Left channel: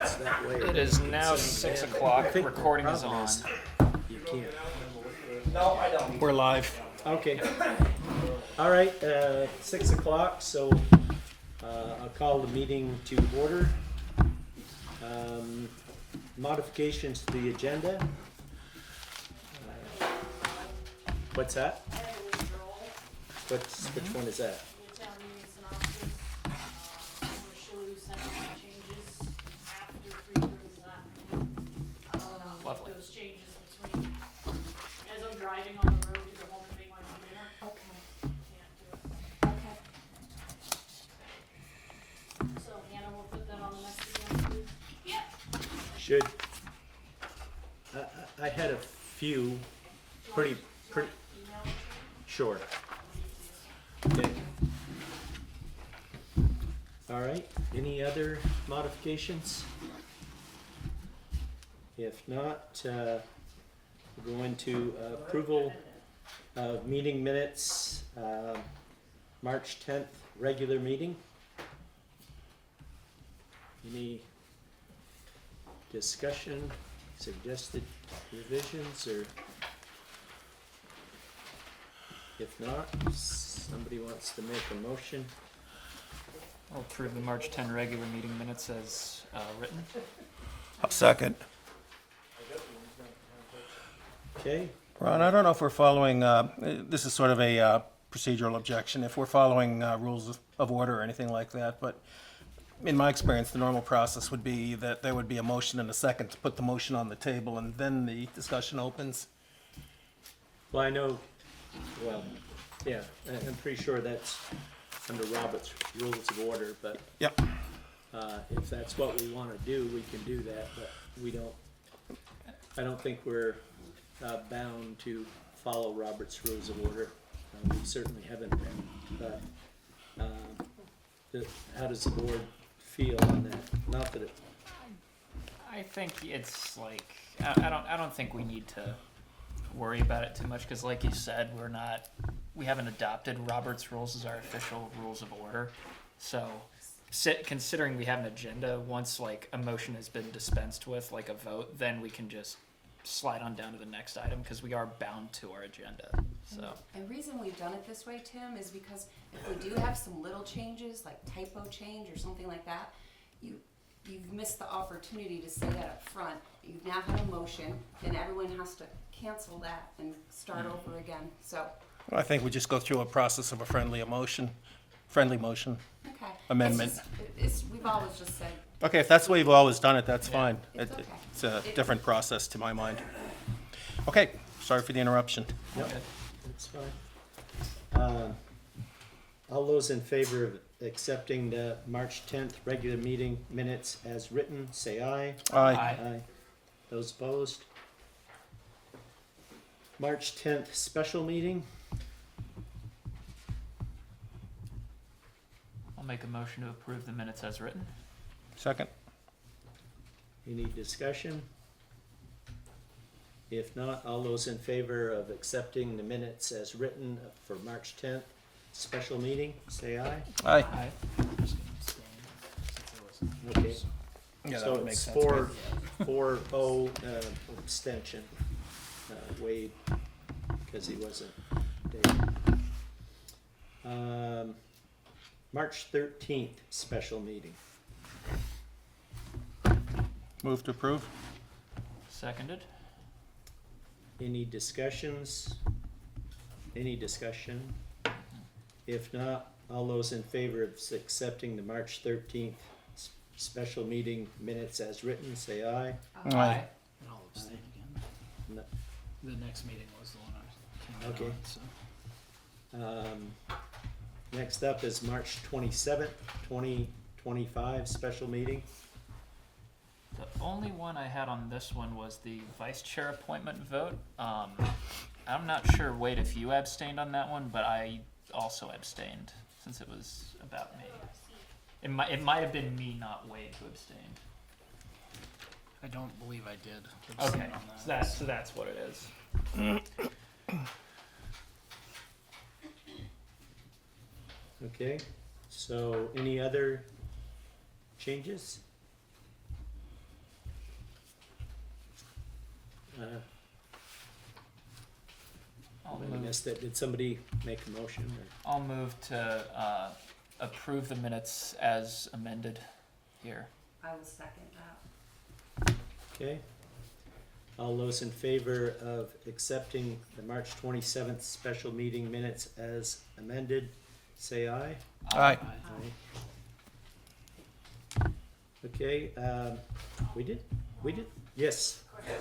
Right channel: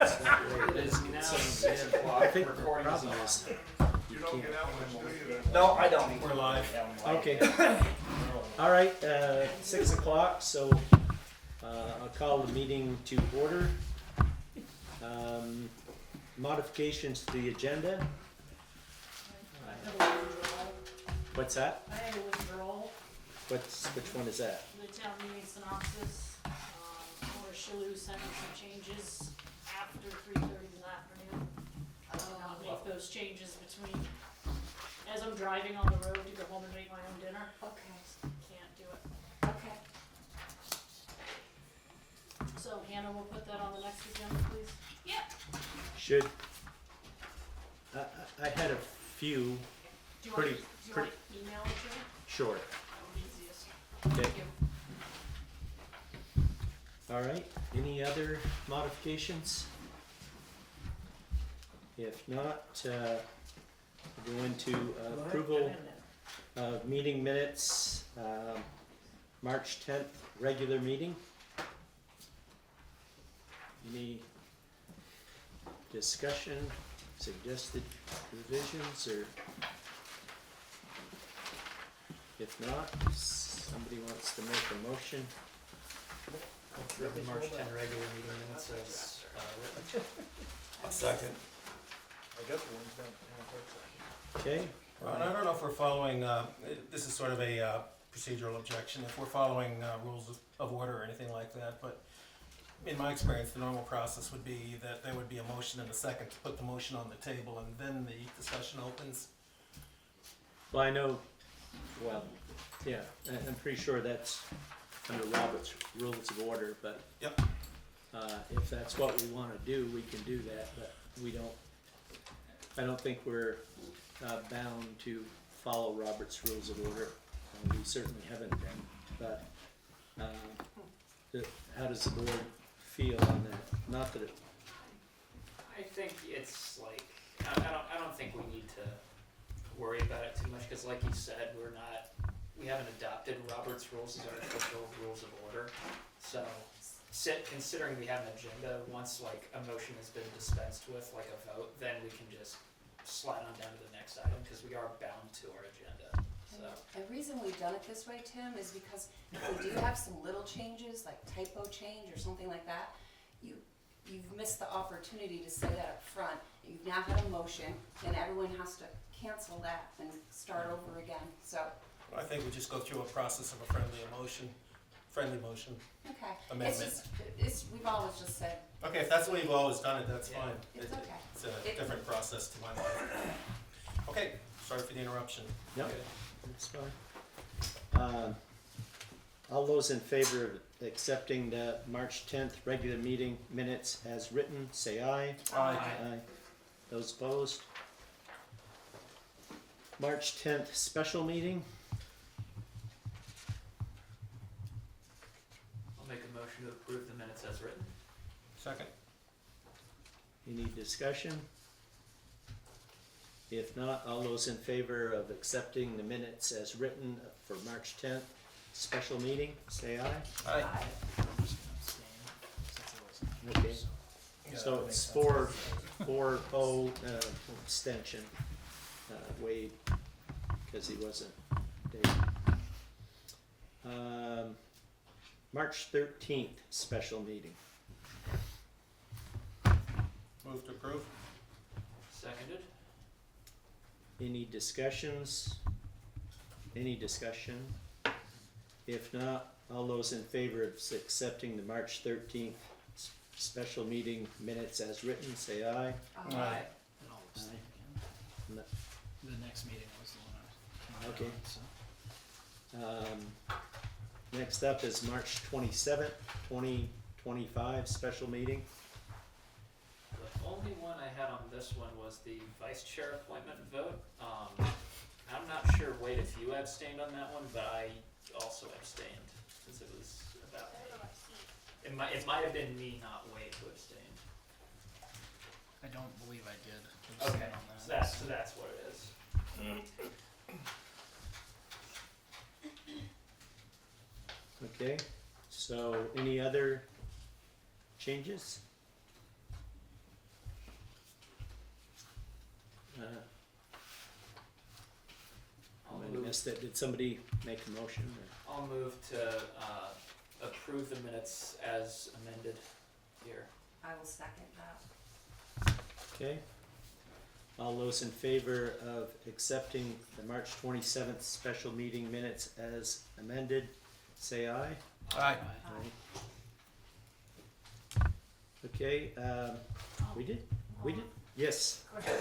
That way It is now 6 o'clock. I think the Recording is problem on. is you can't. No, I don't. We're live. Okay. All right, 6 o'clock, so I'll call the meeting to order. Modifications to the agenda. What's that? I had a withdrawal, Which one is that? the town meeting synopsis, where Shalou sent out my changes after 3:30 this afternoon. I will not make those changes between, as I'm driving on the road to go home and make my own dinner, Okay, can't do it. okay. So Hannah will put that on the next agenda, please? Yep. Should, I had a few pretty, Email it to me? short. Easiest. Okay. All right, any other modifications? If not, we'll go into approval of meeting minutes, March 10th, regular meeting. Any discussion, suggested revisions, or if not, somebody wants to make a motion? I'll approve the March 10 regular meeting minutes as written. Second. Okay, Ron, I don't know if we're following, this is sort of a procedural objection, if we're following rules of order or anything like that, but in my experience, the normal process would be that there would be a motion and a second to put the motion on the table, and then the discussion opens. well, I know, well, yeah, I'm pretty sure that's under Robert's Rules of Order, but Yep. if that's what we wanna do, we can do that, but we don't, I don't think we're bound to follow Robert's Rules of Order. We certainly haven't been, but how does the board feel on that? Not that it, I think it's like I don't think we need to worry about it too much because, like you said, we haven't adopted Robert's rules as our official rules of order. So, considering we have an agenda, once like a motion has been dispensed with, like a vote, then we can just slide on down to the next item because we are bound to our agenda. So. The reason we've done it this way, Tim, is because if we do have some little changes, like typo change or something like that, you've missed the opportunity to say that up front. You've now had a motion, and everyone has to cancel that and start over again, so, I think we just go through a process of a friendly motion. okay. Amendment. We've always just said, Okay, if that's the way you've always done it, that's fine. It's okay. It's a different process to my mind. Okay, sorry for the interruption. yep, that's fine. All those in favor of accepting the March 10th regular meeting minutes as written, say aye. Aye. Aye. Those opposed? March 10th special meeting. I'll make a motion to approve the minutes as written. Second. Any discussion? If not, all those in favor of accepting the minutes as written for March 10th special meeting, say aye. Aye. Okay, Yeah, that so would make it's sense. 4-0 abstention. Wade, because he wasn't there. March 13th special meeting. Move to approve. Seconded. Any discussions? Any discussion? If not, all those in favor of accepting the March 13th special meeting minutes as written, say aye. Aye. And I'll abstain again. No. The next meeting was the one I came out Okay. on, so. Next up is March 27th, 2025 special meeting. The only one I had on this one was the vice chair appointment vote. I'm not sure, Wade, if you abstained on that one, but I also abstained since it was about me. It might have been me, not Wade, who abstained. I don't believe I did abstain Okay, on so that. that's what it is. Okay, so any other changes? missed it. Did somebody make a motion or? I'll move to approve the minutes as amended here. I will second that. Okay. All those in favor of accepting the March 27th special meeting minutes as amended, say aye. Aye. Okay, we did, yes. Question,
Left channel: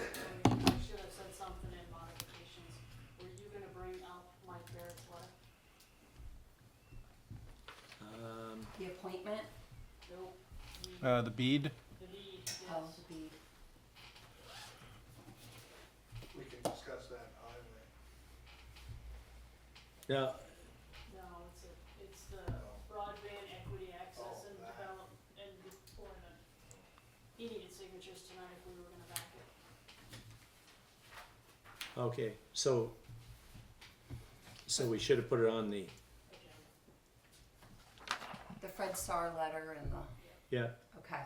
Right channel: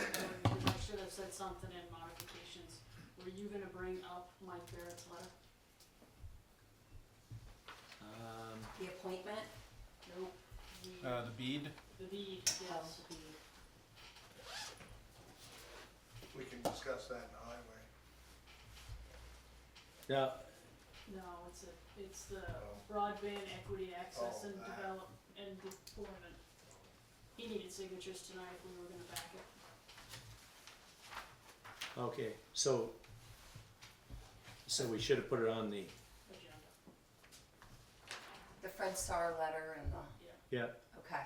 I should have said something in modifications. Were you gonna bring up Mike Barrett's letter? The appointment, Nope. The bead, The deed, oh, yes. the deed. We can discuss that in the highway. Now, No, it's the broadband equity access Oh, and that. develop and deployment. He needed signatures tonight if we were gonna back it. okay, so we should have put it on the, Agenda. The Fred Starr letter and the, yeah, okay.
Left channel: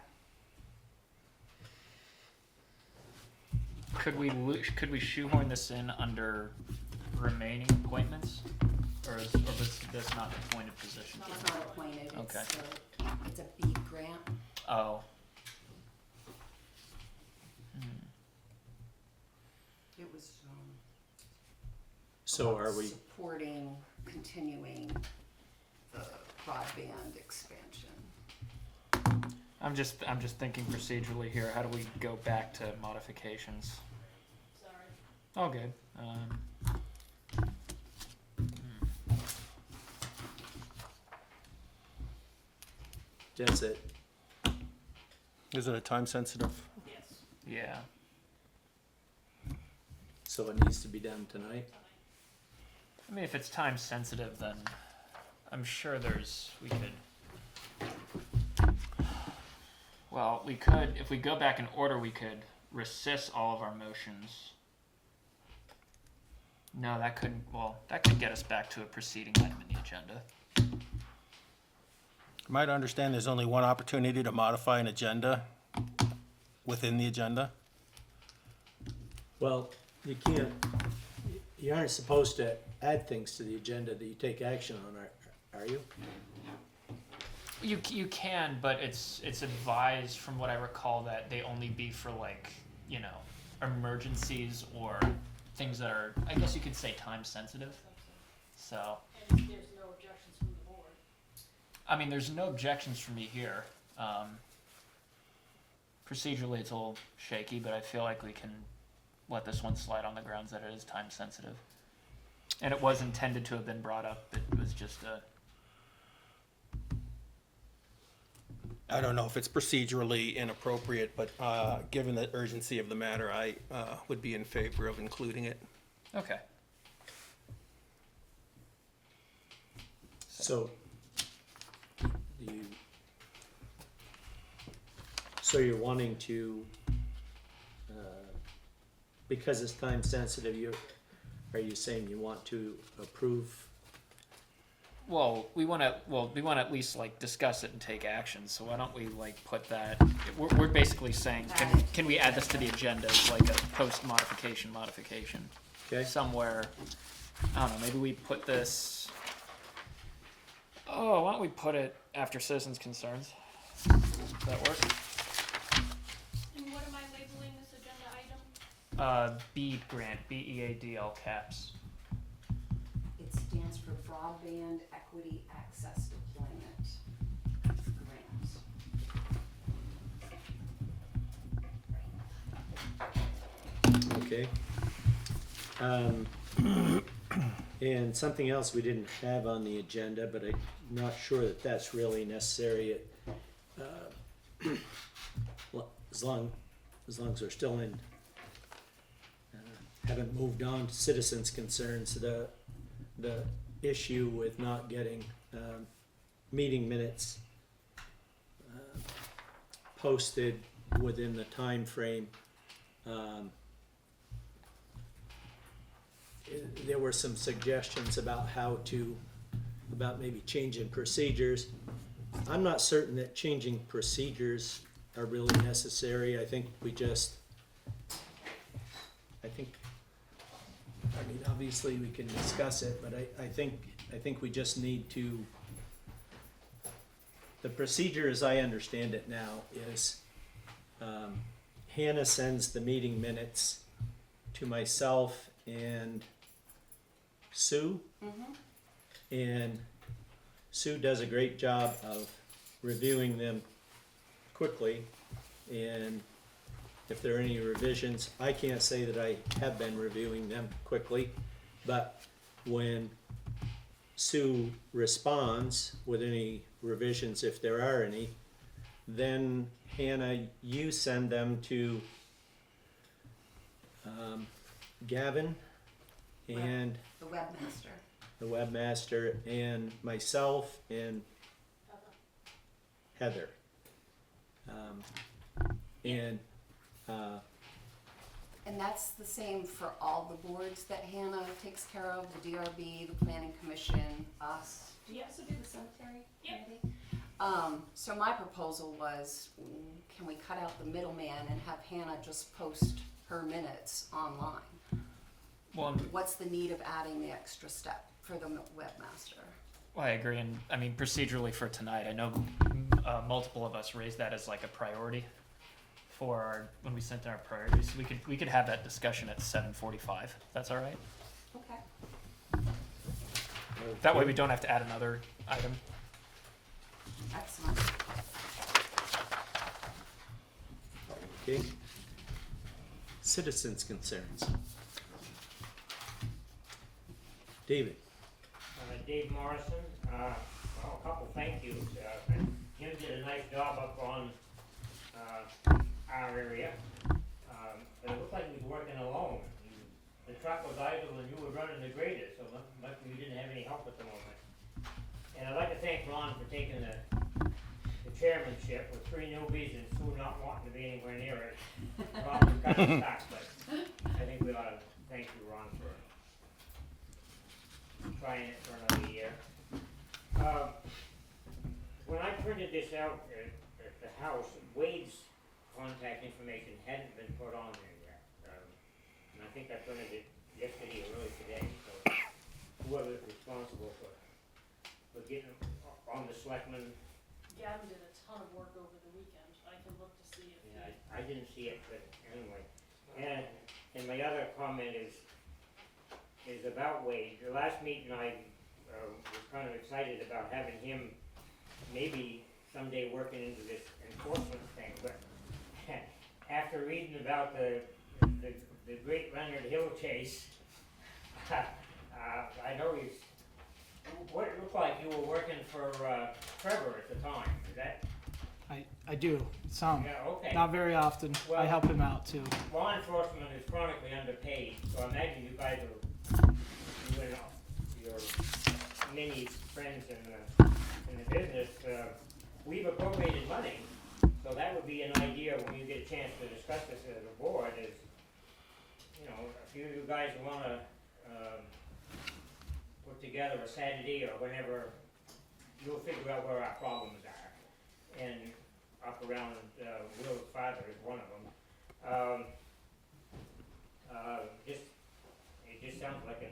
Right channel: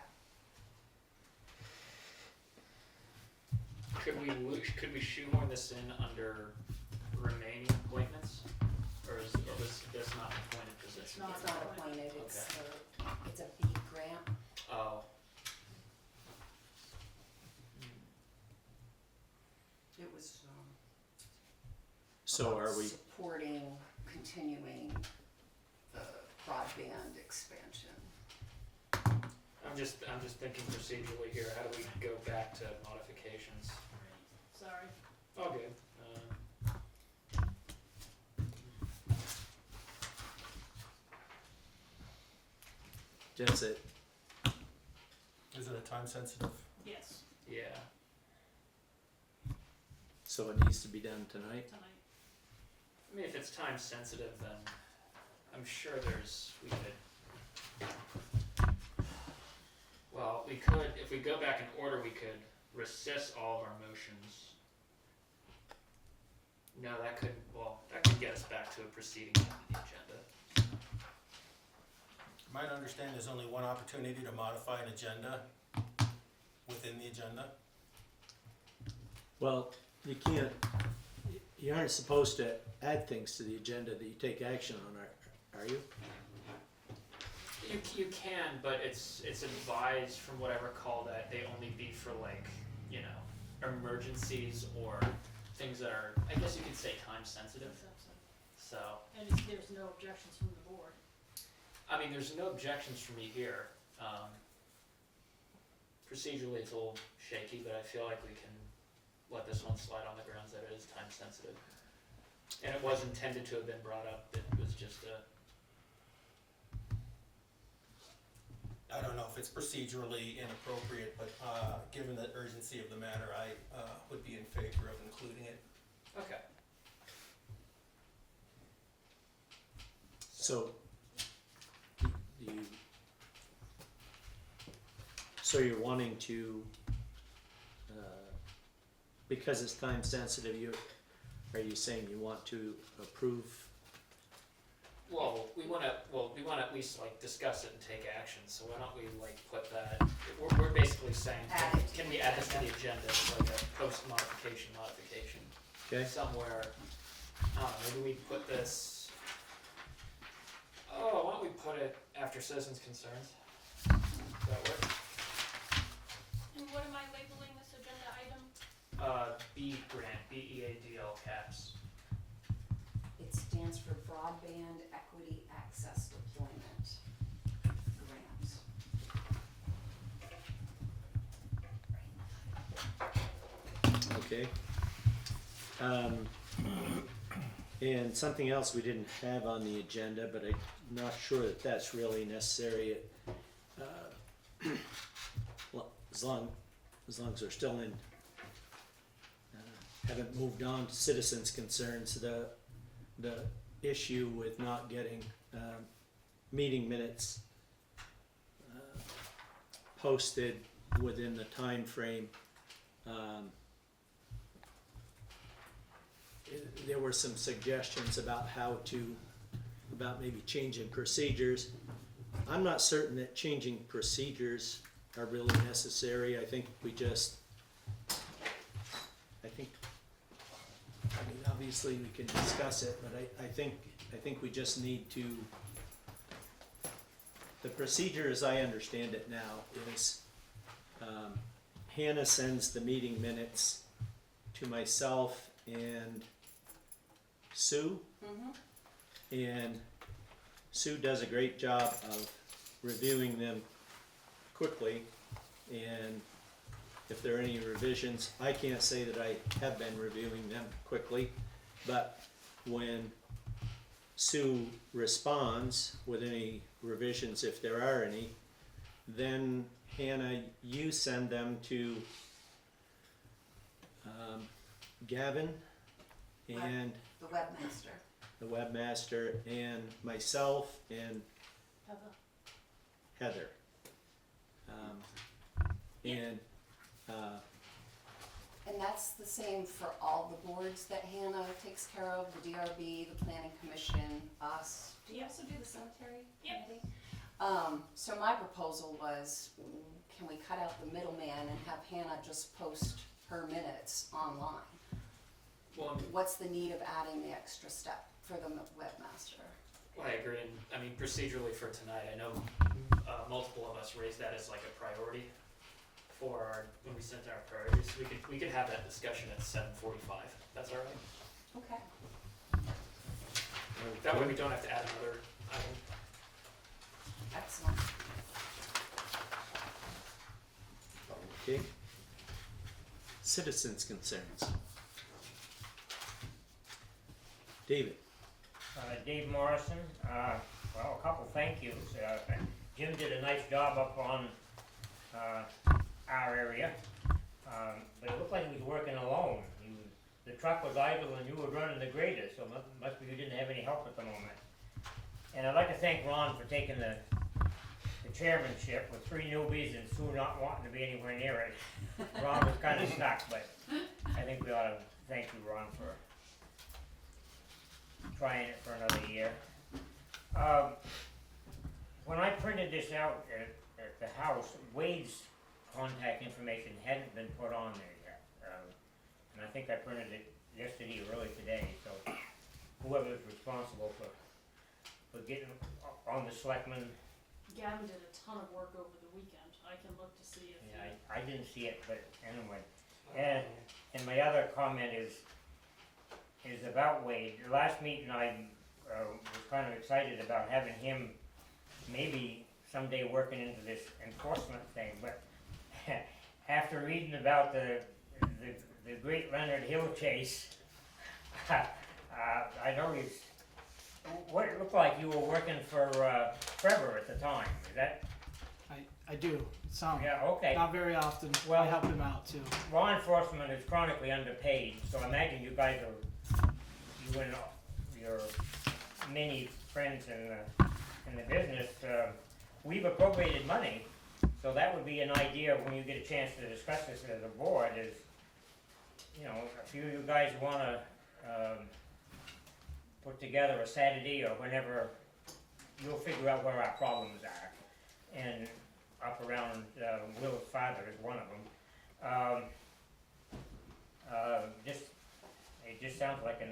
Could we shoehorn this in under remaining appointments? Or is this not an appointed position? No. It's not appointed, it's a bead grant. Oh. It was, so are we, supporting, continuing the broadband expansion. I'm just thinking procedurally here. How do we go back to modifications? Sorry. Oh, good. that's it, is it a time sensitive? Yes, Yeah. so it needs to be done tonight? tonight. I mean, if it's time sensitive, then I'm sure we could, if we go back in order, we could rescind all of our motions. No, that could get us back to a preceding item in the agenda. You might understand there's only one opportunity to modify an agenda within the agenda. Well, you aren't supposed to add things to the agenda that you take action on, are you? You can, but it's advised from what I recall that they only be for emergencies or things that are, I guess you could say, time sensitive. So, And there's no objections from the board. I mean, there's no objections from me here. Procedurally, it's a little shaky, but I feel like we can let this one slide on the grounds that it is time sensitive. And it was intended to have been brought up. It was just I don't know if it's procedurally inappropriate, but given the urgency of the matter, I would be in favor of including it. okay. So, so you're wanting to, because it's time sensitive, are you saying you want to approve? Well, we want to at least discuss it and take action. So why don't we put that? We're basically saying, can we add this to the agenda as a post modification? Okay, Somewhere, I don't know, maybe we put this, why don't we put it after citizens' concerns? Does that work? And what am I labeling this agenda item? B grant, BEAD, all caps. It stands for Broadband Equity Access Deployment Grant. okay. And something else we didn't have on the agenda, but I'm not sure that that's really necessary. Well, as long as we're still in, haven't moved on to citizens' concerns, the issue with not getting meeting minutes posted within the time frame. There were some suggestions about about maybe changing procedures. I'm not certain that changing procedures are really necessary. I think I mean, obviously, we can discuss it, but I think we just need to, the procedure as I understand it now is, Hannah sends the meeting minutes to myself and Sue. And Sue does a great job of reviewing them quickly, and if there are any revisions, I can't say that I have been reviewing them quickly, but when Sue responds with any revisions, if there are any, then Hannah, you send them to Gavin and The webmaster. the webmaster and myself and Heather. And that's the same for all the boards that Hannah takes care of, the DRB, the planning commission, us. Do you also do the cemetery Yep. committee? So my proposal was, can we cut out the middleman and have Hannah just post her minutes online? Well, What's the need of adding the extra step for the webmaster? I agree, and I mean procedurally for tonight, I know multiple of us raised that as like a priority for our, when we sent our priorities. We could have that discussion at 7:45. That's all right. Okay, That way we don't have to add another item. excellent. Okay. Citizens' concerns. David. Dave Morrison, well, a couple thank yous. Jim did a nice job up on, our area. But it looked like he was working alone. The truck was idle and you were running the grader, so must be you didn't have any help at the moment. And I'd like to thank Ron for taking the chairmanship with 3 newbies and Sue not wanting to be anywhere near it. Ron was kind of stuck, but I think we ought to thank you, Ron, for trying it for another year. When I printed this out at the house, Wade's contact information hadn't been put on there yet. And I think I printed it yesterday or early today, so whoever's responsible for getting on the selectmen, Gavin did a ton of work over the weekend. I can look to see if yeah, I didn't see it, but anyway. And my other comment is about Wade. The last meeting I was kind of excited about having him maybe someday working into this enforcement thing, but after reading about the great Leonard Hill chase, I know he's, what it looked like you were working for Trevor at the time, is that? I do, some, Yeah, okay. not very often. Well- I help him out too. Law enforcement is chronically underpaid, so I imagine you guys are, you and your many friends in the business, we've appropriated money, so that would be an idea when you get a chance to discuss this as a board is, you know, if you guys wanna, put together a Saturday or whenever, you'll figure out where our problems are. And up around, Will's father is one of them. It just sounds like a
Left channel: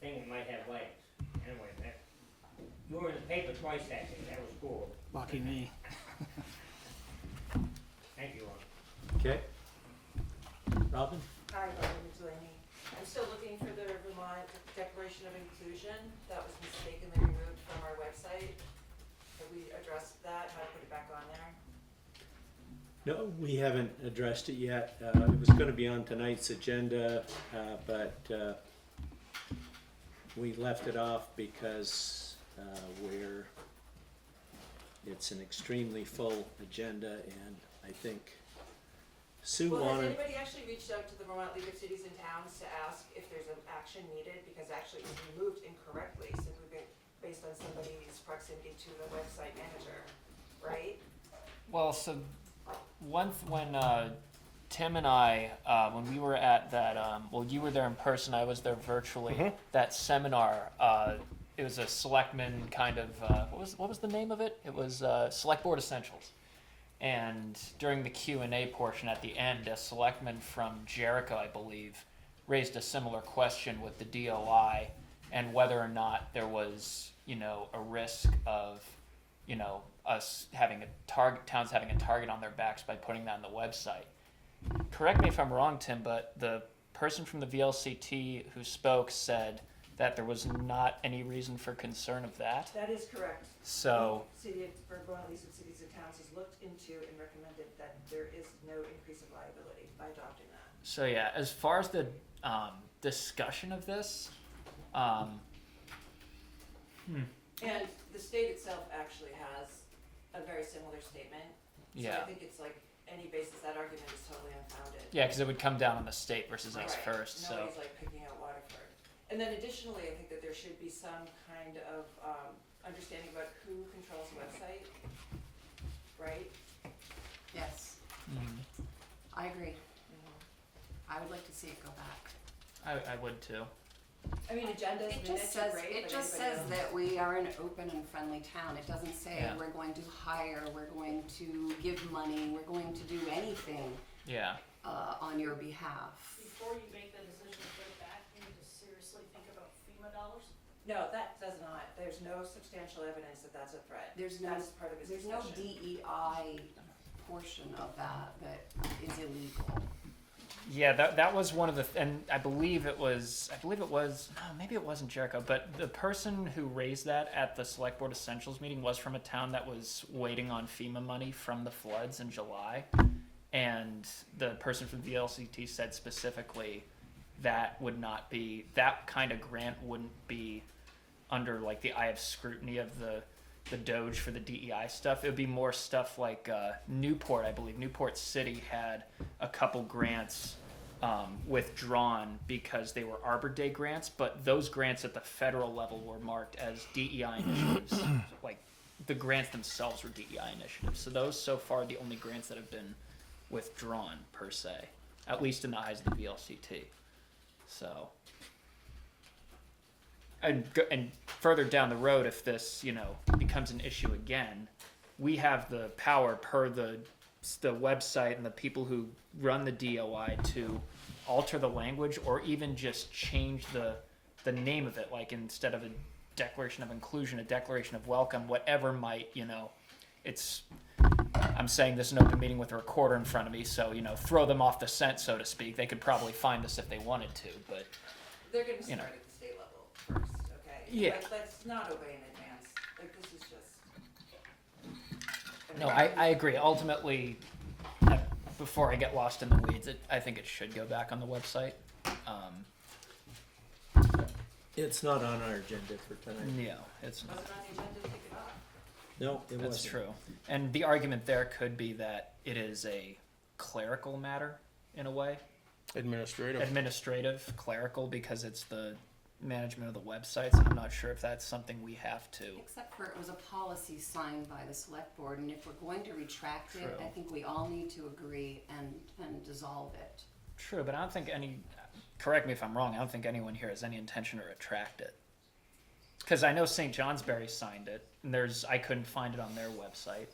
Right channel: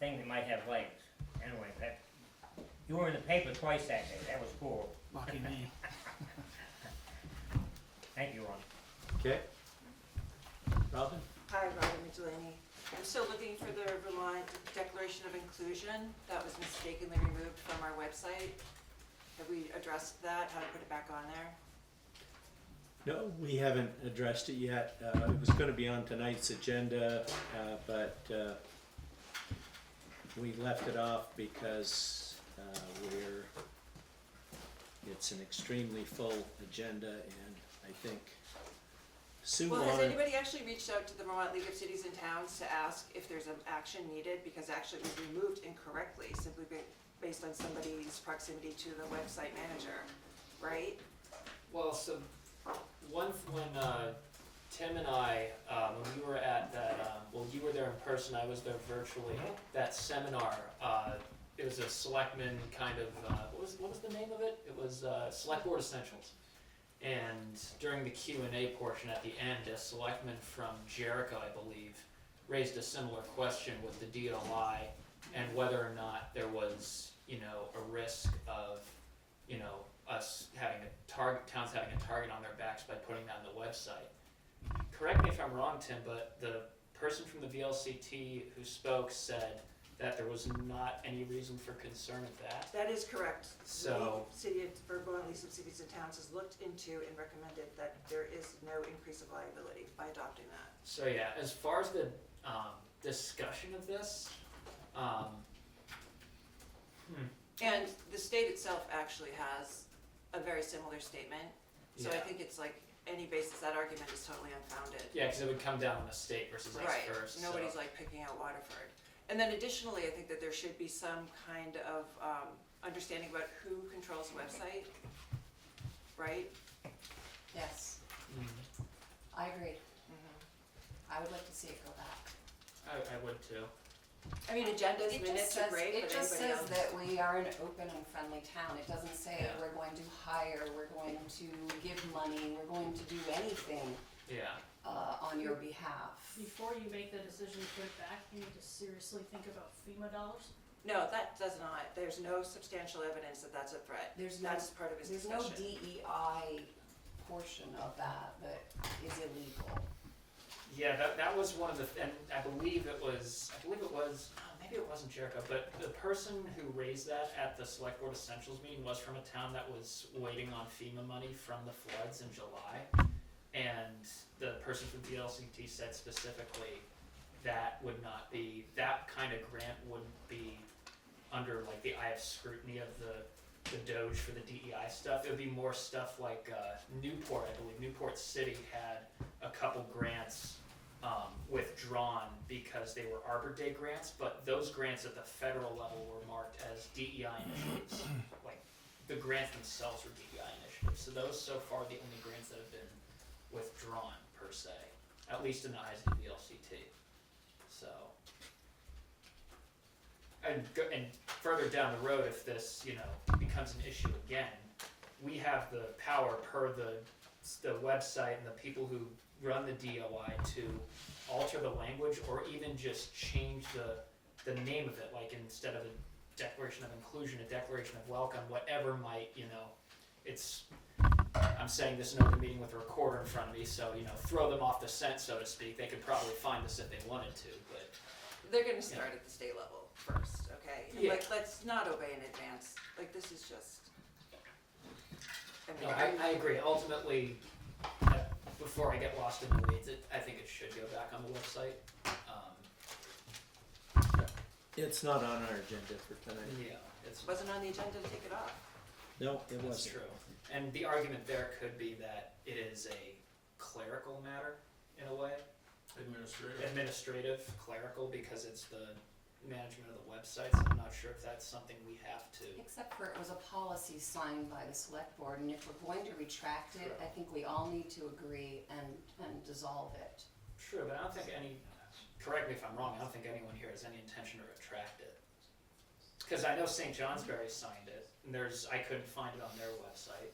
thing that might have legs. Anyway, you were in the paper twice that day, that was cool. Lucky me. Thank you, Ron. Okay. Robin? Hi, Robin Delaney. I'm still looking for the Vermont Declaration of Inclusion that was mistakenly removed from our website. Have we addressed that, how to put it back on there? No, we haven't addressed it yet. It was gonna be on tonight's agenda, but we left it off because it's an extremely full agenda, and I think Sue Well, has wanted, anybody actually reached out to the Vermont League of Cities and Towns to ask if there's an action needed? Because actually it was removed incorrectly, simply based on somebody's proximity to the website manager, right? Well, so when Tim and I, when we were at that, well, you were there in person, I was there virtually. That seminar, it was a selectman kind of, what was the name of it? It was Selectboard Essentials. And during the Q&A portion at the end, a selectman from Jericho, I believe, raised a similar question with the DOI and whether or not there was, you know, a risk of, you know, us having towns having a target on their backs by putting that on the website. Correct me if I'm wrong, Tim, but the person from the VLCT who spoke said that there was not any reason for concern of that. That is correct. So, The City of Vermont League of Cities and Towns has looked into and recommended that there is no increase of liability by adopting that. so yeah, as far as the discussion of this, And the state itself actually has a very similar statement. So I yeah, think it's like any basis, that argument is totally unfounded. yeah, because it would come down on the state versus us Right. first. So Nobody's like picking out Waterford. And then additionally, I think that there should be some kind of understanding about who controls the website, right? Yes, I agree. I would like to see it go back. I would too. I mean, agendas, It just minutes are says, great, it but just anybody says else? that we are an open and friendly town. It doesn't say Yeah. we're going to hire, we're going to give money, we're going to do anything Yeah. on your behalf. Before you make that decision to put it back, you need to seriously think about FEMA dollars. No, that does not. There's no substantial evidence that that's a threat. There's no, That's part of his there's no discussion. DEI portion of that is illegal. Yeah, that was one of the, and I believe it was, maybe it wasn't Jericho, but the person who raised that at the Select Board Essentials meeting was from a town that was waiting on FEMA money from the floods in July. And the person from the LCT said specifically that would not be, that kind of grant wouldn't be under like the eye of scrutiny of the Doge for the DEI stuff. It would be more stuff like Newport, I believe. Newport City had a couple grants withdrawn because they were Arbor Day grants, but those grants at the federal level were marked as DEI initiatives. Like the grants themselves were DEI initiatives. So those so far are the only grants that have been withdrawn per se, at least in the eyes of the VLCT. So. And further down the road, if this, you know, becomes an issue again, we have the power per the website and the people who run the DOI to alter the language or even just change the name of it. Like instead of a declaration of inclusion, a declaration of welcome, whatever might, you know, it's. I'm saying this in an open meeting with a recorder in front of me, so you know, throw them off the scent, so to speak. They could probably find us if they wanted to, but They're gonna you know. start at the state level first, okay? Yeah. Like, let's not obey in advance. Like, this is just. no, I agree. Ultimately, before I get lost in the weeds, I think it should go back on the website. It's not on our agenda for tonight. Yeah, it's Wasn't on the agenda to take it off. No, it that's wasn't. true. And the argument there could be that it is a clerical matter in a way, administrative, clerical, because it's the management of the websites. I'm not sure if that's something we have to. Except for it was a policy signed by the select board, and if we're going to retract it, True. I think we all need to agree and dissolve it. True, but I don't think correct me if I'm wrong, I don't think anyone here has any intention to retract it. Because I know St. Johnsbury signed it, and I couldn't find it on their website.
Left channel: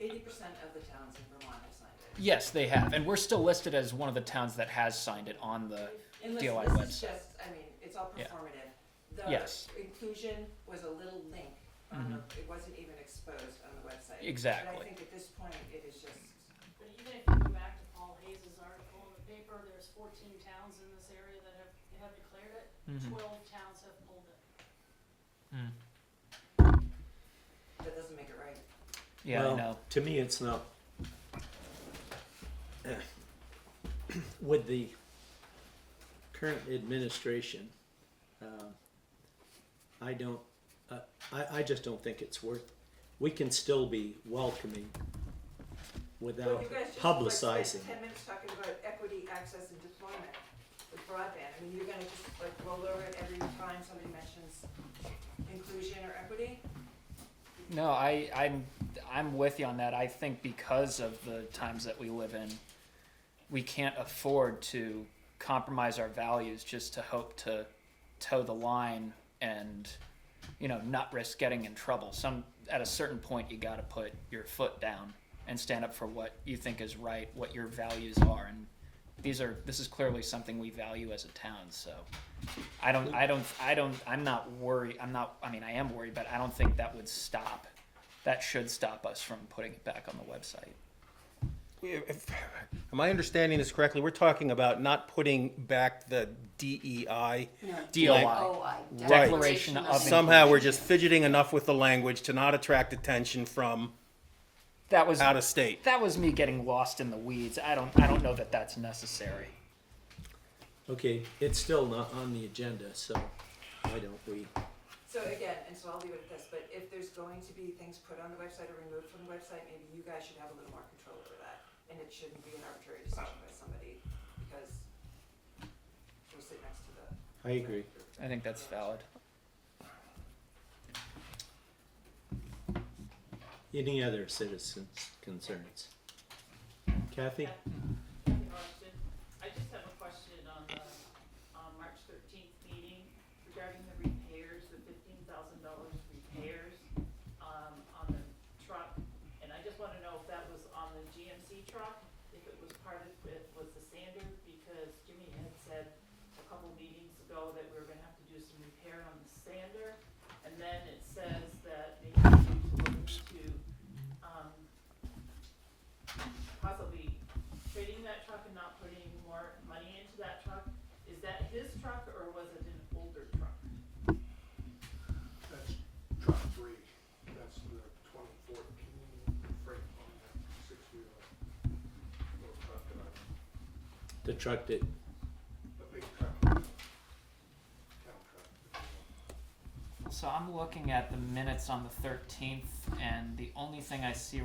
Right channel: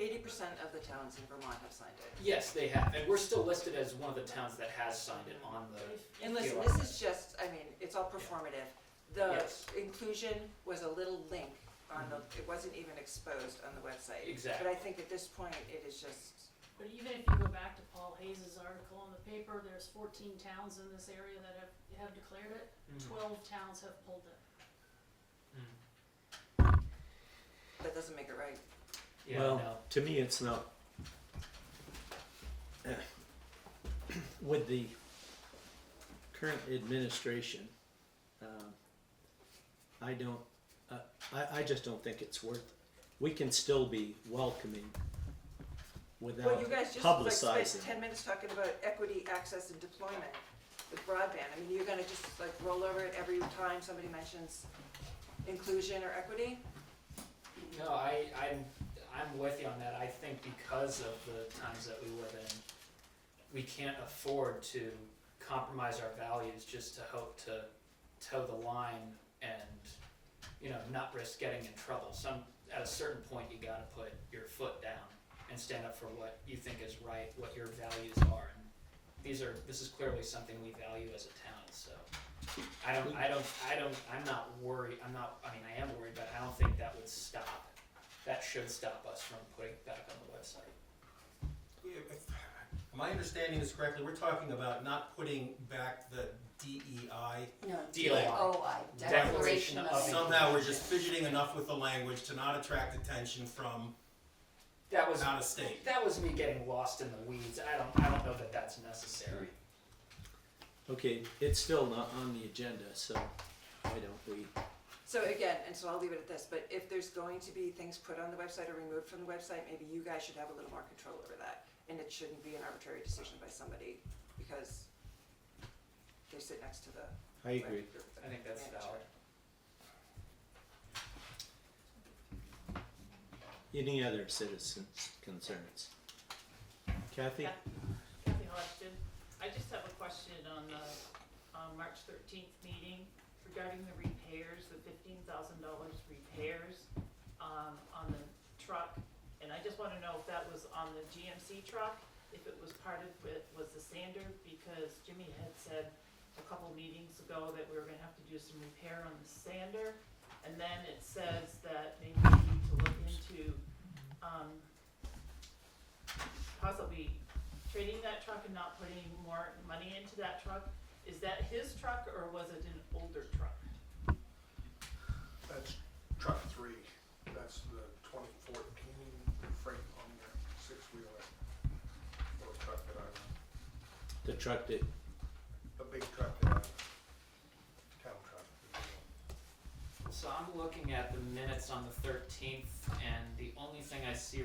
80% of the towns in Vermont have signed it. Yes, they have, and we're still listed as one of the towns that has signed it on the. And listen, DOI this website. is just, I mean, it's all Yeah. performative. The Yes. inclusion was a little link on the, it wasn't even exposed on the website. Exactly. But I think at this point, it is just, But even if you go back to Paul Hayes' article in the paper, there's 14 towns in this area that have declared it. 12 towns have pulled it. that doesn't make it right. Yeah, Well, I know. to me, it's not. With the current administration, I don't. I just don't think it's worth. We can still be welcoming Well, without you guys just publicizing. spent 10 minutes talking about equity, access, and deployment with broadband. I mean, you're gonna just like roll over it every time somebody mentions inclusion or equity? No, I'm with you on that. I think because of the times that we live in, we can't afford to compromise our values just to hope to toe the line and, you know, not risk getting in trouble. At a certain point, you got to put your foot down and stand up for what you think is right, what your values are, and this is clearly something we value as a town, so. I'm not worried, I mean, I am worried, but I don't think that should stop us from putting it back on the website. Am I understanding this correctly? We're talking about not putting back the DEI. No, DOI. DOI, Right. Declaration of Somehow we're Inclusion. just fidgeting enough with the language to not attract attention from That was out of state. that was me getting lost in the weeds. I don't know that that's necessary. Okay, it's still not on the agenda, so why don't we? So again, and so I'll leave it at this, but if there's going to be things put on the website or removed from the website, maybe you guys should have a little more control over that. And it shouldn't be an arbitrary decision by somebody, because they sit next to the. I agree. I think that's valid. Any other citizens' concerns? Kathy? Kathy Hodgson. I just have a question on the, March 13th meeting regarding the repairs, the $15,000 repairs, on the truck. And I just wanna know if that was on the GMC truck, if it was part of it, was the sander, because Jimmy had said a couple meetings ago that we were gonna have to do some repair on the sander. And then it says that maybe we need to look into, possibly trading that truck and not putting more money into that truck. Is that his truck or was it an older truck? That's truck 3, that's the 2014 freight on the 6-wheeler. Little truck that I run, The truck that, a big truck that I, town truck. So I'm looking at the minutes on the 13th, and the only thing I see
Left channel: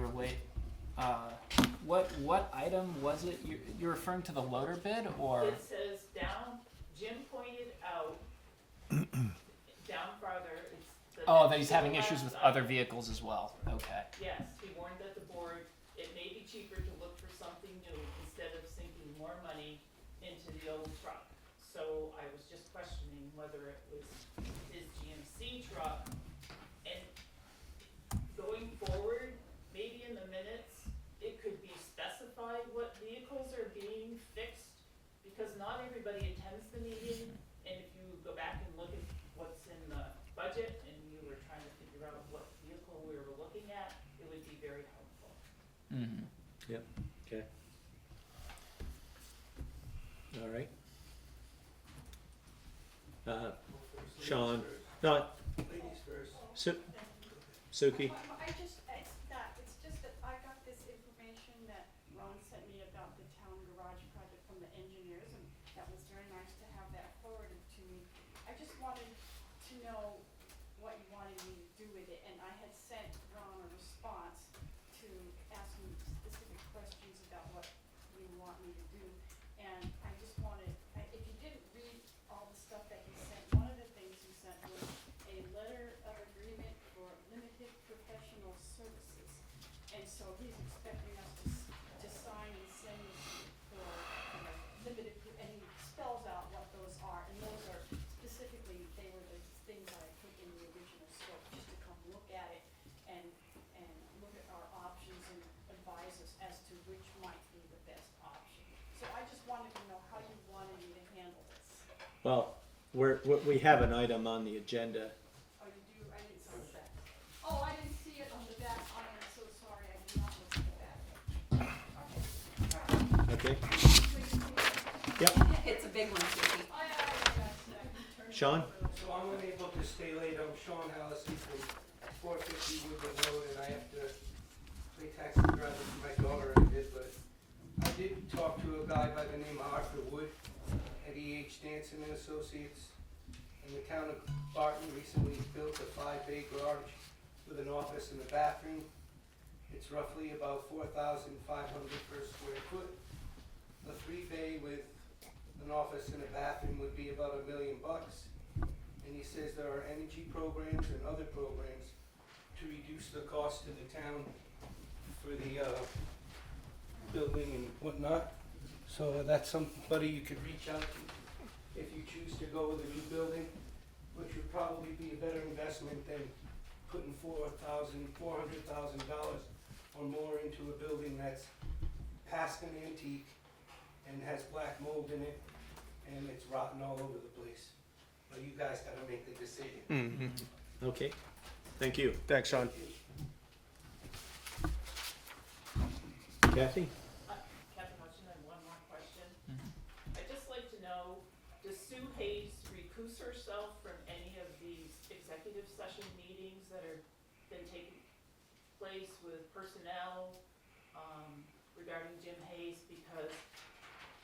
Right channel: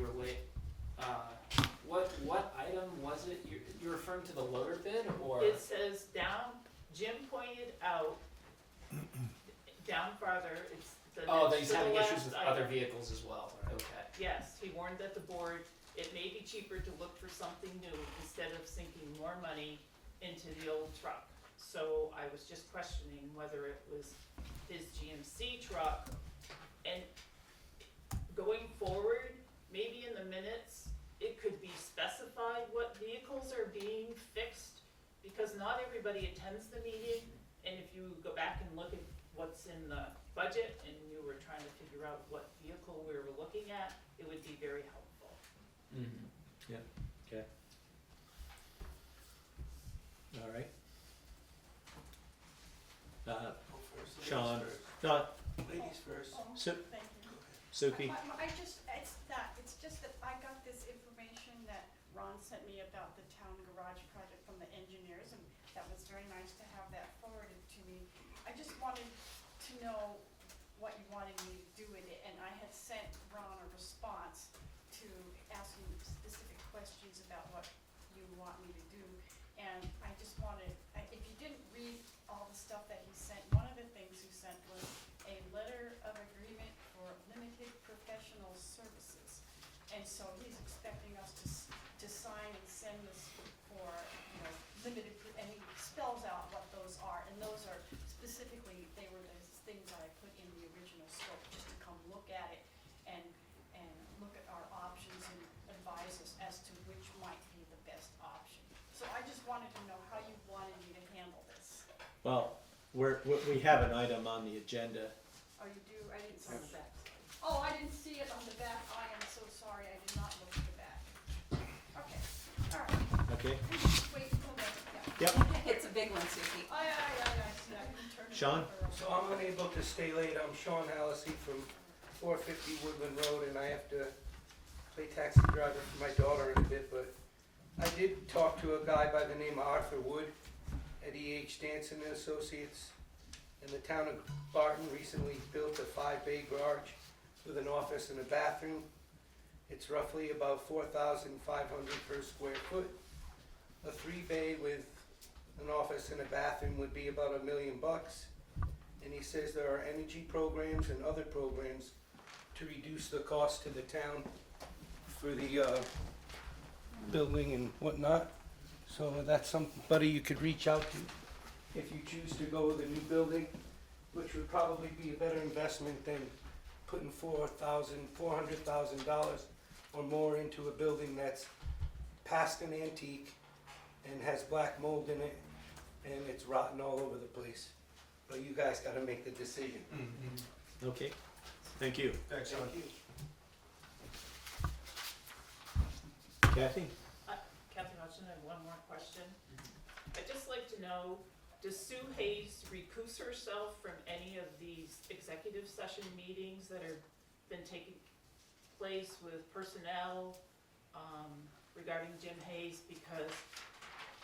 what item was it? You're referring to the loader bid, or? It says down, Jim pointed out, down farther, it's the. Oh, that next he's to the having issues last with other item. vehicles as well. Okay. Yes, he warned that the board, it may be cheaper to look for something new instead of sinking more money into the old truck. So I was just questioning whether it was his GMC truck. And going forward, maybe in the minutes, it could be specified what vehicles are being fixed, because not everybody attends the meeting. And if you go back and look at what's in the budget and you were trying to figure out what vehicle we were looking at, it would be very helpful. Mm-hmm. okay. All right. Sean, not, Ladies first. Suki? It's just that I got this information that Ron sent me about the town garage project from the engineers, and that was very nice to have that forwarded to me. I just wanted to know what you wanted me to do with it, and I had sent Ron a response to ask him specific questions about what you want me to do. And I just wanted, if you didn't read all the stuff that he sent, one of the things he sent was a letter of agreement for limited professional services. And so he's expecting us to sign and send this for, limited, and he spells out what those are. And those are specifically, they were the things that I put in the original scope, just to come look at it and look at our options and advise us as to which might be the best option. So I just wanted to know how you wanted me to handle this. Well, we have an item on the agenda. Oh, you do? I didn't see the back. Oh, I didn't see it on the back. I am so sorry. I did not look at the back. Okay. All right. Okay, Wait, yep, It's a big one, Susie. oh, yeah, I can turn it Sean? over. So I'm unable to stay late. I'm Sean Hallisey from 450 Woodland Road, and I have to play taxi driver for my daughter in a bit, but I did talk to a guy by the name of Arthur Wood at E.H. Stanson and Associates. And the town of Barton recently built a 5-bay garage with an office and a bathroom. It's roughly about 4,500 per square foot. A 3-bay with an office and a bathroom would be about $1 million. And he says there are energy programs and other programs to reduce the cost to the town for the building and whatnot. So that's somebody you could reach out to if you choose to go with a new building, which would probably be a better investment than putting $400,000 or more into a building that's past an antique and has black mold in it, and it's rotten all over the place. So you guys gotta make the decision. Mm-hmm. Okay, thank you. Thanks, Sean. Kathy? Captain Hudson, I have one more question. I'd just like to know, does Sue Hayes recuse herself from any of these executive session meetings that have been taking place with personnel regarding Jim Hayes? Because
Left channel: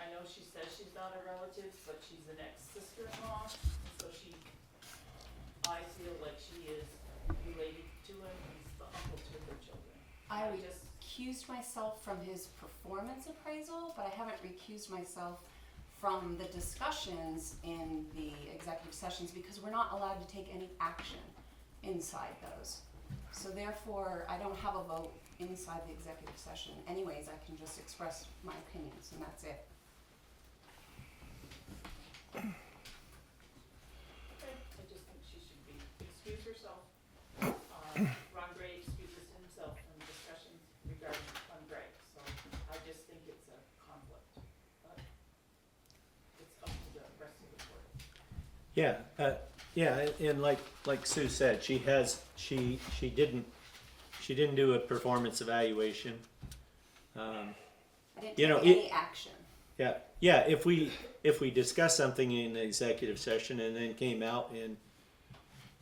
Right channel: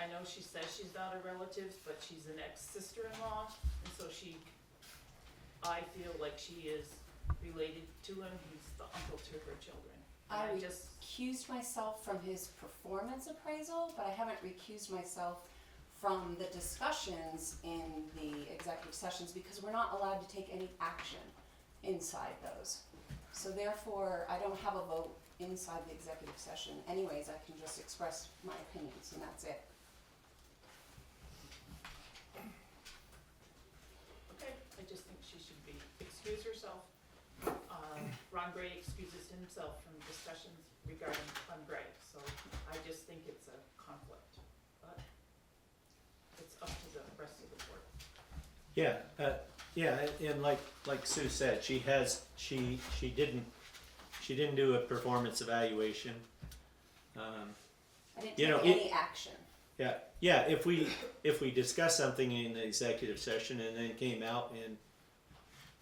I know she says she's not a relative, but she's an ex-sister-in-law, and so I feel like she is related to him, he's the uncle to her children. I And just, recused myself from his performance appraisal, but I haven't recused myself from the discussions in the executive sessions because we're not allowed to take any action inside those. So therefore, I don't have a vote inside the executive session. Anyways, I can just express my opinions and that's it. okay, I just think she should excuse herself. Ron Gray excuses himself from discussions regarding Clem Gray, so I just think it's a conflict, but it's up to the rest of the board. Yeah, and like Sue said, she didn't do a performance evaluation. I didn't You know, take any action. Yeah, if we discuss something in the executive session and then came out and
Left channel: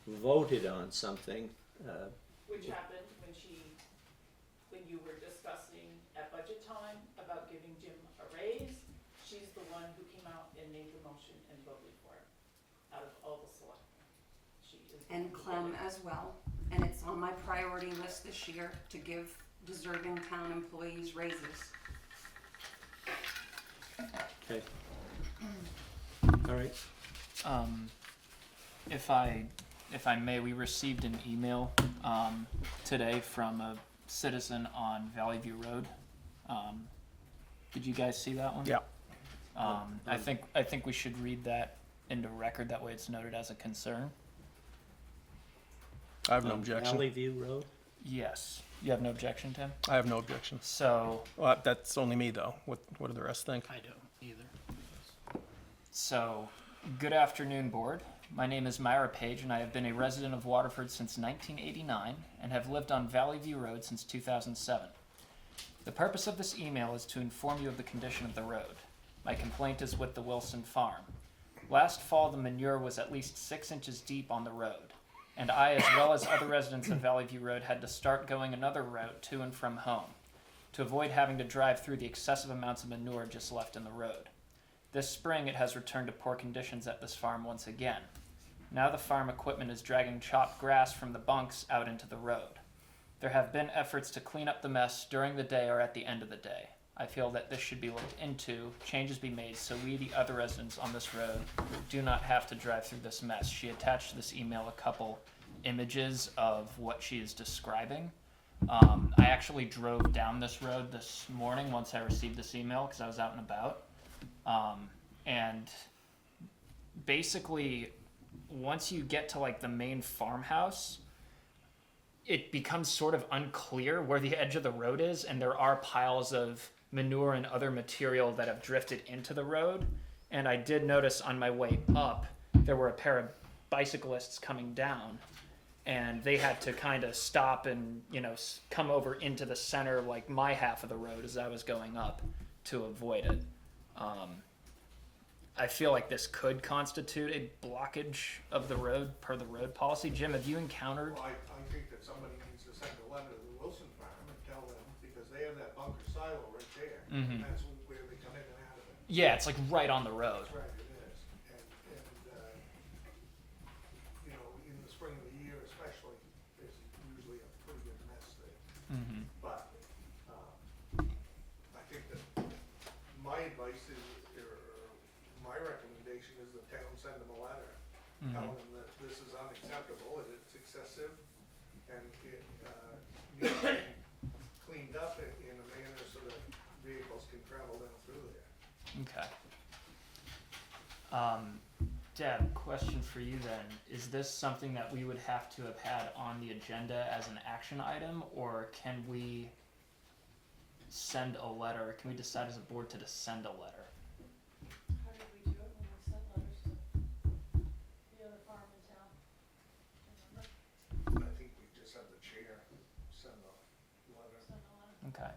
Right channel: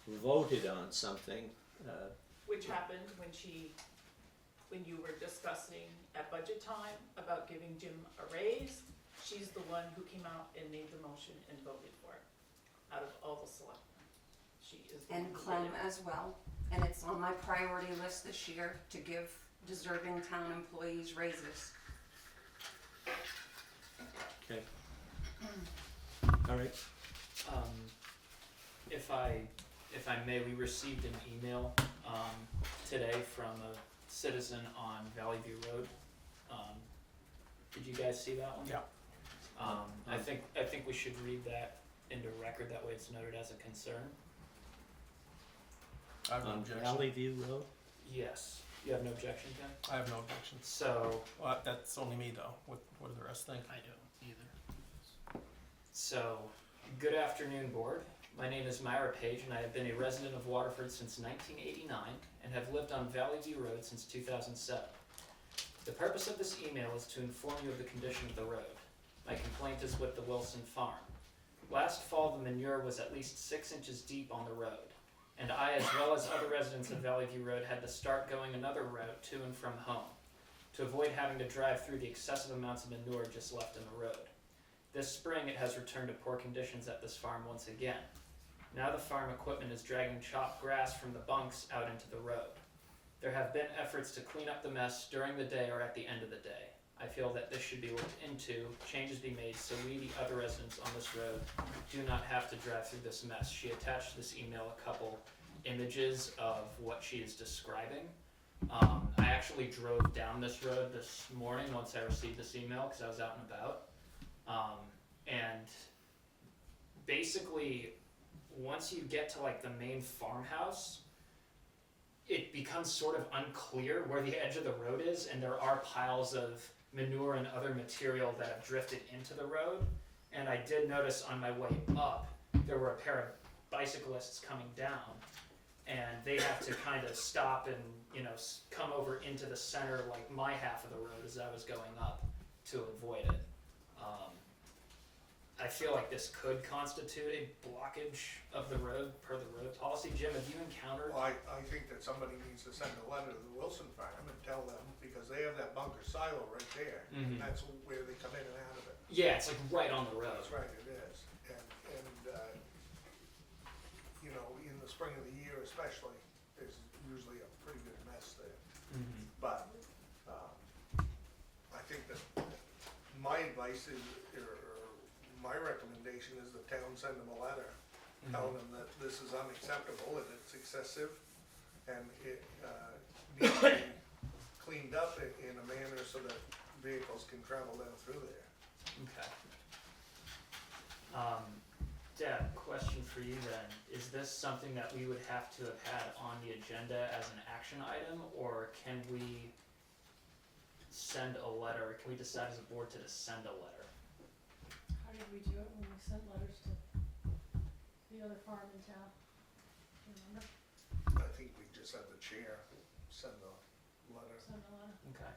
voted on something, Which happened when you were discussing at budget time about giving Jim a raise. She's the one who came out and made the motion and voted for it, out of all the selectmen. She is the And one who Clem did it. as well. And it's on my priority list this year to give deserving town employees raises. okay. All right. If I may, we received an email today from a citizen on Valley View Road. Did you guys see that one? Yeah. I think we should read that into record. That way, it's noted as a concern. I have no objection. Valley View Road? Yes. You have no objection, Tim? I have no objection. So, Well, that's only me though. What do the rest think? I don't either. So, good afternoon, board. My name is Myra Page, and I have been a resident of Waterford since 1989 and have lived on Valley View Road since 2007. The purpose of this email is to inform you of the condition of the road. My complaint is with the Wilson Farm. Last fall, the manure was at least 6 inches deep on the road, and I, as well as other residents of Valley View Road, had to start going another route to and from home to avoid having to drive through the excessive amounts of manure just left in the road. This spring, it has returned to poor conditions at this farm once again. Now the farm equipment is dragging chopped grass from the bunks out into the road. There have been efforts to clean up the mess during the day or at the end of the day. I feel that this should be looked into, changes be made so we, the other residents on this road, do not have to drive through this mess. She attached to this email a couple images of what she is describing. I actually drove down this road this morning once I received this email because I was out and about. And basically, once you get to like the main farmhouse, it becomes sort of unclear where the edge of the road is, and there are piles of manure and other material that have drifted into the road. And I did notice on my way up, there were a pair of bicyclists coming down, and they had to kind of stop and, come over into the center, like my half of the road as I was going up to avoid it. I feel like this could constitute a blockage of the road per the road policy. Jim, have you encountered? Well, I think that somebody needs to send a letter to the Wilson Farm and tell them, because they have that bunker silo right there. Mhm. And that's where they come in and out of it. Yeah, it's like right on the road. That's right, it is. And in the spring of the year especially, there's usually a pretty good mess there. Mm-hmm. But, I think that my advice is, or my recommendation is the town send them a letter, telling them that this is unacceptable and it's excessive, and it, needs to be cleaned up in a manner so that vehicles can travel down through there. Okay. Deb, question for you then. Is this something that we would have to have had on the agenda as an action item, or can we send a letter? Can we decide as a board to just send a letter? How did we do it when we sent letters to the other farm in town? Remember? I think we just had the chair send a letter. Send a letter. Okay.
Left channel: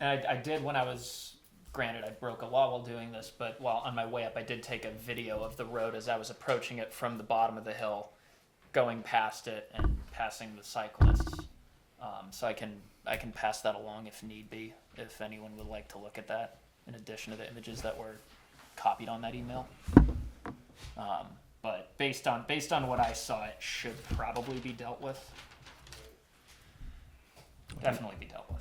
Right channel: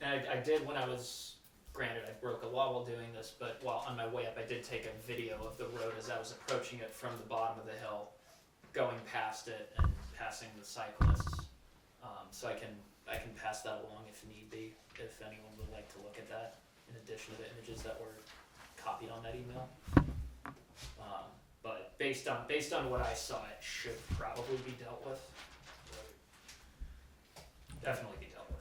And I did when I was, granted, I broke a law while doing this, but while on my way up, I did take a video of the road as I was approaching it from the bottom of the hill, going past it and passing the cyclists. So I can pass that along if need be, if anyone would like to look at that, in addition to the images that were copied on that email. But based on what I saw, it should probably be dealt with. Definitely be dealt with.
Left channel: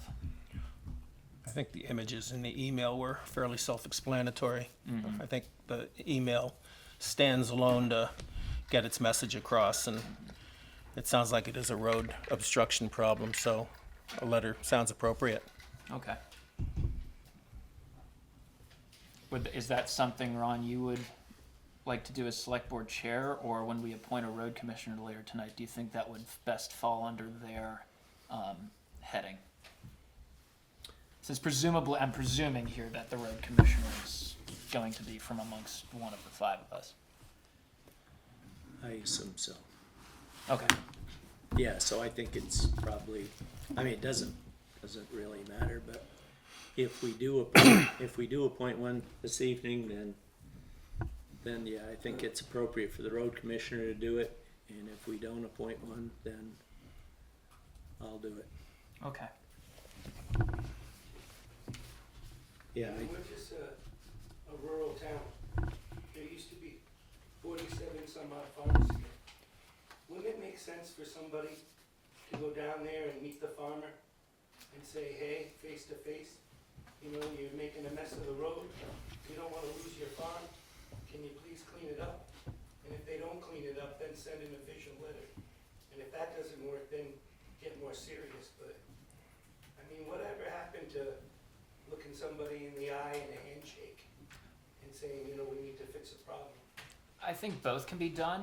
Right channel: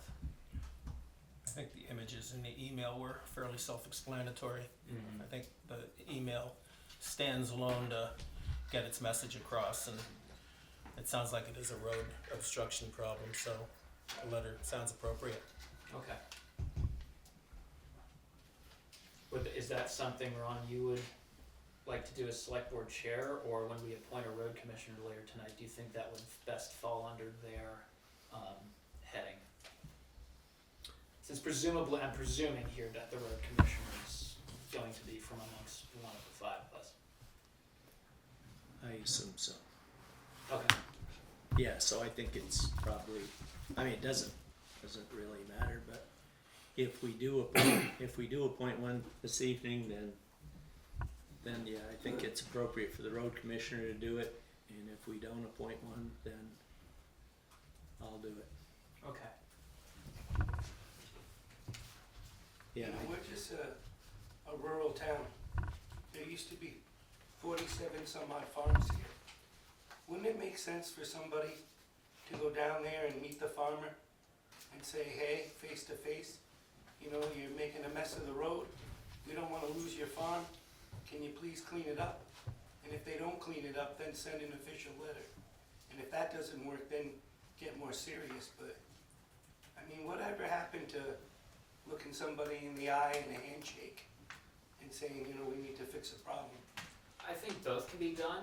I think the images in the email were fairly self-explanatory. Mhm. I think the email stands alone to get its message across, and it sounds like it is a road obstruction problem, so a letter sounds appropriate. Okay. Is that something, Ron, you would like to do as select board chair, or when we appoint a road commissioner later tonight, do you think that would best fall under their heading? Since presumably, I'm presuming here that the road commissioner is going to be from amongst one of the five of us. I assume so. Okay. Yeah, so I think it's probably, I mean, it doesn't really matter, but if we do appoint one this evening, then yeah, I think it's appropriate for the road commissioner to do it, and if we don't appoint one, then I'll do it. Okay. Yeah, We're just a rural town. There used to be 47 some odd farms here. Wouldn't it make sense for somebody to go down there and meet the farmer and say, hey, face to face, you know, you're making a mess of the road. You don't want to lose your farm. Can you please clean it up? And if they don't clean it up, then send an official letter. And if that doesn't work, then get more serious. But, I mean, whatever happened to looking somebody in the eye and a handshake and saying, you know, we need to fix a problem? I think both can be done.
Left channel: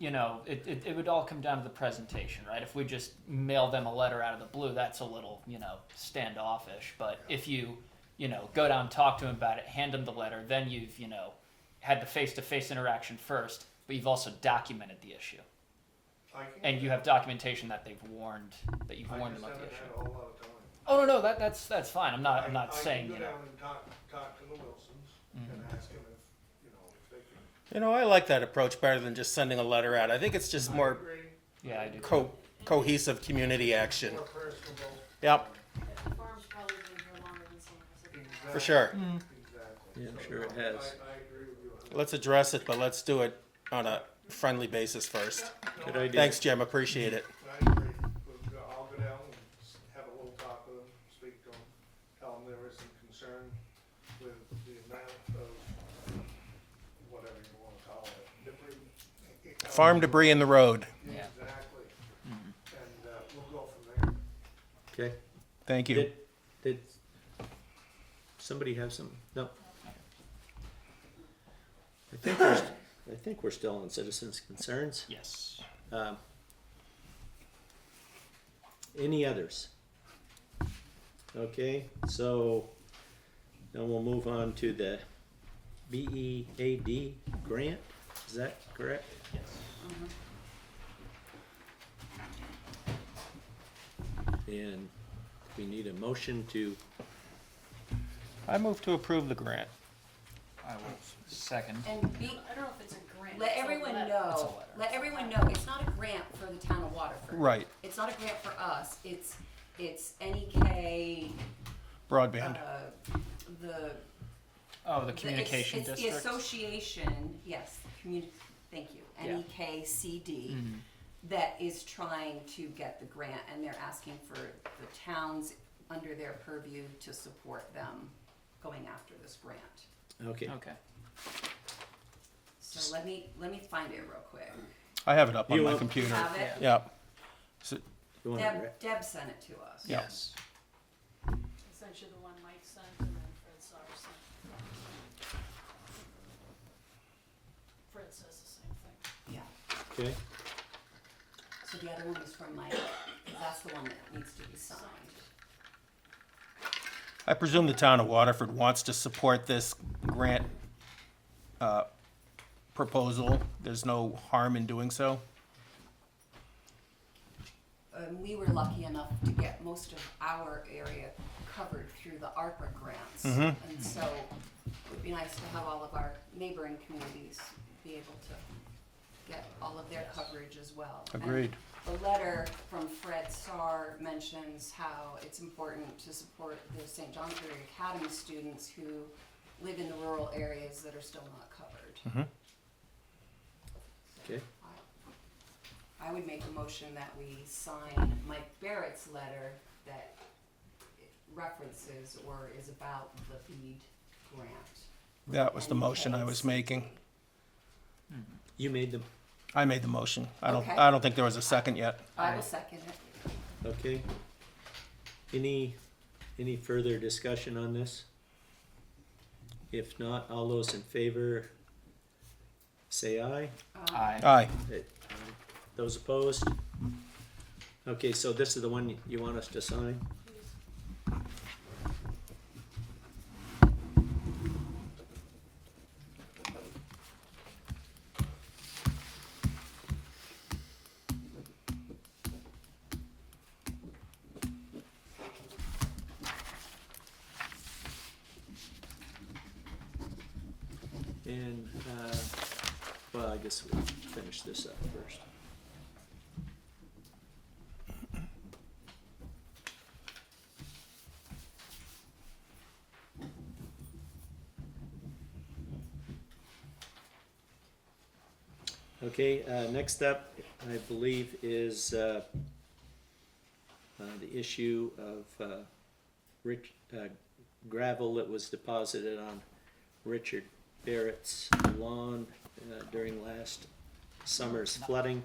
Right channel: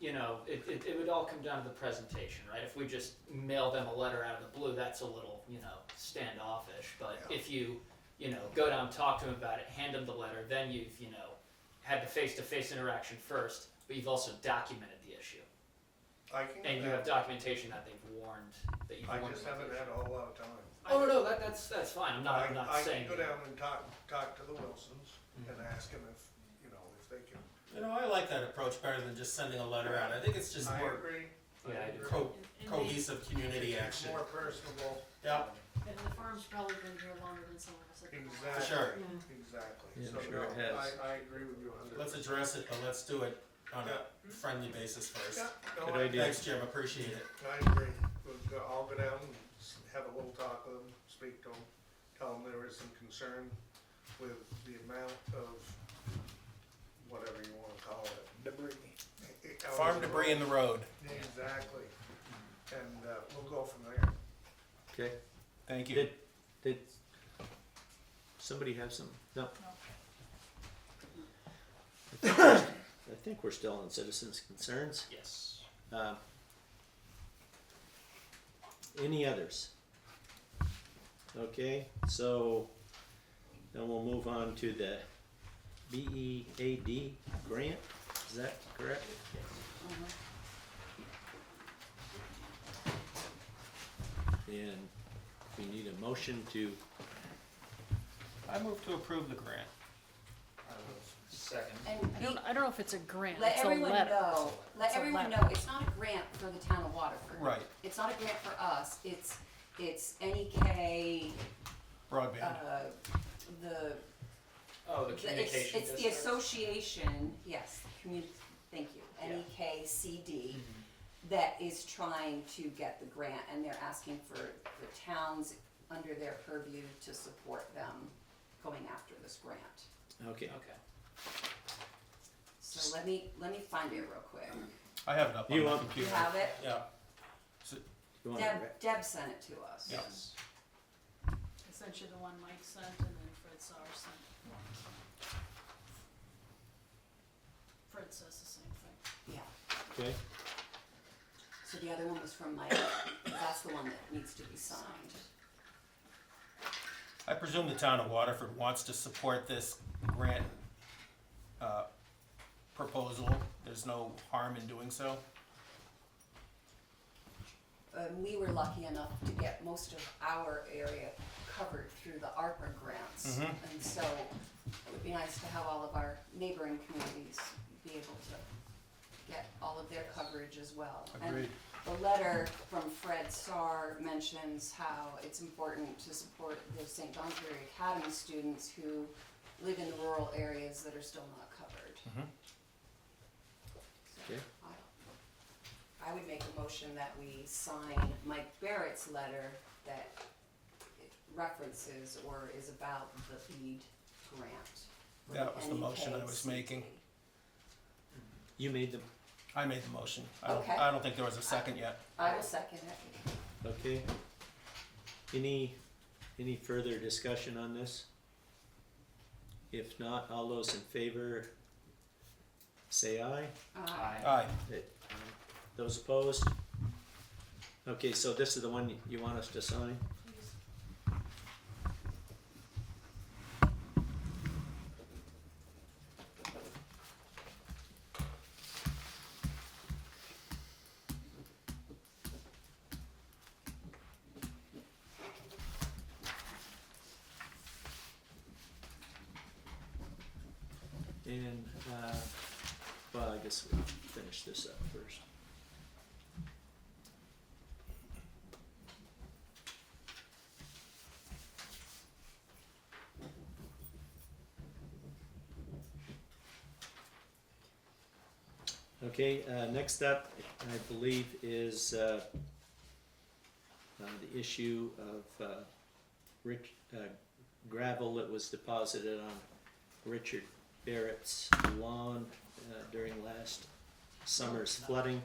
You know, it would all come down to the presentation, right? If we just mail them a letter out of the blue, that's a little, you know, standoffish. But if you know, go down, talk to them about it, hand them the letter, then you've, you know, had the face-to-face interaction first, but you've also documented the issue. And you have documentation that they've warned, that you've I warned just them of haven't the had issue. a whole lot of time. Oh no, that's fine. I'm not saying. I can go you know. down and talk to the Wilsons and ask them if, you know, if they can. You know, I like that approach better than just sending a letter out. I think it's just I more agree. Yeah, I do. cohesive community action. More personable. Yep, And the farm's probably been here longer than someone else. Exactly. for sure. Exactly. Yeah, I'm So, sure it no, has. I agree with you on that. Let's address it, but let's do it on a friendly basis first. Yeah, no, Good idea. Thanks, Jim, appreciate it. I agree. I'll go down and have a little talk with them, speak to them, tell them there is some concern with the amount of, whatever you wanna call it, debris. Farm debris in the road. Yeah. Exactly. And, we'll go from there. okay. Thank you. Did somebody have some? No. I think we're still on citizens' concerns. Yes. Any others? Okay, so then we'll move on to the BEAD grant. Is that correct? And we need a motion to, I move to approve the grant. I will second. And I don't know if it's a grant. let it's a everyone letter. know, let It's a everyone letter. know, it's not a grant for the town of Waterford. Right, It's not a grant for us, it's NEK, broadband. the. Oh, the it's- communication It's the district. association, yes, thank you, Yeah. NEKCD, Mhm. that is trying to get the grant, and they're asking for the towns under their purview to support them going after this grant. okay, Okay. So let me find it real quick. I have it up on You my want- You computer. have it? Yep. you want to, Deb sent it to us. Yeah. Yes. Essentially the one Mike sent and then Fred Sauer sent. Fred says the same thing. Yeah. okay, So the other one was from Mike, that's the one that needs to be signed. I presume the town of Waterford wants to support this grant proposal. There's no harm in doing so. We were lucky enough to get most of our area covered through the ARPA grants. And so it would be nice to have all of our neighboring communities be able to get all of their coverage as well. And Agreed. the letter from Fred Starr mentions how it's important to support the St. Johnsbury Academy students who live in the rural areas that are still not covered. Okay. I would make a motion that we sign Mike Barrett's letter that references or is about the BEAD grant. That was the And motion I was making. You made them, I made the motion. Okay. I don't think there was a second yet. I will second it. okay? Any further discussion on this? If not, all those in favor, say aye. Aye. Aye. Those opposed? Okay, so this is the one you want us to sign? And, well, I guess we'll finish this up first. Okay, next up, I believe, is the issue of gravel that was deposited on Richard Barrett's lawn during last summer's flooding.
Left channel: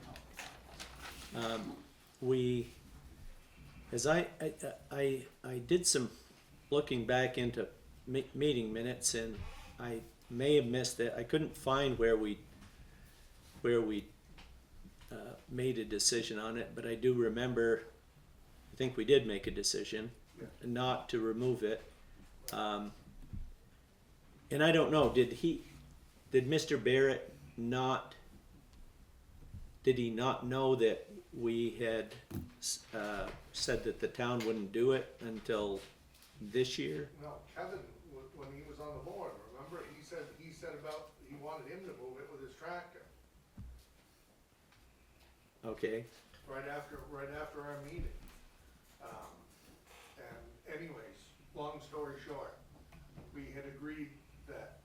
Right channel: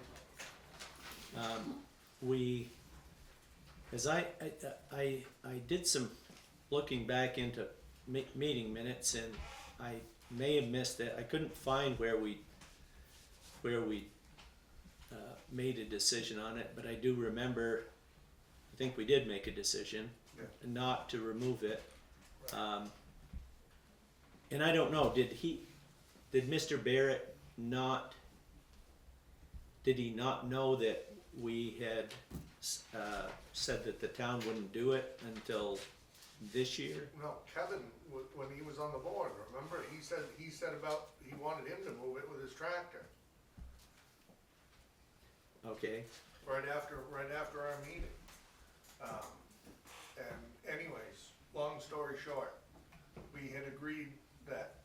As I did some looking back into meeting minutes, and I may have missed it. I couldn't find where we made a decision on it, but I do remember, I think we did make a decision not to remove it. And I don't know, did Mr. Barrett not, did he not know that we had said that the town wouldn't do it until this year? No, Kevin, when he was on the board, remember, he said about, he wanted him to move it with his tractor. Okay, Right after our meeting. And anyways, long story short, we had agreed that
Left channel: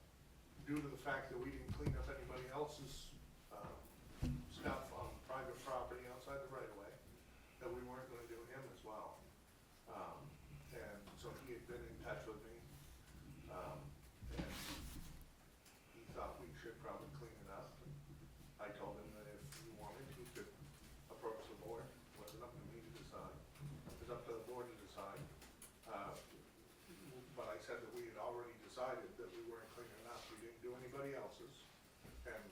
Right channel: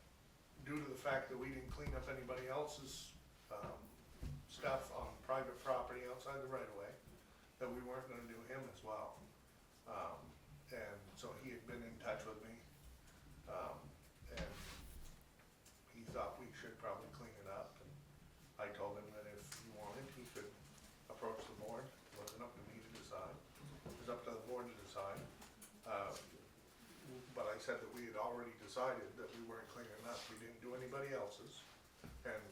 due to the fact that we didn't clean up anybody else's, stuff on private property outside the right of way, that we weren't gonna do him as well. And so he had been in touch with me, and he thought we should probably clean it up. And I told him that if he wanted, he could approach the board. It wasn't up to me to decide. It was up to the board to decide. But I said that we had already decided that we weren't cleaning up. We didn't do anybody else's. And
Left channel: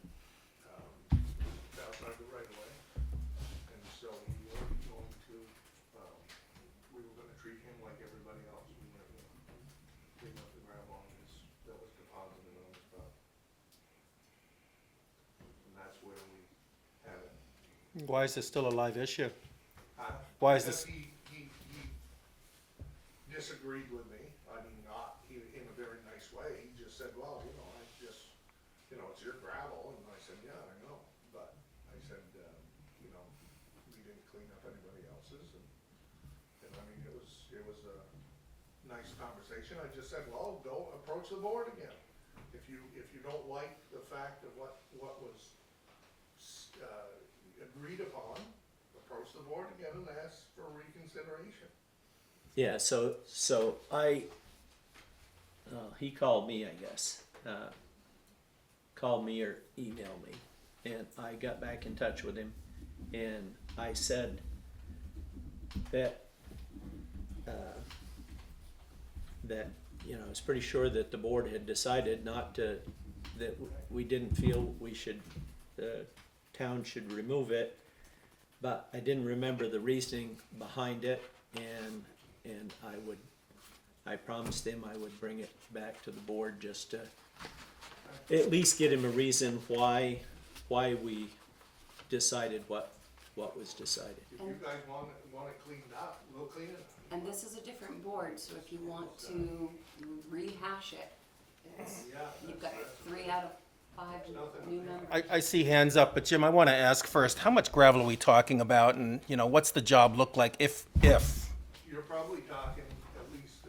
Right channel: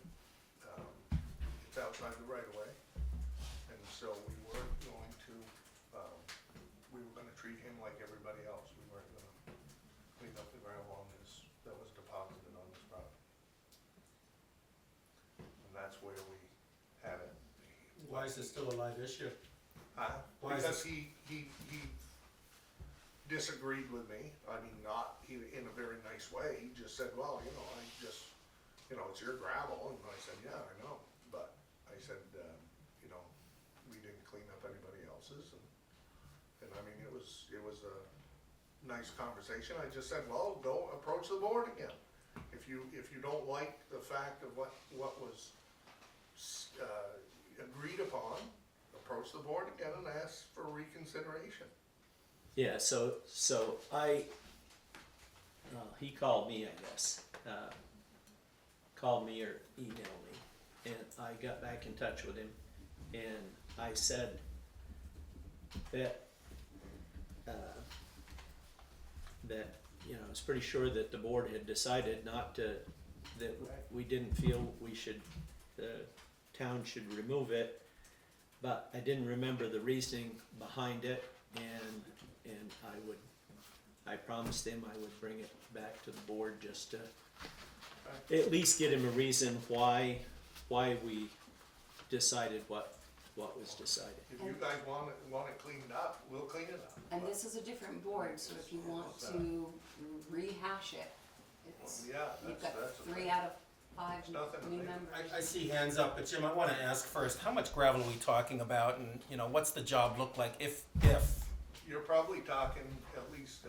it's outside the right of way. And so we were going to, we were gonna treat him like everybody else. We weren't gonna clean up the gravel on his, that was deposited on his property. And that's where we had it. Why is this still a live issue? Why is because this- he disagreed with me, I mean, not in a very nice way, he just said, well, you know, it's your gravel, and I said, yeah, I know, but I said, you know, we didn't clean up anybody else's, and I mean, it was a nice conversation, I just said, well, go approach the board again. If you don't like the fact of what was, agreed upon, approach the board again and ask for reconsideration. yeah, so he called me, I guess, called me or emailed me, and I got back in touch with him, and I said that, you know, I was pretty sure that the board had decided not to, that we didn't feel we should, the town should remove it. but I didn't remember the reasoning behind it, and I promised him I would bring it back to the board just to at least get him a reason why we decided what was decided. If you guys want it cleaned up, we'll clean it up. And this is a different board, so if you want to rehash it, it's, Yeah, you've that's- got that's- 3 out of 5 Nothing. new members. I see hands up, but Jim, I want to ask first, how much gravel are we talking about, and, you know, what's the job look like if? You're probably talking at least,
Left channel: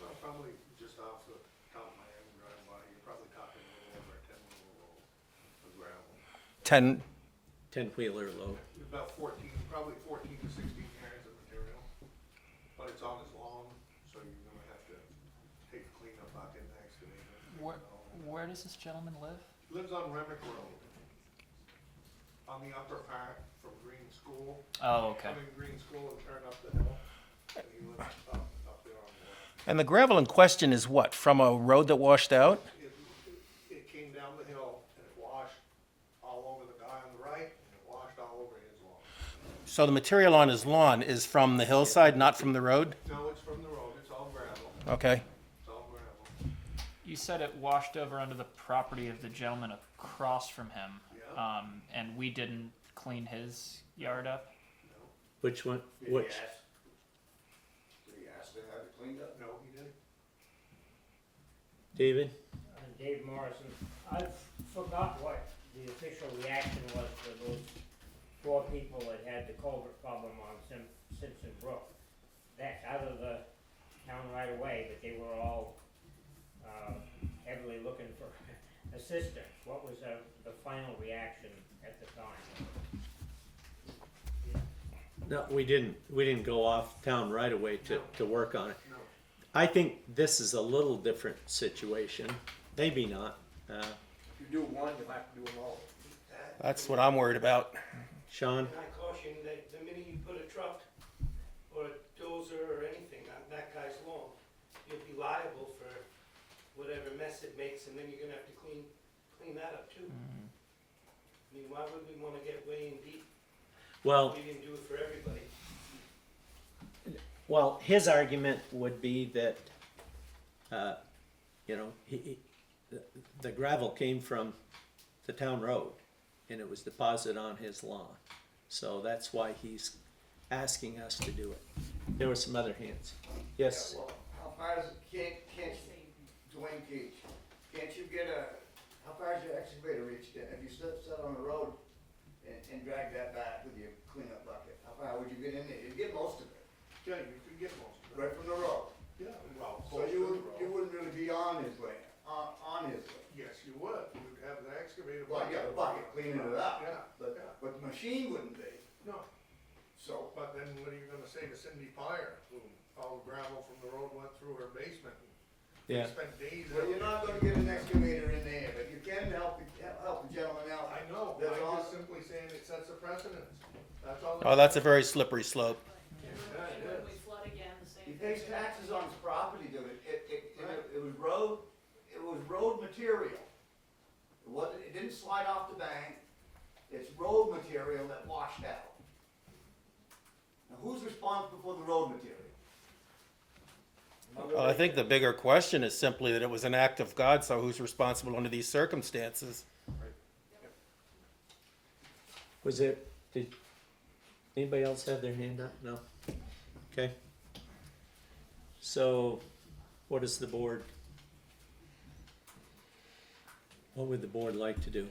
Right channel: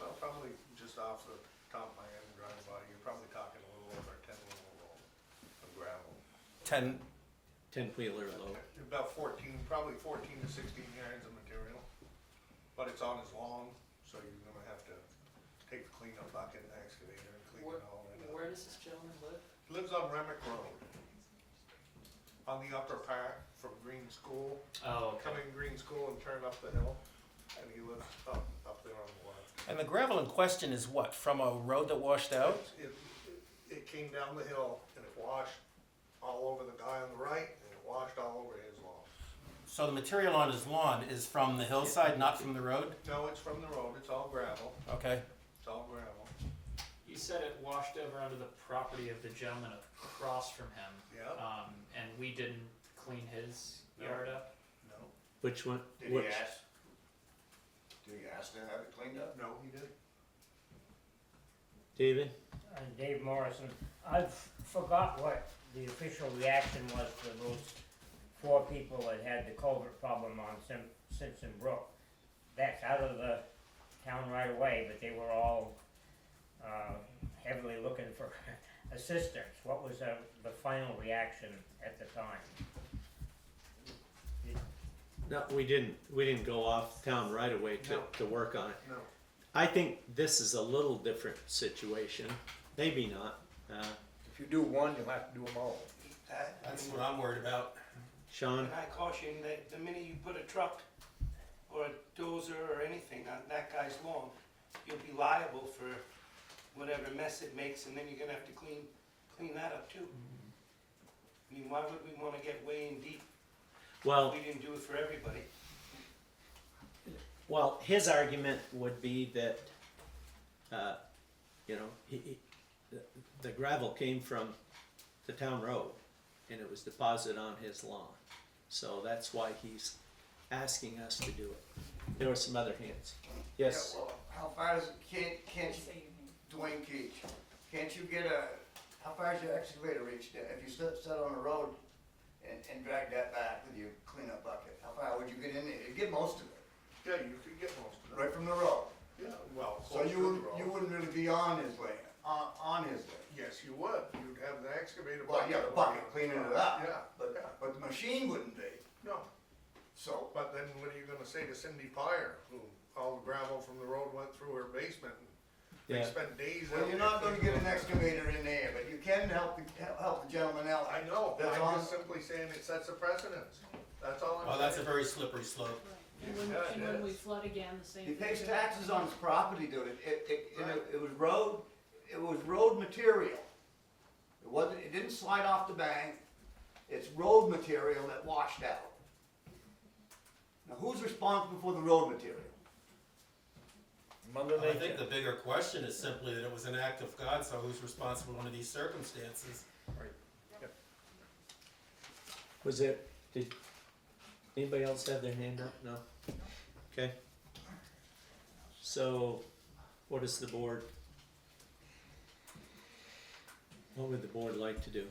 well, probably just off the top of my head and driving by, you're probably talking a little over 10 load of gravel. 10, 10-wheeler load. About 14, probably 14 to 16 yards of material, but it's on his lawn, so you're gonna have to take the cleanup bucket and excavate it and clean it all. Where does this gentleman live? He lives on Remick Road, on the upper part from Green School, Oh, okay. coming Green School and turn up the hill, and he lives up there on the left. and the gravel in question is what, from a road that washed out? It came down the hill and it washed all over the guy on the right and it washed all over his lawn. So the material on his lawn is from the hillside, not from the road? No, it's from the road, it's all gravel, Okay. it's all gravel. You said it washed over onto the property of the gentleman across from him. Yeah. And we didn't clean his yard up? No, Which one? Did Which? he ask? Did he ask to have it cleaned up? no, he didn't. David? Dave Morrison, I've forgot what the official reaction was to those 4 people that had the culvert problem on Simpson Brook. That's out of the town right away, but they were all heavily looking for assistance. What was the final reaction at the time? No, we didn't go off town right away to work on it. No. I think this is a little different situation. Maybe not. If you do one, you'll have to do them all. That's what I'm worried about. Sean? And I caution that the minute you put a truck or a dozer or anything on that guy's lawn, you'll be liable for whatever mess it makes, and then you're gonna have to clean that up too. I mean, why would we wanna get way in deep Well, if we didn't do it for everybody? Well, his argument would be that, you know, the gravel came from the town road and it was deposited on his lawn. So that's why he's asking us to do it. There were some other hands. Yes? Yeah, well, how far is it, can't you, Dwayne Keach, can't you get how far is your excavator reach? If you set on the road and drag that back with your cleanup bucket, how far would you get in there? You'd get most of it, Yeah, you could get most of it. right from the road. Yeah, well, So close to you the road. wouldn't really be on his land, on his land. Yes, you would. You'd have the excavator. Well, yeah, the bucket cleaning it up. Yeah, But the machine wouldn't be, no. so. But then what are you gonna say to Cindy Pyer, who all the gravel from the road went through her basement? And Yeah. They spent days. Well, out you're there not gonna get an excavator in there, but you can help the gentleman out. I know, That's I'm on- just simply saying it sets a precedence. That's all. Oh, that's a very slippery slope. And when we flood again, the same He thing. pays taxes on his property, dude. It was road material. It didn't slide off the bank. It's road material that washed out. Now, who's responsible for the road material? Well, I think the bigger question is simply that it was an act of God, so who's responsible under these circumstances? Was it, did anybody else have their hand up? No? Okay. So, what is the board? What would the board like to do?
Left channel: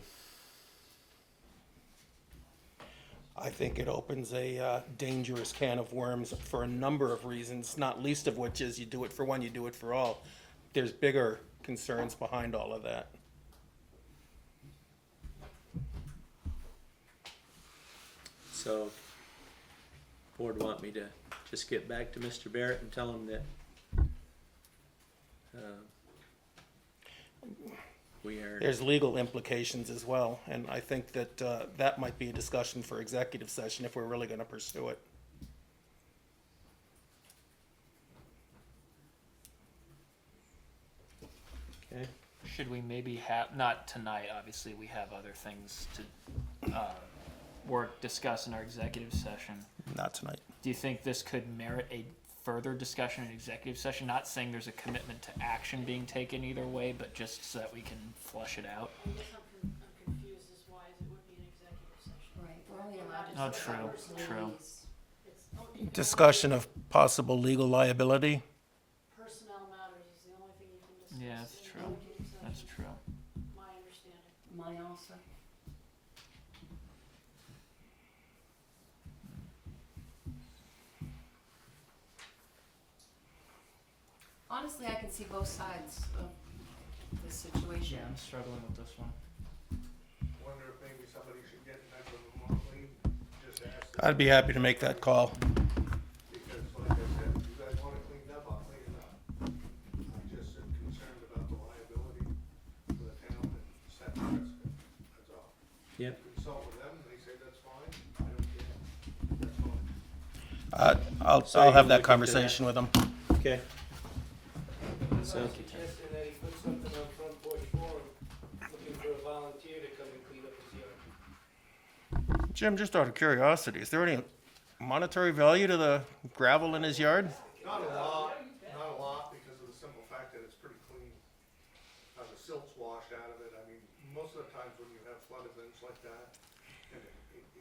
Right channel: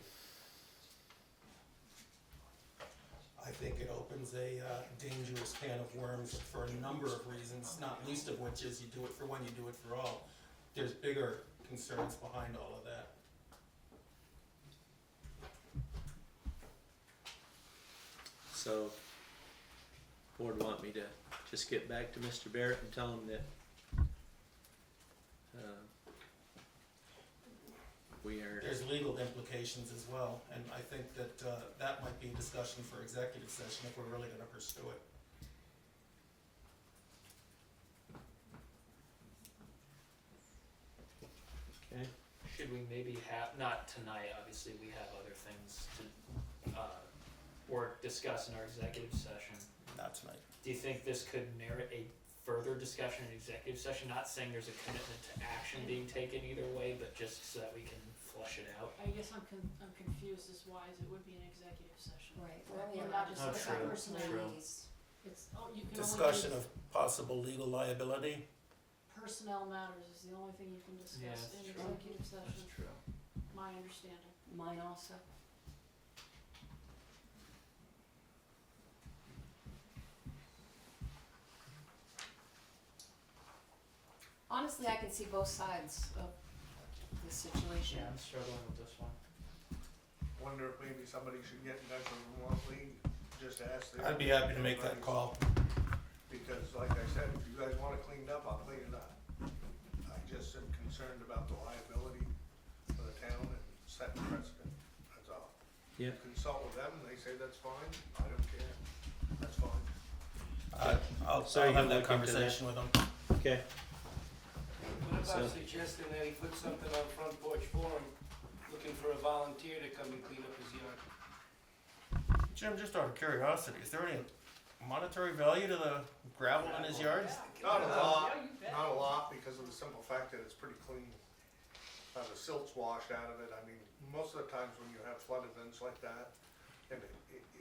I think it opens a dangerous can of worms for a number of reasons, not least of which is you do it for one, you do it for all. There's bigger concerns behind all of that. So, board want me to just get back to Mr. Barrett and tell him that we are. There's legal implications as well, and I think that that might be a discussion for executive session if we're really gonna pursue it. Okay. Should we maybe have, not tonight, obviously, we have other things to work discuss in our executive session, Not tonight. do you think this could merit a further discussion in executive session? Not saying there's a commitment to action being taken either way, but just so that we can flush it out. I guess I'm confused as why it would be an executive session. Right, we're only We're allowed not to Oh, discuss true, personalities. It's, you can only Discussion do of possible legal liability. personnel matters is the only thing you can discuss Yeah, that's in true. executive That's session, true. my understanding. Mine also. Honestly, I can see both sides of the situation. Yeah, I'm struggling with this one. Wonder if maybe somebody should get in touch with them more clean, just ask them. I'd be happy to make that call. Because like I said, if you guys want it cleaned up, I'll clean it up. I just am concerned about the liability for the town and set precedent, that's all. Yep. Consult with them, and they say that's fine, I don't care, that's fine. I'll So I'll you have can that look into that? conversation with them. Okay, What So- about suggesting that he put something on Front Porch Forum, looking for a volunteer to come and clean up his yard? Jim, just out of curiosity, is there any monetary value to the gravel in his yard? Not a lot, because of the simple fact that it's pretty clean. The silt's washed out of it, I mean, most of the times when you have flood events like that, and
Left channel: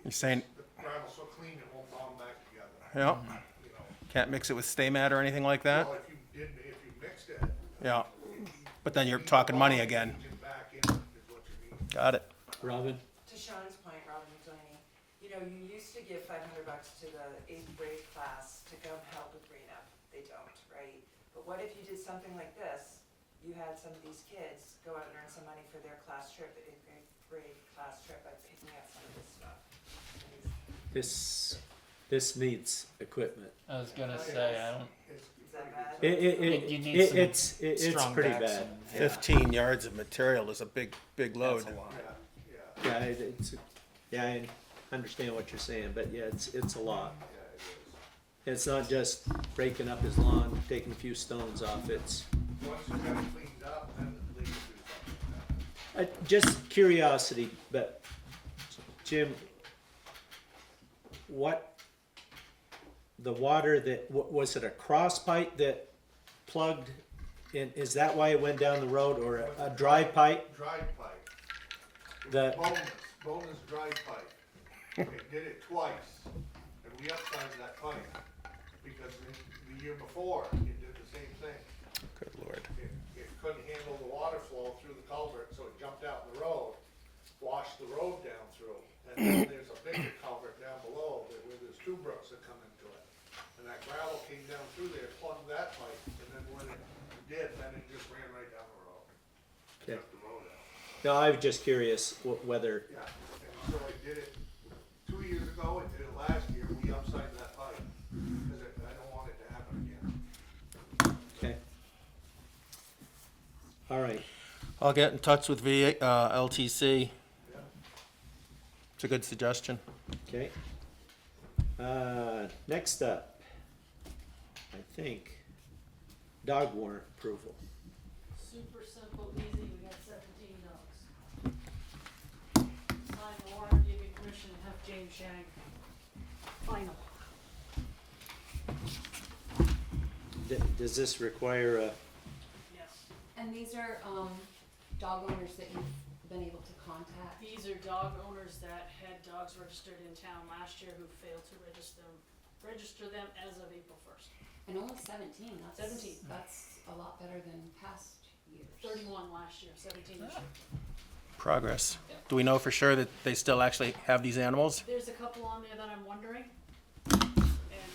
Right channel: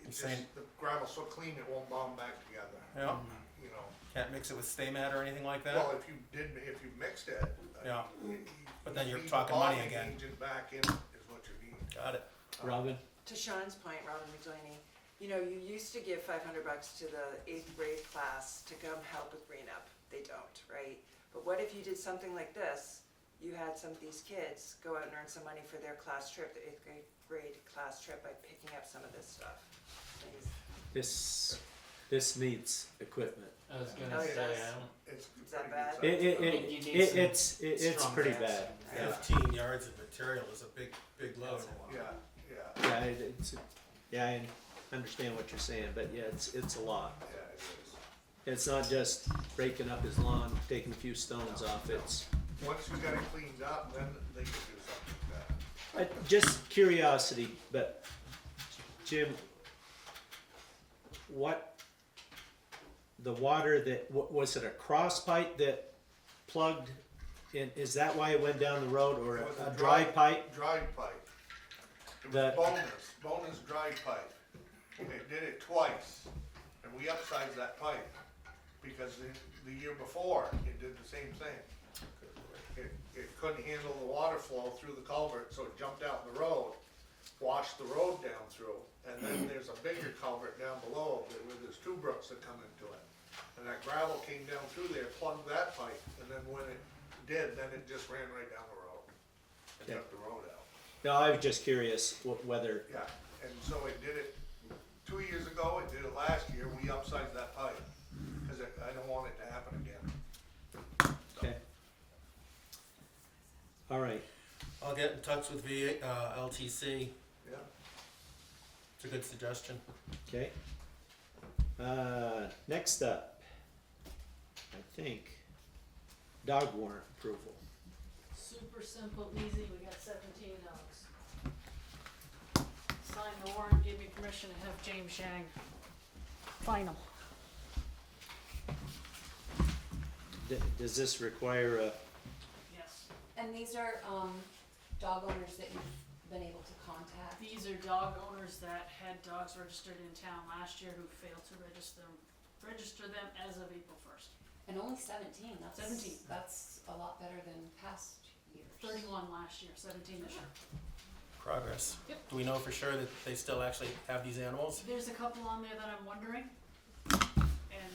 You're saying- the gravel's so clean it won't bond back together, Yeah. you know. Can't mix it with stay mat or anything like that? Well, if you didn't, if you mixed it. Yeah. you- But then you're you need talking the money bond again. agent back in is what you need. Got it. Robin? To Sean's point, Robin McDowney, you know, you used to give $500 to the 8th grade class to come help with green up. They don't, right? But what if you did something like this? You had some of these kids go out and earn some money for their class trip, the 8th grade class trip, by picking up some of this stuff. And This needs equipment. I was gonna Oh, say, yes. I don't. It's Is that pretty bad? good You need some It's strong pretty backs bad. and- Yeah. 15 yards of material is a big load. That's a lot. stuff. Yeah, Yeah, I understand what you're saying, but yeah, it's a lot. yeah, it is. It's not just breaking up his lawn, taking a few stones off, it's, Once you got it cleaned up, then they can do something with that. just curiosity, but Jim, the water that, was it a cross pipe that plugged in, is that why it went down the road, or a dry pipe? Dry pipe. The, Bonus dry pipe. It did it twice, and we upsized that pipe, because the year before, it did the same thing. Good lord. It couldn't handle the water flow through the culvert, so it jumped out in the road, washed the road down through, and then there's a bigger culvert down below, where there's two brooks that come into it. And that gravel came down through there, plugged that pipe, and then when it did, then it just ran right down the road. Okay. Took the road out. no, I was just curious whether, Yeah, and so it did it 2 years ago, it did it last year, we upsized that pipe, cause I don't want it to happen again. okay. All right, I'll get in touch with LTC. Yeah. It's a good suggestion. okay. Next up, I think, dog warrant approval. Super simple, easy, we got 17 dogs. Sign the warrant, give me permission to have James Shang final. Does this require a, Yes. And these are, dog owners that you've been able to contact. These are dog owners that had dogs registered in town last year who failed to register them as of April 1st. And only 17, that's. 17. That's a lot better than past years. 31 last year, 17 this year. Progress. Do we know for sure that they still actually have these animals? There's a couple on there that I'm wondering, and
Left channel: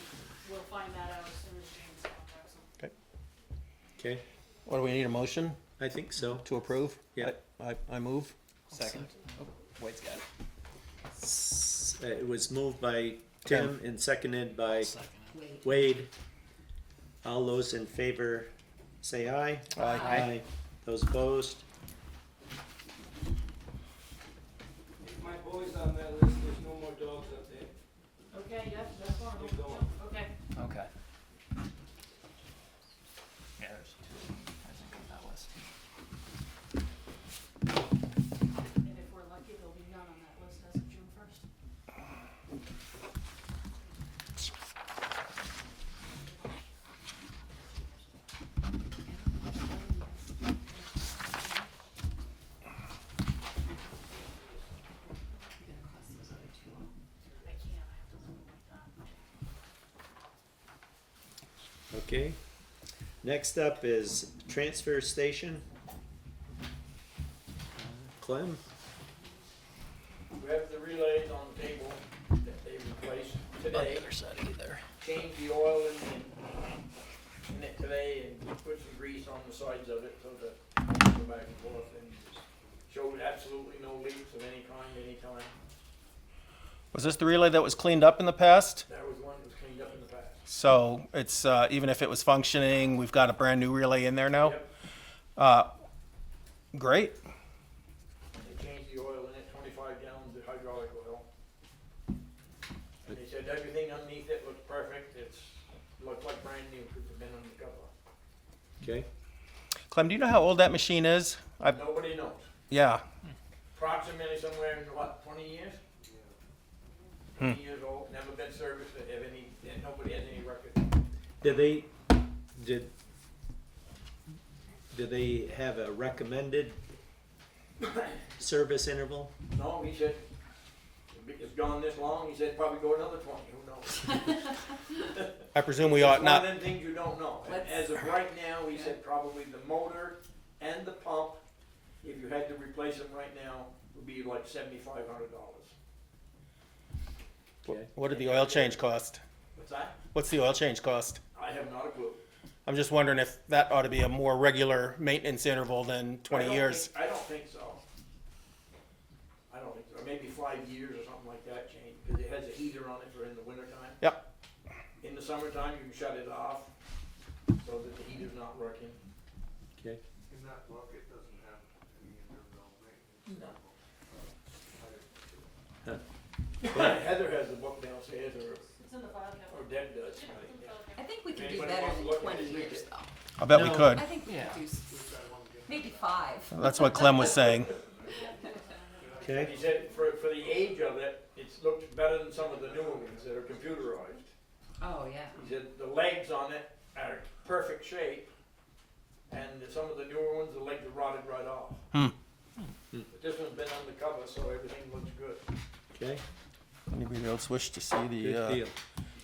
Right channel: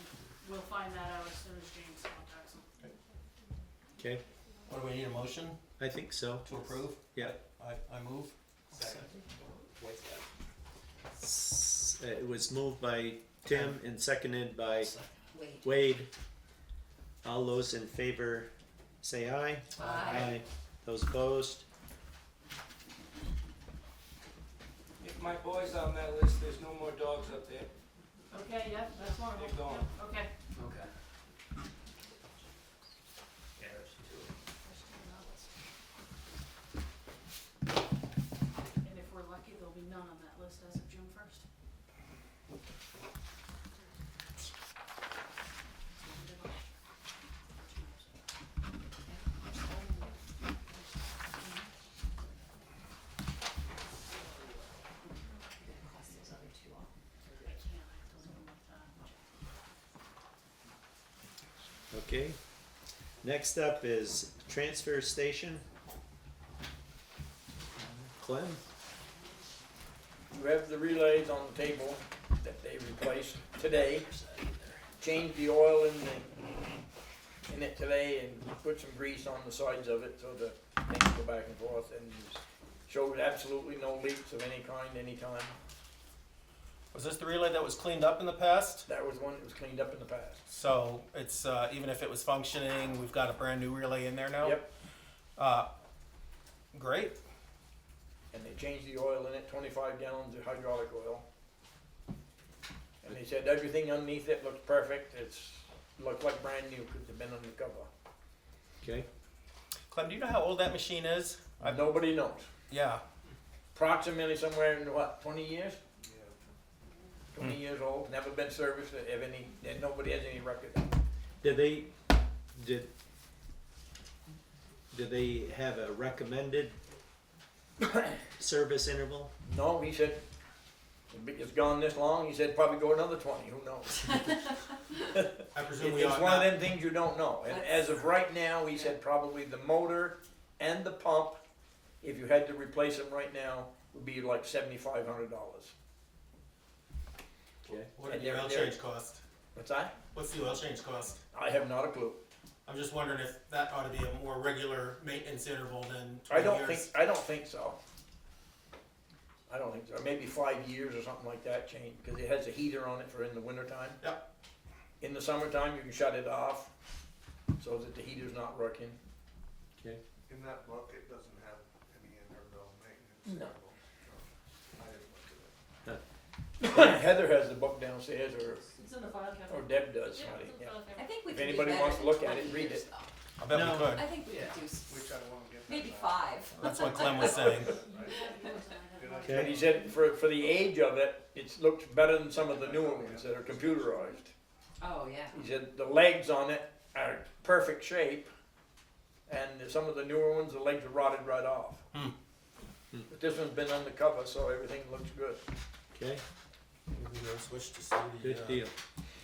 we'll find that out as soon as James contacts them. okay, What do we need, a motion I think so. to approve? Yeah. I move. Second. Wade's got it. It was moved by Tim and seconded by Second. Wait. Wade. All those in favor say aye. Aye. Those opposed? If my boy's on that list, there's no more dogs up there. Okay, yep, that's one of them. They're gone. Yep, okay. Okay. Yeah, there's two. There's two on that list. And if we're lucky, there'll be none on that list as of June 1st. Okay. Next up is transfer station. Clem? You have the relays on the table that they replaced today. Changed the oil in it today and put some grease on the sides of it so that they can go back and forth, and showed absolutely no leaks of any kind anytime. Was this the relay that was cleaned up in the past? That was one that was cleaned up in the past. So it's, even if it was functioning, we've got a brand new relay in there now? Yep, Great. and they changed the oil in it, 25 gallons of hydraulic oil. And they said everything underneath it looks perfect, looked like brand new because it's been undercover. Okay. Clem, do you know how old that machine is? Nobody knows. Yeah. Approximately somewhere in what, 20 years? 20 years old, never been serviced, and nobody has any record. Did they have a recommended service interval? No, he said, it's gone this long, he said probably go another 20, who knows? I presume we It's ought one not. of them things you don't know, and as of right now, he said probably the motor and the pump, if you had to replace them right now, would be like $7,500. Okay. What did the oil change cost? What's that? What's the oil change cost? I have not a clue. I'm just wondering if that ought to be a more regular maintenance interval than 20 years. I don't think so. I don't think so, maybe 5 years or something like that change, because it has a heater on it for in the wintertime. Yep. In the summertime, you can shut it off, so that the heater's not working. Okay. In that book, it doesn't have any interval maintenance. No. I Heather has the book downstairs, It's in the file or cabinet. Deb does. Yeah, it's in the Yeah. file I cabinet. think we If could do anybody better wants to than look at 20 it, read years it. though. I bet we No. could. I think we Yeah. could do wish I won't give maybe 5. That's what Clem was saying. And Okay. he said for the age of it, it looks better than some of the newer ones that are computerized. Oh, yeah. He said the legs on it are perfect shape, and some of the newer ones, the legs are rotted right off. But this one's been undercover, so everything looks good. Okay. Anybody else wish to see Good the deal.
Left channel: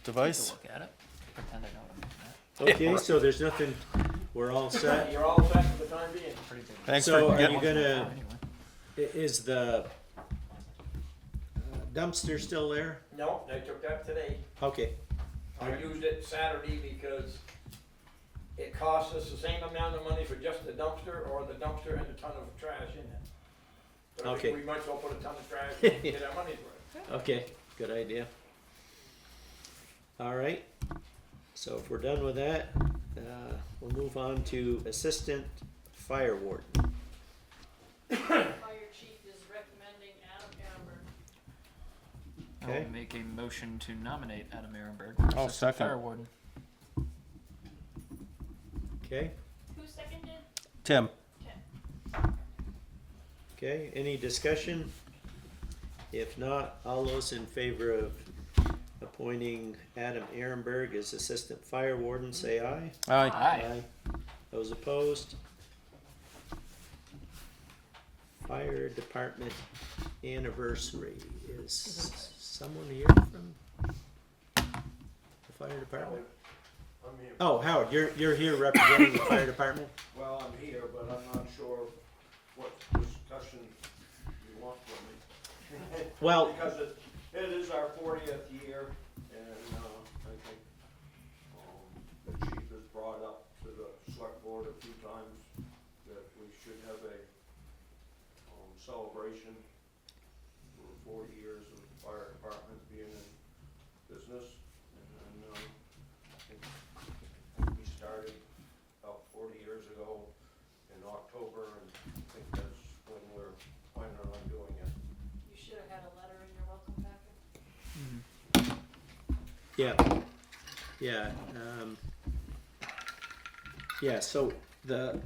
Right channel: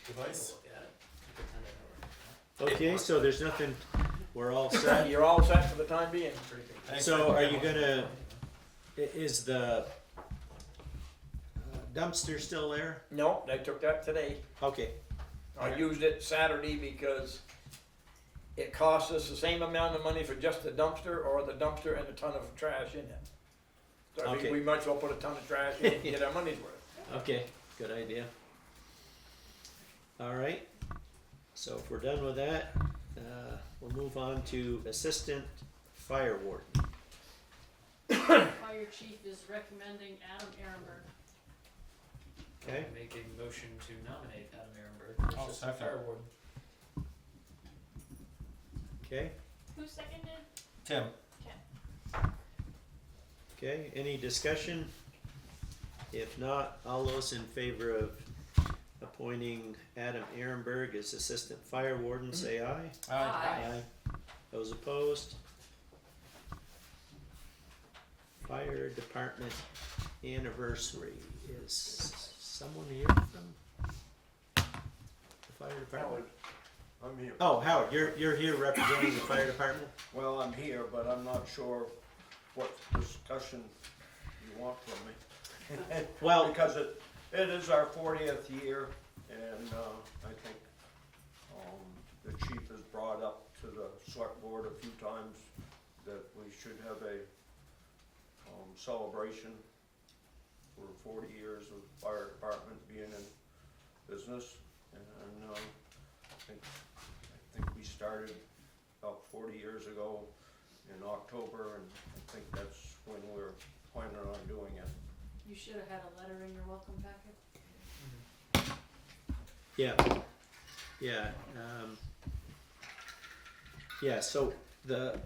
device? Look at it. Pretend I don't. Okay, so there's nothing, we're all set. You're all set for the time being. Thanks So for are you getting- gonna, is the dumpster still there? No, they took that today. Okay, I used it Saturday because it cost us the same amount of money for just the dumpster or the dumpster and a ton of trash in it. So I Okay. think we might as well put a ton of trash in and get our money's worth. okay, good idea. All right, so if we're done with that, we'll move on to assistant fire warden. Fire chief is recommending Adam Ehrenberg. Okay. I'll make a motion to nominate Adam Ehrenberg. I'll as second. Fire warden. Okay, Who seconded? Tim. okay, any discussion? If not, all those in favor of appointing Adam Ehrenberg as assistant fire warden, say aye. Aye. Aye. Those opposed? Fire department anniversary. Is someone here from the fire department? I'm here. Oh, Howard, you're here representing the fire department? Well, I'm here, but I'm not sure what discussion you want from me. Well, Because it is our 40th year, and I think the chief has brought up to the select board a few times that we should have a celebration for 40 years of the fire department being in business. And I think we started about 40 years ago in October, and I think that's when we're planning on doing it. You should have had a letter in your welcome packet. yeah, yeah, yeah, so the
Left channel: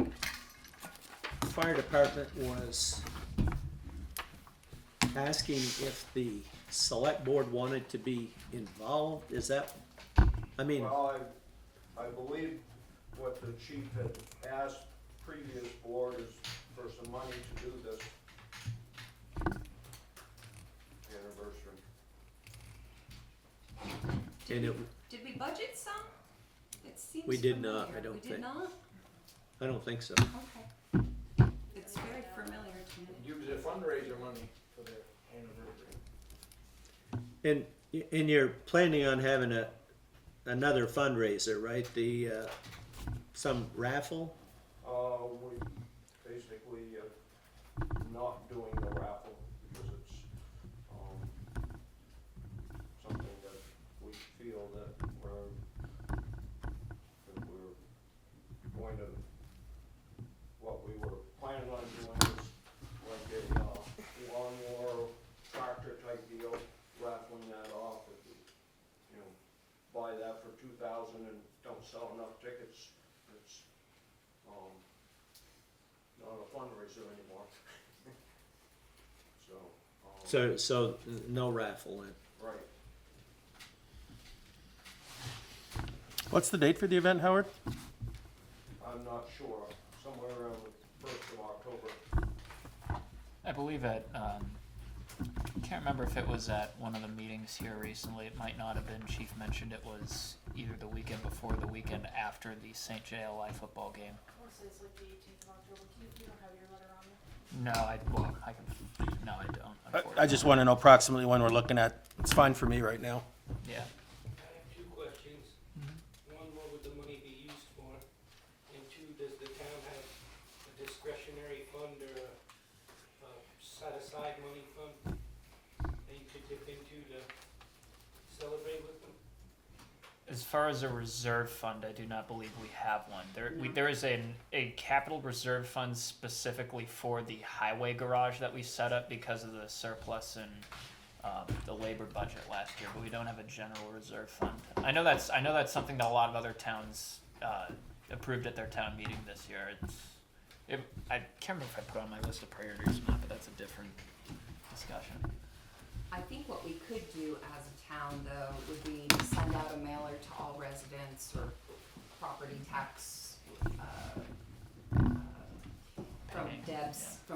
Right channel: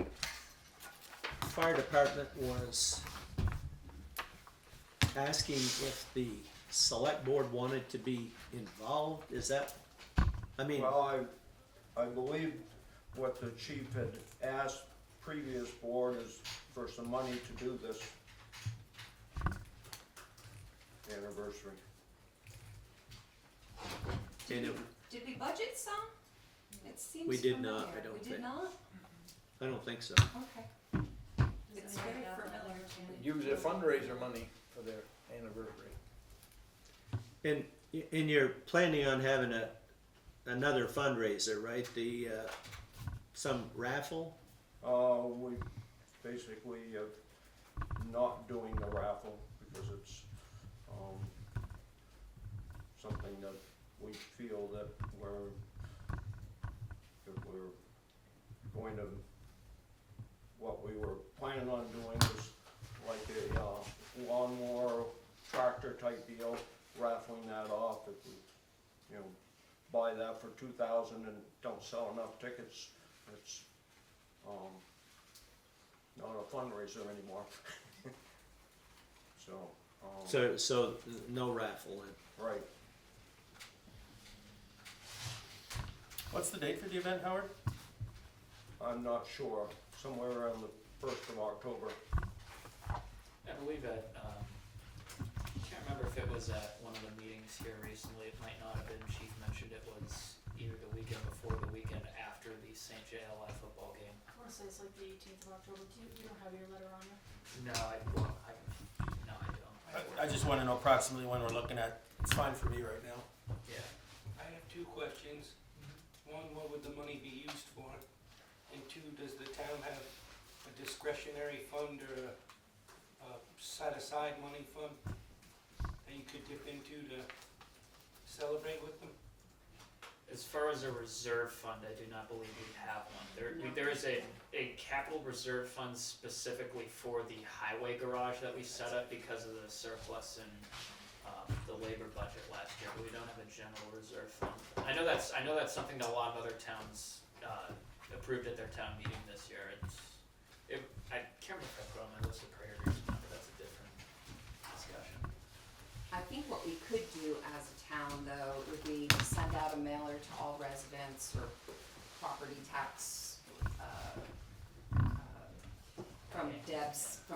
fire department was asking if the select board wanted to be involved, is that, I mean, Well, I believe what the chief had asked previous board is for some money to do this anniversary. and it, Did we budget some? It's seems We did familiar. not, I don't We think. did not? I don't think so. Okay. It's very familiar to me. Use their fundraiser money for their anniversary. And you're planning on having another fundraiser, right? Some raffle? We basically, not doing the raffle because it's, something that we feel that we're going to, what we were planning on doing was like a lawnmower tractor type deal, raffling that off. If we, buy that for 2,000 and don't sell enough tickets, it's, not a fundraiser anymore. So no raffle then? Right. What's the date for the event, Howard? I'm not sure, somewhere around the 1st of October. I believe at, can't remember if it was at one of the meetings here recently, it might not have been, Chief mentioned it was either the weekend before, the weekend after the St. JLI football game. I wanna say it's like the 18th of October, you don't have your letter on there? No, I don't. I just want to know approximately when we're looking at. It's fine for me right now. Yeah. I have two questions. One, what would the money be used for? And two, does the town have a discretionary fund or a set-aside money fund that you could dip into to celebrate with them? As far as a reserve fund, I do not believe we have one. There is a capital reserve fund specifically for the highway garage that we set up because of the surplus in the labor budget last year, but we don't have a general reserve fund. I know that's something that a lot of other towns approved at their town meeting this year. I can't remember if I put it on my list of priorities or not, but that's a different discussion. I think what we could do as a town, though, would be to send out a mailer to all residents or property tax, from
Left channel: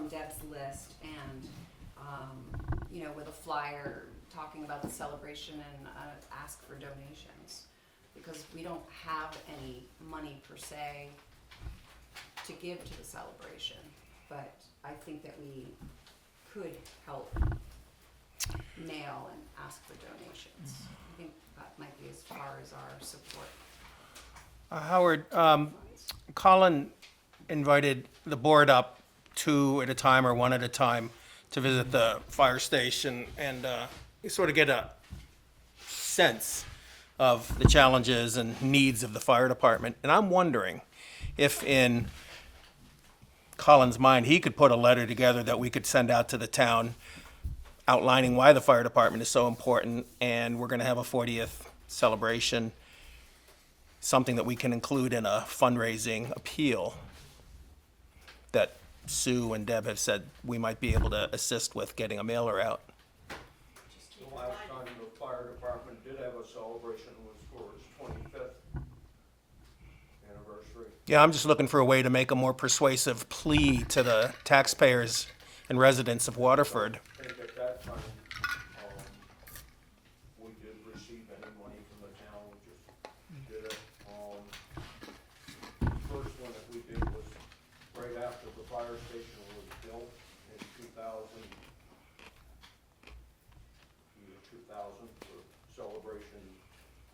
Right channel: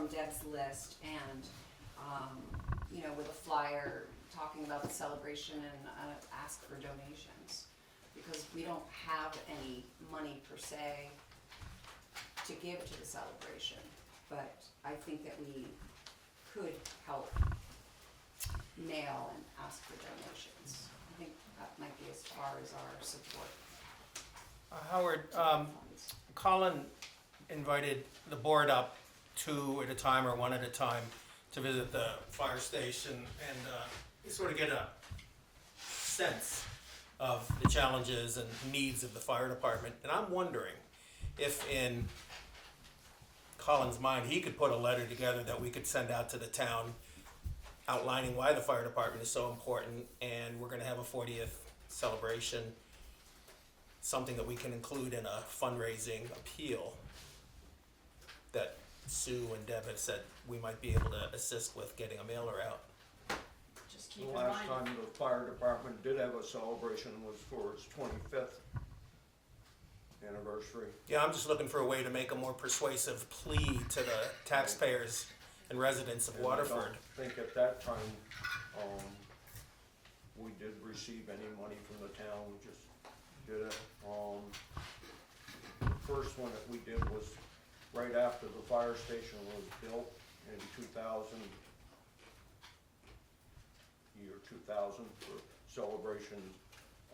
Deb's list, and, with a flyer talking about the celebration and, ask for donations. Because we don't have any money per se to give to the celebration, but I think that we could help mail and ask for donations. I think that might be as far as our support. Howard, Colin invited the board up 2 at a time or 1 at a time to visit the fire station and you sort of get a sense of the challenges and needs of the fire department. And I'm wondering if in Colin's mind, he could put a letter together that we could send out to the town outlining why the fire department is so important, and we're gonna have a 40th celebration, something that we can include in a fundraising appeal that Sue and Deb have said we might be able to assist with getting a mailer out. Just The keep in last mind, time the fire department did have a celebration was for its 25th anniversary. Yeah, I'm just looking for a way to make a more persuasive plea to the taxpayers and residents of Waterford. I think at that time, we did receive any money from the town, we just did it. The first one that we did was right after the fire station was built in 2000, year 2000, for celebration,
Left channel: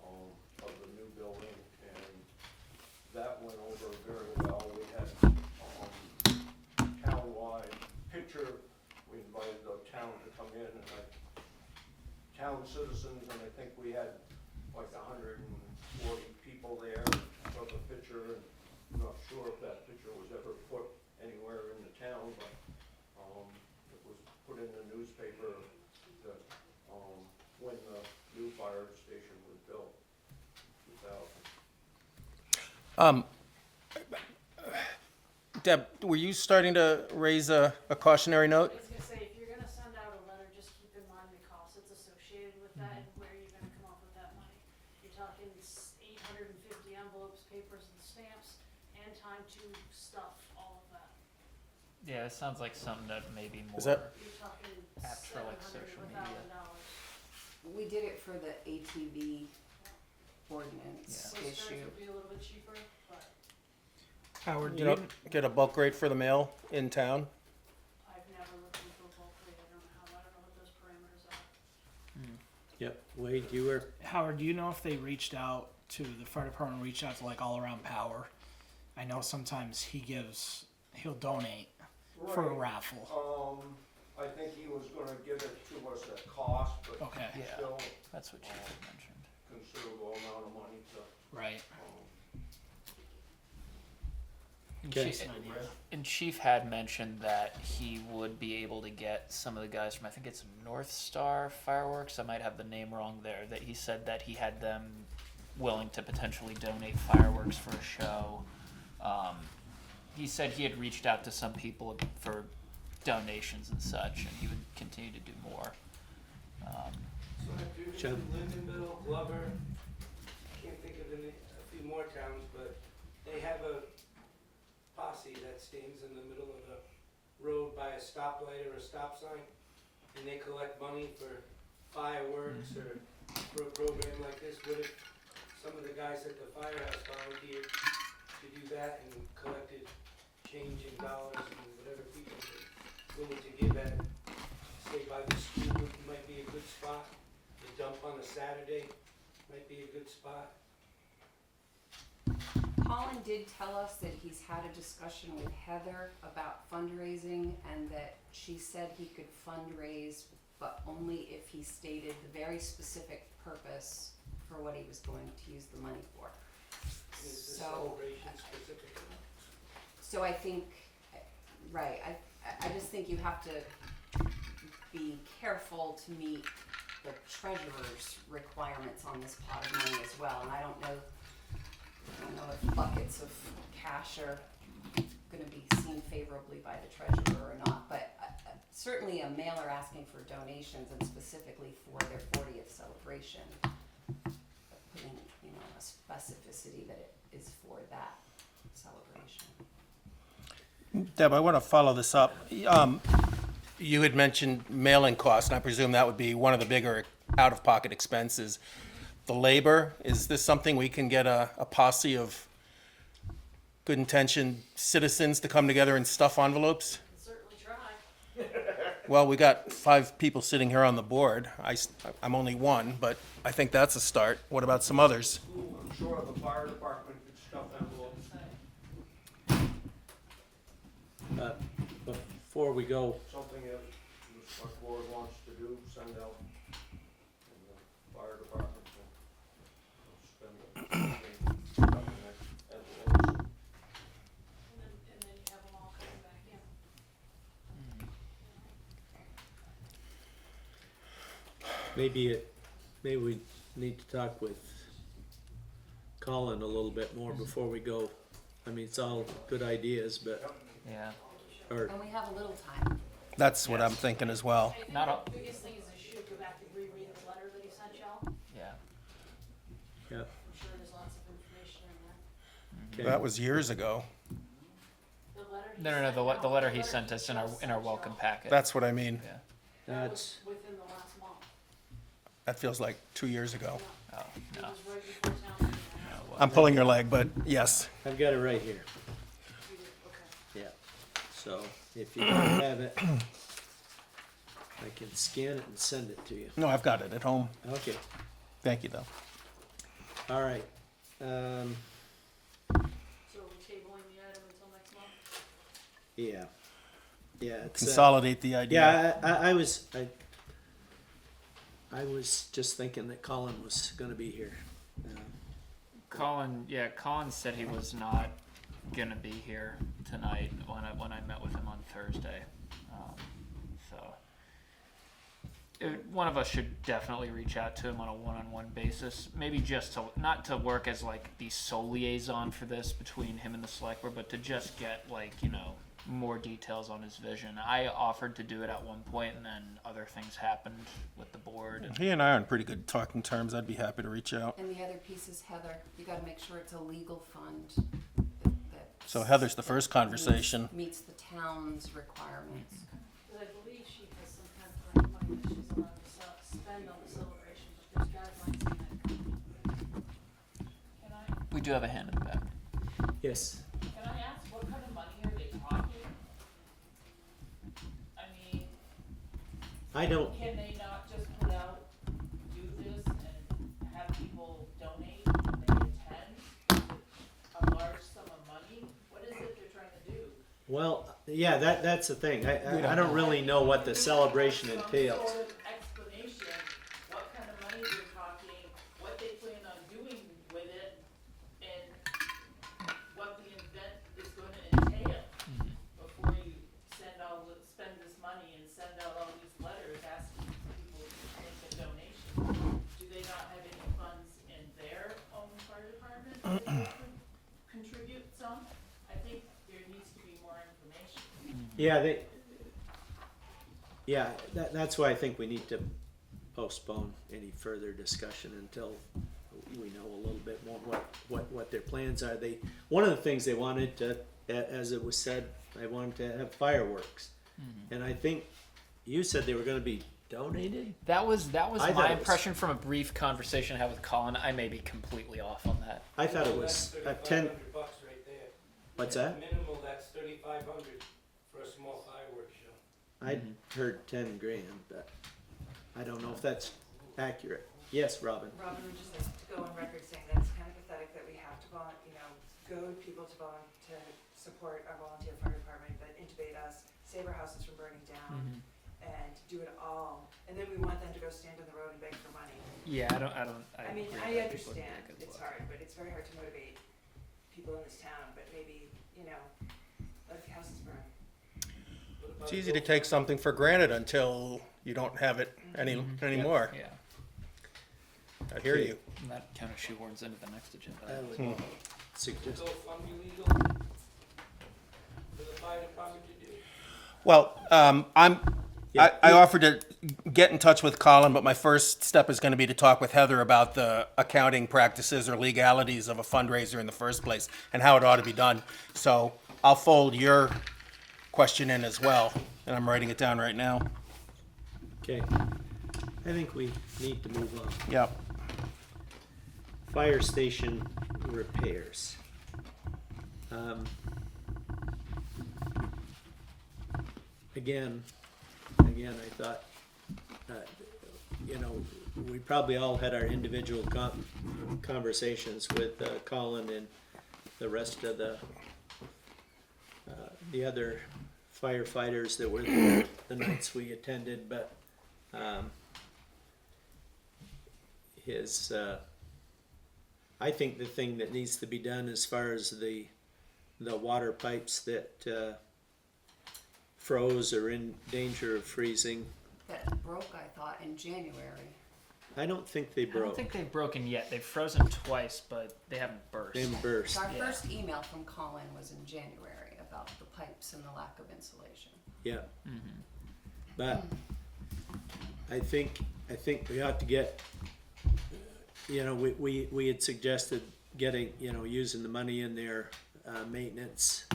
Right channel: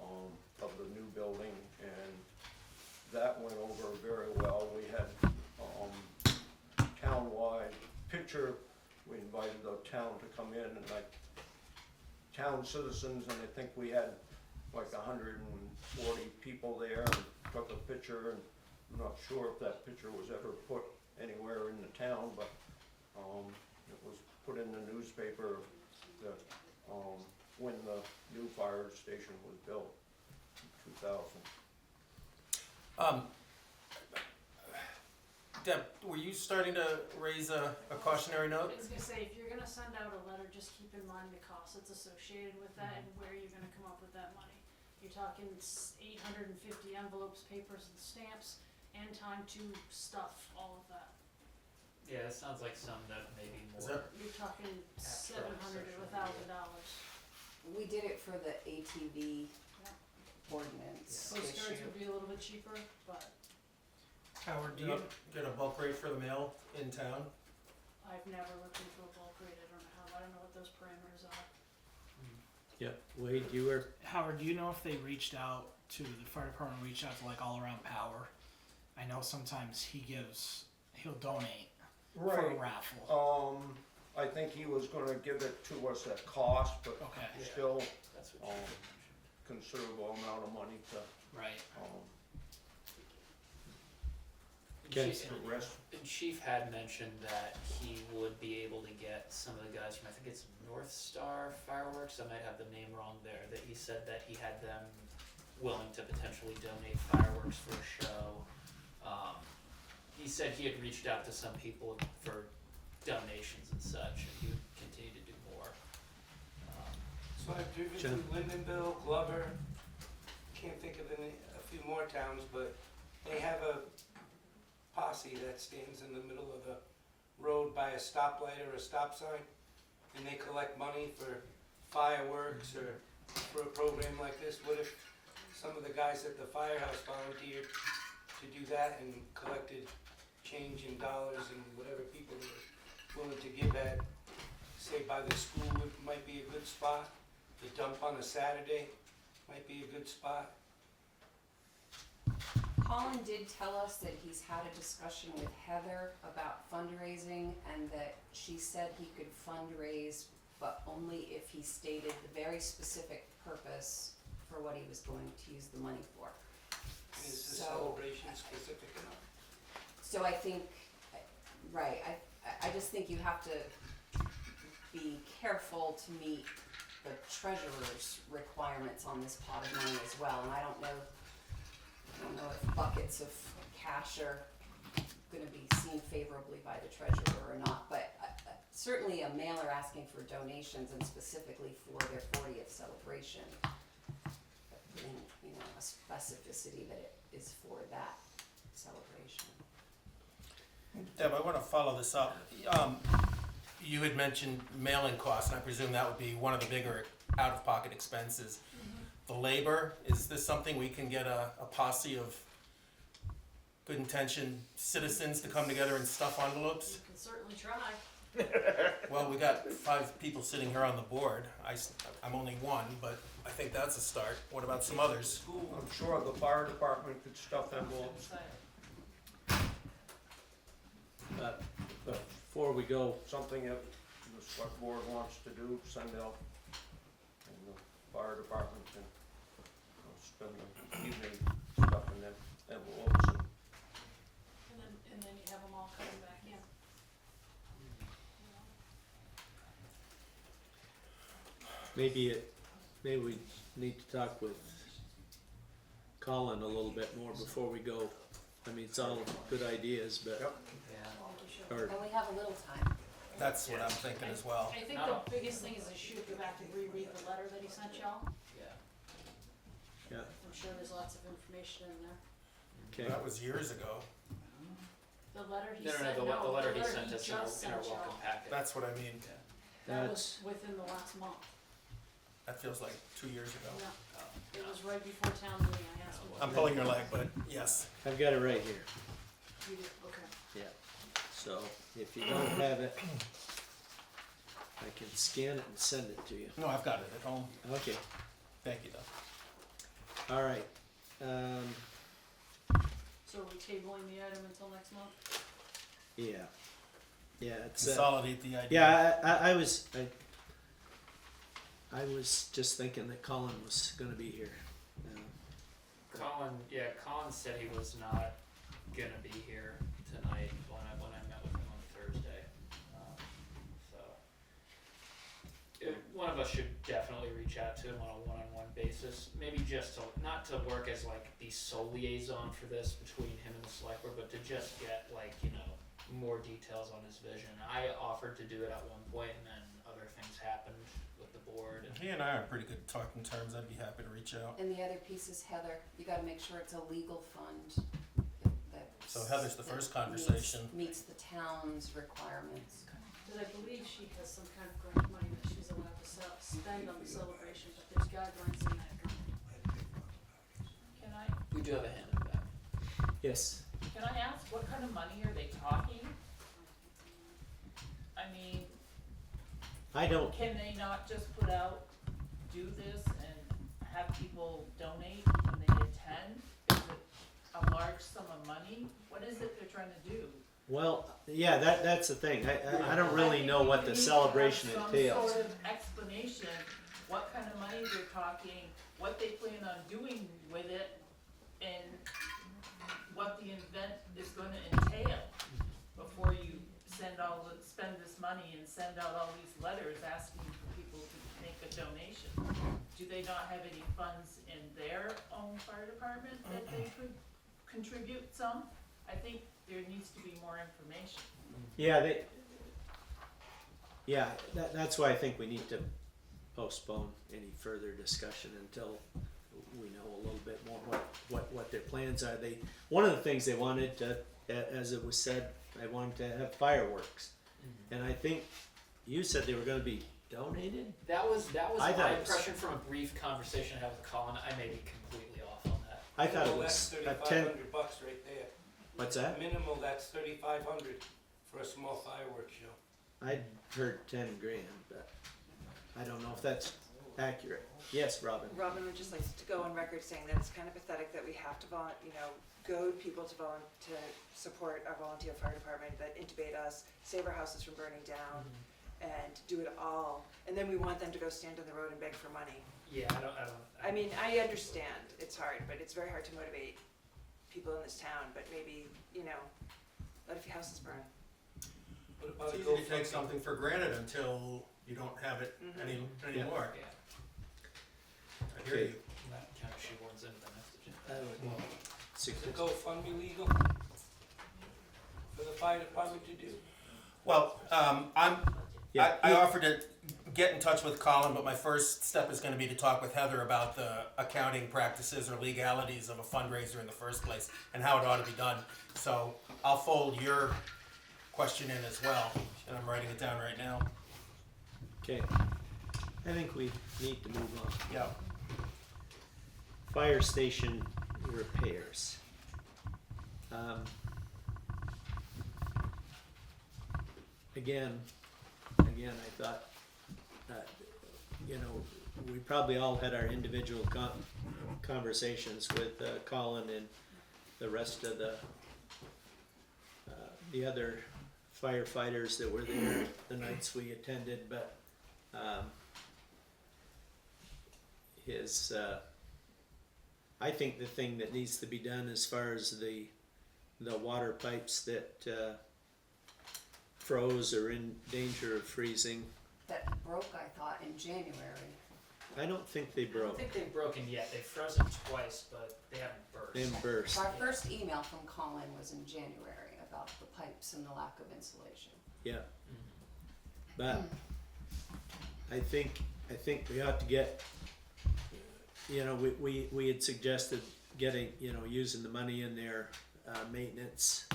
of the new building, and that went over very well. We had, town-wide picture. We invited the town to come in and town citizens, and I think we had like 140 people there and took a picture, and I'm not sure if that picture was ever put anywhere in the town, but it was put in the newspaper that when the new fire station was built in 2000. Deb, were you starting to raise a cautionary note? I was gonna say, if you're gonna send out a letter, just keep in mind the cost that's associated with that and where you're gonna come up with that money. You're talking 850 envelopes, papers, and stamps, and time to stuff all of that. Yeah, it sounds like something that maybe more. Is that- You're talking Abstract $700 to social $1,000. We did it for the ATV ordinance Postcards issue. would be a little bit cheaper, but Howard, do You you, know, get a bulk rate for the mail in town. I've never looked into a bulk rate, I don't know what those parameters are. Yep, Wade, you were, Howard, do you know if they reached out to the fire department, reached out to like All Around Power? I know sometimes he'll donate for a Right. raffle. I think he was gonna give it to us at cost, but Okay. Yeah. still That's what you mentioned. considerable amount of money to, Right. And Okay. Chief- the rest. And Chief had mentioned that he would be able to get some of the guys from, I think it's North Star Fireworks, I might have the name wrong there, that he said that he had them willing to potentially donate fireworks for a show. He said he had reached out to some people for donations and such, and he would continue to do more. So I've driven John? through Lindenville, Glover, can't think of a few more towns, but they have a posse that stands in the middle of a road by a stoplight or a stop sign, and they collect money for fireworks or for a program like this. What if some of the guys at the firehouse volunteered to do that and collected change in dollars and whatever people were willing to give at, say by the school, might be a good spot. The dump on a Saturday might be a good spot. Colin did tell us that he's had a discussion with Heather about fundraising and that she said he could fundraise, but only if he stated the very specific purpose for what he was going to use the money for. Is the So- celebration specific enough? So I think, right, I just think you have to be careful to meet the treasurer's requirements on this pot of money as well, and I don't know if buckets of cash are gonna be seen favorably by the treasurer or not, but certainly a mailer asking for donations and specifically for their 40th celebration, but putting, a specificity that it is for that celebration. Deb, I want to follow this up. You had mentioned mailing costs, and I presume that would be one of the bigger out-of-pocket expenses. The labor, is this something we can get a posse of good-intentioned citizens to come together and stuff envelopes? You can certainly try. Well, we got 5 people sitting here on the board. I'm only one, but I think that's a start. What about some others? I'm sure the fire department could stuff envelopes. before we go, Something that the select board wants to do, send out, and the fire department can spend the money stuffing that envelopes. And then you have them all coming back in. maybe we need to talk with Colin a little bit more before we go. I mean, it's all good ideas, but, Yeah. or, And we have a little time. That's what I'm thinking as well. I think Not the biggest thing is I should go back and reread the letter that he sent y'all. Yeah. yeah, I'm sure there's lots of information in there. okay. That was years ago. The letter he No, sent. the letter he sent us in just our sent welcome y'all. packet. That's what I mean. Yeah. That That's, was within the last month. That feels like 2 years ago. Yeah, Oh, it no. was right before town meeting. I asked him. I'm pulling your leg, but yes. I've got it right here, You did, okay. yeah. So, if you don't have it, I can scan it and send it to you. No, I've got it at home. Okay, Thank you, though. all right. So are we tabling the item until next month? Yeah. Yeah, it's, Consolidate the idea. yeah, I was just thinking that Colin was gonna be here. Colin said he was not gonna be here tonight when I met with him on Thursday. One of us should definitely reach out to him on a one-on-one basis. Maybe just to not to work as like the sole liaison for this between him and the select board, but to just get more details on his vision. I offered to do it at one point, and then other things happened with the board. He and I are on pretty good talking terms. I'd be happy to reach out. And the other piece is Heather, you gotta make sure it's a legal fund that. So Heather's the first conversation. Meets the town's requirements. Cause I believe she has some kind of grant money that she's allowed to spend on the celebration, but there's guidelines in that. We do have a hand in the back. Yes, Can I ask, what kind of money are they talking? I mean, I don't, can they not just put out, do this and have people donate when they attend? Is it a large sum of money? What is it they're trying to do? well, yeah, that's the thing. I don't really know what the celebration Some entails. sort of explanation, what kind of money they're talking, what they plan on doing with it, and what the event is gonna entail before you spend this money and send out all these letters asking people to make a donation. Do they not have any funds in their own fire department that they could contribute some? I think there needs to be more information. Yeah, that's why I think we need to postpone any further discussion until we know a little bit more what their plans are. One of the things they wanted to, as it was said, they wanted to have fireworks. And I think you said they were gonna be donated? That was I thought my it was- impression from a brief conversation I had with Colin. I may be completely off on that. I thought it That's was 10, $3,500 right there. what's that? Minimal, that's $3,500 for a small fireworks show. I'd heard 10 grand, but I don't know if that's accurate. Yes, Robin? Robin would just like to go on record saying that it's kind of pathetic that we have to goad people to support our volunteer fire department, that intubate us, save our houses from burning down, and do it all, and then we want them to go stand on the road and beg for money. Yeah, I mean, I understand it's hard, but it's very hard to motivate people in this town, but maybe, let a few houses burn. What about It's easy to GoFundMe? take something for granted until you don't have it anymore. Yeah. I hear Okay. you. And that kind of shoehorns into the next agenda. I would Is suggest. GoFundMe legal for the fire department to do? Well, Yeah, I offered to get in touch with Colin, but my first step is going to be to talk with Heather about the accounting practices or legalities of a fundraiser in the first place and how it ought to be done. So I'll fold your question in as well, and I'm writing it down right now. Okay. I think we need to move on. Yep. Fire station repairs. Again, I thought, we probably all had our individual conversations with Colin and the rest of the other firefighters that were there the nights we attended, but I think the thing that needs to be done as far as the water pipes that froze or in danger of freezing, That broke, I thought, in January. I don't think they I don't broke. think they've broken yet. They've frozen twice, but they haven't burst. They burst. So our Yeah. first email from Colin was in January about the pipes and the lack of insulation. Yeah. But I think we ought to get, we had suggested getting, using the money in their maintenance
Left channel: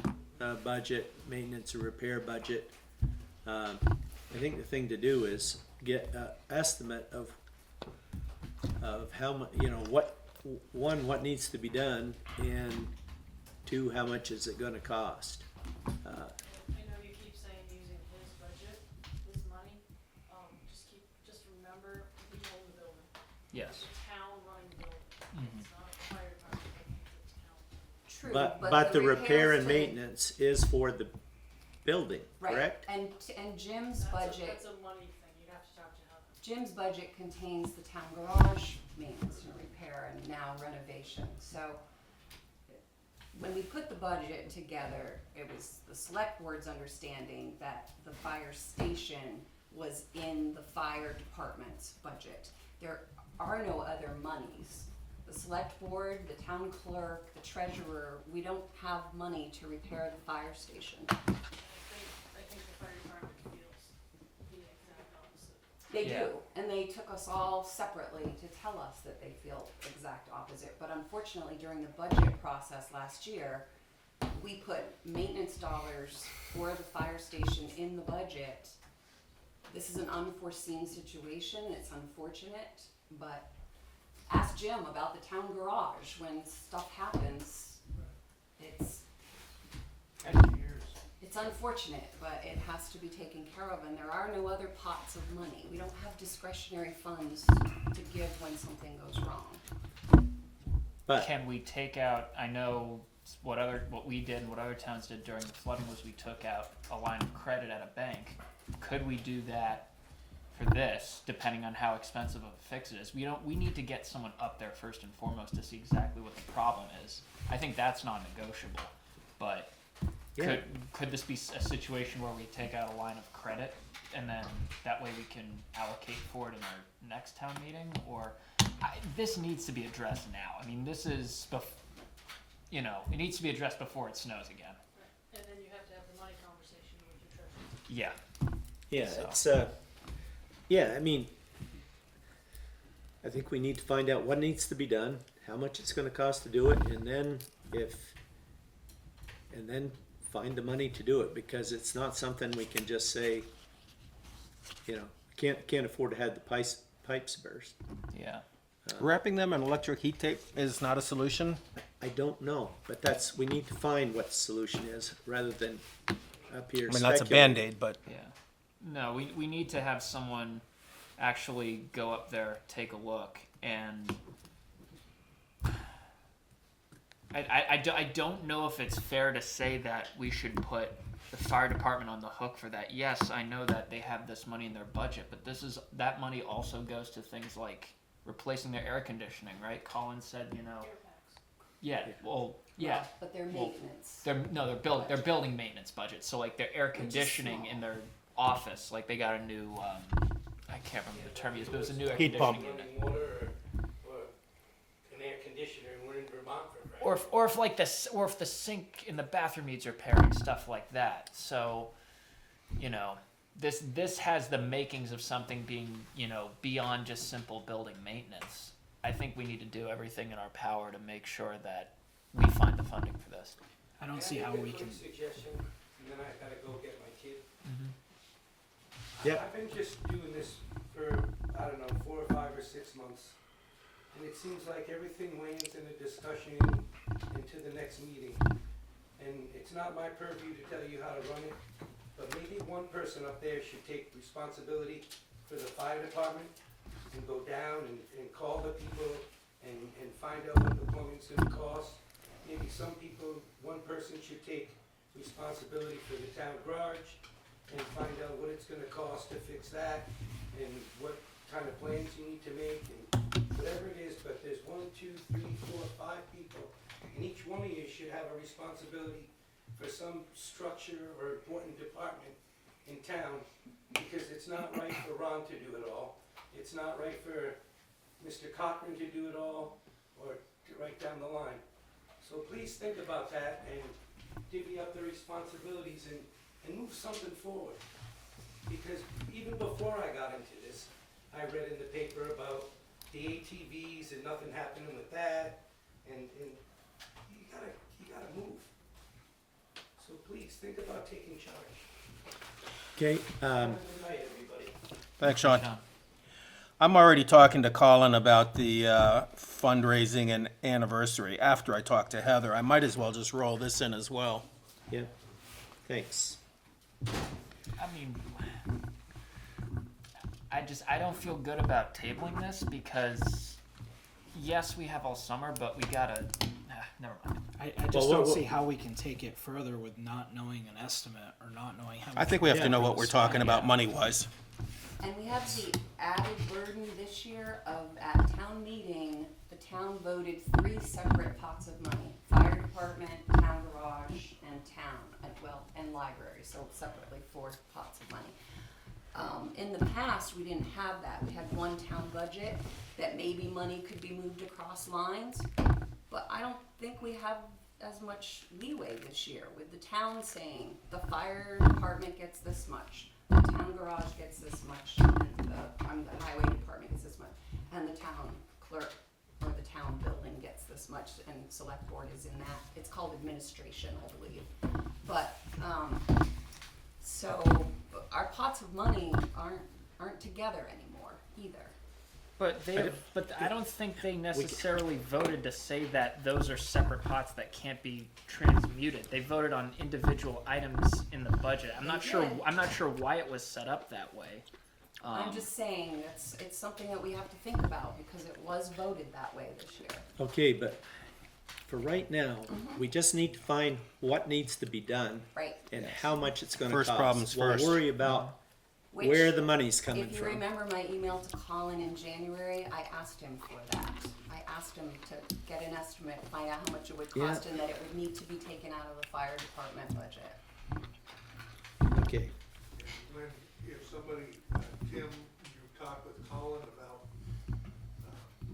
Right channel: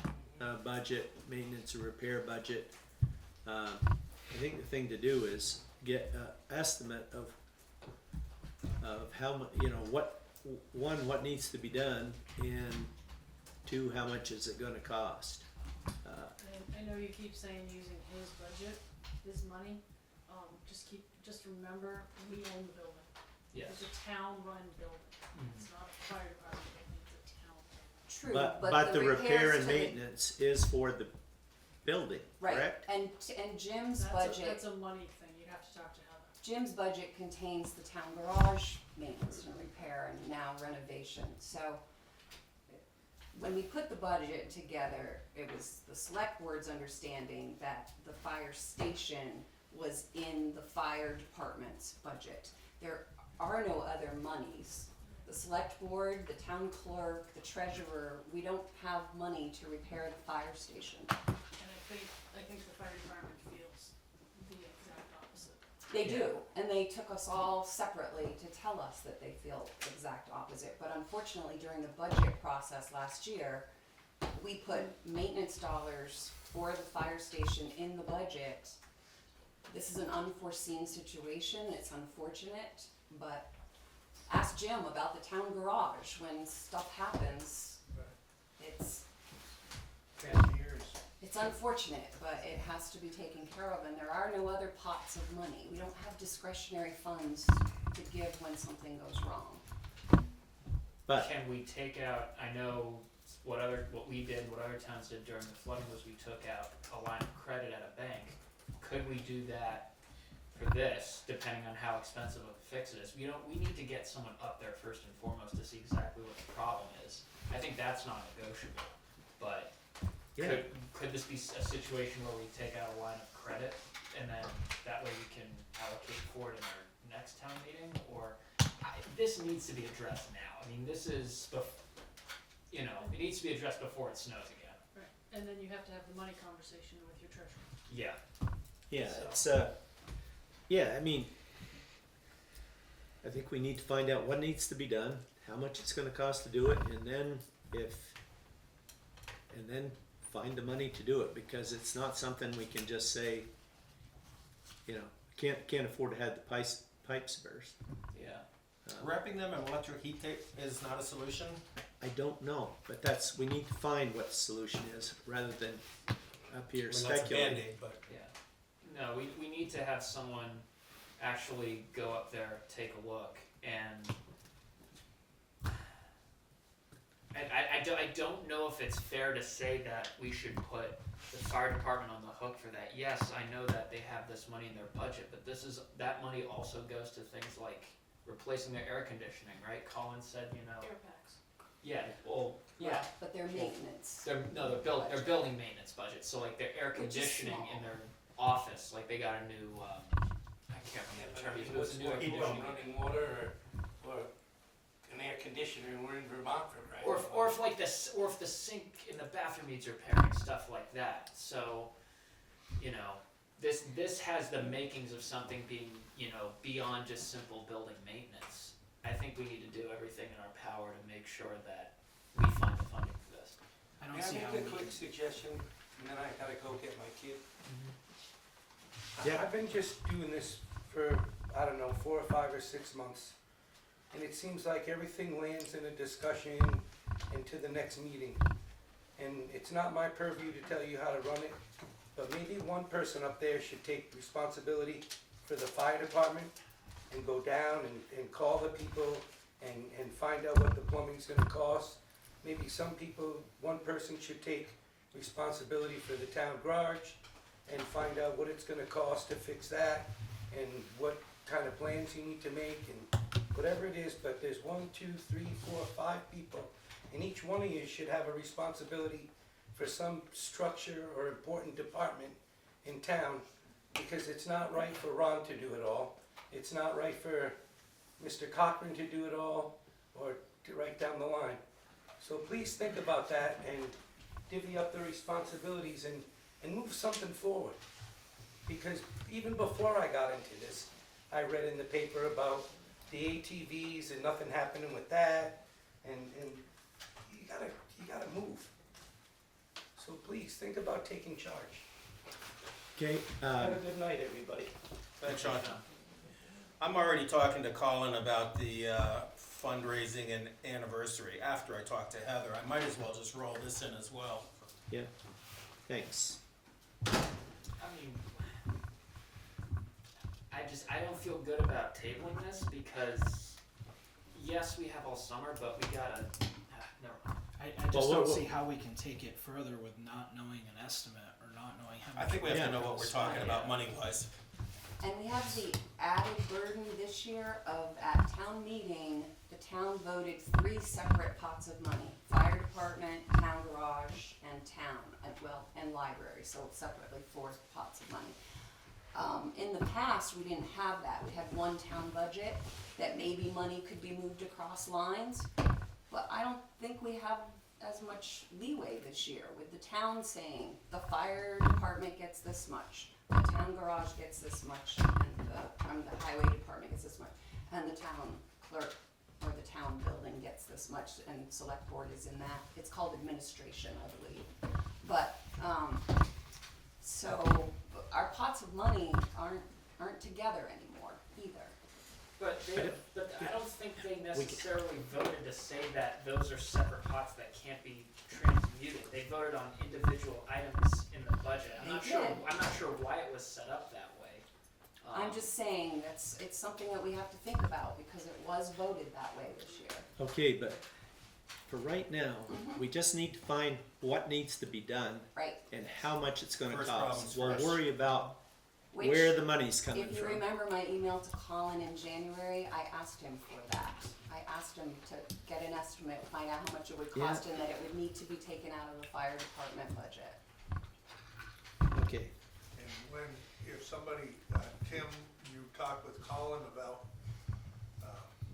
budget, maintenance and repair budget. I think the thing to do is get an estimate of how much, what needs to be done, and two, how much is it gonna cost? I know you keep saying using his budget, his money, just remember, we own the building. Yes. It's a town-run building, it's not a fire department building, it's a town. True, But the repair repairs and to the- maintenance is for the building, Right, correct? and Jim's budget. That's a money thing, you have to talk to Heather. Jim's budget contains the town garage maintenance and repair and now renovation, so when we put the budget together, it was the select board's understanding that the fire station was in the fire department's budget. There are no other monies. The select board, the town clerk, the treasurer, we don't have money to repair the fire station. And I think the fire department feels the exact opposite. They Yeah. do, and they took us all separately to tell us that they feel exact opposite. But unfortunately, during the budget process last year, we put maintenance dollars for the fire station in the budget. This is an unforeseen situation, it's unfortunate, but ask Jim about the town garage, when stuff happens, it's unfortunate, but it has to be taken care of, and there are no other pots of money. We don't have discretionary funds to give when something goes wrong. But Can we take out, I know what we did and what other towns did during the flooding was we took out a line of credit at a bank. Could we do that for this, depending on how expensive of a fix it is? We need to get someone up there first and foremost to see exactly what the problem is. I think that's not negotiable, but yeah, could this be a situation where we take out a line of credit and then that way we can allocate for it in our next town meeting? Or this needs to be addressed now. I mean, this is, it needs to be addressed before it snows again. Right, and then you have to have the money conversation with your treasurer. Yeah. yeah, So. it's I mean, I think we need to find out what needs to be done, how much it's going to cost to do it, and then find the money to do it, because it's not something we can just say, can't afford to have the pipes burst. Yeah. Wrapping them in electric heat tape is not a solution. I don't know, but we need to find what the solution is rather than up here I mean, that's a speculating. Band-Aid, but Yeah. No, we need to have someone actually go up there, take a look, and I don't know if it's fair to say that we should put the fire department on the hook for that. Yes, I know that they have this money in their budget, but that money also goes to things like replacing their air conditioning, right? Colin said, Air packs. yeah, well, yeah. But their maintenance. They're building maintenance budget. So like their air Which is conditioning small. in their office, like they got a new I can't remember the term he used, but it was a new air Heat pump. conditioning. Running water or an air conditioner, and we're in Vermont for right. Or if the sink in the bathroom needs repairing, stuff like that. So, this has the makings of something being, beyond just simple building maintenance. I think we need to do everything in our power to make sure that we find the funding for this. I don't see how Can I we make a can. quick suggestion, and then I gotta go get my kid. Yeah. I've been just doing this for, 4 or 5 or 6 months. And it seems like everything lands in a discussion into the next meeting. And it's not my purview to tell you how to run it, but maybe one person up there should take responsibility for the fire department and go down and call the people and find out what the plumbing's gonna cost. Maybe one person should take responsibility for the town garage and find out what it's gonna cost to fix that and what kind of plans you need to make and whatever it is, but there's 1, 2, 3, 4, 5 people, and each one of you should have a responsibility for some structure or important department in town, because it's not right for Ron to do it all. It's not right for Mr. Cochran to do it all, or to right down the line. So please think about that and divvy up the responsibilities and move something forward. Because even before I got into this, I read in the paper about the ATVs and nothing happening with that, and you gotta move. So please, think about taking charge. Okay, Have a good night, everybody. thanks, Sean. I'm already talking to Colin about the fundraising and anniversary. After I talk to Heather, I might as well just roll this in as well. yeah, thanks. I mean, I don't feel good about tabling this because, yes, we have all summer, but we gotta, never mind. I just Well, don't what- see how we can take it further with not knowing an estimate or not knowing how much. I think we have Yeah. to know what we're talking about money-wise. And we have the added burden this year of, at town meeting, the town voted 3 separate pots of money. Fire department, town garage, and and library, so separately 4 pots of money. In the past, we didn't have that. We had one town budget that maybe money could be moved across lines, but I don't think we have as much leeway this year with the town saying the fire department gets this much, the town garage gets this much, and the highway department gets this much, and the town clerk or the town building gets this much, and Selectboard is in that. It's called administration, I believe. But, so our pots of money aren't together anymore either. But I don't- I don't think they necessarily voted to say that those are separate pots that can't be transmuted. They voted on individual items in the budget. I'm not They sure. did. I'm not sure why it was set up that way. I'm just saying, it's something that we have to think about, because it was voted that way this year. Okay, but for right now, we just need to find what needs to be done Right. and how much it's gonna First cost. problems We'll first. worry about Which, where the money's coming if you from. remember my email to Colin in January, I asked him for that. I asked him to get an estimate, find out how much it would cost, and that it would need to be taken out of the fire department budget. Okay, And when, if somebody, Tim, you talk with Colin about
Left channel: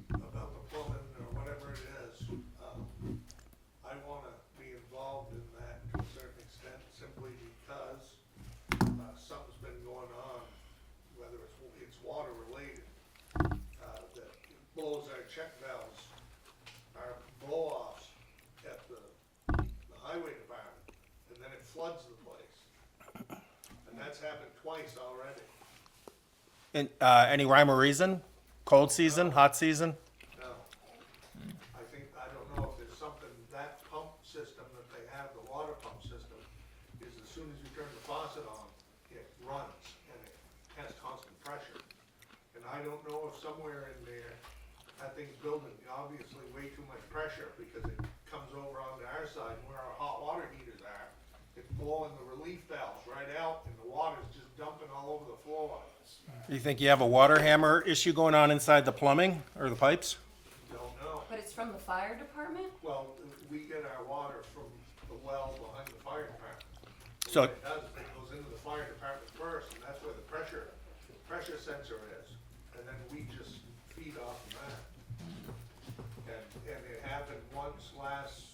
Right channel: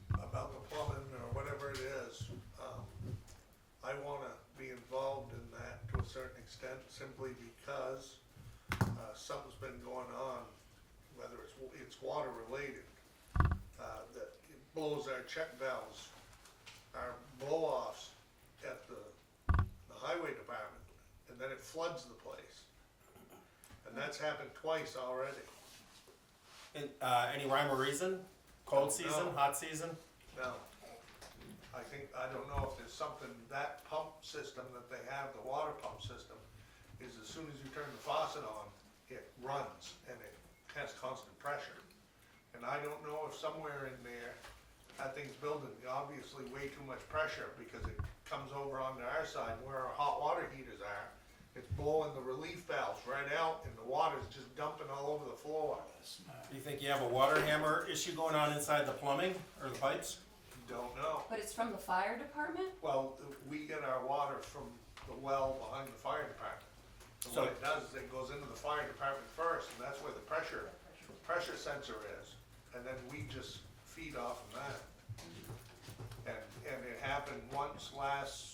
the plumbing or whatever it is, I wanna be involved in that to a certain extent, simply because, something's been going on, whether it's water related, that blows our check valves, our blow-offs at the highway department, and then it floods the place. And that's happened twice already. And, any rhyme or reason? Cold season, hot season? No. I don't know if there's something, that pump system that they have, the water pump system, is as soon as you turn the faucet on, it runs and it has constant pressure. And I don't know if somewhere in there, that thing's building obviously way too much pressure, because it comes over onto our side where our hot water heaters are. It's blowing the relief valves right out and the water's just dumping all over the floor. You think you have a water hammer issue going on inside the plumbing or the pipes? Don't know. But it's from the fire department? Well, we get our water from the well behind the fire department. So- What it does is it goes into the fire department first, and that's where the pressure sensor is, and then we just feed off of that. And it happened once last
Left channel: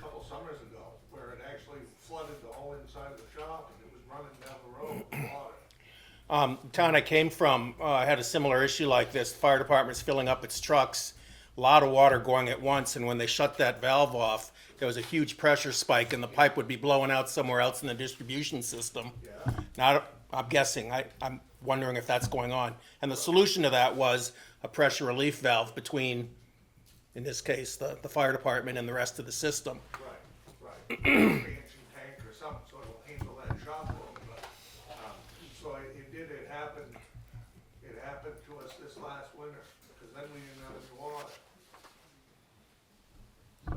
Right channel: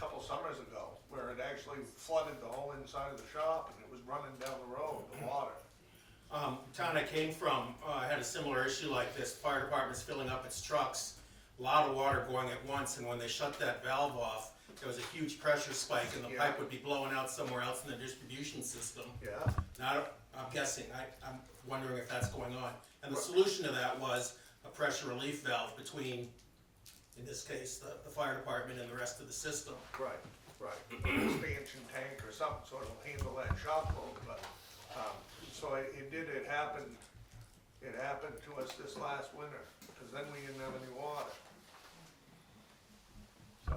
couple summers ago, where it actually flooded the whole inside of the shop, and it was running down the road with water. Town I came from had a similar issue like this. The fire department's filling up its trucks, a lot of water going at once, and when they shut that valve off, there was a huge pressure spike, and the pipe would be blowing out somewhere else in the distribution system. Yeah, Now, I'm guessing, I'm wondering if that's going on. And the solution to that was a pressure relief valve between, in this case, the fire department and the rest of the system. right. Expansion tank or something, so it'll handle that shock load, but, so it happened to us this last winter, because then we didn't have any water. So,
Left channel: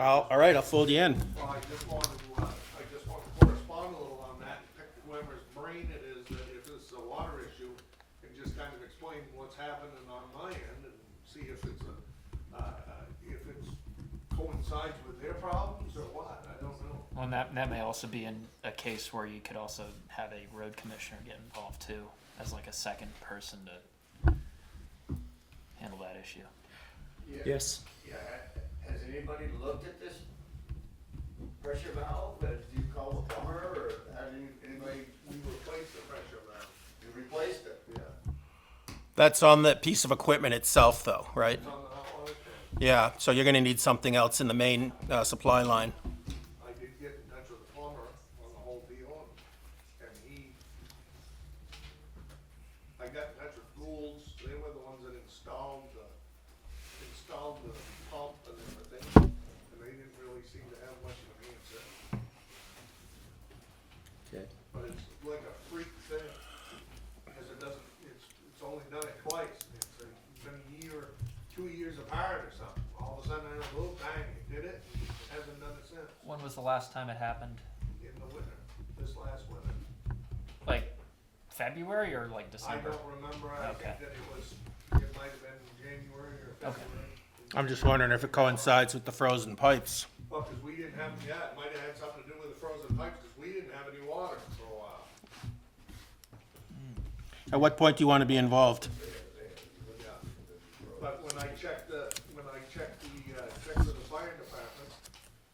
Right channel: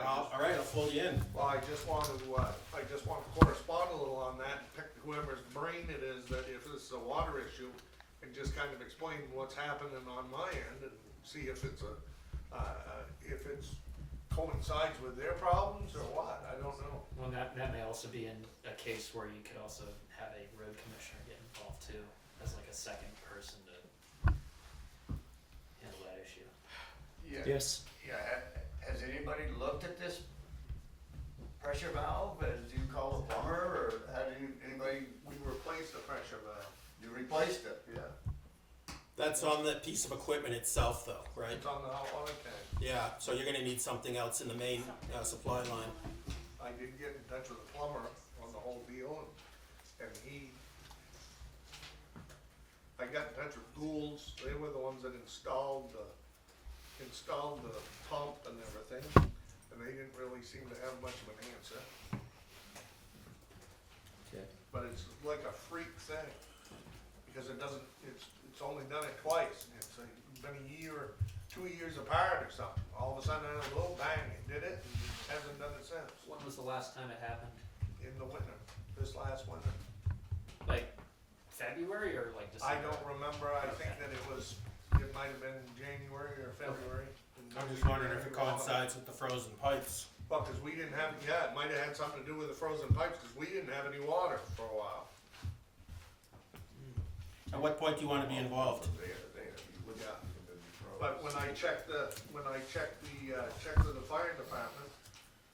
All right, I'll fold you in. well, I just want to correspond a little on that, and pick whoever's brain it is, that if this is a water issue, and just kind of explain what's happening on my end, and see if it's if it's coincides with their problems or what, I don't know. Well, that may also be in a case where you could also have a road commissioner get involved too, as like a second person to handle that issue. yes, Yeah, has anybody looked at this pressure valve? Did you call the plumber, or had anybody, We replaced the pressure valve, you replaced it? yeah. That's on the piece of equipment itself, though, right? It's on the hot water tank. Yeah, so you're gonna need something else in the main supply line. I did get in touch with the plumber on the whole deal, and I got in touch with Gould's, they were the ones that installed the pump and everything, and they didn't really seem to have much of an answer. okay. But it's like a freak thing, because it's only done it twice, and it's been a year, 2 years apart or something. All of a sudden, a little bang, it did it, and hasn't done it since, When was the last time it happened? in the winter, this last winter. Like February or like I December? don't remember, I think Okay. that it might have been January or February. I'm just wondering if it coincides with the frozen pipes. Well, cause we didn't have, yeah, it might have had something to do with the frozen pipes, cause we didn't have any water for a while. At what point do you wanna be involved? Yeah. But when I checked the checked with the fire department,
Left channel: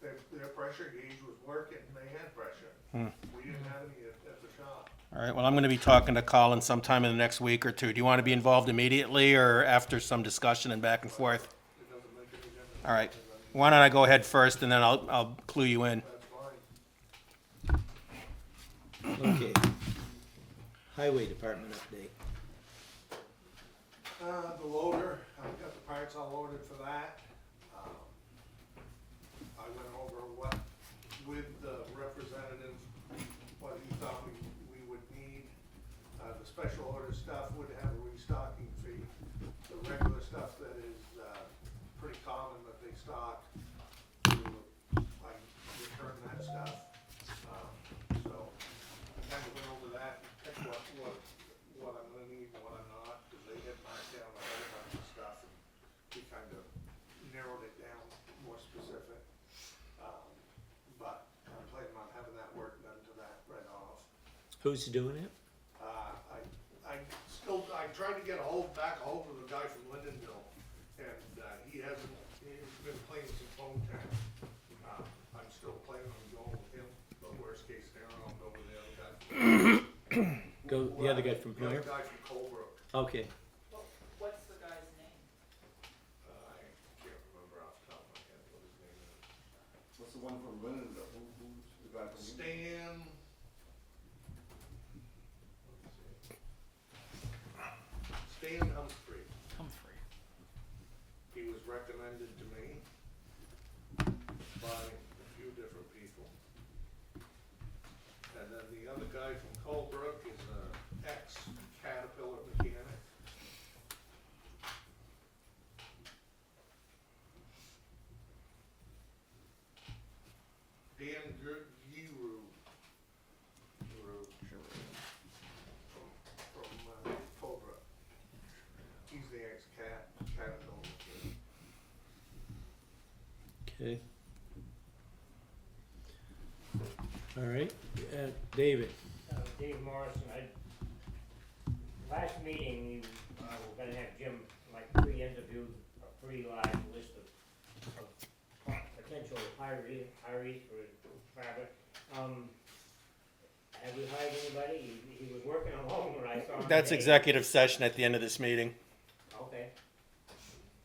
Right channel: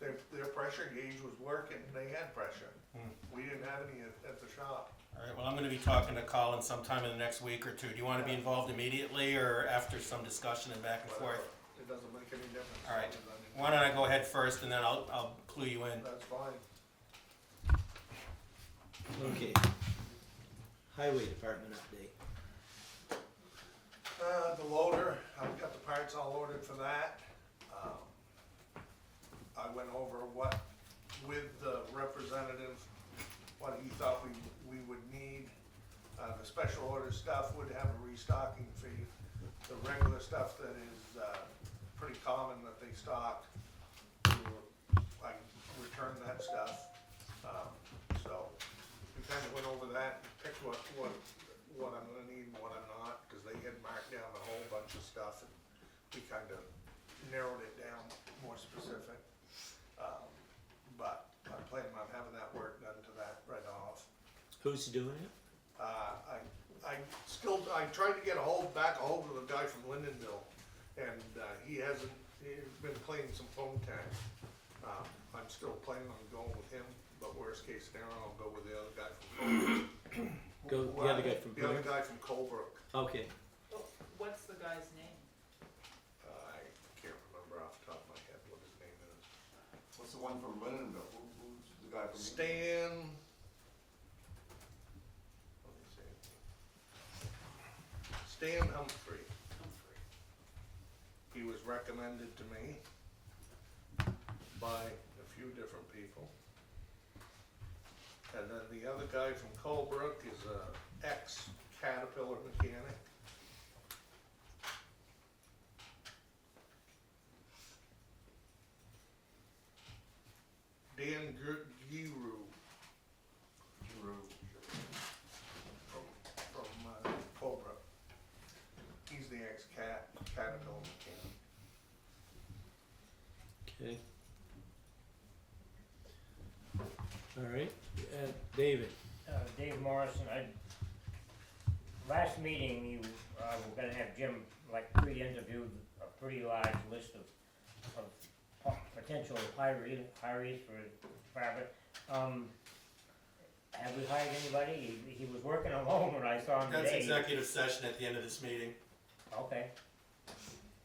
their pressure gauge was working, they had pressure. We didn't have any at the shop. All right, well, I'm gonna be talking to Colin sometime in the next week or two. Do you wanna be involved immediately or after some discussion and back and forth? It doesn't make any difference. All right. Why don't I go ahead first and then I'll clue you in. That's fine. Okay. Highway department update. The loader, I've got the parts all ordered for that. I went over what, with the representative, what he thought we would need. The special order stuff would have a restocking fee. The regular stuff that is, pretty common that they stock, I return that stuff. So, we kinda went over that, picked what I'm gonna need and what I'm not, cause they had marked down a whole bunch of stuff, and we kind of narrowed it down more specific. But I'm planning on having that work done to that right off. Who's doing it? I tried to get back a hold of the guy from Lindenville, and, he's been playing some phone tag. I'm still planning on going with him, but worst case scenario, I'll go with the other guy from. The other guy from The other Blair? guy from Colebrook. Okay, Well, what's the guy's name? I can't remember off the top of my head what his name is. What's the one from Lindenville? Who's the guy from? Stan. Stan Humphrey. Humphrey. He was recommended to me by a few different people. And then the other guy from Colebrook is a ex-Caterpillar mechanic. Dan Giroux. From Colebrook. He's the ex-Caterpillar mechanic. okay. All right, David, Dave Morrison, last meeting, you, were gonna have Jim, like, pre-interview a pretty large list of potential hirees for Fabric. Have we hired anybody? He was working alone when I saw him That's today. executive session at the end of this meeting. Okay,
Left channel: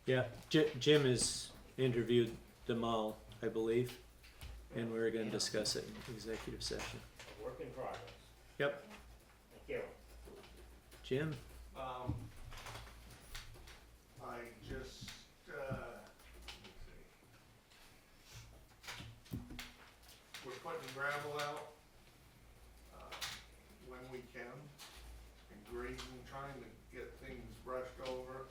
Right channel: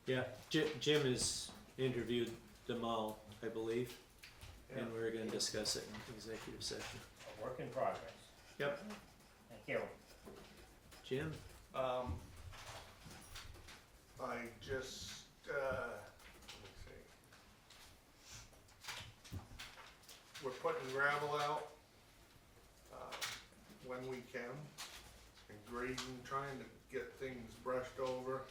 yeah, Jim has interviewed them all, I believe, and we're gonna discuss it in executive session. a work in progress. Yep. Thank you. Jim? I just, let me see. We're putting gravel out, when we can, and grading, trying to get things brushed over.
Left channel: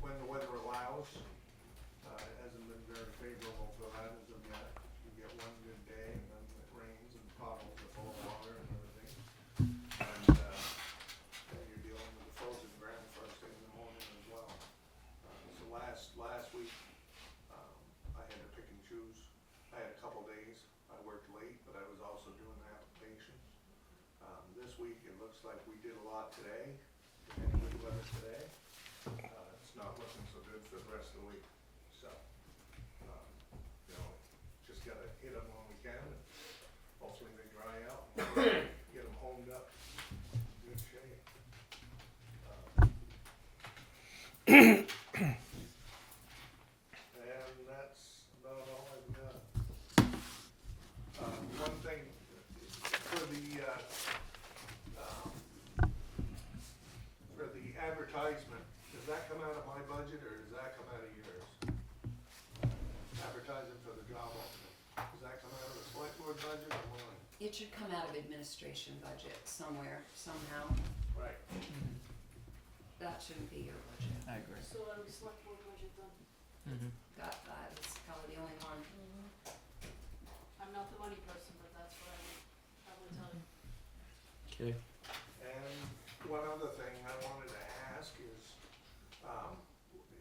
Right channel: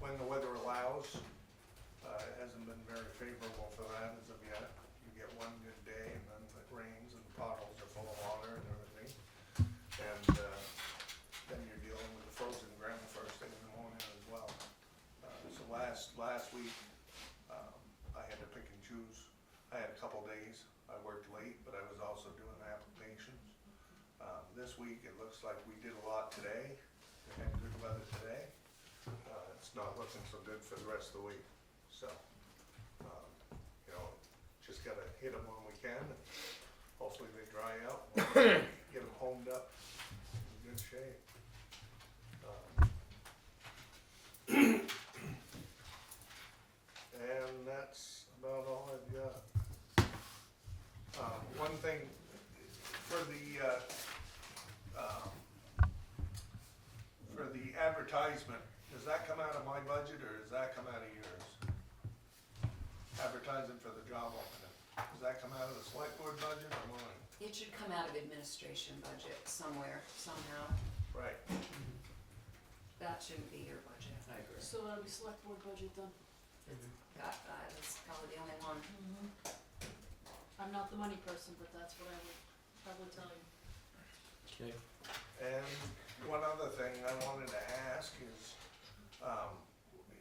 When the weather allows, it hasn't been very favorable for that as of yet. You get one good day and then it rains and potholes are full of water and everything. And, then you're dealing with the frozen ground first thing in the morning as well. So last week, I had to pick and choose. I had a couple days, I worked late, but I was also doing applications. This week, it looks like we did a lot today, and good weather today. It's not looking so good for the rest of the week, so, you know, just gotta hit them when we can, and hopefully they dry out, and we'll get them homed up in good shape. And that's about all I've got. One thing, for the advertisement, does that come out of my budget, or does that come out of yours? Advertising for the job opening, does that come out of the select board budget or mine? It should come out of administration budget somewhere, somehow. Right. That shouldn't be your budget. I agree. So that'll be select board budget then. That is probably the only one. I'm not the money person, but that's what I would probably tell you. Okay, And one other thing I wanted to ask is,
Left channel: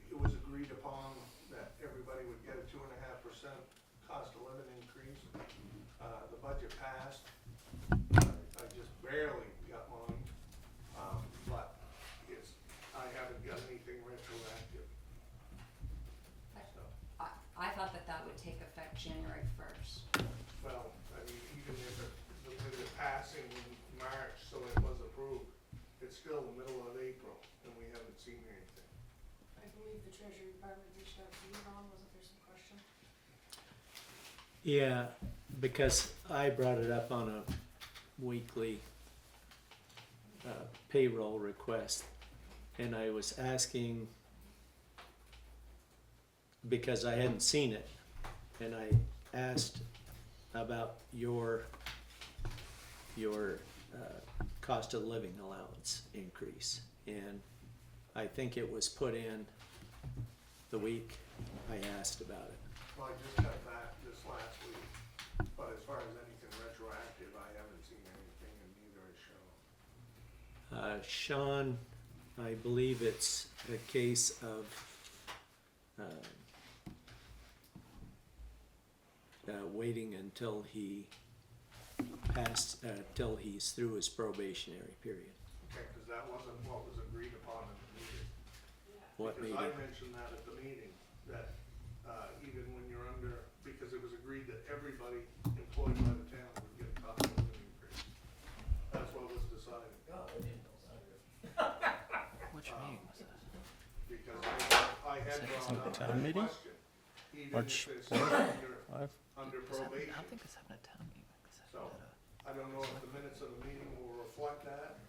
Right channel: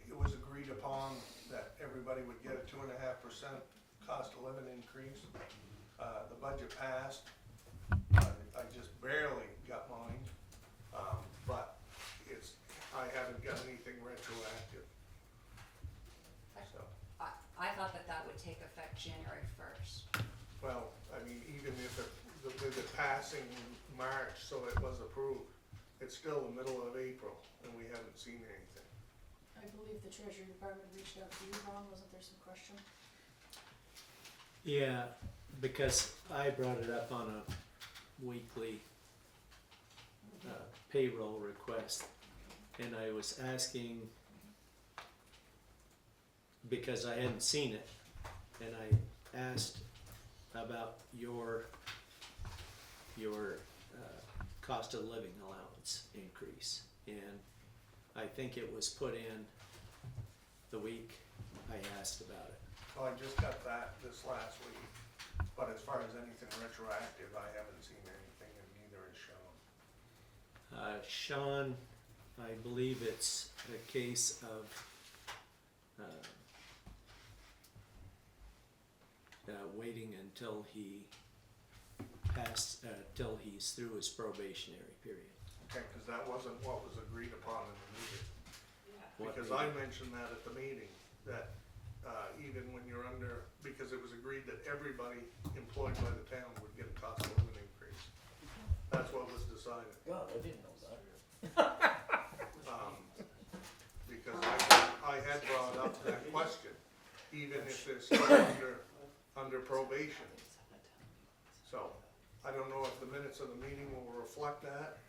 it was agreed upon that everybody would get a 2.5% cost of living increase. The budget passed, I just barely got mine, but I haven't got anything retroactive. So, I thought that would take effect January 1st. well, I mean, even if with it passing in March, so it was approved, it's still the middle of April, and we haven't seen anything. I believe the treasury department reached out to you, Ron, wasn't there some question? yeah, because I brought it up on a weekly payroll request. And I was asking, because I hadn't seen it, and I asked about your cost of living allowance increase. And I think it was put in the week I asked about it. Well, I just got that this last week, but as far as anything retroactive, I haven't seen anything, and neither has Sean. Sean, I believe it's a case of waiting until he till he's through his probationary period. Okay, cause that wasn't what was agreed upon in the meeting. What Because I meeting? mentioned that at the meeting, that, even when you're under, because it was agreed that everybody employed by the town would get a cost of living increase. That's what was decided. God, I didn't know that. Which Um, meeting was that? Because I had brought up town that meeting? question, even March if they're still under I probation. think it's having a town meeting. So, I don't know if the minutes of the meeting will reflect that,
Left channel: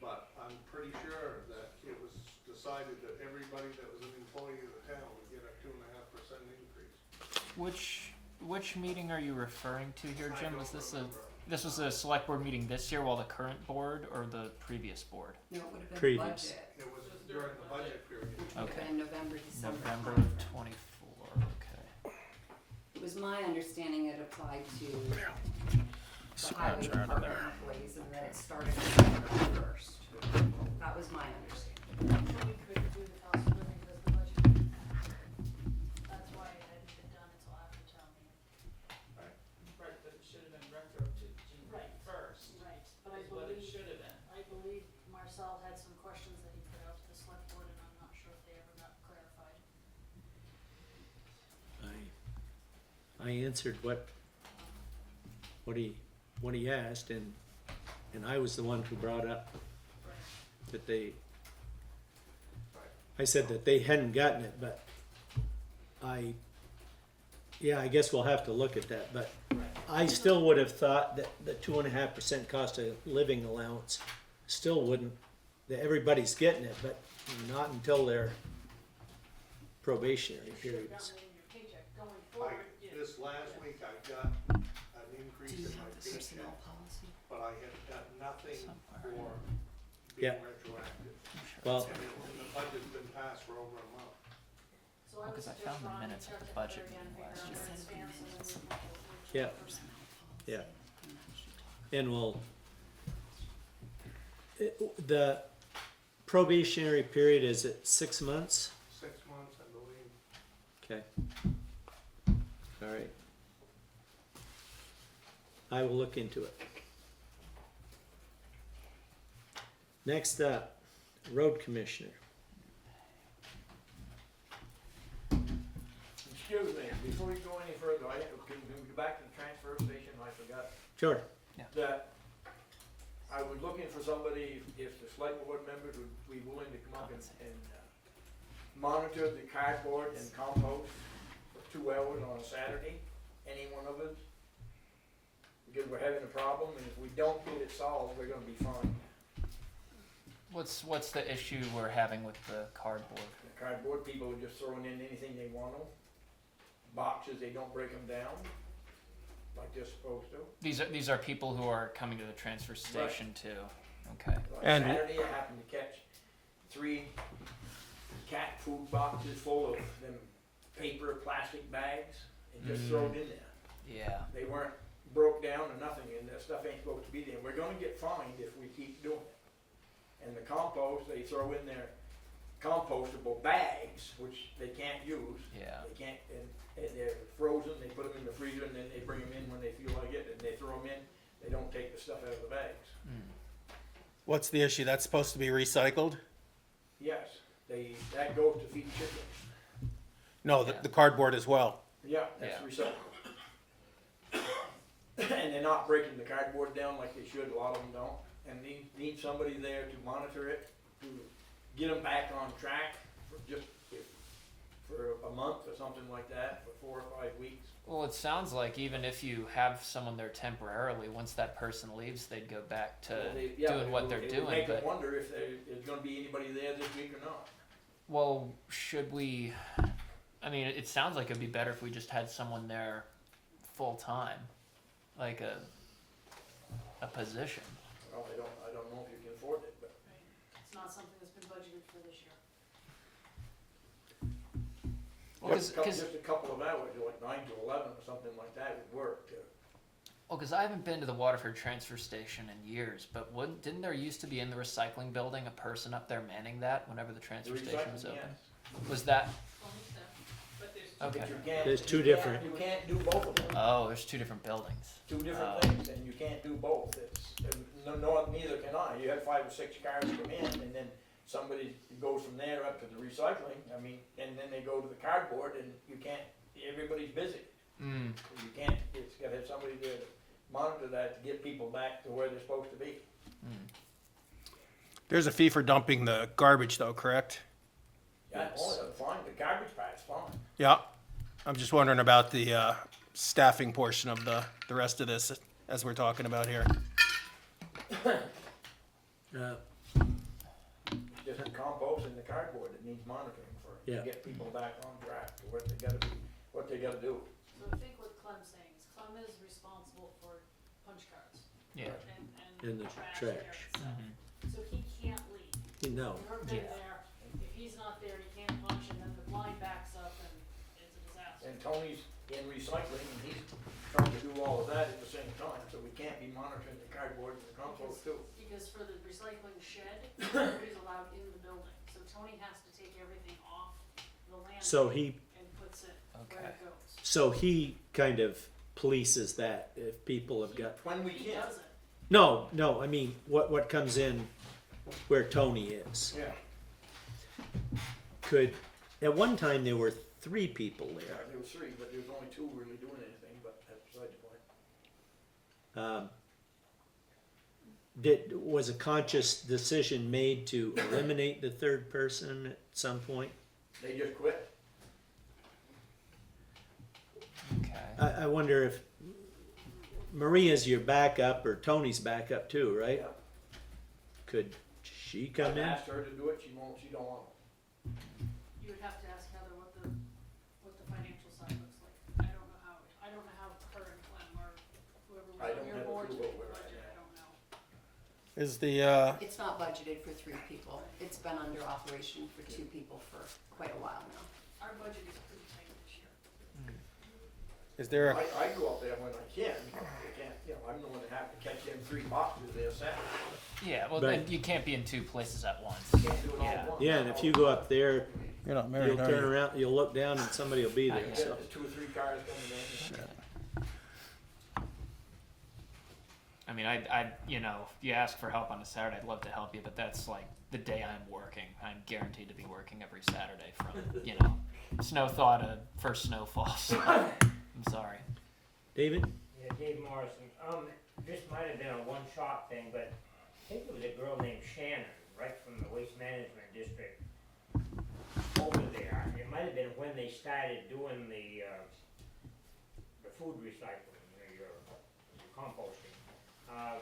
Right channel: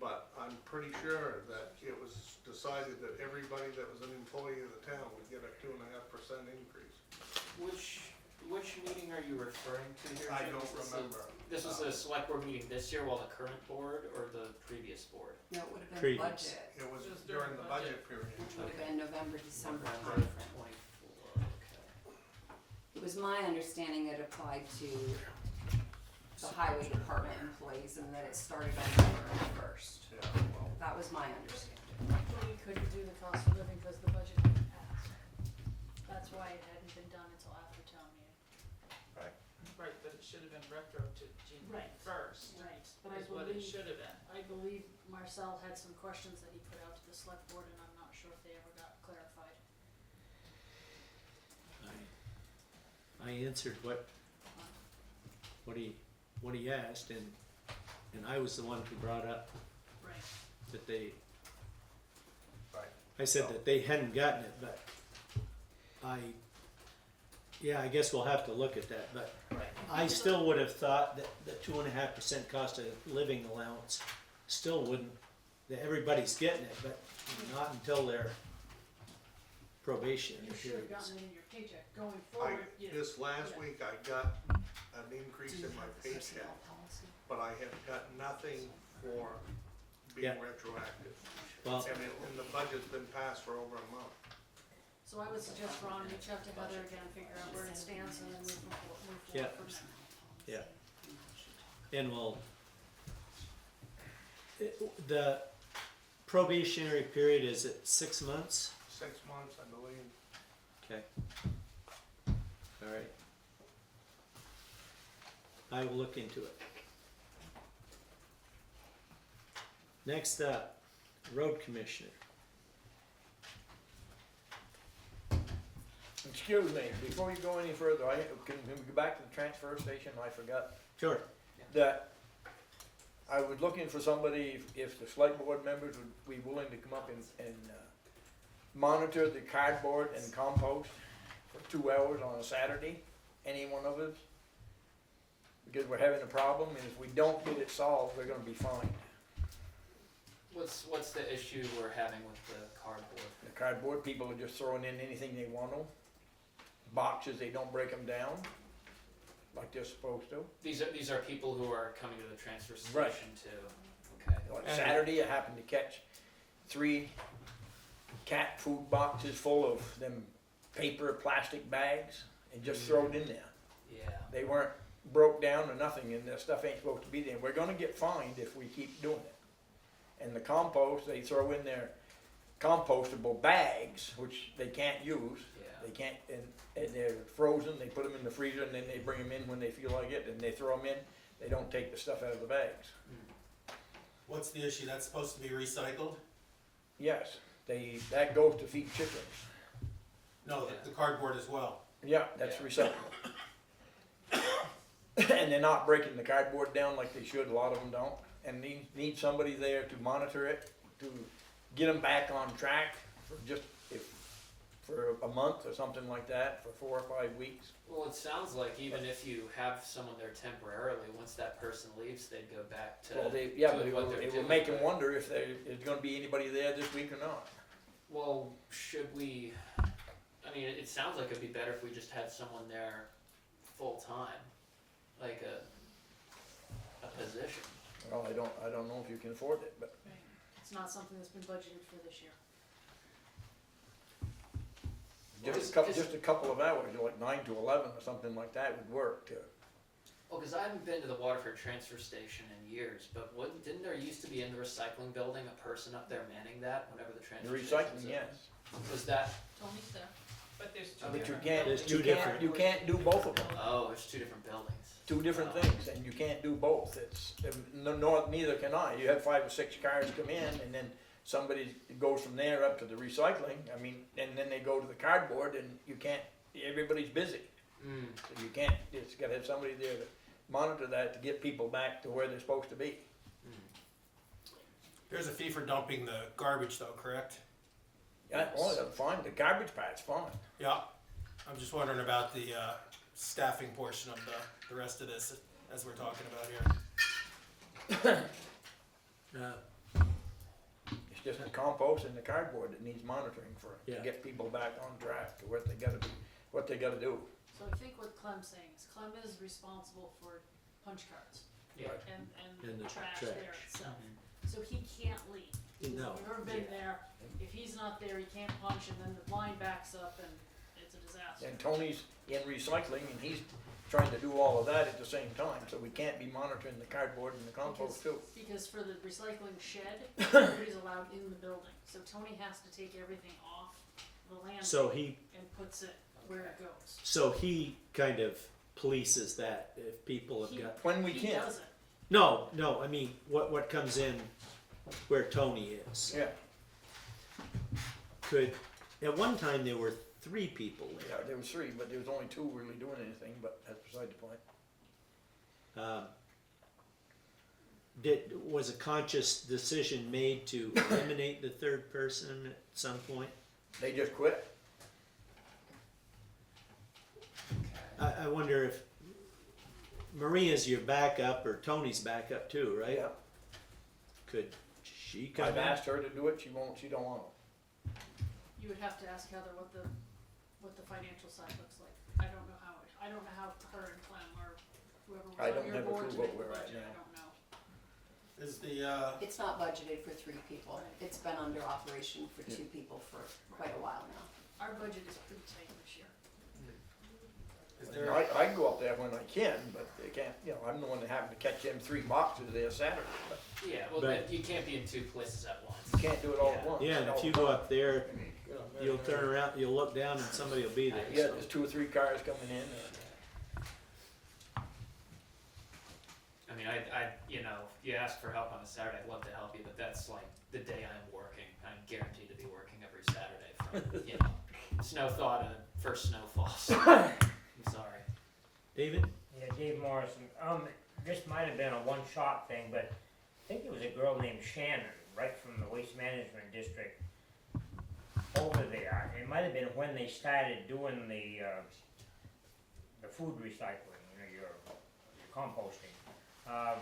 but I'm pretty sure that it was decided that everybody that was an employee of the town would get a 2.5% increase. Which meeting are you referring to here, I Jim? don't Was this remember. this was a select board meeting this year while the current board or the previous board? No, it would have been Previous. budget, It was Just during during the budget. budget period. which would have Okay. been November, December November timeframe. 24. Okay. It was my understanding it applied to the highway department employees and that it started on November first. That was my understanding. But we couldn't do the cost of living because the budget didn't pass. That's why it hadn't been done until after town meeting. Right, but it should have been retro to June Right. first, Right. But I is what it believe, should have been. I believe Marcel had some questions that he put out to the select board and I'm not sure if they ever got clarified. I answered what he asked, and I was the one who brought up Right. that they. Right. I said that they hadn't gotten it, but I guess we'll have to look at that, but I still would have thought that the 2.5% cost of living allowance still wouldn't, that everybody's getting it, but not until their probationary You should period have is. gotten it in your paycheck going forward. This last Yeah. week, I got an increase Do you in my have the paycheck, personnel policy? but I have got nothing for Yeah. being retroactive. Well, And the budget's been passed for over a month. So I would Because I suggest found the Ron minutes reach of out the to Heather budget again, figure out She where it said stands and then minutes. we can move Yeah. forward. Personnel policy. Yeah. And that she talked and the probationary period is at 6 months? 6 months, I believe. Okay. All right. I will look into it. Next up, road commissioner. Excuse me, before we go any further, can we go back to the transfer station? I forgot Sure. that I was looking for somebody, if the select board members would be willing to come up and monitor the cardboard and compost for 2 hours on a Saturday, any one of us. Because we're having a problem, and if we don't get it solved, we're gonna be fined. What's the issue we're having with the cardboard? The cardboard people are just throwing in anything they want to. Boxes, they don't break them down like they're supposed to. These are people who are coming to the transfer station too. Okay. Like And- Saturday, I happened to catch 3 cat food boxes full of them paper plastic bags and just throw it in there. Yeah. They weren't broke down or nothing, and that stuff ain't supposed to be there. We're gonna get fined if we keep doing it. And the compost, they throw in their compostable bags, which they can't use. Yeah. They can't, and they're frozen, they put them in the freezer, and then they bring them in when they feel like it, and they throw them in. They don't take the stuff out of the bags. What's the issue? That's supposed to be recycled? Yes, that goes to feed chickens. No, the cardboard as well. Yeah, that's Yeah. recyclable. And they're not breaking the cardboard down like they should, a lot of them don't. And they need somebody there to monitor it, to get them back on track, for just if for a month or something like that, for 4 or 5 weeks. Well, it sounds like even if you have someone there temporarily, once that person leaves, they'd go back to Well, doing but what they're it doing. would make them but- wonder if there's gonna be anybody there this week or not. Well, should we? I mean, it sounds like it'd be better if we just had someone there full time, like a position. Well, I don't know if you can afford it, but It's not something that's been budgeted for this year. Well, just a couple of hours, like 9 to 11 or something like that would work. Well, because I haven't been to the Waterford transfer station in years, but didn't there used to be in the recycling building a person up there manning that whenever the The transfer station was recycling, open? yes. Was that? Tony's there. But there's two But you different. can't. There's two you different- You can't do both of them. Oh, there's two different buildings. Two different Oh. things, and you can't do both. It's, neither can I. You have 5 or 6 cars come in, and then somebody goes from there up to the recycling, I mean, and then they go to the cardboard, and you can't, everybody's busy. Mm. You can't, it's gotta have somebody there to monitor that, to get people back to where they're supposed to be. There's a fee for dumping the garbage though, correct? Yeah, oh, that's fine, the garbage pat's fine. Yeah. I'm just wondering about the staffing portion of the rest of this as we're talking about here. It's just the compost and the cardboard that needs monitoring to Yeah. get people back on track to what they gotta be, what they gotta do. So I think what Clem's saying is Clem is responsible for punch cards Yeah. And the trash trash. there itself. So he can't leave. No. You've ever been Yeah. there, if he's not there, he can't punch and then the line backs up and it's a disaster. And Tony's in recycling, and he's trying to do all of that at the same time, so we can't be monitoring the cardboard and the compost too. Because for the recycling shed, nobody's allowed in the building, so Tony has to take everything off the So landfill he, and puts it where it goes. so he kind of polices that if people have He- got, When we He can, does it. no, I mean, what comes in where Tony is. yeah, Could, at one time there were 3 people yeah, there. there was 3, but there was only 2 really doing anything, but that's beside the point. Was a conscious decision made to eliminate the 3rd person at some point? They just quit. Okay. I wonder if Maria's your backup or Tony's backup too, right? Yeah. Could she come I've in? asked her to do it, she don't want it. You would have to ask Heather what the financial side looks like. I don't know how her and Clem or I whoever, don't your have a board's clue what making we're the at budget, now. I don't know. Is the It's not budgeted for 3 people. It's been under operation for 2 people for quite a while now. Our budget is pretty tight this year. is there a, I go up there when I can, but I can't, I'm the one that happened to catch them 3 boxes there Saturday. Yeah. Well, But- then you can't be in 2 places at once. You can't do it all at Yeah. once. Yeah, and if you go up there, you're not married, you'll are turn you? around, you'll look down and somebody will be there, Yeah, so. there's 2 or 3 cars coming in. I mean, you ask for help on a Saturday, I'd love to help you, but that's like the day I'm working. I'm guaranteed to be working every Saturday from, snow thaw to first snowfall. So, I'm sorry. David? Yeah, Dave Morrison. This might have been a one-shot thing, but I think there was a girl named Shannon, right from the Waste Management District over there. It might have been when they started doing the food recycling, your composting. I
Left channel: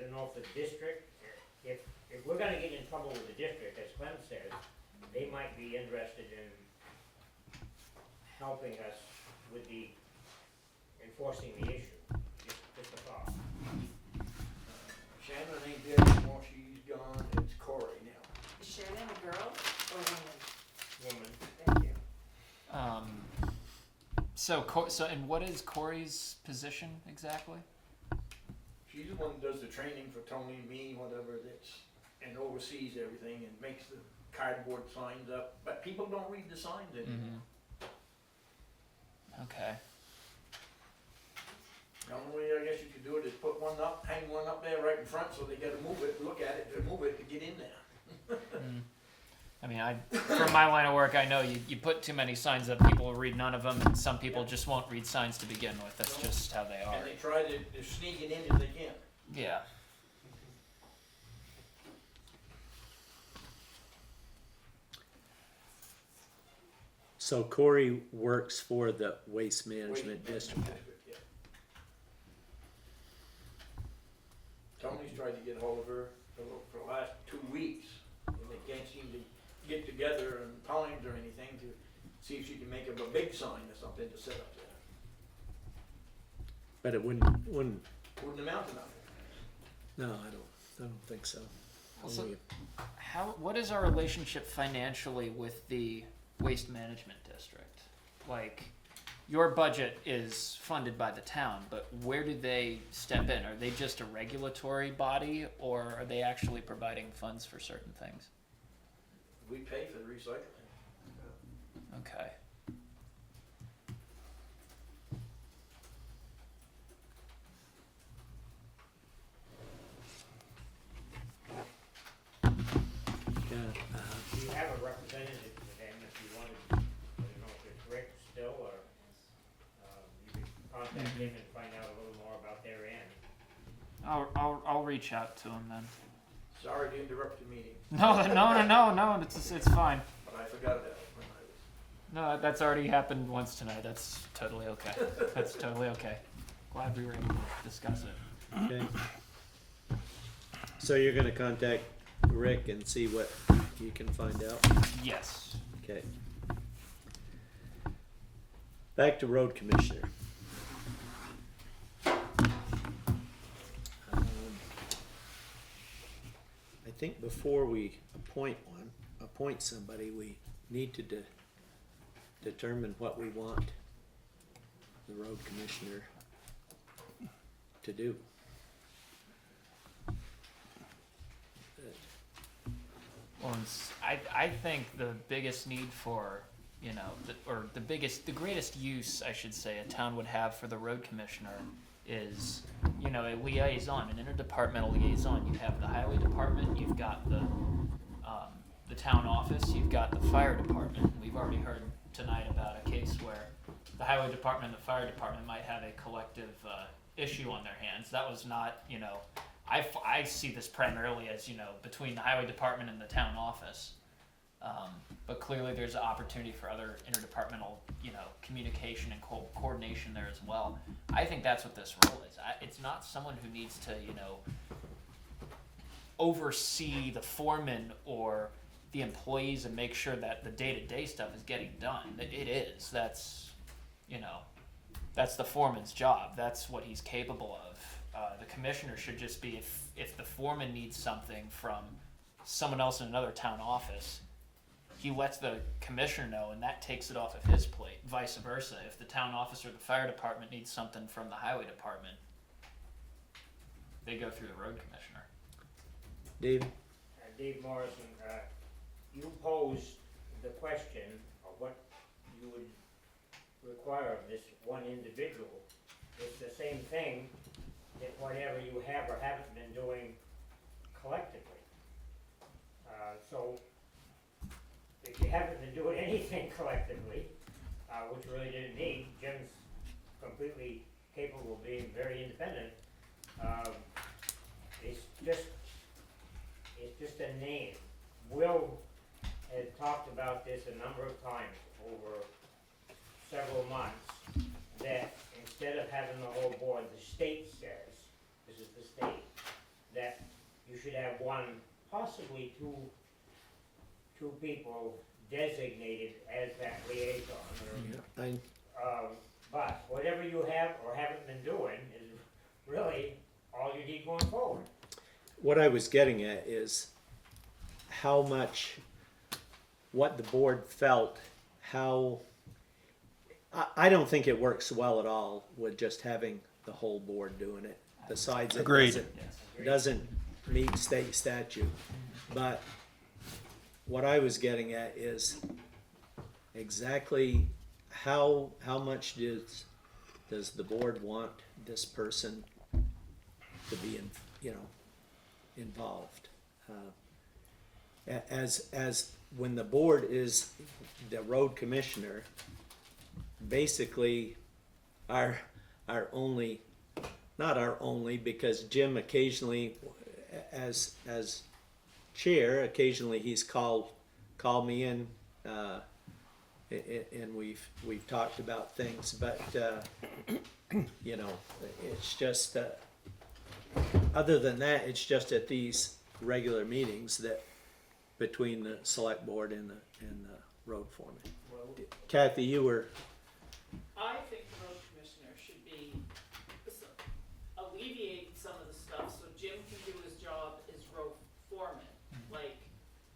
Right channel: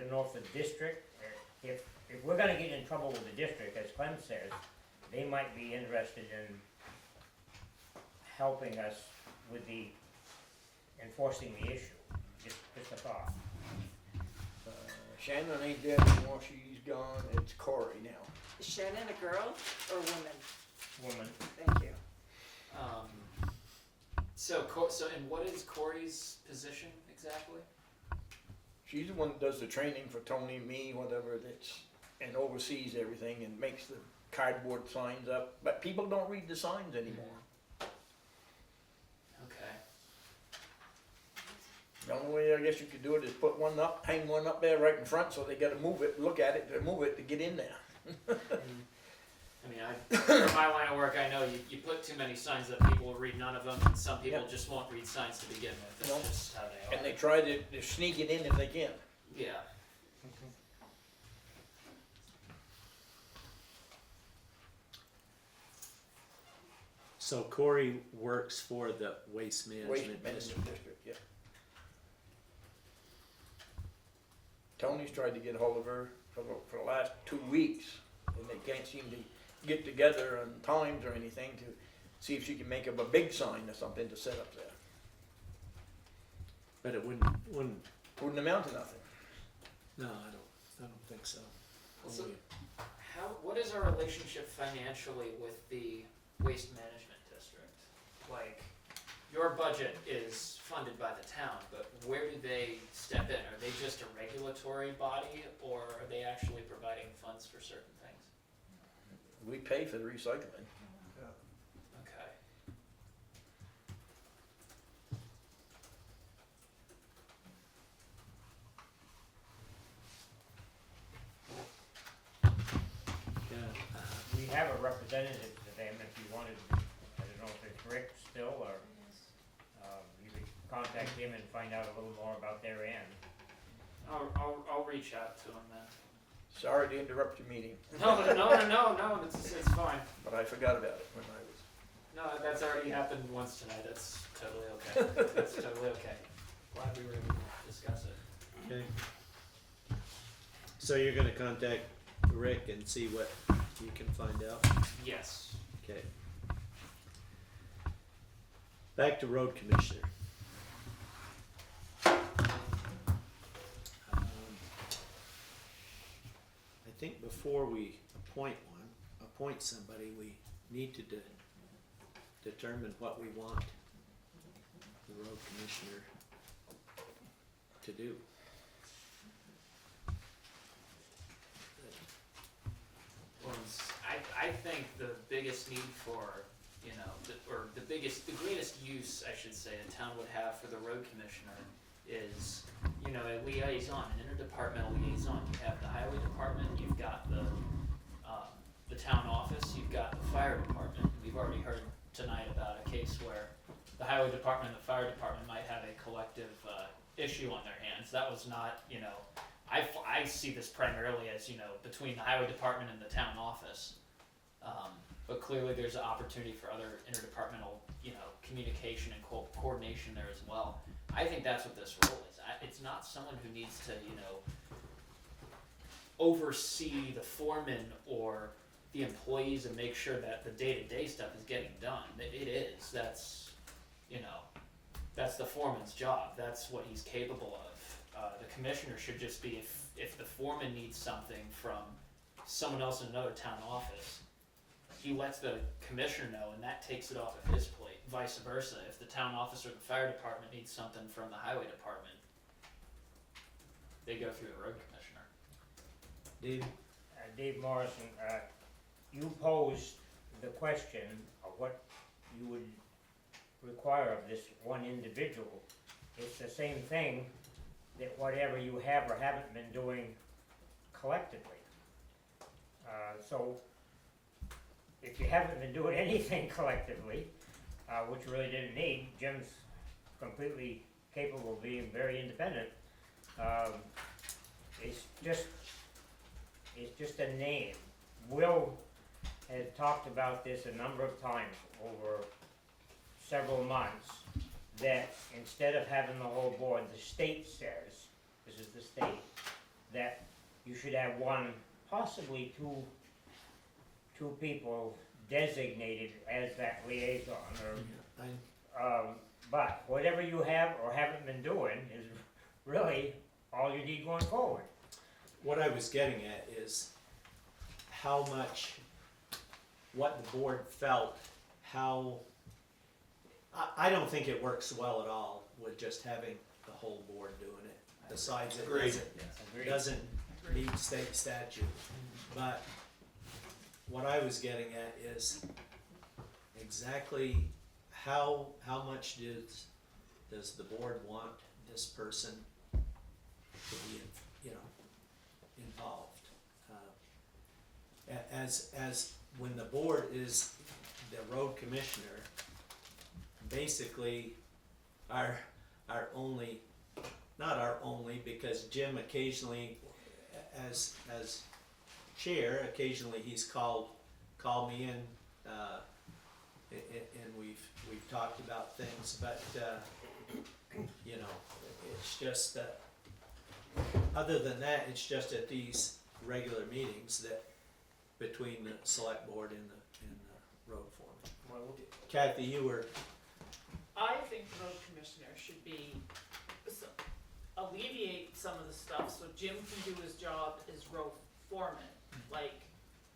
don't know if the district, if we're gonna get in trouble with the district, as Clem says, they might be interested in helping us with the enforcing the issue. Just a thought. Shannon ain't dead anymore, she's gone, it's Corey now. Is Shannon a girl or woman? Woman. Thank you. So and what is Corey's position exactly? She's the one that does the training for Tony, me, whatever, and oversees everything and makes the cardboard signs up, but people don't read the signs anymore. Okay. The only way I guess you could do it is put one up, hang one up there right in front, so they gotta move it, look at it, to move it to get in there. I mean, from my line of work, I know you put too many signs up, people will read none of them, and some people just won't read signs to begin with. That's No. just how they are. And they try to sneak it in if they can. Yeah. So Corey works for the Waste Management District. Yeah. Tony's tried to get hold of her for the last 2 weeks, and they can't seem to get together on times or anything to see if she can make up a big sign or something to set up there. But it wouldn't, Wouldn't amount to nothing. no, I don't think so. Also, Only- what is our relationship financially with the waste management district? Like, your budget is funded by the town, but where do they step in? Are they just a regulatory body, or are they actually providing funds for certain things? We pay for the recycling. Okay. Yeah, Do you have a representative to them if you wanted, I don't know if it's Rick still, or, you could contact him and find out a little more about their end. I'll reach out to him then. Sorry to interrupt your meeting, No, it's fine. but I forgot about it when I was. No, that's already happened once tonight. That's totally okay. That's totally okay. Glad we were able to discuss it. okay. So you're gonna contact Rick and see what you can find out? Yes. Okay. Back to road commissioner. I think before we appoint somebody, we need to determine what we want the road commissioner to do. Well, I think the biggest need for, the greatest use, I should say, a town would have for the road commissioner is, a liaison, an interdepartmental liaison. You have the highway department, you've got the town office, you've got the fire department. We've already heard tonight about a case where the highway department and the fire department might have a collective issue on their hands. That was not, I see this primarily as, between the highway department and the town office. But clearly there's an opportunity for other interdepartmental, communication and coordination there as well. I think that's what this role is. It's not someone who needs to, oversee the foreman or the employees and make sure that the day-to-day stuff is getting done. It is. That's the foreman's job. That's what he's capable of. The commissioner should just be, if the foreman needs something from someone else in another town office, he lets the commissioner know and that takes it off of his plate. Vice versa, if the town office or the fire department needs something from the highway department, they go through the road commissioner. Dave? Dave Morrison, you posed the question of what you would require of this one individual. It's the same thing that whatever you have or haven't been doing collectively. So if you haven't been doing anything collectively, which you really didn't need, Jim's completely capable of being very independent. It's just a name. Will has talked about this a number of times over several months, that instead of having the whole board, the state says, this is the state, that you should have one, possibly two people designated as that liaison, or, but whatever you have or haven't been doing is really all you need going forward. What I was getting at is how much, what the board felt, I don't think it works well at all with just having the whole board doing it. Besides, it Agreed. doesn't meet state statute. But what I was getting at is exactly how much does the board want this person to be involved? As when the board is the road commissioner, basically our only, not our only, because Jim occasionally, as chair, occasionally he's called me in And we've talked about things, but, you know, it's just, other than that, it's just at these regular meetings that, between the select board and the road foreman. Kathy, you were, I think the road commissioner should be, alleviate some of the stuff so Jim can do his job as road foreman. Like,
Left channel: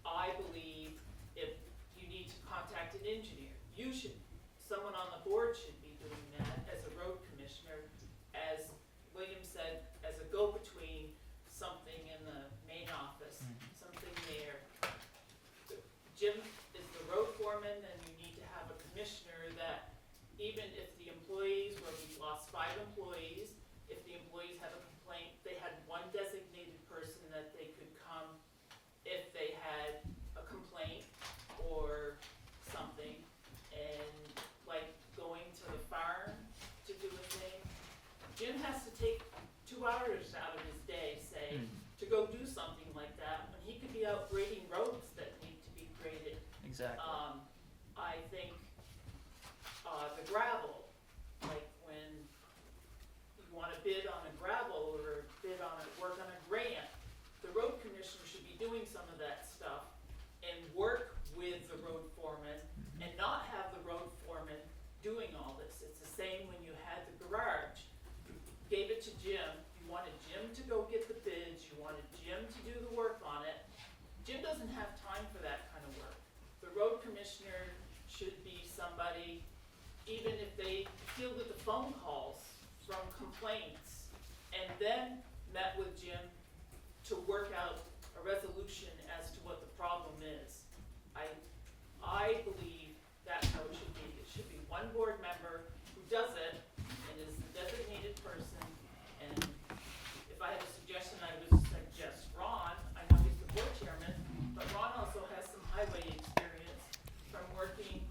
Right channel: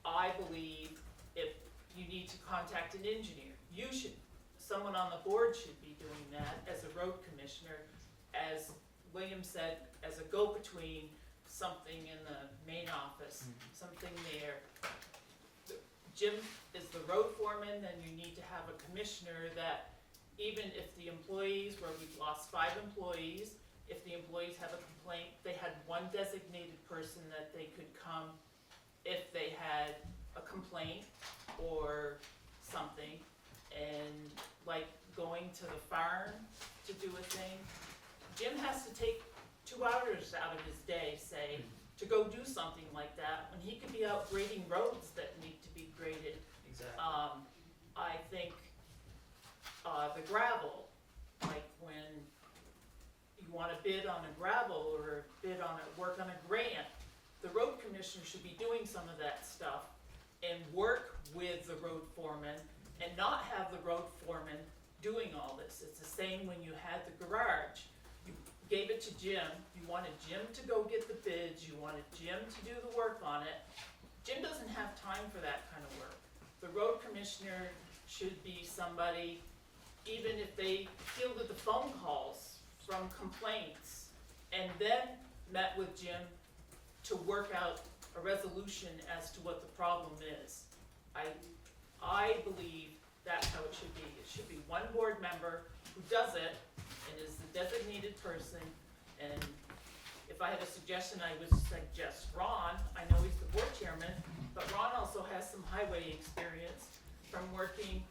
I believe if you need to contact an engineer, you should, someone on the board should be doing that as a road commissioner, as William said, as a go-between, something in the main office, something there. Jim is the road foreman, then you need to have a commissioner that, even if the employees, where we've lost 5 employees, if the employees have a complaint, they had one designated person that they could come if they had a complaint or something. And like going to the farm to do a thing, Jim has to take 2 hours out of his day, say, to go do something like that, when he could be out grading roads that need to be graded. Exactly. I think, the gravel, like when you wanna bid on a gravel or bid on a, work on a grant, the road commissioner should be doing some of that stuff and work with the road foreman and not have the road foreman doing all this. It's the same when you had the garage. You gave it to Jim, you wanted Jim to go get the bids, you wanted Jim to do the work on it. Jim doesn't have time for that kind of work. The road commissioner should be somebody, even if they fielded the phone calls from complaints and then met with Jim to work out a resolution as to what the problem is. I believe that's how it should be. It should be one board member who does it and is the designated person. And if I had a suggestion, I would suggest Ron. I know he's the board chairman, but Ron also has some highway experience from working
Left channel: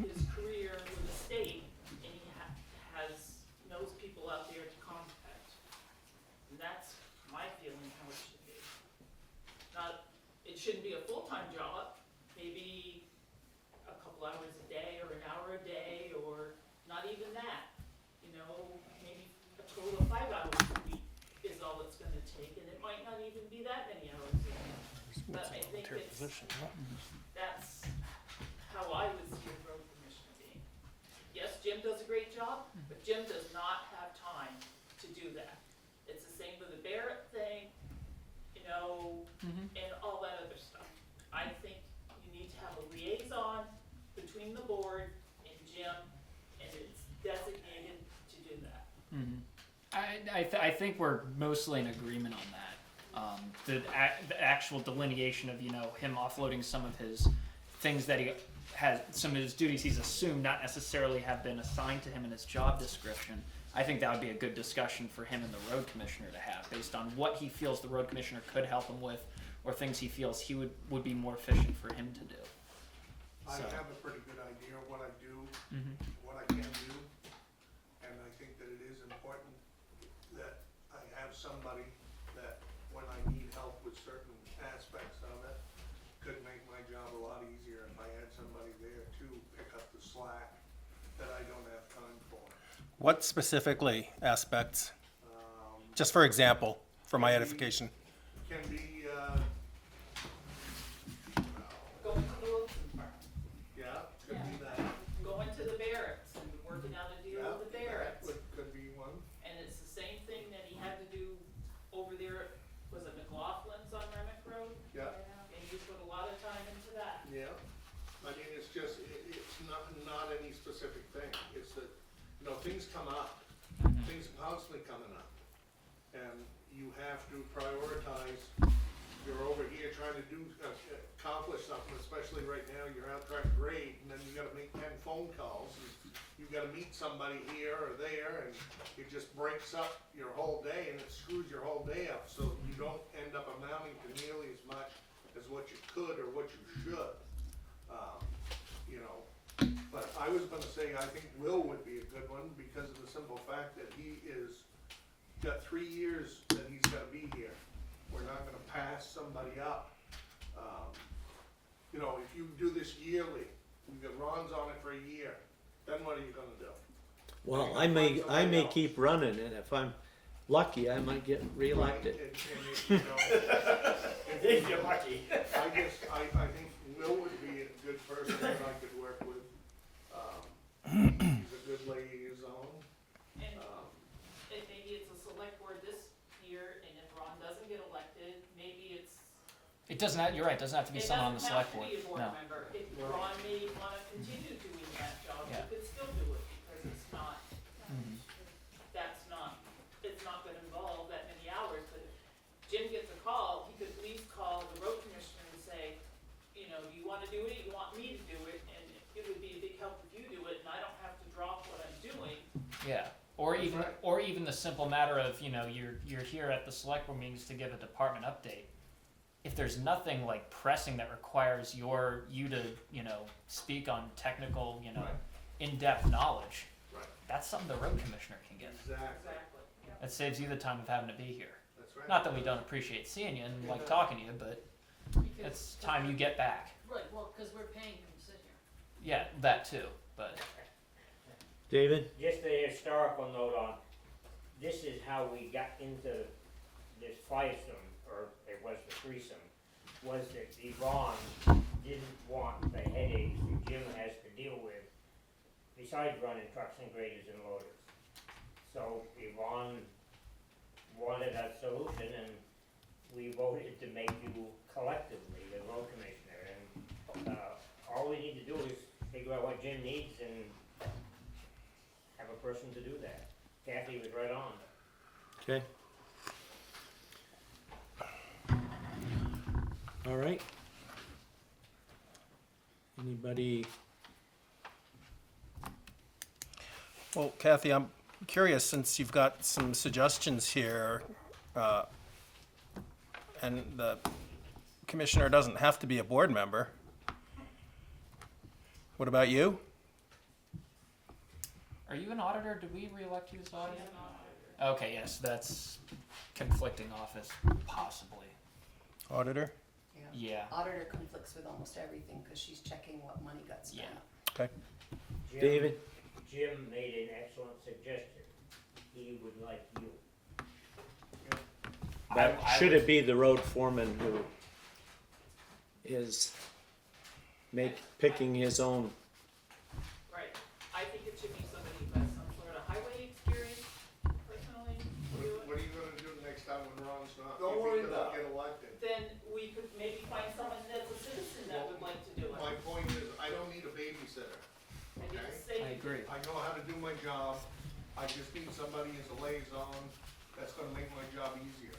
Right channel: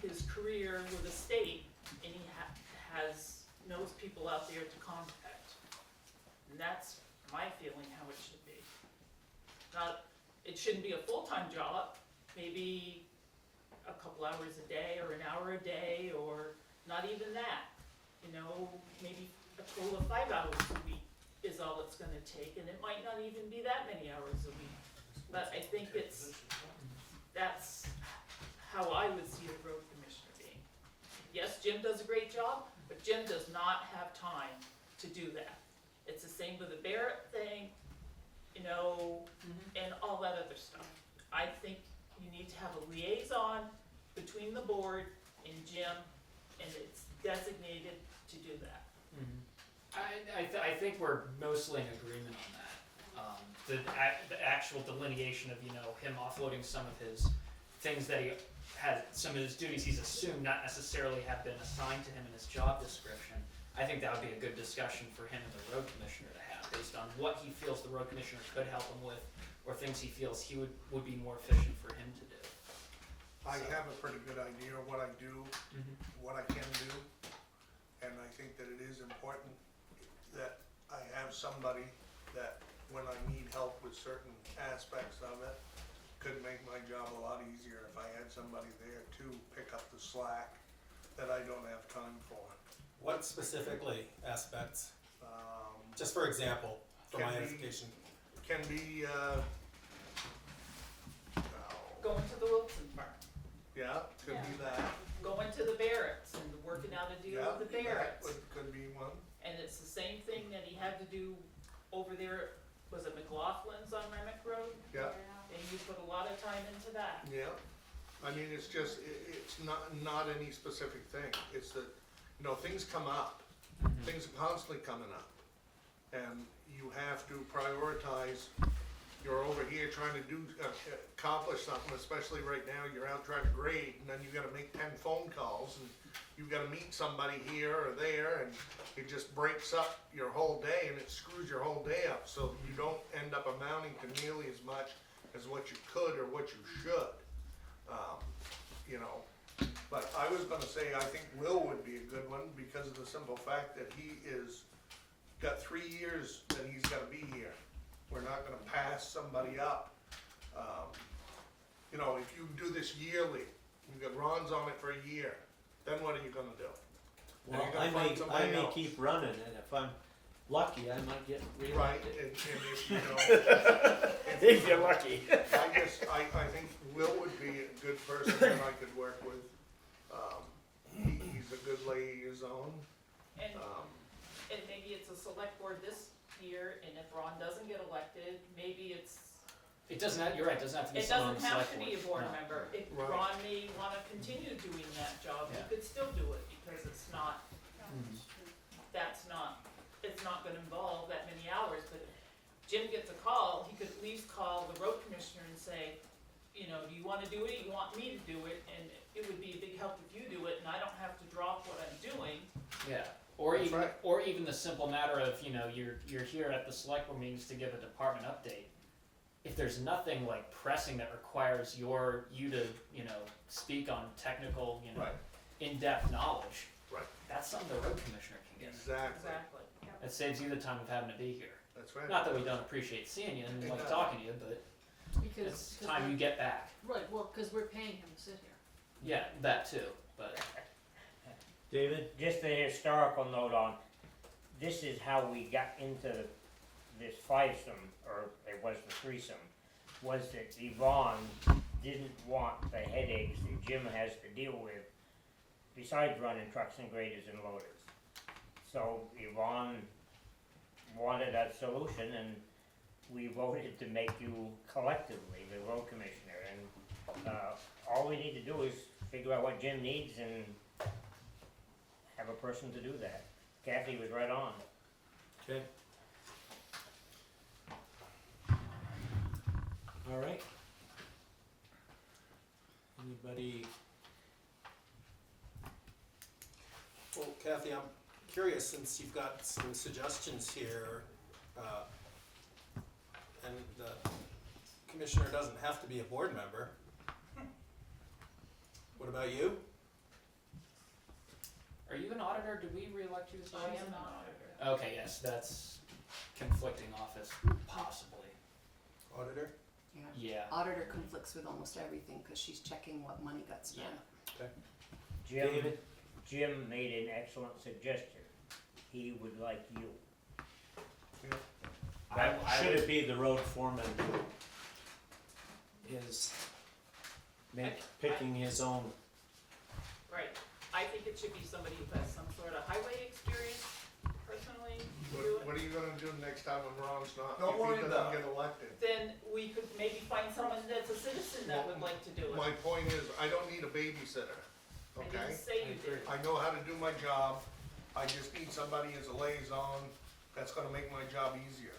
his career with the state, and he knows people out there to contact. And that's my feeling how it should be. It shouldn't be a full-time job, maybe a couple hours a day or an hour a day, or not even that. You know, maybe a total of 5 hours a week is all it's gonna take, and it might not even be that many hours a week. But I think that's how I would see a road commissioner being. Yes, Jim does a great job, but Jim does not have time to do that. It's the same with the Barrett thing, you know, and all that other stuff. I think you need to have a liaison between the board and Jim, and it's designated to do that. I think we're mostly in agreement on that. The actual delineation of, you know, him offloading some of his things that he has, some of his duties he's assumed not necessarily have been assigned to him in his job description. I think that would be a good discussion for him and the road commissioner to have, based on what he feels the road commissioner could help him with, or things he feels he would be more efficient for him to do. I have a pretty good idea of what I do, what I can do, and I think that it is important that I have somebody that, when I need help with certain aspects of it, could make my job a lot easier if I had somebody there to pick up the slack that I don't have time for. What specifically aspects? Just for example, for my edification. Can be, Going to the Wilson farm, yeah, could be that. going to the Barretts and working out a deal Yeah, with the that Barretts. could be one. And it's the same thing that he had to do over there, was it McLaughlin's on Remick Road? Yeah, And you put a lot of time into that. yeah. I mean, it's just, it's not any specific thing. It's that, you know, things come up. Things are constantly coming up. And you have to prioritize. You're over here trying to accomplish something, especially right now, you're out trying to grade, and then you gotta make 10 phone calls, and you gotta meet somebody here or there, and it just breaks up your whole day, and it screws your whole day up, so you don't end up amounting to nearly as much as what you could or what you should. You know, but I was gonna say, I think Will would be a good one, because of the simple fact that he got 3 years that he's gotta be here. We're not gonna pass somebody up. You know, if you do this yearly, You got Ron's on it for a year, then what are you gonna do? Well, You're I gonna may, find I somebody may else. keep running, and if I'm lucky, I might get reelected. Right, and if, you know, If you're lucky. I think Will would be a good person that I could work with. He's a good liaison. And, and maybe it's a select board this year, and if Ron doesn't get elected, maybe it's, It doesn't have, you're right, it doesn't have to be it someone on doesn't the have select to board. be a board No. member. If Right. Ron may wanna continue doing that job, he Yeah. could still do it, because it's not, Mhm. it's not gonna involve that many hours, but if Jim gets a call, he could at least call the road commissioner and say, you know, do you wanna do it, you want me to do it, and it would be a big help if you do it, and I don't have to drop what I'm doing. Yeah, or That's even, right. or even the simple matter of, you know, you're here at the select board meetings to give a department update. If there's nothing like pressing that requires you to, you know, speak on technical, you know, Right. in-depth knowledge, Right. that's something the road commissioner can get. Exactly, Exactly, yep. That saves you the time of having to be here. that's right. Not that we don't appreciate seeing you and like Yeah. talking to you, but Because it's time you get back. Right, well, cause we're paying him to sit here. Yeah, that too, but David? Just a historical note on, this is how we got into this firesome, or it was the threesome, was that Yvonne didn't want the headaches that Jim has to deal with besides running trucks and graders and loaders. So Yvonne wanted a solution, and we voted to make you collectively the road commissioner, and all we need to do is figure out what Jim needs and have a person to do that. Kathy was right on. Okay. All right. Anybody? Well, Kathy, I'm curious, since you've got some suggestions here, and the commissioner doesn't have to be a board member. What about you? are you an auditor? Did we re-elect you as I auditor? am an auditor. Okay, yes, that's conflicting office, possibly. Auditor? Yeah. Auditor conflicts with almost everything, cause she's checking what money got spent. Jim, David? Jim made an excellent suggestion. He would like you. That, I should would- it be the road foreman who is picking his own? Right, I think it should be somebody who has some sort of highway experience, personally, to do it. What are you gonna do next time when Ron's not, Don't worry if he about doesn't get elected? Then we could maybe find someone that's a citizen that would like to do it. My point is, I don't need a babysitter, I okay? didn't say you did. I know how to do my job, I just need somebody as a liaison that's gonna make my job easier.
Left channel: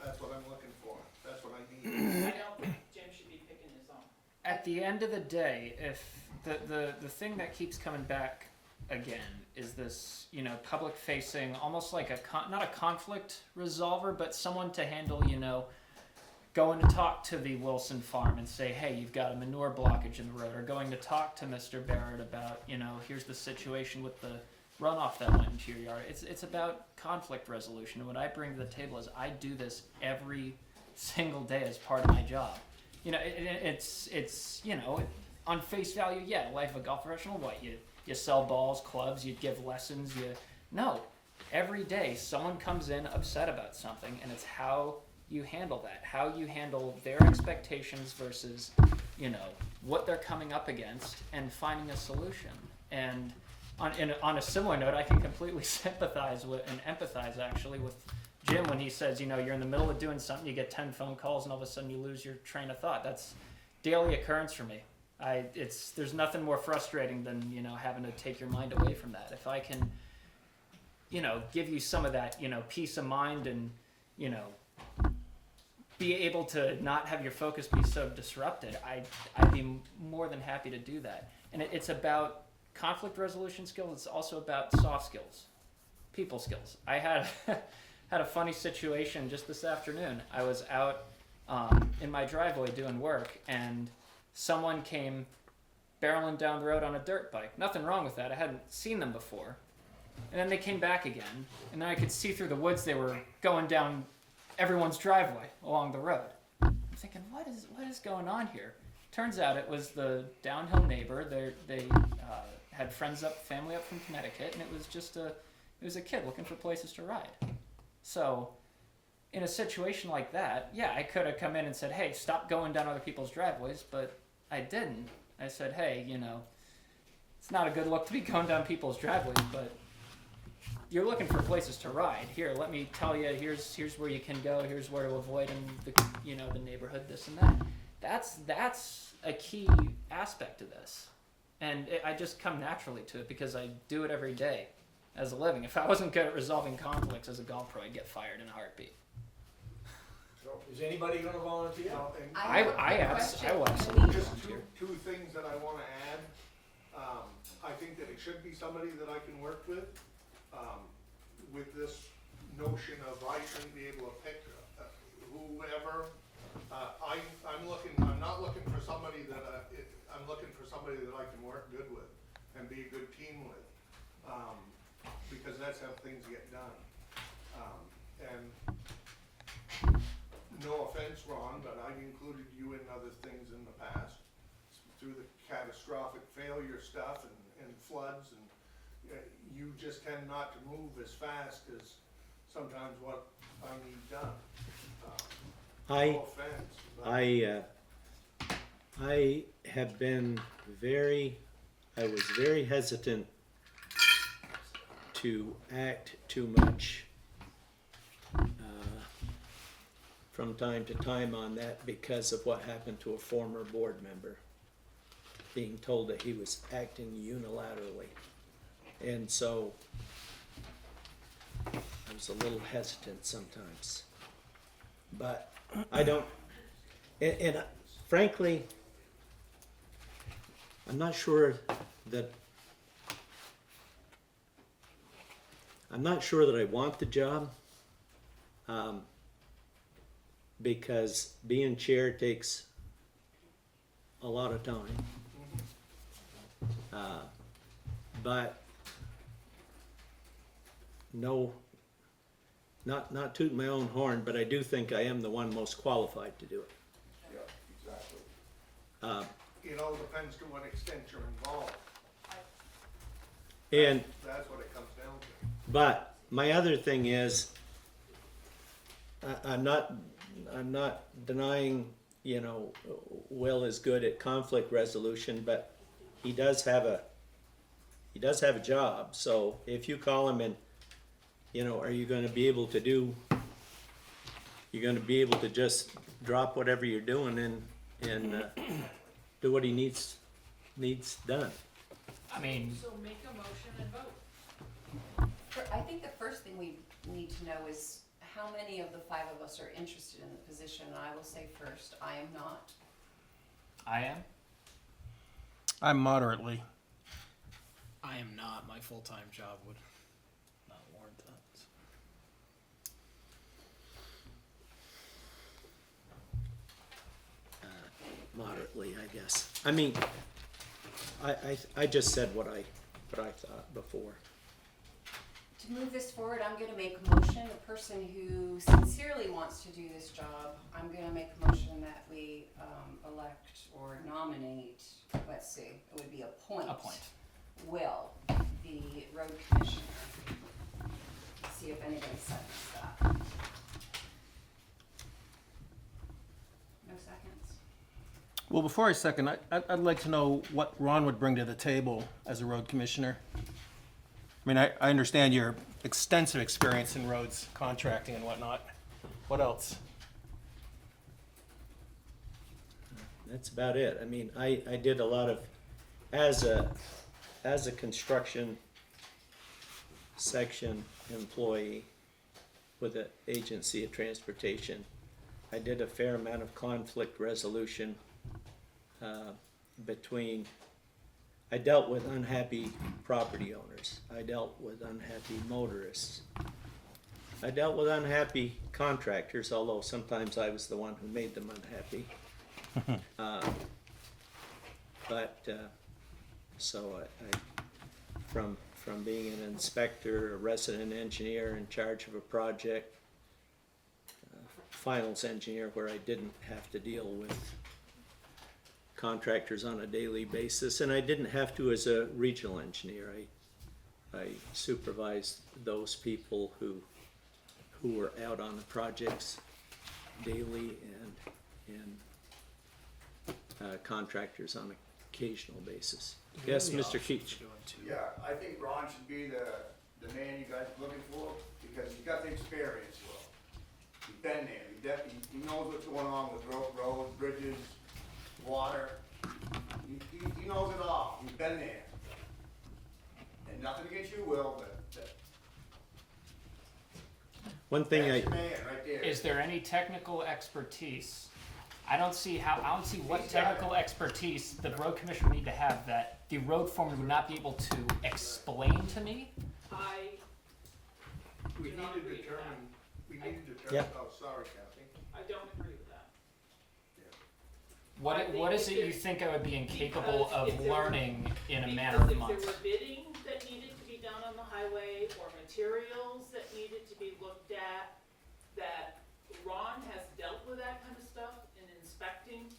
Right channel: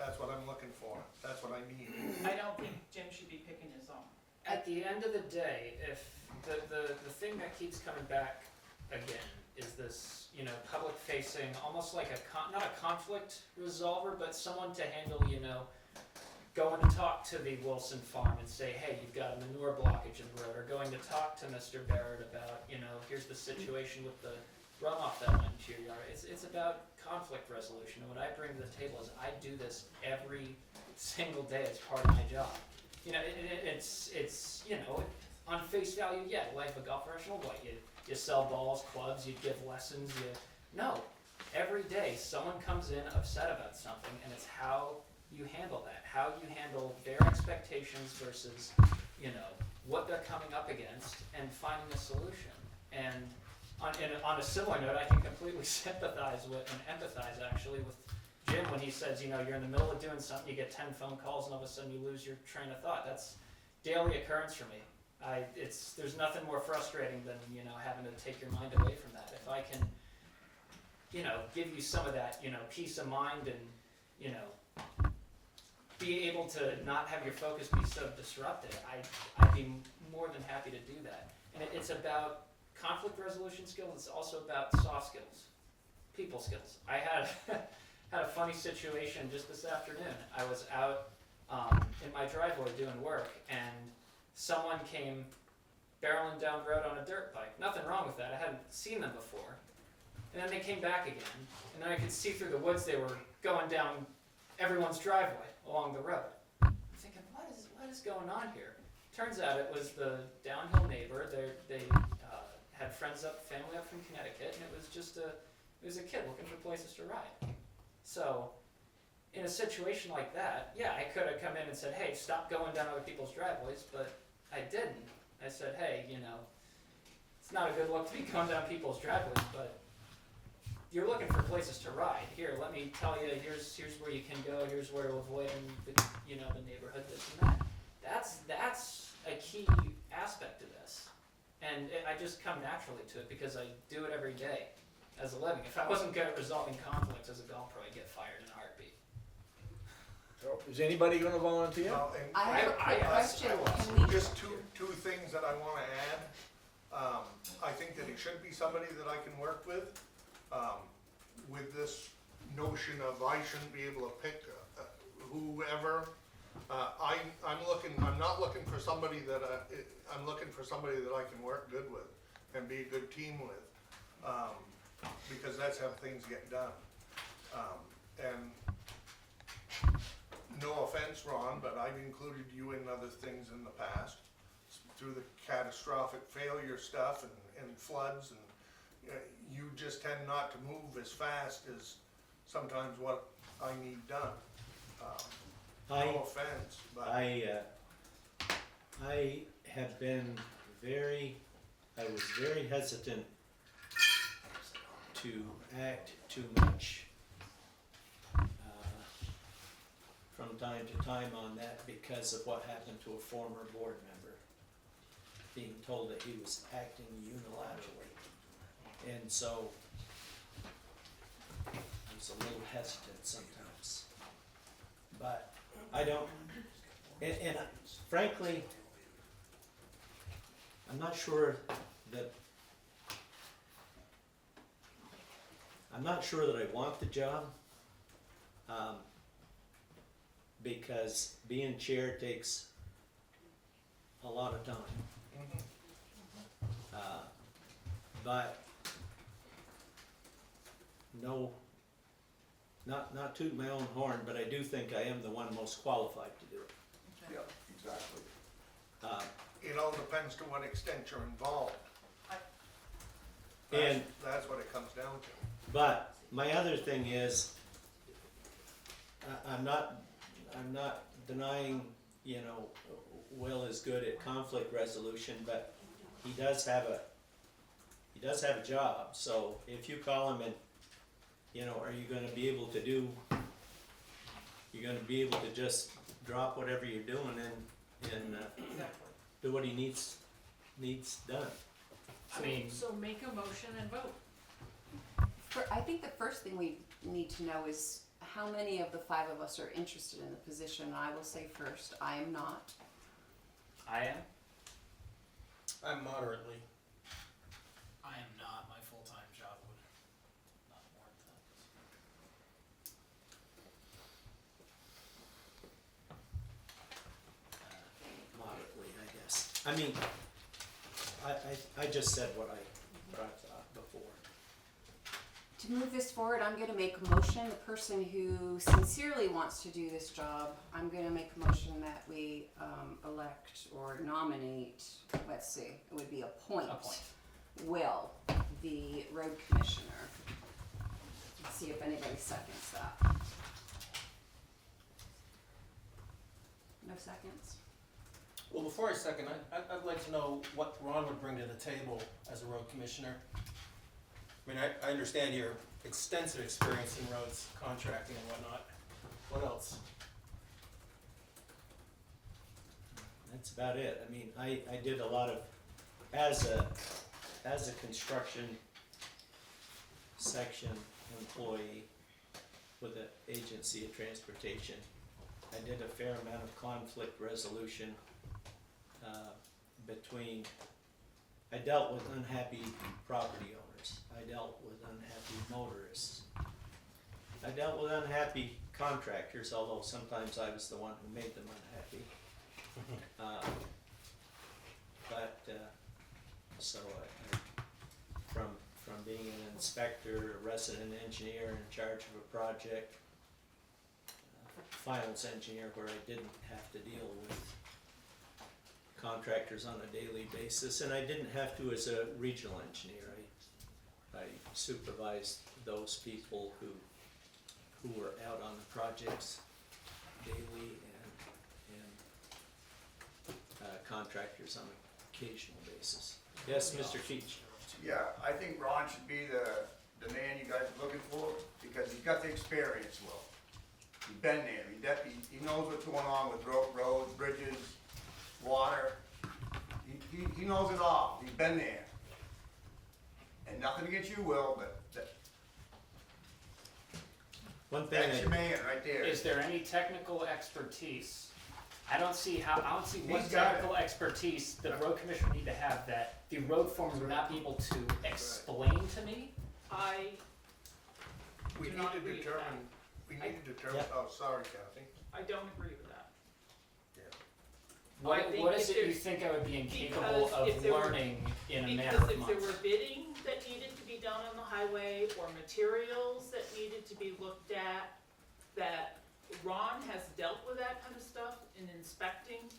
That's what I'm looking for, that's what I need. I don't think Jim should be picking his own. At the end of the day, if the thing that keeps coming back again is this, you know, public facing, almost like not a conflict resolver, but someone to handle, you know, going to talk to the Wilson farm and say, hey, you've got a manure blockage in the road, or going to talk to Mr. Barrett about, you know, here's the situation with the runoff that went into your yard. It's about conflict resolution. And what I bring to the table is I do this every single day as part of my job. You know, it's you know, on face value, yeah, life of a golf professional, what, you sell balls, clubs, you give lessons, no. Every day someone comes in upset about something, and it's how you handle that, how you handle their expectations versus, you know, what they're coming up against, and finding a solution. And on a similar note, I can completely sympathize with and empathize actually with Jim when he says, you know, you're in the middle of doing something, you get 10 phone calls, and all of a sudden you lose your train of thought. That's daily occurrence for me. There's nothing more frustrating than, you know, having to take your mind away from that. If I can, you know, give you some of that, you know, peace of mind and, you know, be able to not have your focus be so disrupted, I'd be more than happy to do that. And it's about conflict resolution skills. It's also about soft skills, people skills. I had had a funny situation just this afternoon. I was out in my driveway doing work, and someone came barreling down the road on a dirt bike. Nothing wrong with that. I hadn't seen them before. And then they came back again, and then I could see through the woods they were going down everyone's driveway along the road. I'm thinking, what is going on here? Turns out it was the downhill neighbor. They had family up from Connecticut, and it was a kid looking for places to ride. So, in a situation like that, yeah, I could have come in and said, hey, stop going down other people's driveways, but I didn't. I said, hey, it's not a good look to be going down people's driveways, but you're looking for places to ride. Here, let me tell you, here's where you can go, here's where to avoid in the neighborhood, this and that. That's a key aspect to this. And I just come naturally to it because I do it every day as a living. If I wasn't good at resolving conflicts as a golf pro, I'd get fired in a heartbeit. So, is anybody gonna volunteer? And I have a quick question. Can we- just two things that I wanna add. I think that it should be somebody that I can work with this notion of I shouldn't be able to pick whoever. I'm not looking for somebody that, I'm looking for somebody that I can work good with and be a good team with, because that's how things get done. And no offense, Ron, but I've included you in other things in the past, through the catastrophic failure stuff and floods, and you just tend not to move as fast as sometimes what I need done. No offense, but. I have been I was very hesitant to act too much from time to time on that because of what happened to a former board member, being told that he was acting unilaterally. And so I was a little hesitant sometimes. But I don't, and frankly, I'm not sure that I want the job, because being chair takes a lot of time. But no, not toot my own horn, but I do think I am the one most qualified to do it. Yeah, exactly. It all depends to what extent you're involved. And That's what it comes down to. but my other thing is, I'm not denying, Will is good at conflict resolution, but he does have a job. So if you call him and, are you going to be able to just drop whatever you're doing and do what he needs done? I mean, So make a motion and vote. I think the first thing we need to know is how many of the five of us are interested in the position. And I will say first, I am not. I am. I'm moderately. I am not. My full-time job would not warrant that. Moderately, I guess. I mean, I just said what I thought before. To move this forward, I'm going to make a motion. The person who sincerely wants to do this job, I'm going to make a motion that we elect or nominate, let's see, it would be appoint. Will, the road commissioner. Let's see if anybody seconds that. No seconds? Well, before I second, I'd like to know what Ron would bring to the table as a road commissioner. I mean, I understand your extensive experience in roads, contracting and whatnot. What else? That's about it. I mean, I did a lot of, as a construction section employee with the Agency of Transportation, I did a fair amount of conflict resolution I dealt with unhappy property owners. I dealt with unhappy motorists. I dealt with unhappy contractors, although sometimes I was the one who made them unhappy. So I from being an inspector, a resident engineer in charge of a project, finals engineer where I didn't have to deal with contractors on a daily basis, and I didn't have to as a regional engineer. I supervised those people who were out on the projects daily and contractors on an occasional basis. Yes, Mr. Keach? Yeah, I think Ron should be the man you guys are looking for, because he's got the experience, Will. He's been there, he knows what's going on with roads, bridges, water. He knows it all, he's been there. And nothing against you, Will, but One thing that's your man right there. Is there any technical expertise? I don't see what He's got it. technical expertise the road commissioner would need to have that the road foreman would not be able to explain to me. We Do need not to agree with determine, Yeah. oh, sorry, Kathy. I don't agree with that. What I think what is if it you there's- think I would be incapable because of if there were- learning in a matter of Because if months? there were bidding that needed to be done on the highway, or materials that needed to be looked at, that Ron has dealt with that kind of stuff in inspecting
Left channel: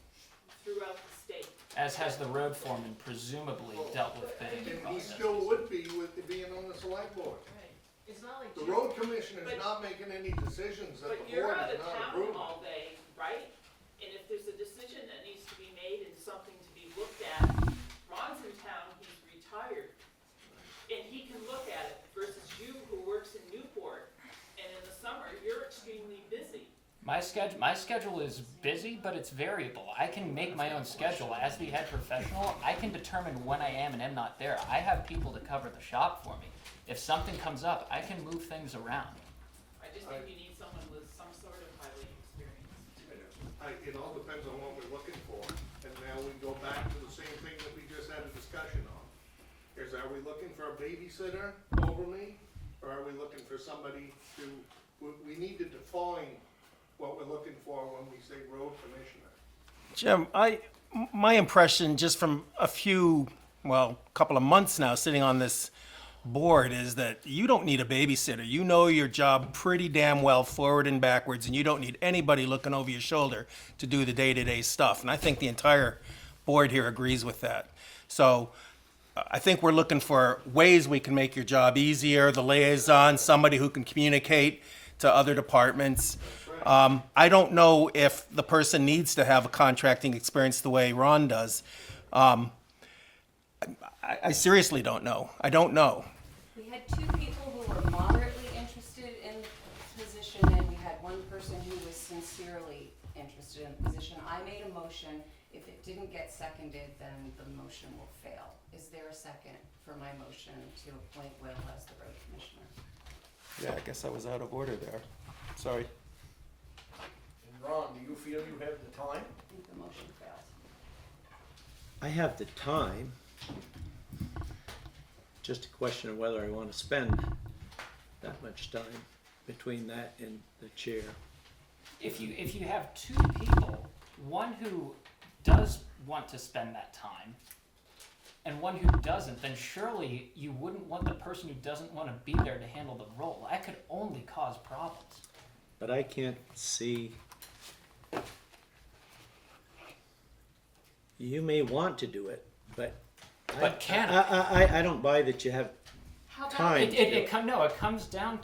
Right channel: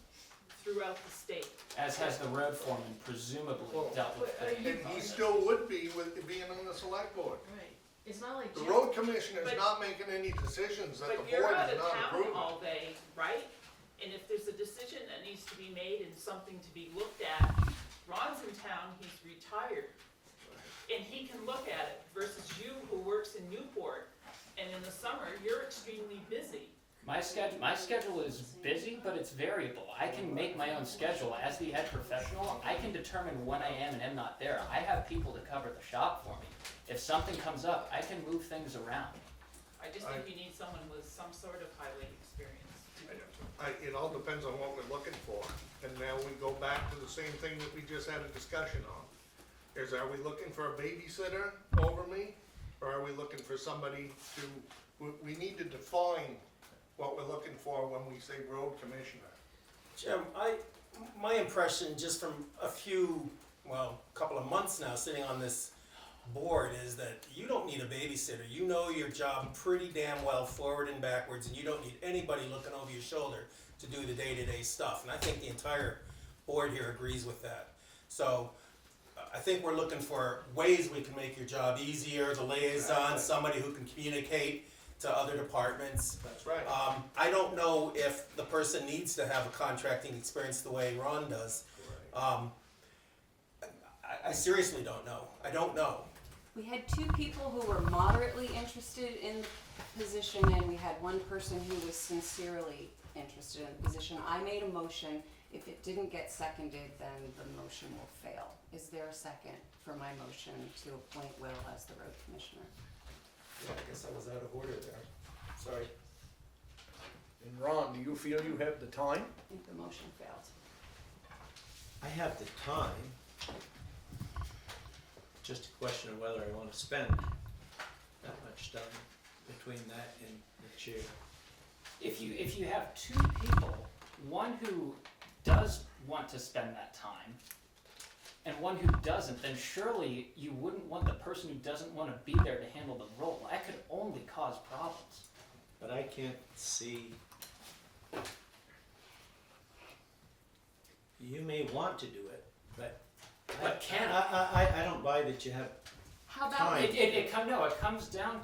throughout the state. As has the road foreman presumably Well, dealt with I bidding mean, And he process. still would be with being on the select board. Right. It's not like. The road commissioner's But- not making any decisions that the But you're board out is of not town approving. all day, right? And if there's a decision that needs to be made and something to be looked at, Ron's in town, he's retired. And he can look at it versus you who works in Newport, and in the summer, you're extremely busy. My schedule is busy, but it's variable. I can make my own schedule. As the head professional, I can determine when I am and am not there. I have people to cover the shop for me. If something comes up, I can move things around. I just think you need someone with some sort of highway experience. It all depends on what we're looking for, and now we go back to the same thing that we just had a discussion on. Are we looking for a babysitter over me, or are we looking for somebody we need to define what we're looking for when we say road commissioner. Jim, my impression just from a couple of months now sitting on this board is that you don't need a babysitter. You know your job pretty damn well forward and backwards, and you don't need anybody looking over your shoulder to do the day-to-day stuff. And I think the entire board here agrees with that. So I think we're looking for ways we can make your job easier, the liaison, somebody who can communicate to other departments. That's right. I don't know if the person needs to have a contracting experience the way Ron does. I seriously don't know. I don't know. We had two people who were moderately interested in the position, and we had one person who was sincerely interested in the position. I made a motion. If it didn't get seconded, then the motion will fail. Is there a second for my motion to appoint Will as the road commissioner? Yeah, I guess I was out of order there. Sorry. And Ron, do you feel you have the time? I think the motion failed. I have the time. Just a question of whether I want to spend that much time between that and the chair. If you have two people, one who does want to spend that time and one who doesn't, then surely you wouldn't want the person who doesn't want to be there to handle the role. That could only cause problems. But I can't see. You may want to do it, but can I don't buy that you have How about time. It comes down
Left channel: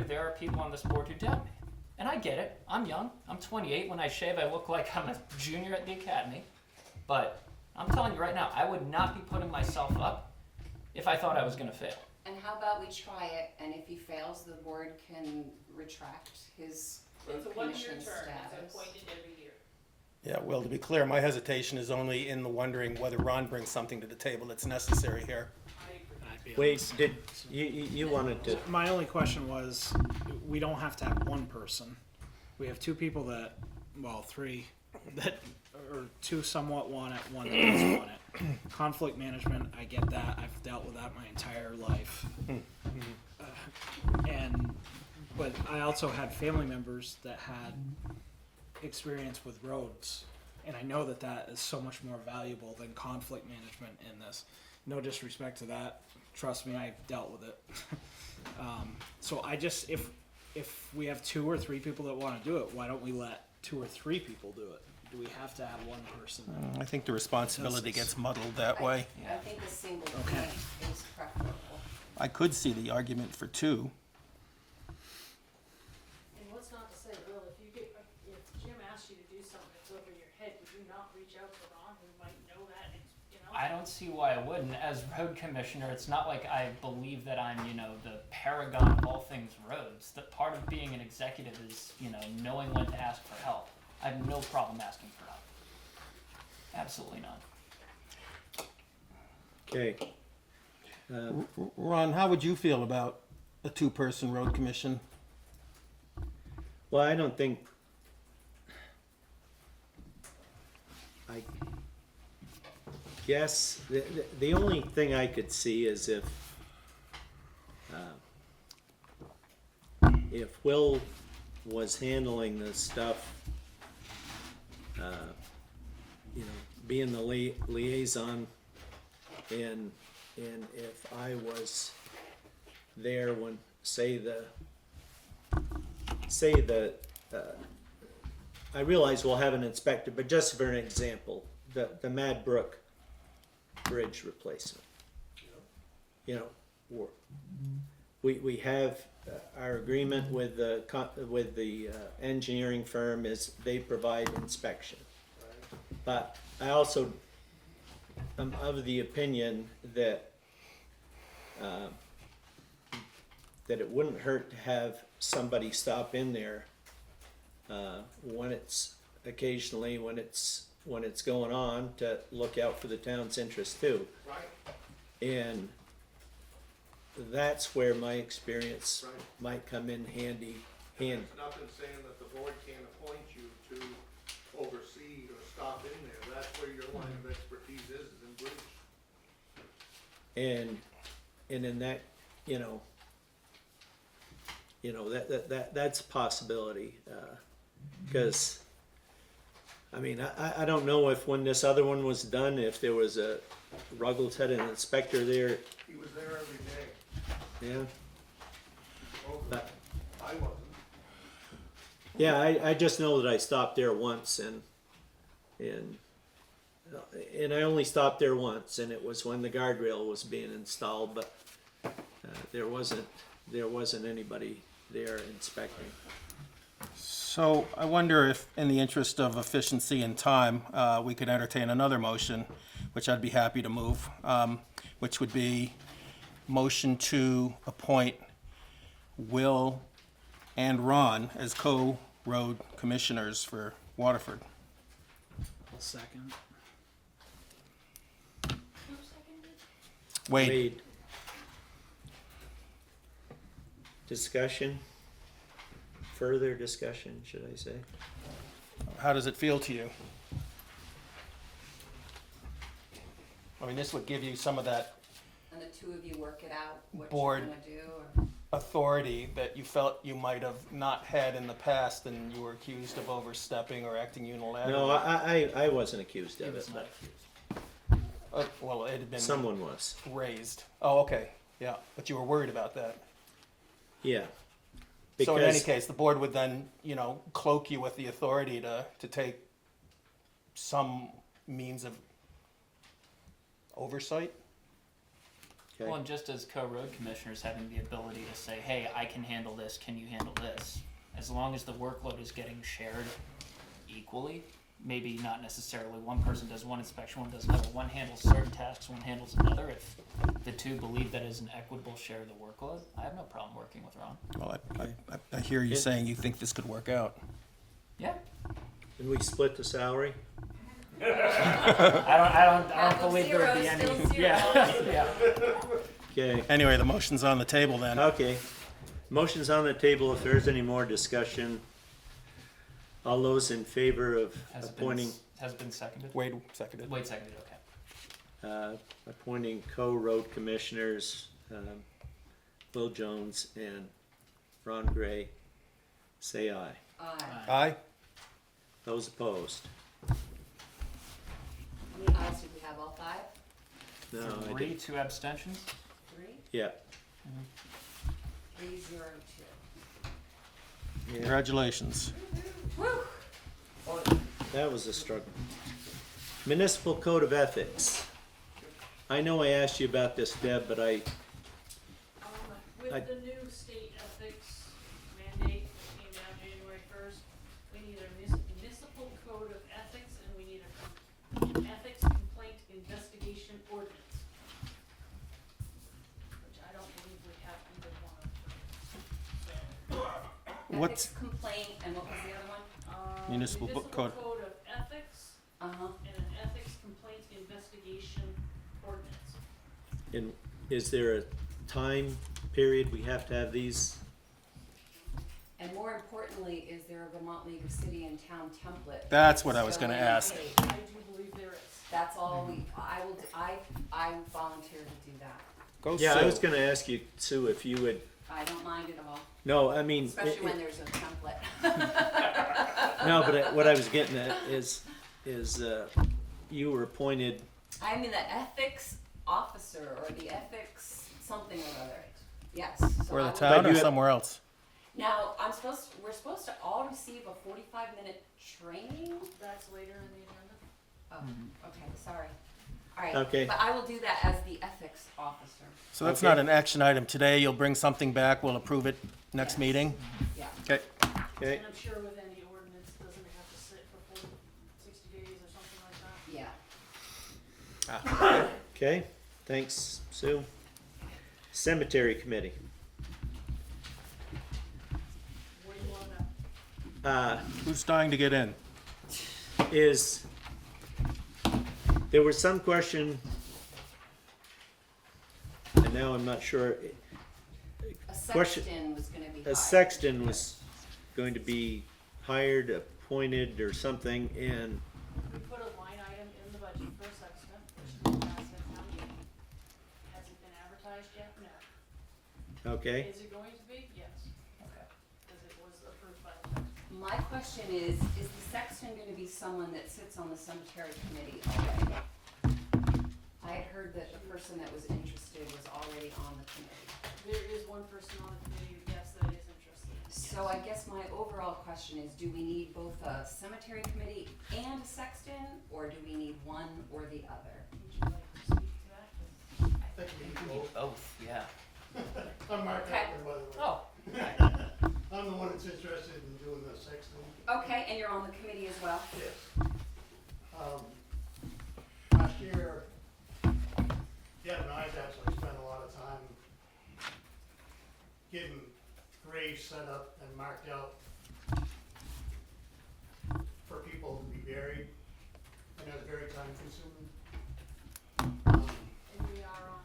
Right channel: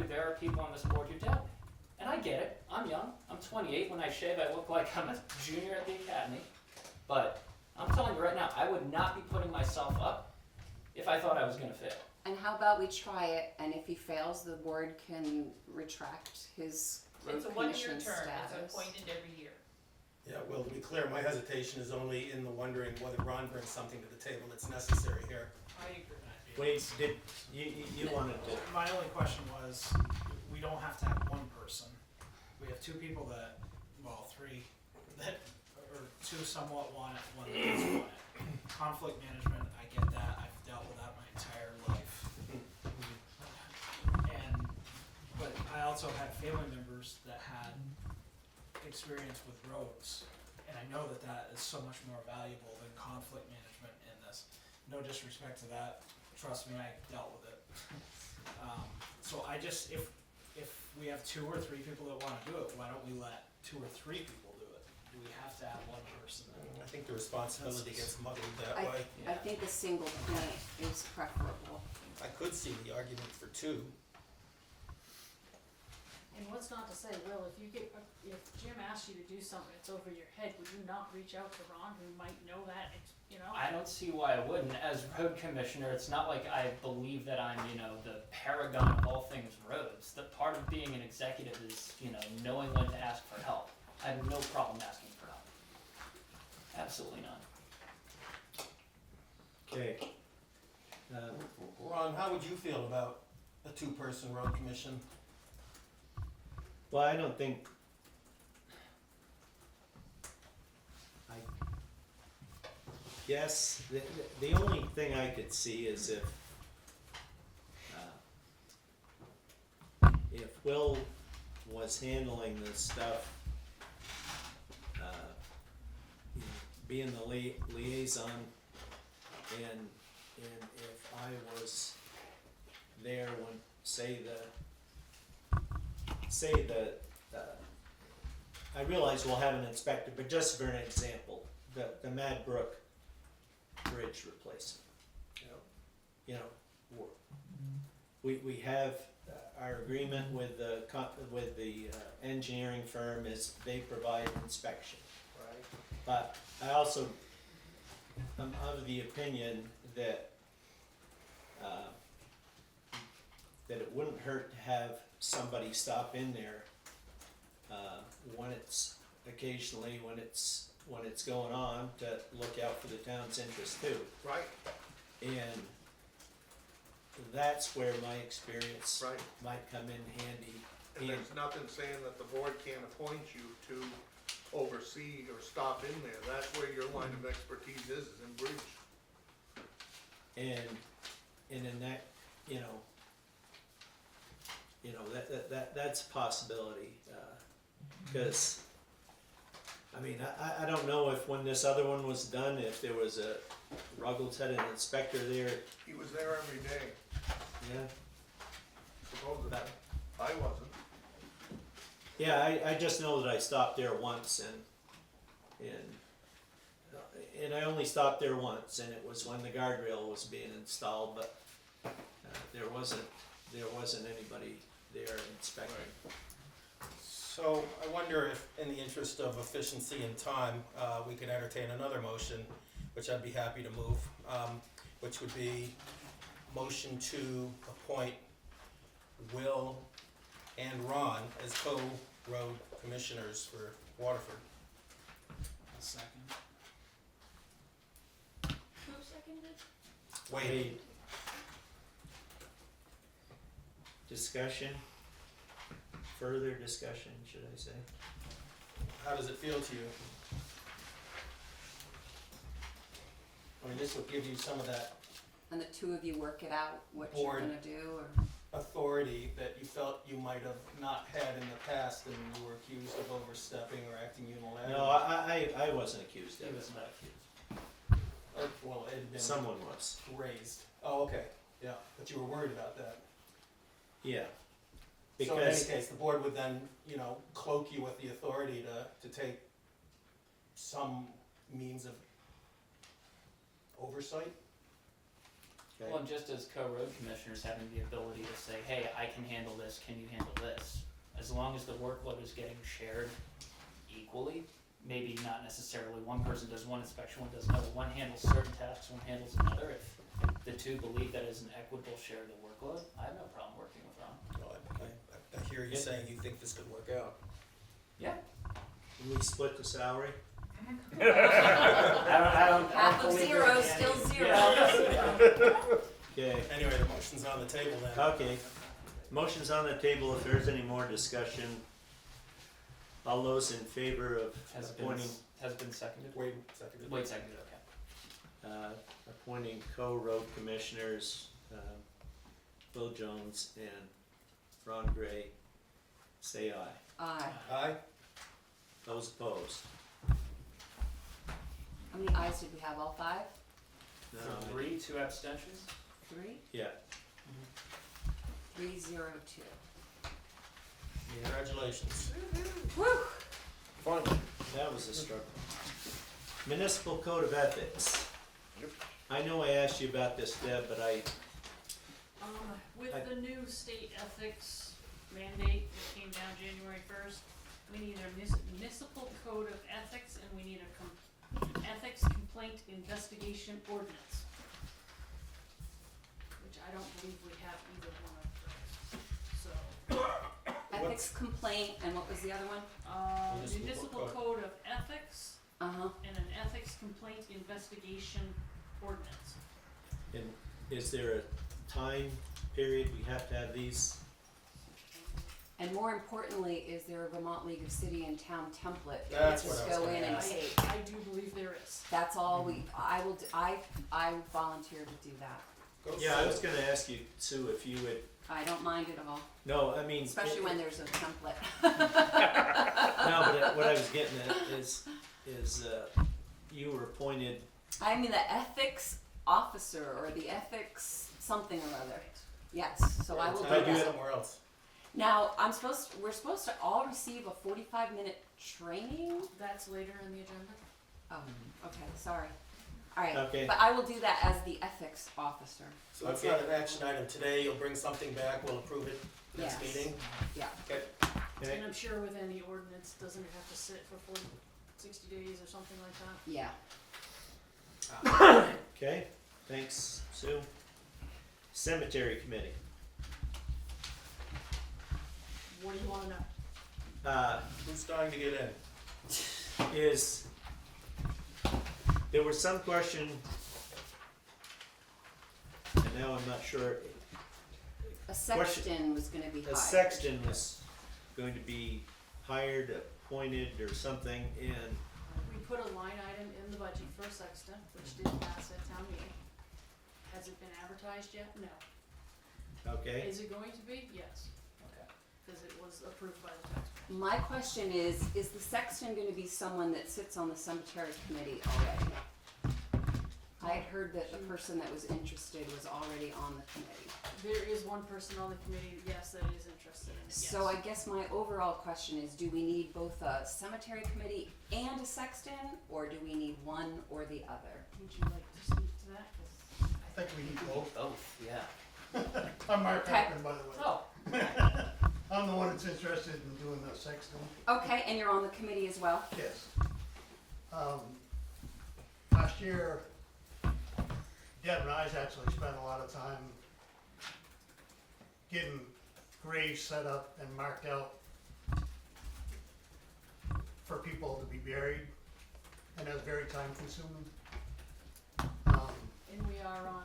to, there are people on this board who doubt me. And I get it. I'm young. I'm 28. When I shave, I look like I'm a junior at the academy. But I'm telling you right now, I would not be putting myself up if I thought I was going to fail. And how about we try it, and if he fails, the board can retract his It's a road one-year commission term, status. it's appointed every year. Yeah, well, to be clear, my hesitation is only in the wondering whether Ron brings something to the table that's necessary here. I agree. I'd be Wait, did you wanted to? My only question was, we don't have to have one person. We have two people that, well, three, that, or two somewhat want it, one that doesn't want it. Conflict management, I get that. I've dealt with that my entire life. But I also had family members that had experience with roads. And I know that that is so much more valuable than conflict management in this. No disrespect to that. Trust me, I've dealt with it. So I just, if we have two or three people that want to do it, why don't we let two or three people do it? Do we have to add one person? I think the responsibility gets muddled that I- way. I think a single Okay. point is preferable. I could see the argument for two. And what's not to say, Will, if Jim asks you to do something that's over your head, would you not reach out to Ron, who might know that, and, you know? I don't see why I wouldn't. As road commissioner, it's not like I believe that I'm, the paragon of all things roads. That part of being an executive is, knowing when to ask for help. I have no problem asking for help. Absolutely none. Okay. Ron, how would you feel about a two-person road commission? Well, I don't think, I guess, the only thing I could see is if Will was handling this stuff, being the liaison, and if I was there when, I realize we'll have an inspector, but just for an example, the Mad Brook Bridge replacement. We have our agreement with the engineering firm is they provide inspection. But I also am of the opinion that it wouldn't hurt to have somebody stop in there when it's going on, to look out for the town's interest too. Right, And that's where my experience right. might come in handy. And there's nothing saying that the board can't appoint you to oversee or stop in there. That's where your line of expertise is in bridge. And in that, that's a possibility, because, I don't know if when this other one was done, if there was a Ruggles had an inspector there, He was there every day, yeah. supposedly. But- I wasn't. Yeah, I just know that I stopped there once, and I only stopped there once, and it was when the guardrail was being installed, but there wasn't anybody there inspecting. So I wonder if, in the interest of efficiency and time, we could entertain another motion, which I'd be happy to move, which would be motion to appoint Will and Ron as co-road commissioners for Waterford. I'll second. Who seconded? Wade. Discussion? Further discussion, should I say? How does it feel to you? This would give you some of that And the two of you work it out, what Board. you're gonna do, or, authority that you felt you might have not had in the past, and you were accused of overstepping or acting unilaterally. No, I wasn't accused He of was it, not but accused. Well, it had been someone was. raised. Oh, okay, yeah, but you were worried about that. Yeah. So in any Because, case, the board would then, cloak you with the authority to take some means of oversight. okay. Well, and just as co-road commissioners, having the ability to say, hey, I can handle this, can you handle this? As long as the workload is getting shared equally, maybe not necessarily one person does one inspection, one does another, one handles certain tasks, one handles another. If the two believe that is an equitable share of the workload, I have no problem working with Ron. Well, I hear you saying you think this could work out. Yeah. Can we split the salary? I don't half of believe zero there'd is be still any. zero. Yeah. Okay, Anyway, the motion's on the table then. okay. Motion's on the table. If there's any more discussion, all those in favor of Has appointing, been seconded. Wade seconded. Wait, seconded. Okay. appointing co-road commissioners, Will Jones and Ron Gray, say aye. aye. Aye? Those opposed? How many ayes did we have, all five? No, I 3, didn't. 2 abstentions. 3? Yeah. 302. Yeah. Congratulations. Woo! Fun. that was a struggle. Municipal Code of Ethics. I know I asked you about this, Deb, but With I- the new state ethics mandate that came down January 1st, we need a municipal code of ethics and we need an ethics complaint investigation ordinance. Which I don't believe we have either one of those. So, What's- Ethics complaint, and what was the other one? Municipal code. code of ethics Uh-huh. and an ethics complaint investigation ordinance. and is there a time period we have to have these? And more importantly, is there a Vermont League of City and Town template? That's what I was Go gonna in and ask. take? I do believe there is. That's all I will, I volunteer to do that. Go Yeah, I Sue. was gonna ask you, Sue, if you would, I don't mind at all, no, I mean. especially it- when there's a template. No, but what I was getting at is, you were appointed, I'm the ethics officer or the ethics something or other. Yes, so Or I the will. town you or had- somewhere else. Now, we're supposed to all receive a 45-minute training? That's later in the agenda. Oh, okay, sorry. All right, Okay. but I will do that as the ethics officer. So that's Okay. not an action item today. You'll bring something back. We'll approve it next Yes. meeting. Yeah. Okay. okay, And I'm sure with any ordinance, doesn't it have to sit for 60 days or something like that? Yeah. okay, thanks, Sue. Cemetery Committee. What do you wanna know? Who's dying to get in? Is, there was some question, and now I'm not sure, A Question- sexton was gonna be a hired. sexton was going to be hired, appointed, or something, and, We put a line item in the budget for a sexton, which didn't pass at town meeting. Has it been advertised yet? No. okay, Is it going to be? Yes. Okay. Because it was approved by the tax. My question is the sexton gonna be someone that sits on the cemetery committee already? I had heard that the person that was interested was already on the committee. There is one person on the committee, yes, that is interested in it, So I guess my overall question is, do we need both a cemetery committee and a sexton, or do we need one or the other? Would you like to speak to that? 'Cause I think we need both. Both, yeah. I'm Mark Okay. Hackman, by the way. Oh. I'm the one that's interested in doing the sexton. Okay, and you're on the committee as well? Yes. Last year, Deb and I actually spent a lot of time getting graves set up and marked out for people to be buried, and it was very time consuming. And we are on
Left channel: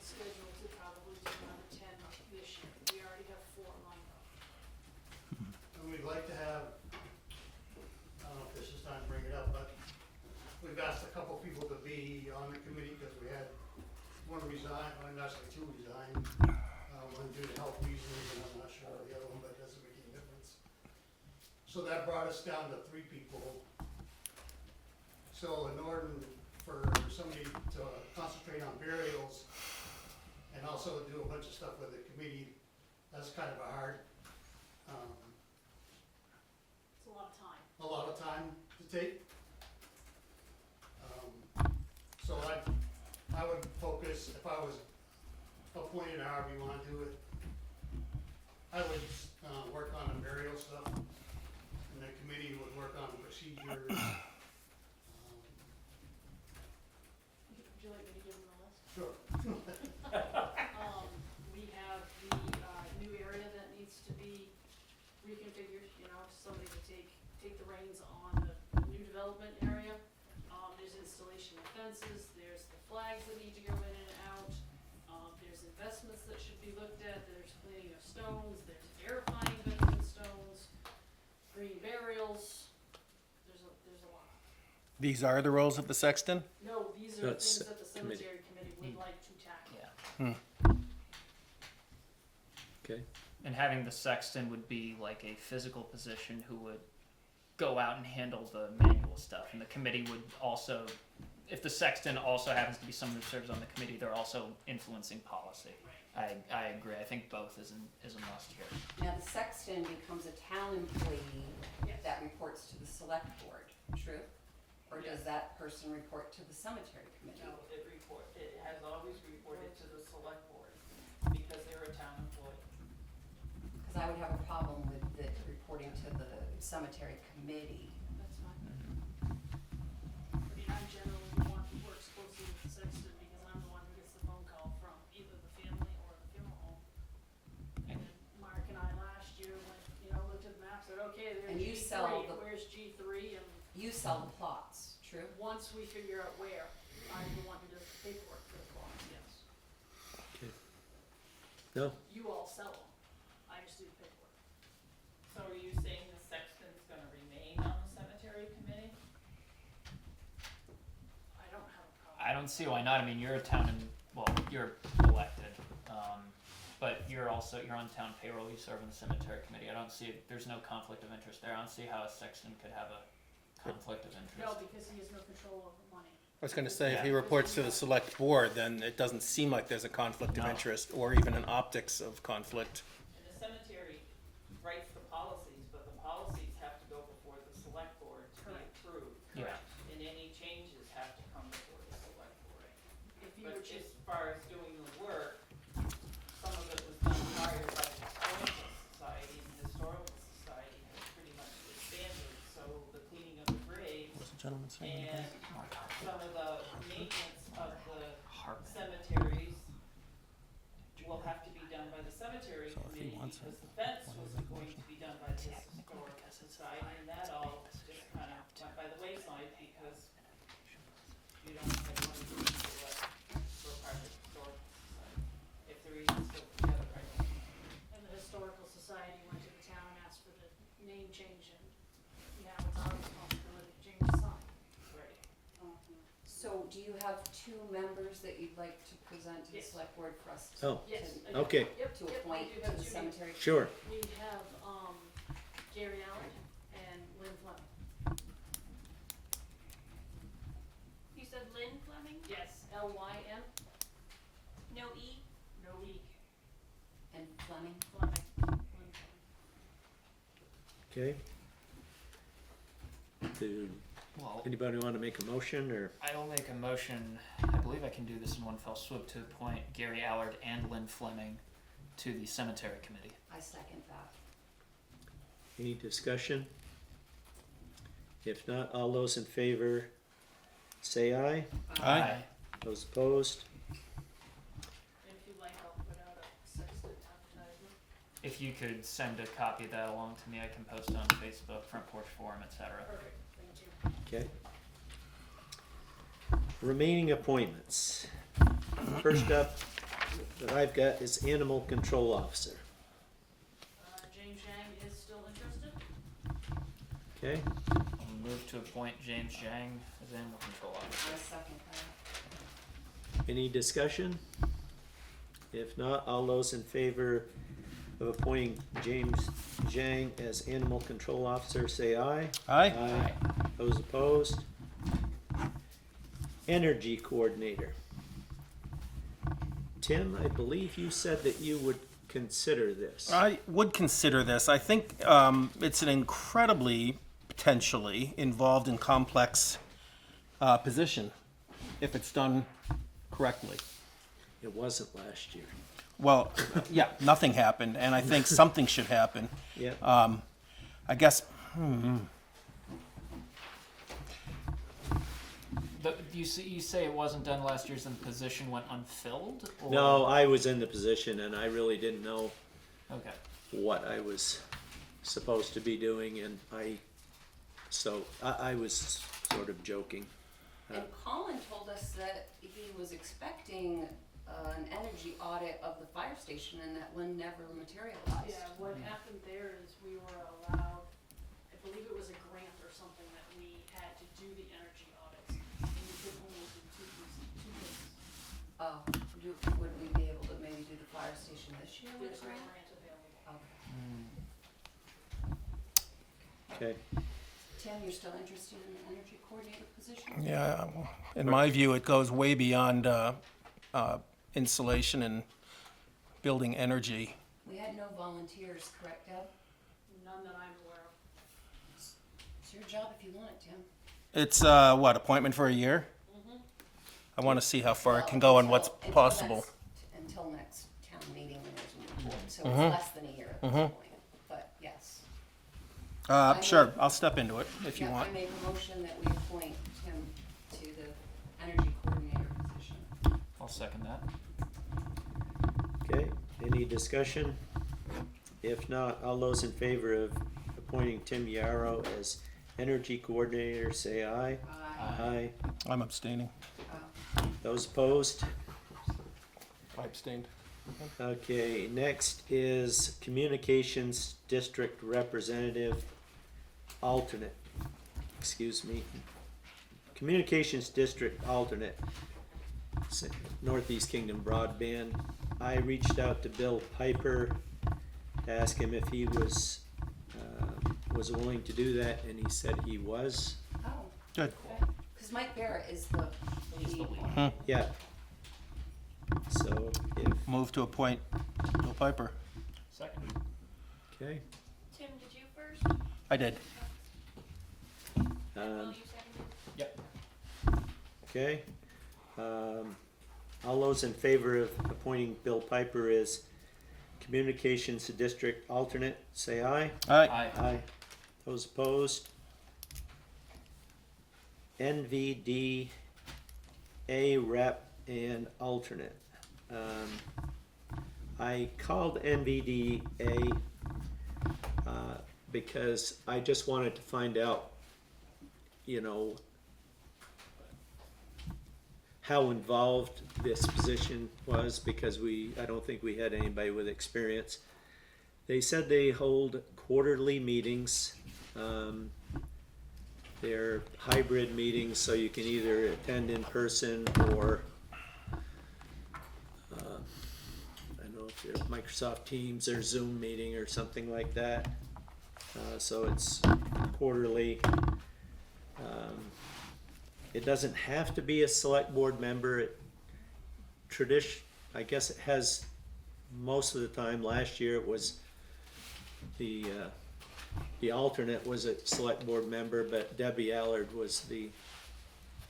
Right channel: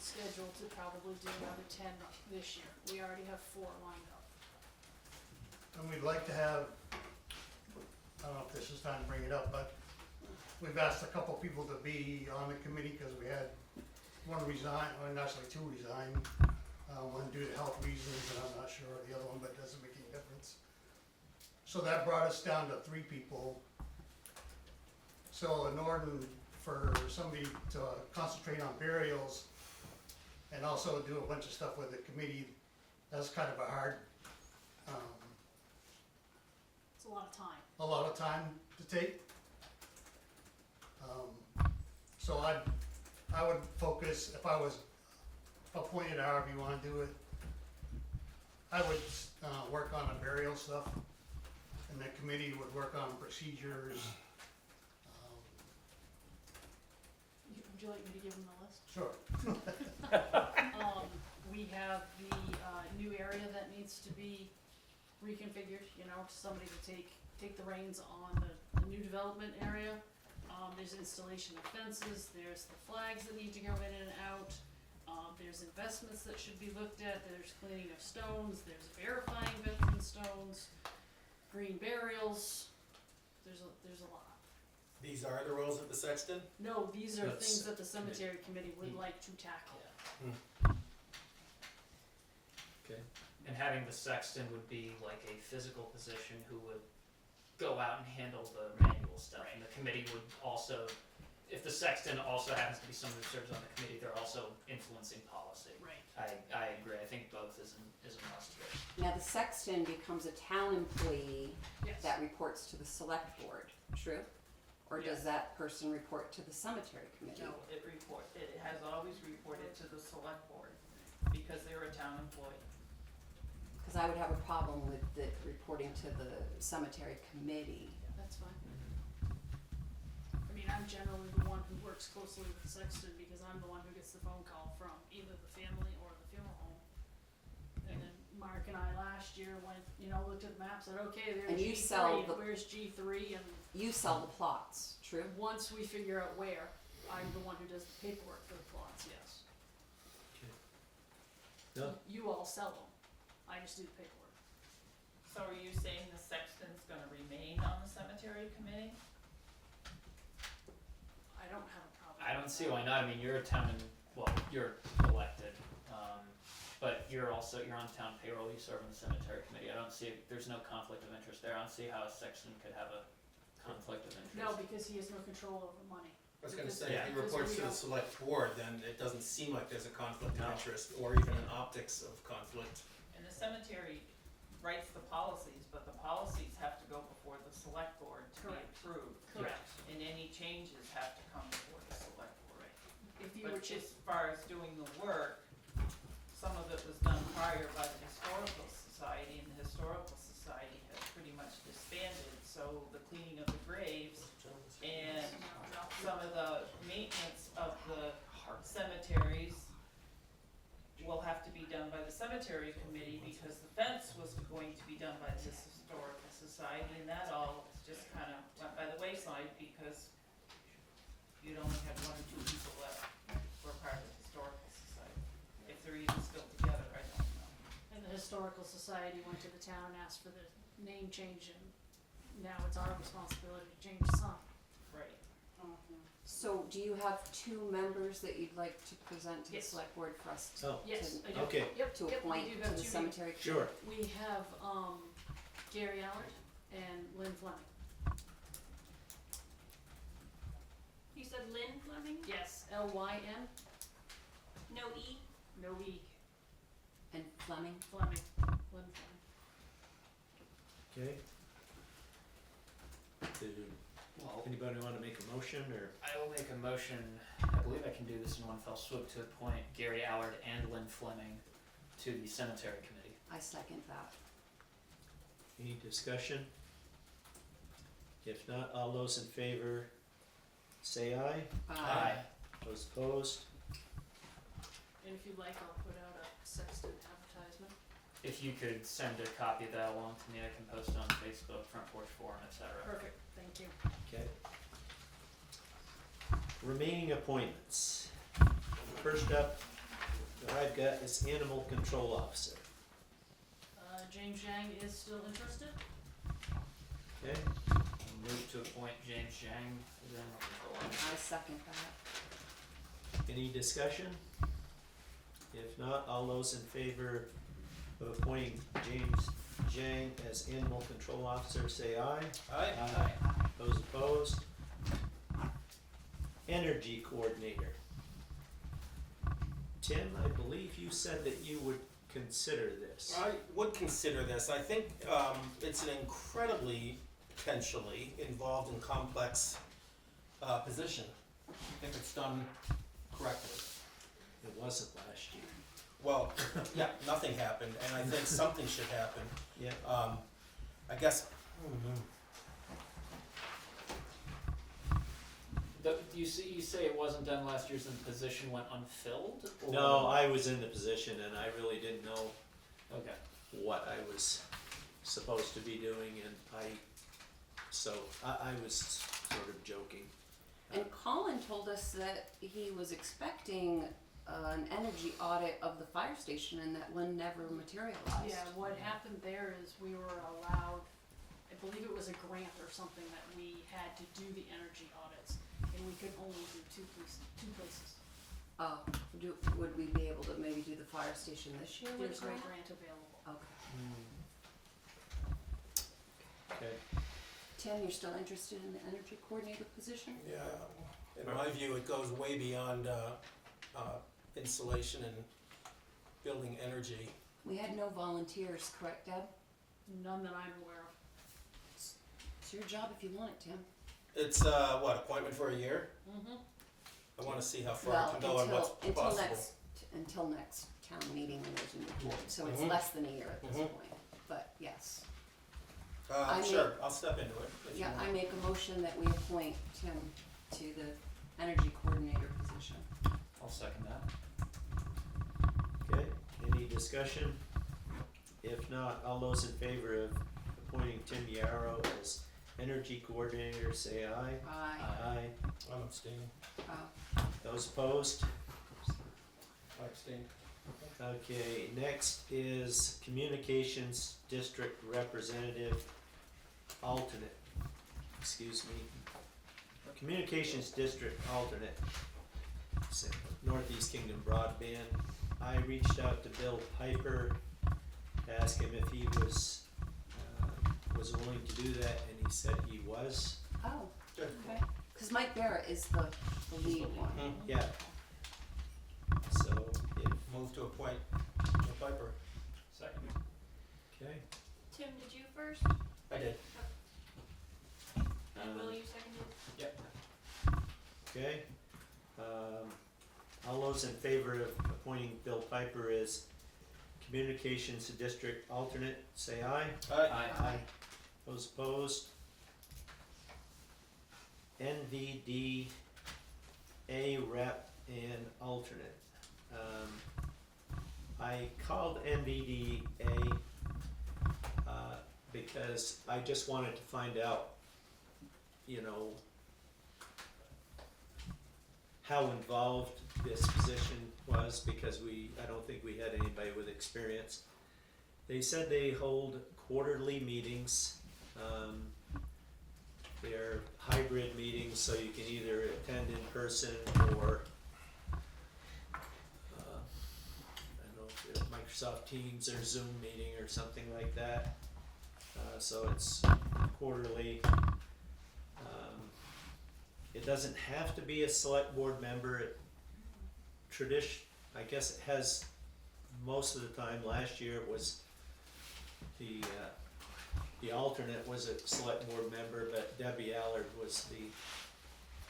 schedule to probably do another 10 this year. We already have 4 lined up. And we'd like to have, I don't know if this is time to bring it up, but we've asked a couple people to be on the committee because we had one resign, well, actually 2 resign. One due to health reasons, and I'm not sure of the other one, but it doesn't make any difference. So that brought us down to 3 people. So in order for somebody to concentrate on burials and also do a bunch of stuff with the committee, that's kind of a hard, It's a lot of time. a lot of time to take. So I would focus, if I was appointed, however you wanna do it, I would, work on the burial stuff, and the committee would work on procedures. Would you like me to give them the list? Sure. We have the new area that needs to be reconfigured, somebody to take the reins on the new development area. There's installation of fences, there's the flags that need to go in and out, there's investments that should be looked at, there's cleaning of stones, there's verifying veteran stones, green burials, there's a lot. These are the roles of the sexton? No, these are That's things that the committee. cemetery committee would like to tackle. okay, And having the sexton would be like a physical position who would go out and handle the manual stuff, and the committee would also if the sexton also happens to be someone who serves on the committee, they're also influencing policy. Right. I agree. I think both is a must here. Now, the sexton becomes a town employee Yes. that reports to the select board, true? Or does that person report to the cemetery committee? No, it has always reported to the select board, because they're a town employee. Because I would have a problem with it reporting to the cemetery committee. That's fine. I mean, I'm generally the one who works closely with the sexton because I'm the one who gets the phone call from either the family or the funeral home. And then Mark and I last year went, looked at the map, said, okay, there's And you G3, sell the- where's G3? And You sell the plots, true? once we figure out where, I'm the one who does the paperwork for the plots, yes. No? You all sell them, I just do the paperwork. So are you saying the sexton's gonna remain on the cemetery committee? I don't have a problem. I don't see why not. I mean, you're a town you're elected, but you're on town payroll. You serve on the cemetery committee. I don't see, there's no conflict of interest there. I don't see how a sexton could have a conflict of interest. No, because he has no control over money. I was gonna say, if he Yeah. reports to the select board, then it doesn't seem like there's a conflict of No. interest, or even an optics of conflict. And the cemetery writes the policies, but the policies have to go before the select board to be Correct. approved. Correct. And any changes have to come before the select board. If you were But to, as far as doing the work, some of it was done prior by the historical society, and the historical society has pretty much disbanded, so the cleaning of the graves and some of the maintenance of the cemeteries will have to be done by the cemetery committee, because the fence was going to be done by the historical society, and that all just kind of went by the wayside, because you only had one or two people that were part of the historical society. If they're even still together, I don't know. and the historical society went to the town, asked for the name change, and now it's our responsibility to change the sign. Right. So do you have two members that you'd like to present to the Yes. select board for us Oh, Yes, I do. okay, Yep, to yep, we appoint do to have the two cemetery? sure. We have, Gary Allard and Lynn Fleming. You said Lynn Fleming? Yes, Lyn, No E? no E, And Fleming? Fleming, Lynn Fleming. Okay. Do Well, anybody want to make a motion, or? I will make a motion. I believe I can do this in one fell swoop to appoint Gary Allard and Lynn Fleming to the cemetery committee. I second that. Any discussion? If not, all those in favor say aye. Aye. Those opposed? And if you'd like, I'll put out a sexton advertisement. If you could send a copy of that along to me, I can post it on Facebook, Front Porch Forum, etc. Perfect, thank you. Okay. Remaining appointments. First up that I've got is Animal Control Officer. James Yang is still interested. Okay, I'll move to appoint James Zhang as animal control officer. I second that. any discussion? If not, all those in favor of appointing James Zhang as Animal Control Officer say aye. Aye? Those opposed? Energy Coordinator. Tim, I believe you said that you would consider this. I would consider this. I think it's an incredibly, potentially, involved and complex position, if it's done correctly. It wasn't last year. Well, yeah, nothing happened, and I think something should happen. Yeah. I guess, You say it wasn't done last year, so the position went unfilled? Or? No, I was in the position and I really didn't know Okay. what I was supposed to be doing, and so I was sort of joking. And Colin told us that he was expecting an energy audit of the fire station and that one never materialized. Yeah, what happened there is we were allowed, I believe it was a grant or something that we had to do the energy audits, and we could only do two places. Oh, would we be able to maybe do the fire station this year with There's a no grant? grant available. Okay. Okay. Tim, you're still interested in the energy coordinator position? Yeah, in my view, it goes way beyond insulation and building energy. We had no volunteers, correct, Deb? None that I'm aware of. It's your job if you want it, Tim. It's what, appointment for a year? Mm-hmm. I want to see how far Well, it can go and what's until possible. Until next town meeting when there's a new board, so Mhm. it's less than a year at this Mhm. point, but yes. I Sure, mean- I'll step into it if you Yeah, I want. make a motion that we appoint Tim to the energy coordinator position. I'll second that. Okay, any discussion? If not, all those in favor of appointing Tim Yarrow as energy coordinator, say aye. Aye. Aye. I'm abstaining. Those opposed? I abstained. Okay, next is communications district representative alternate. Excuse me. Communications district alternate. Northeast Kingdom Broadband. I reached out to Bill Piper to ask him if he was willing to do that, and he said he was. Oh, Good. okay. Cause Mike Barrett is the lead one. Yeah. So if Move to appoint Bill Piper. Second. okay. Tim, did you first? I did. And Will, you seconded? Yep. Okay. All those in favor of appointing Bill Piper as communications district alternate, say aye. Aye. Aye. Those opposed? NVDA rep and alternate. I called NVDA because I just wanted to find out, you know, how involved this position was, because I don't think we had anybody with experience. They said they hold quarterly meetings. They're hybrid meetings, so you can either attend in person or I don't know if you're Microsoft Teams or Zoom meeting or something like that. So it's quarterly. It doesn't have to be a select board member. I guess it has most of the time. Last year it was the alternate was a select board member, but Debbie Allard was the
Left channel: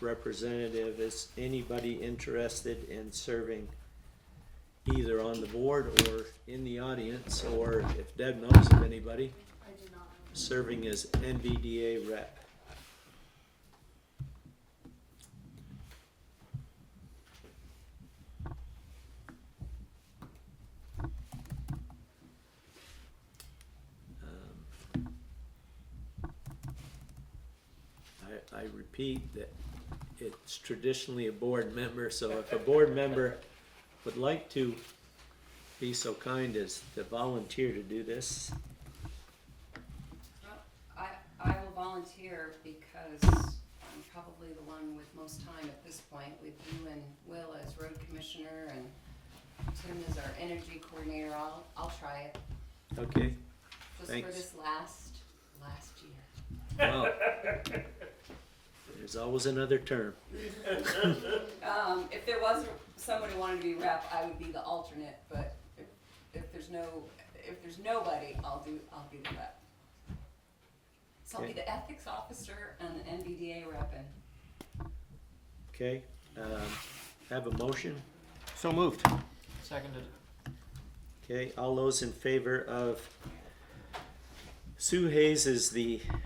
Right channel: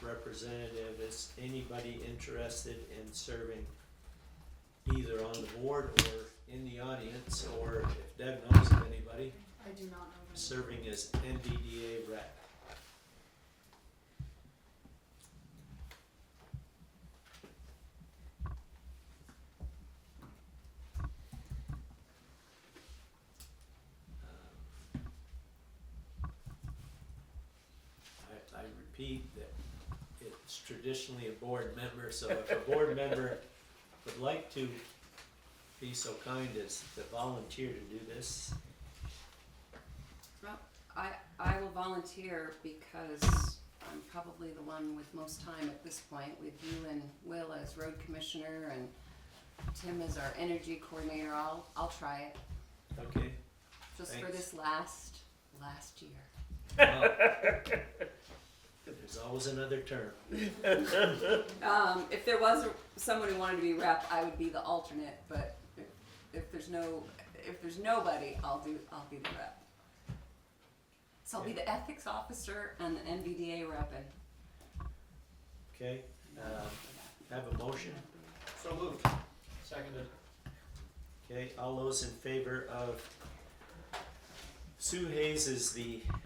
representative. Is anybody interested in serving either on the board or in the audience, or if Deb knows of anybody, I do not know. serving as NVDA rep? I repeat that it's traditionally a board member, so if a board member would like to be so kind as to volunteer to do this, Well, I will volunteer because I'm probably the one with most time at this point, with you and Will as road commissioner and Tim as our energy coordinator. I'll try it, okay? just Thanks. for this last year. Well, there's always another term. If there was someone who wanted to be rep, I would be the alternate, but if there's nobody, I'll be the rep. So I'll be Okay. the ethics officer and the NVDA rep, and Okay, have a motion? So moved. Seconded. Okay, all those in favor of Sue Hayes as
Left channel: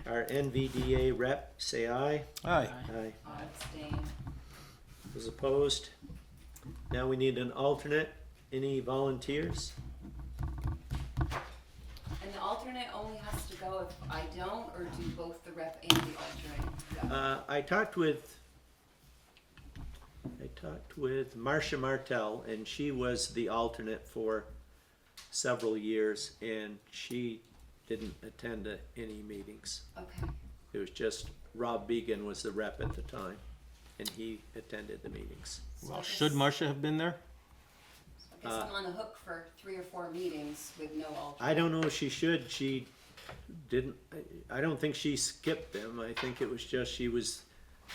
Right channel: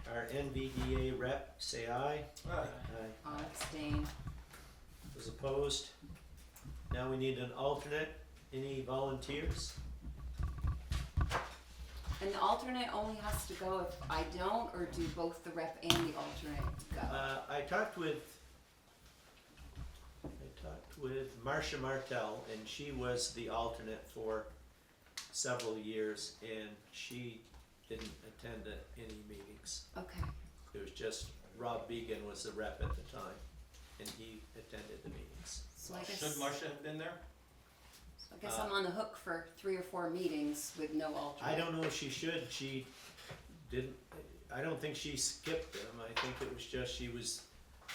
our NVDA rep, say aye. Aye. Aye. I'll abstain. Those opposed? Now we need an alternate. Any volunteers? And the alternate only has to go if I don't, or do both the rep and the alternate go? I talked with Marcia Martell, and she was the alternate for several years, and she didn't attend any meetings. Okay, It was just Rob Began was the rep at the time, and he attended the meetings. so I guess, Should Marcia have been there? so I guess I'm on the hook for 3 or 4 meetings with no alternate. I don't know if she should. I don't think she skipped them. I think it was just she was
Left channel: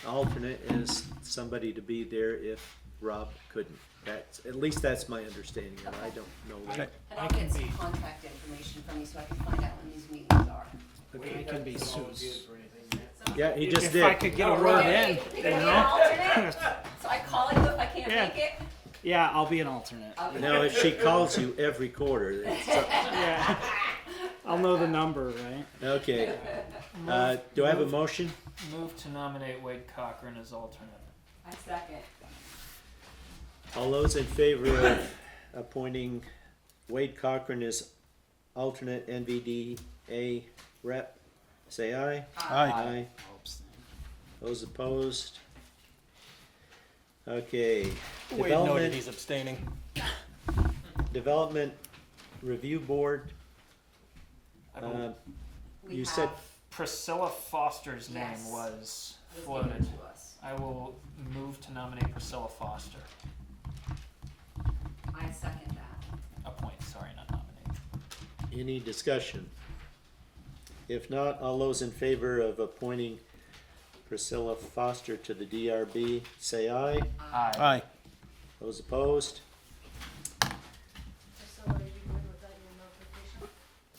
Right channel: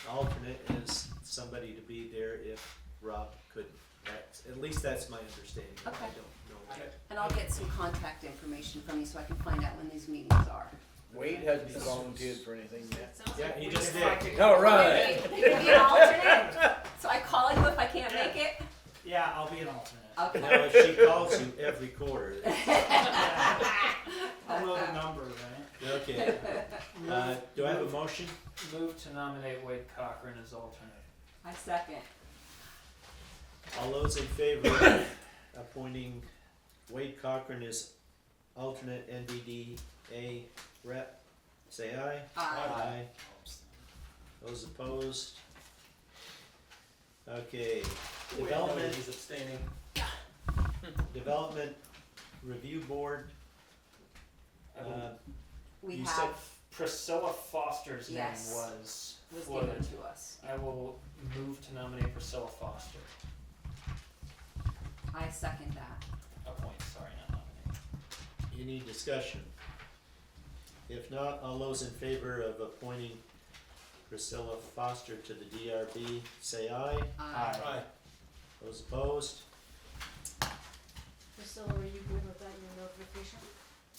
alternate as somebody to be there if Rob couldn't. At least that's my understanding, and I don't know. Okay. And I'll get some contact information from you so I can find out when these meetings are. Wade hasn't volunteered for anything yet. Yeah, he just If I did. could No, get right. Ron in. You can be an alternate? So I call you if I can't Yeah. make it? Yeah, I'll be an alternate. Okay. Now, if she calls you every quarter, Yeah. I'll know the number, right? okay. Do I have a motion? Move to nominate Wade Cochran as alternate. I second. All those in favor of appointing Wade Cochran as alternate NVDA rep, say aye. Aye. Those opposed? Okay. Wade noted he's abstaining. Development Review Board. I will- We You have, said- Priscilla Foster's name Yes. was was floated. given to us. I will move to nominate Priscilla Foster. I second that. Appoint, sorry, not nominate. Any discussion? If not, all those in favor of appointing Priscilla Foster to the DRB, say aye. Aye. Those opposed? Priscilla, are you good with that, your notification?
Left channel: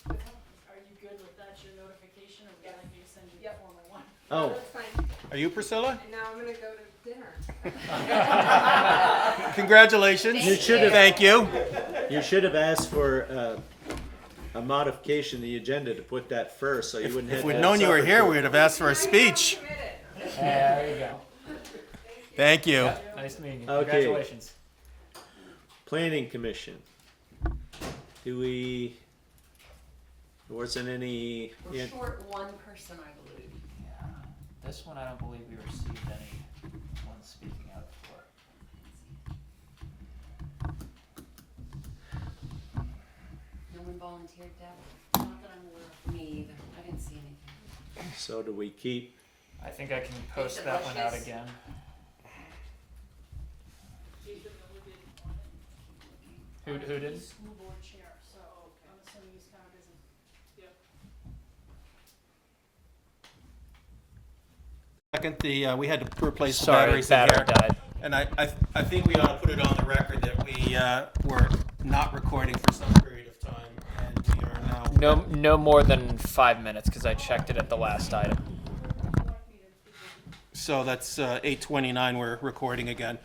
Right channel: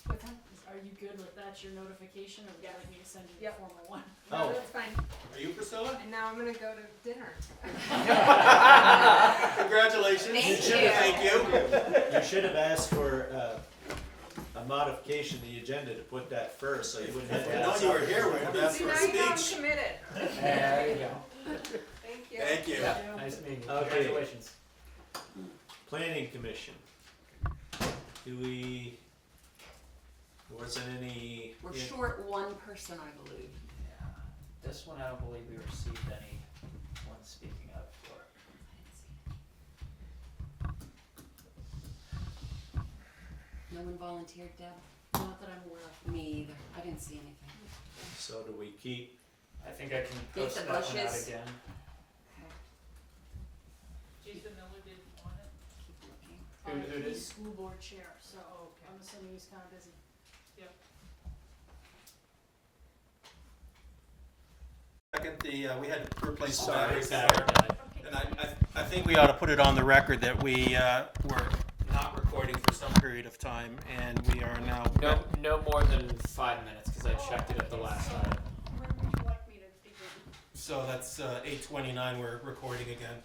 What's that? Are you good with that, your notification, or would you like me to send you the Yep. formal one? Oh, That's fine. Are you Priscilla? And now I'm gonna go to dinner. Congratulations. Thank You should have- Thank you. you should have asked for a modification of the agenda to put that first, so you wouldn't have If to we'd have known you were supper here, for- we'd have asked for a Now you know I'm speech. committed. There you go. Thank you. Thank you. Nice meeting you. Okay. Congratulations. Planning Commission. Do we, wasn't any, We're short one person, I believe. Yeah. This one I don't believe we received anyone speaking up for. No one volunteered, Deb? Not that I'm aware of. Me either. I didn't see anything. so do we keep, I think I can Beat post the that one out bushes. again. Jason Miller didn't want it. Keep looking. Who did? He's school board chair, so Okay. I'm assuming he's kind of busy. Second, we had to replace the Sorry, batteries in battery here. died. And I think we ought to put it on the record that we were not recording for some period of time, and we are now. No more than 5 minutes because I checked it at the last item. Where would you like me to begin? So that's 8:29. We're recording again.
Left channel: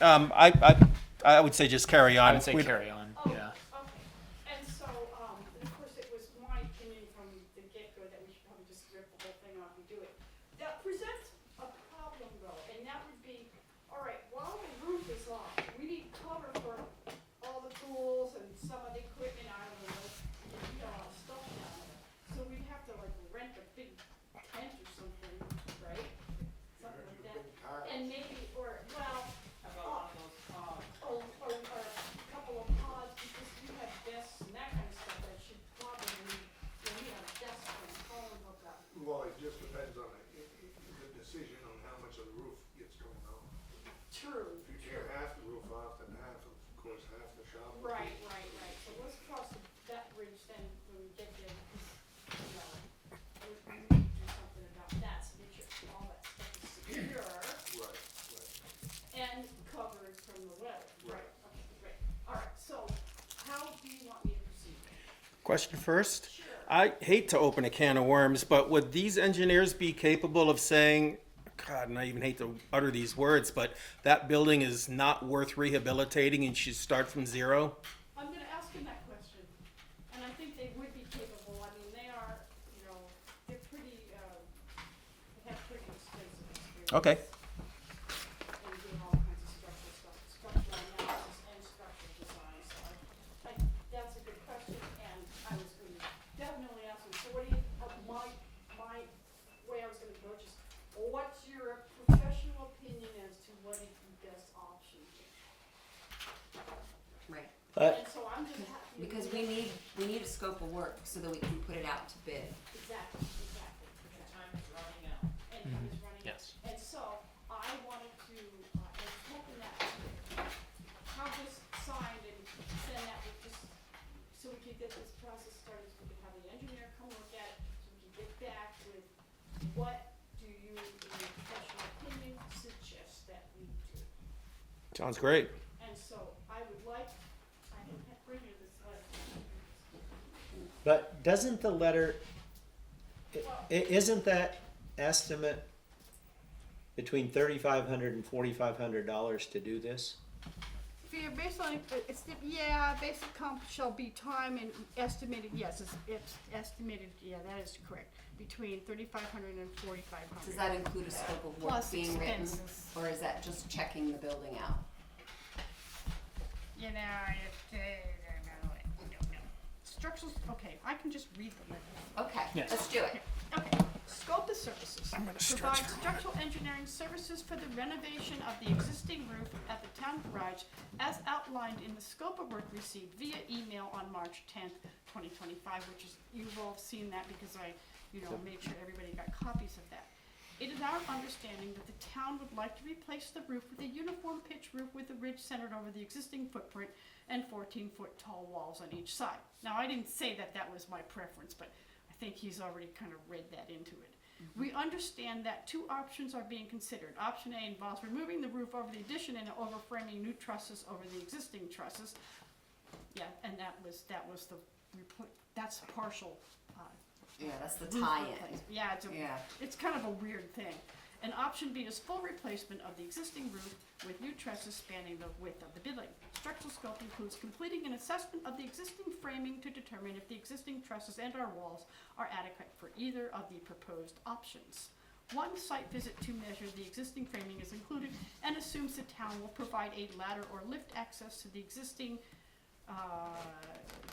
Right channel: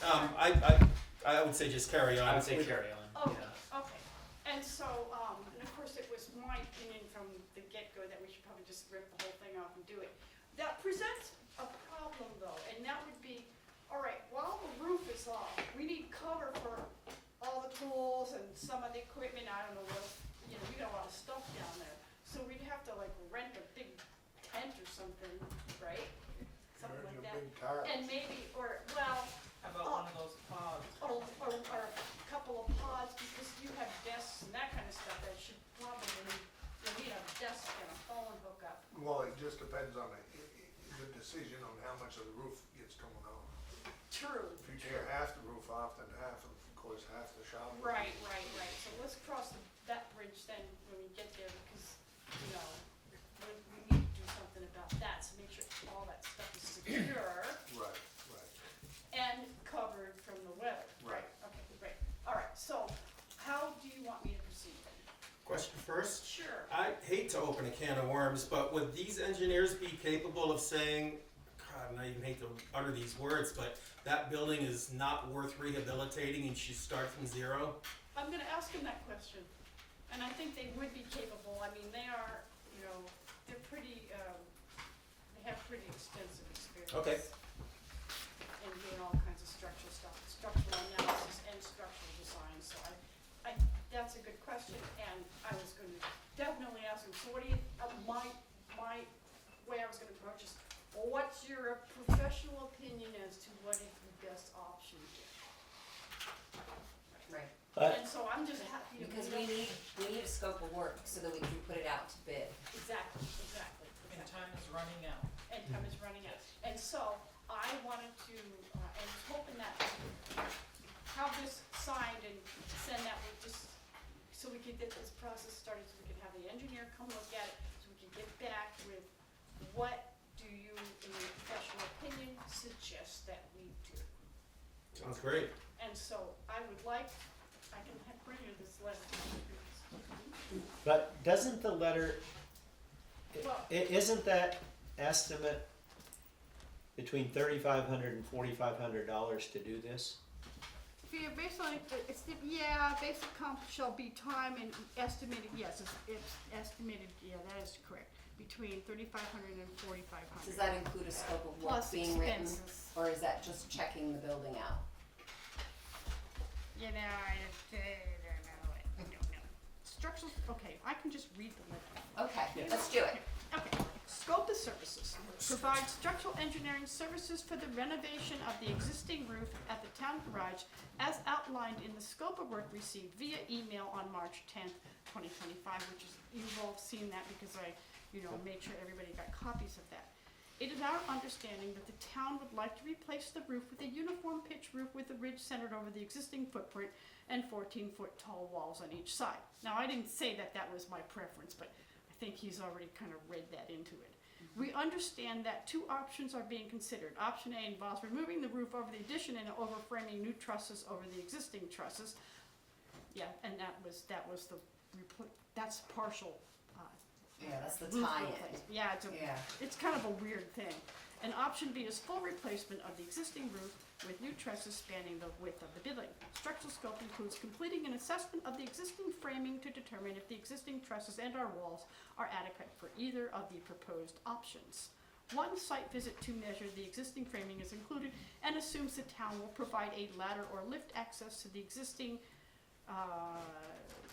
I would say just carry on. I would say We- carry on. Oh, Yeah. okay. And so, and of course, it was my opinion from the get-go that we should probably just rip the whole thing off and do it. That presents a problem though, and that would be, all right, while the roof is off, we need cover for all the tools and some of the equipment, I don't know, we got a lot of stuff down there. So we'd have to like rent a big tent or something, right? Something like that. And maybe, or, well, How about one of those pods? or a couple of pods, because you have desks and that kind of stuff, that should probably need, we have desks and a phone hookup. Well, it just depends on the decision on how much of the roof gets torn off. True. If you tear half the roof off, then half, of course, half the shop. will be- Right. So let's cross that bridge then when we get there, because, we need to do something about that, so make sure all that stuff is secure Right. and covered from the weather. Right. Okay, great. All right, so how do you want me to proceed? Question first. Sure. I hate to open a can of worms, but would these engineers be capable of saying, God, and I even hate to utter these words, but that building is not worth rehabilitating and should start from zero? I'm gonna ask him that question, and I think they would be capable. I mean, they are, they're pretty, they have pretty extensive experience. Okay. And doing all kinds of structural analysis and structural design, so that's a good question, and I was gonna definitely ask him, so what do you, my way I was gonna approach is, well, what's your professional opinion as to what is the best option here? Right. And so I'm just happy to. Because we need a scope of work so that we can put it out to bid. Exactly. And time is running out. And time is running out. And so I wanted to, and was hoping that have this signed and send that with just, so we could get this process started, so we could have the engineer come look at it, so we can get back with what do you, in your professional opinion, suggest that we do? Sounds great. And so I would like, I can bring you this letter. But doesn't the letter, Well- isn't that estimate between $3,500 and $4,500 to do this? Based on, it's, yeah, basic comp shall be time and estimated, yes, it's estimated, yeah, that is correct, between 3,500 and 4,500. Does that include a scope of work Plus being written, expenses. or is that just checking the building out? You know, I don't know. Structural, okay, I can just read the letter. Okay, let's do it. Okay, scope of services. Provide structural engineering services for the renovation of the existing roof at the town garage as outlined in the scope of work received via email on March 10th, 2025, which is, you've all seen that because I, made sure everybody got copies of that. It is our understanding that the town would like to replace the roof with a uniform pitch roof with a ridge centered over the existing footprint and 14-foot tall walls on each side. Now, I didn't say that that was my preference, but I think he's already kind of read that into it. We understand that two options are being considered. Option A involves removing the roof over the addition and overframing new trusses over the existing trusses. Yeah, and that's partial. Yeah, that's the Roof tie-in. replacement. Yeah, it's kind of a weird thing. And option B is full replacement of the existing roof with new trusses spanning the width of the building. Structural scope includes completing an assessment of the existing framing to determine if the existing trusses and our walls are adequate for either of the proposed options. One site visit to measure the existing framing is included and assumes the town will provide a ladder or lift access to the existing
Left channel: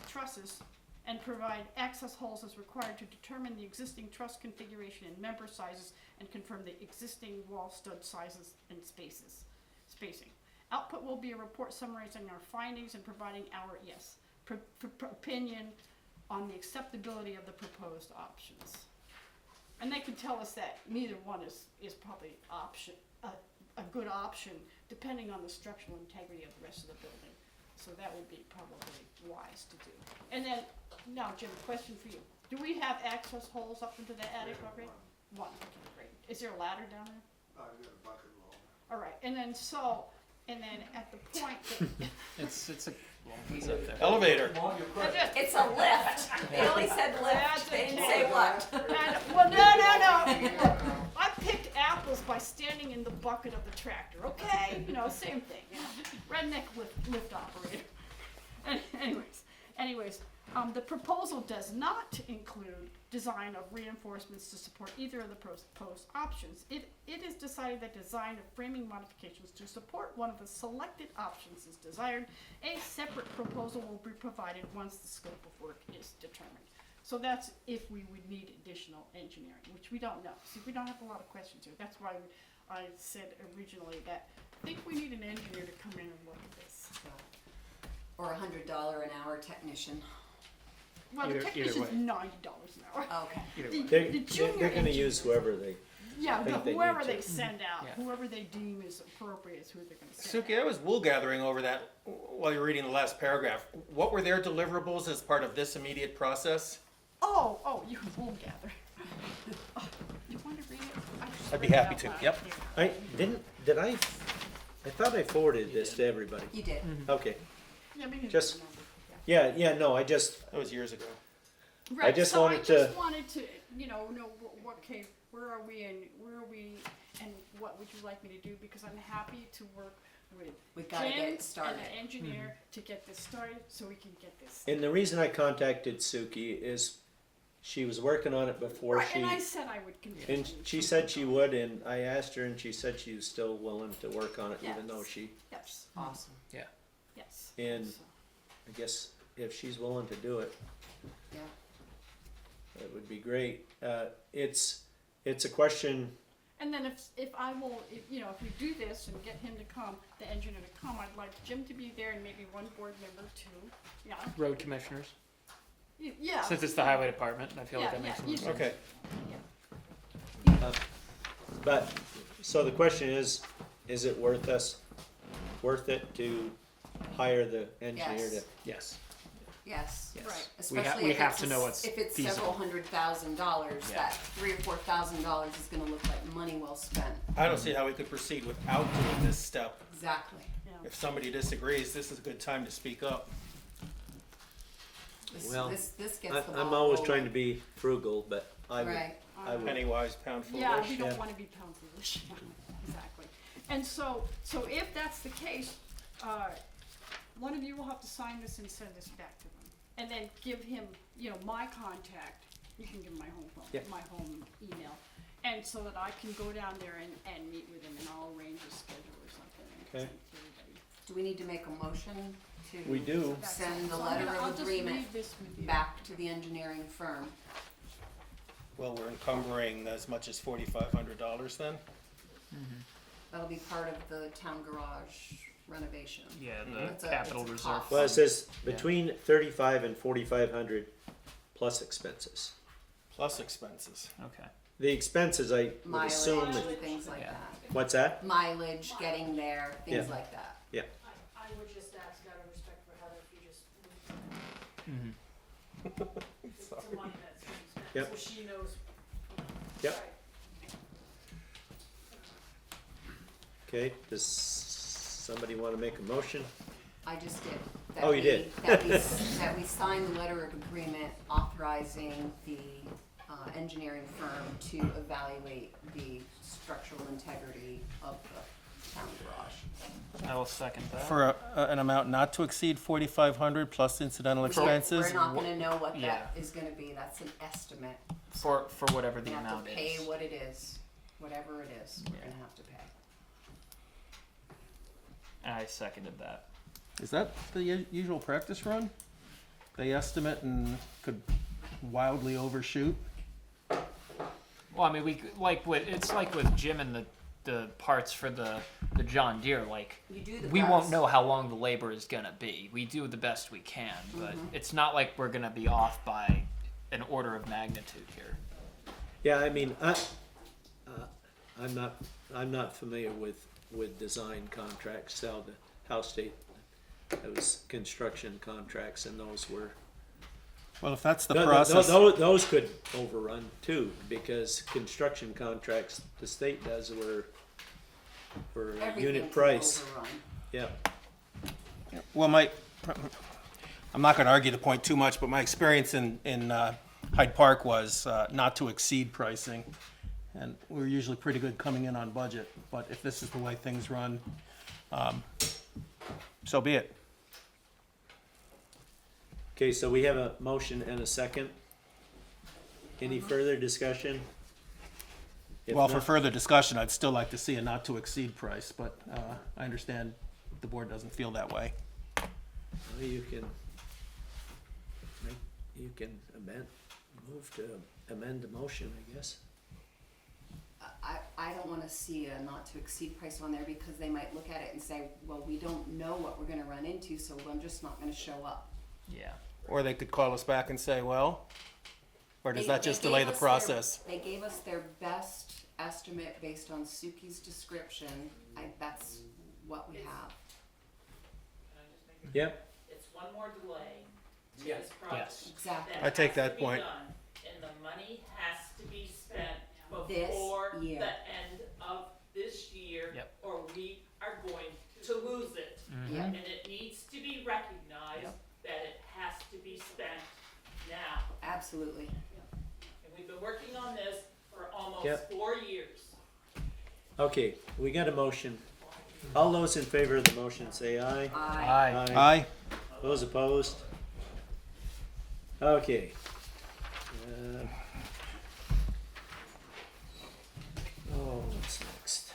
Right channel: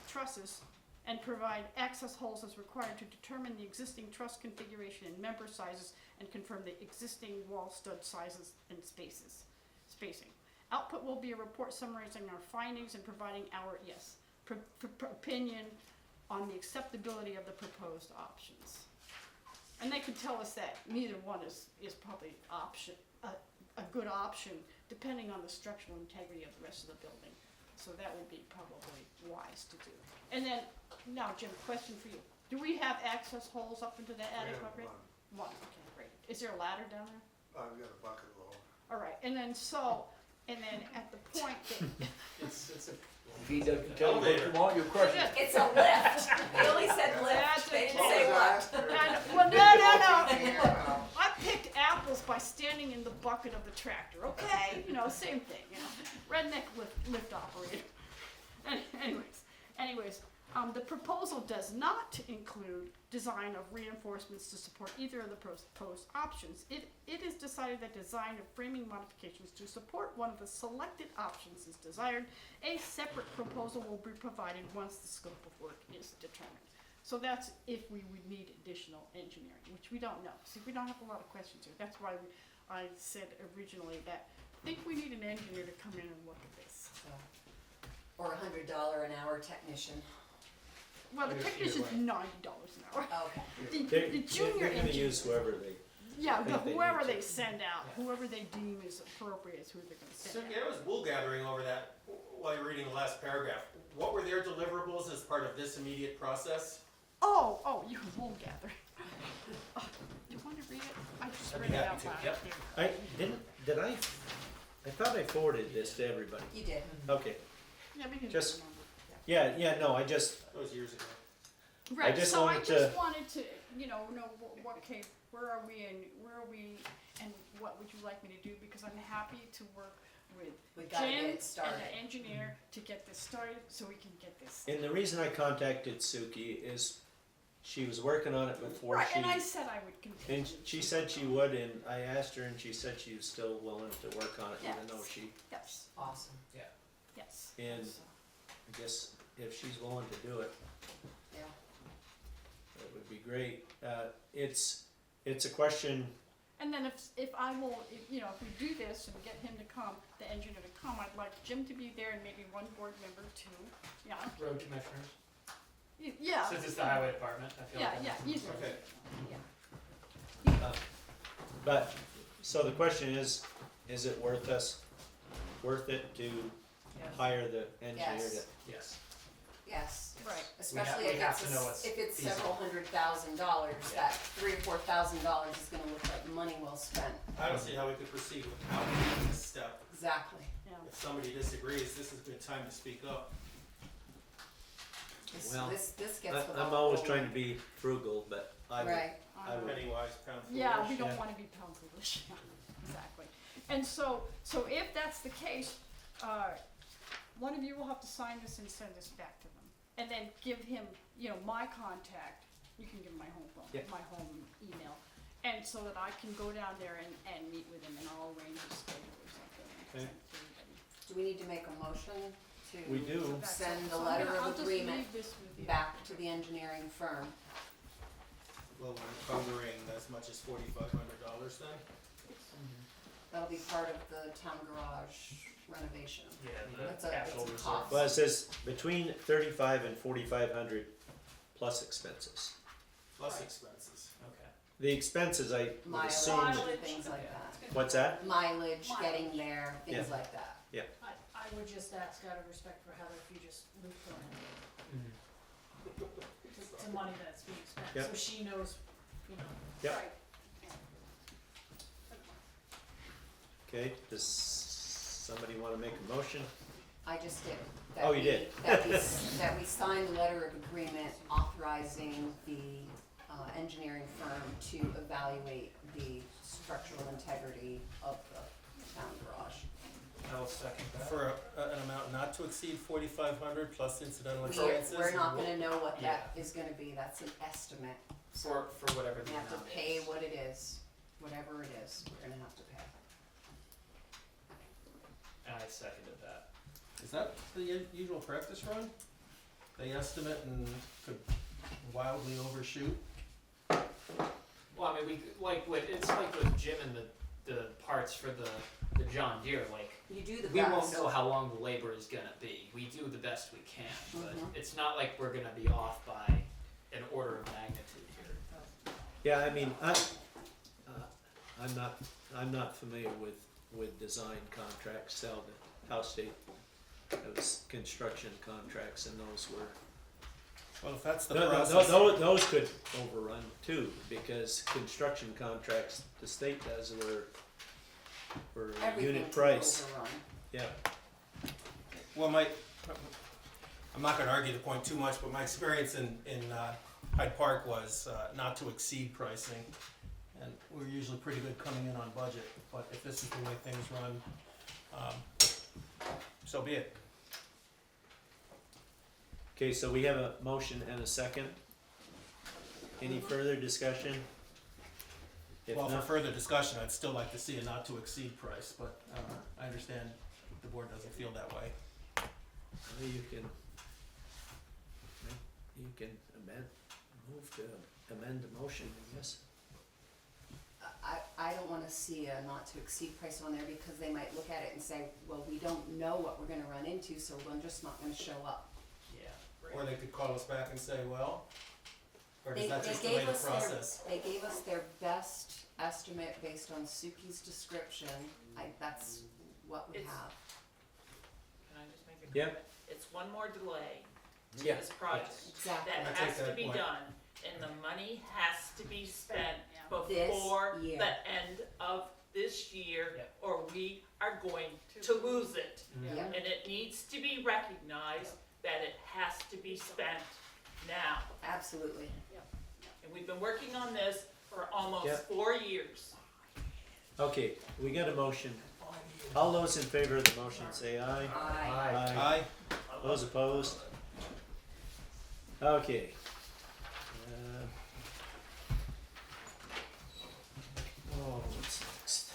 trusses and provide access holes as required to determine the existing truss configuration and member sizes and confirm the existing wall stud sizes and spacing. Output will be a report summarizing our findings and providing our, opinion on the acceptability of the proposed options. And they can tell us that neither one is probably a good option, depending on the structural integrity of the rest of the building. So that would be probably wise to do. And then, now Jim, question for you. Do we have access holes up into the attic already? One, okay, great. Is there a ladder down there? I've got a bucket load. All right, and then at the point that, It's a. Elevator. Come on, you crush it. It's a lift. They only said That's lift, they didn't okay. say what. well, no. Look, I picked apples by standing in the bucket of the tractor, okay? Same thing, redneck lift operator. Anyways, the proposal does not include design of reinforcements to support either of the proposed options. It is decided that design of framing modifications to support one of the selected options is desired. A separate proposal will be provided once the scope of work is determined. So that's if we would need additional engineering, which we don't know. See, we don't have a lot of questions here. That's why I said originally that I think we need an engineer to come in and look at this. Or $100 an hour technician. Well, the Either technician's way. $90 an hour. Okay. The junior They're gonna engineer- use whoever they, Yeah, think they whoever need they to. send out, Yeah. whoever they deem is appropriate is who they're gonna send Suki, out. I was wool gathering over that while you're reading the last paragraph. What were their deliverables as part of this immediate process? Oh, you won't gather. You want to read it? I just I'd be read it happy out to, loud. yep. I thought I forwarded this to everybody. You did. Okay, Yeah, maybe you Just- remember. That was years ago. Right, just so wanted I just to- wanted to, know okay, where are we and what would you like me to do? Because I'm happy to work with We gotta get Jim it and started. the engineer to get this started so we can get this. and the reason I contacted Suki is she was working on it before Right, she, and I said I would continue. and she said she would, and I asked her and she said she was still willing to work on it even though Yes. she, Yes, Awesome. yes. and So- I guess if she's willing to do it, Yeah. that would be great. It's a question, And then if I will, if we do this and get him to come, the engineer to come, I'd like Jim to be there and maybe one board member too. Yeah. Road commissioners. Yeah. Since it's the highway department, I feel like that Yeah, makes yeah, sense. Okay. but, so the question is it worth it to hire the engineer to? Yes. Yes. Yes. Right. Especially we if have it's, to know what's if it's feasible. several $100,000, Yeah. that $3,000 or $4,000 is gonna look like money well spent. I don't see how we could proceed without doing this step. Exactly. If somebody disagrees, this is a good time to speak up. Well, This gets the I'm ball always rolling. trying to be frugal, but I would, Right. I would. Penny wise, pound foolish. Yeah, we don't Yeah. wanna be pound foolish, yeah, exactly. And so if that's the case, one of you will have to sign this and send this back to them. And then give him, my contact, you can give him my home phone, Yep. my home email. And so that I can go down there and meet with him and I'll arrange a schedule or something and Okay. send it to everybody. Do we need to make a motion to? We do. That's Send all. the So letter I'll of just agreement leave this with you. back to the engineering firm. Well, we're encumbering as much as $4,500 then? That'll be part of the town garage renovation. Yeah, It's the a- capital it's a reserve. cost. Well, it says between 35 and 4,500 plus expenses. Plus expenses. Okay. The expenses, I would Mileage assume, and things like Yeah. that. what's that? Mileage, getting there, things Yeah. like that. I would just ask out of respect for Heather if you just moved on to money that's being spent, Yep. so she knows, Yep. Right. Okay, does somebody wanna make a motion? I just did. Oh, you did. That we signed the letter of agreement authorizing the engineering firm to evaluate the structural integrity of the town garage. I will second that. For an amount not to exceed 4,500 plus incidental expenses? We're not gonna know what Yeah. that is gonna be, that's an estimate. For whatever the We have amount to pay is. what it is, whatever it is, we're gonna have to pay. And I seconded that. Is that the usual practice run? They estimate and could wildly overshoot? Well, I mean, it's like with Jim and the parts for the John Deere, like, You do the we best. won't know how long the labor is gonna be. We do the best we can, but it's not like we're gonna be off by an order of magnitude here. Yeah, I mean, I'm not familiar with design contracts, sell the house state. It was construction contracts and those were. Well, if that's the No, process. those could overrun too, because construction contracts, the state does were Everything unit can price, overrun. yeah. Well, I'm not gonna argue the point too much, but my experience in Hyde Park was not to exceed pricing. And we're usually pretty good coming in on budget, but if this is the way things run, so be it. Okay, so we have a motion and a second. Any further discussion? If Well, for not- further discussion, I'd still like to see a not to exceed price, but I understand the board doesn't feel that way. Well, you can move to amend the motion, I guess. I don't wanna see a not to exceed price on there because they might look at it and say, well, we don't know what we're gonna run into, so we're just not gonna show up. Yeah. Or they could call us back and say, well, or does They- that they just gave delay the us their- process? They gave us their best estimate based on Suki's description, that's what we It's- have. Can I just make it? Yep, It's one more delay to Yeah. this project. Exactly. I take that That point. has to be done, and the money has to be spent This before year. the end of this year, Yep. or we are going to lose it. Yep. And it needs to be recognized that it has to be spent now. Absolutely. And we've been working on this for almost Yep. 4 years. okay, we got a motion. All those in favor of the motion say aye. I Aye. Those opposed? Okay. What's next?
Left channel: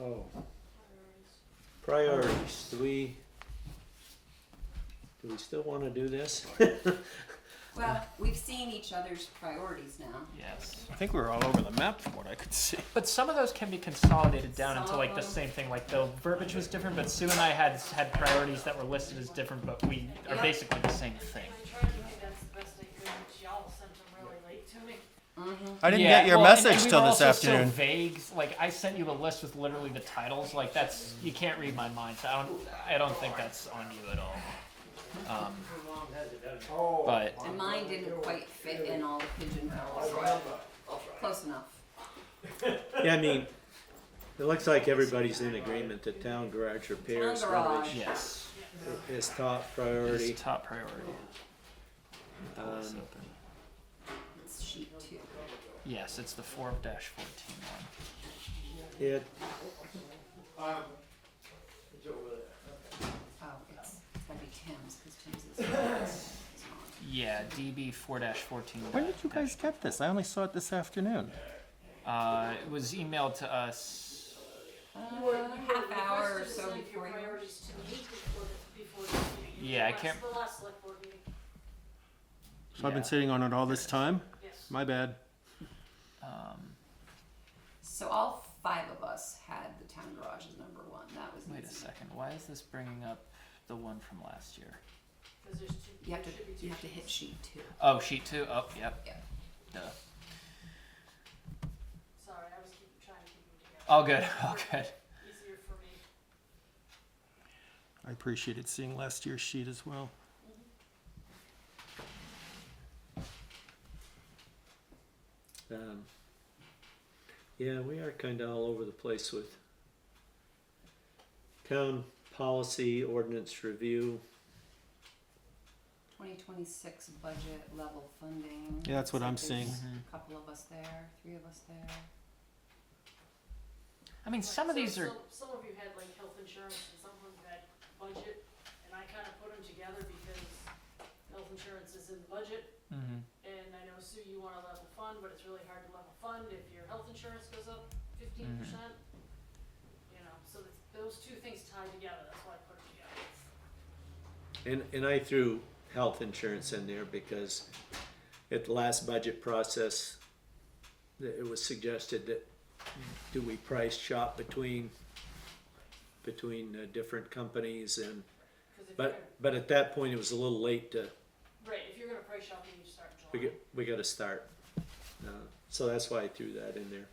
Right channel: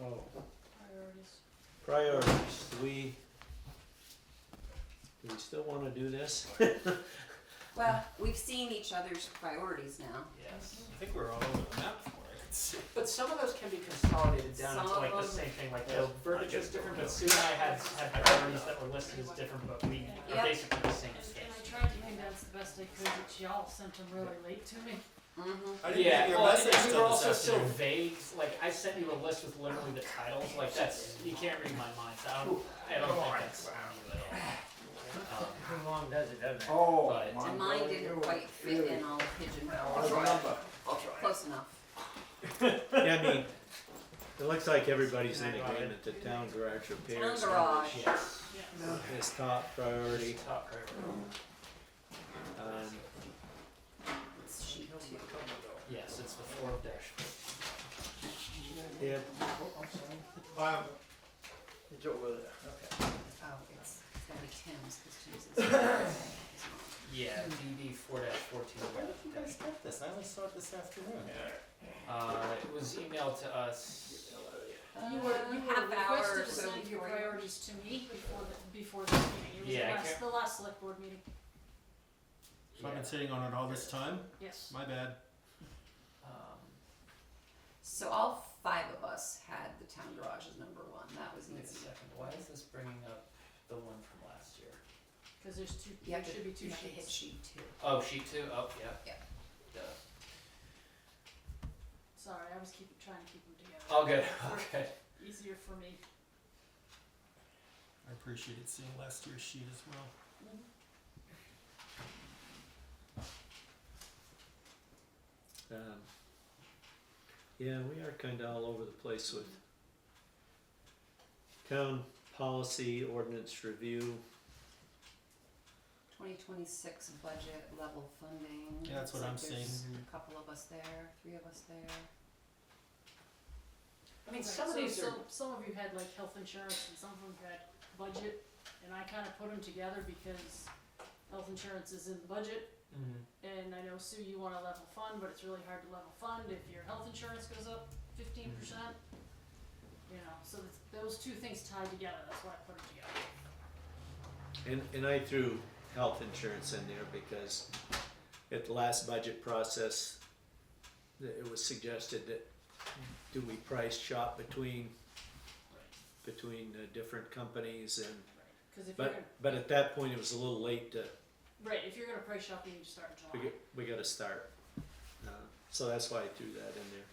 Oh. Priorities. Do we still wanna do this? Well, we've seen each other's priorities now. Yes. I think we were all over the map from what I could see. But some of those can be consolidated down Some into like of the them- same thing, like the verbiage was different, but Sue and I had priorities that were listed as different, but we are Yeah. basically the same thing. I tried to condense the best I could, but y'all sent them really late to me. I didn't Yeah, get your well, and message we till were this also afternoon. So vague. Like I sent you a list with literally the titles. Like that's you can't read my mind. So I don't think that's on you at all. I mean, it looks like everybody's in agreement that town garage repairs Town garage. coverage Yes. is top priority. It's top priority. It's sheet 2. Yes, it's the 4-14 one. It, It's over there. Oh, it's gotta be Tim's, because Tim's is on. Yeah, DB 4-14. Where did you guys get this? I only saw it this afternoon. It was emailed to us. You were Half hour or requested to so send your before yours. priorities to me before the meeting. It was Yeah, I the last- can't- The last select board meeting, So I've been sitting on it all this time? yes. My bad. So all 5 of us had the town garage as number 1. That was Wait a easy. second. Why is this bringing up the one from last year? Cause there's two, You have there should be to, two you have to hit sheets. sheet 2. Oh, sheet 2. Oh, yep. Yep. Duh. Sorry, I was trying to keep them together. All good. All good. Easier for me. I appreciated seeing last year's sheet as well. yeah, we are kinda all over the place with town policy ordinance review. 2026 budget level funding. Yeah, that's what Looks I'm like seeing. there's A couple of us there, 3 of us there. I mean, some of So- these are. so some of you had like health insurance and some of them had budget, and I kinda put them together because health insurance is in the budget. Mhm. And I know, Sue, you want a level fund, but it's really hard to level fund if your health insurance goes up 15%. You know, so those two things tied together, that's why I put them together. And I threw health insurance in there because at the last budget process, it was suggested that do we price shop between different companies and, 'Cause if you're gonna, but at that point, it was a little late to, right, if you're gonna price shop, you need to start in July. we gotta start. So that's why I threw that in there.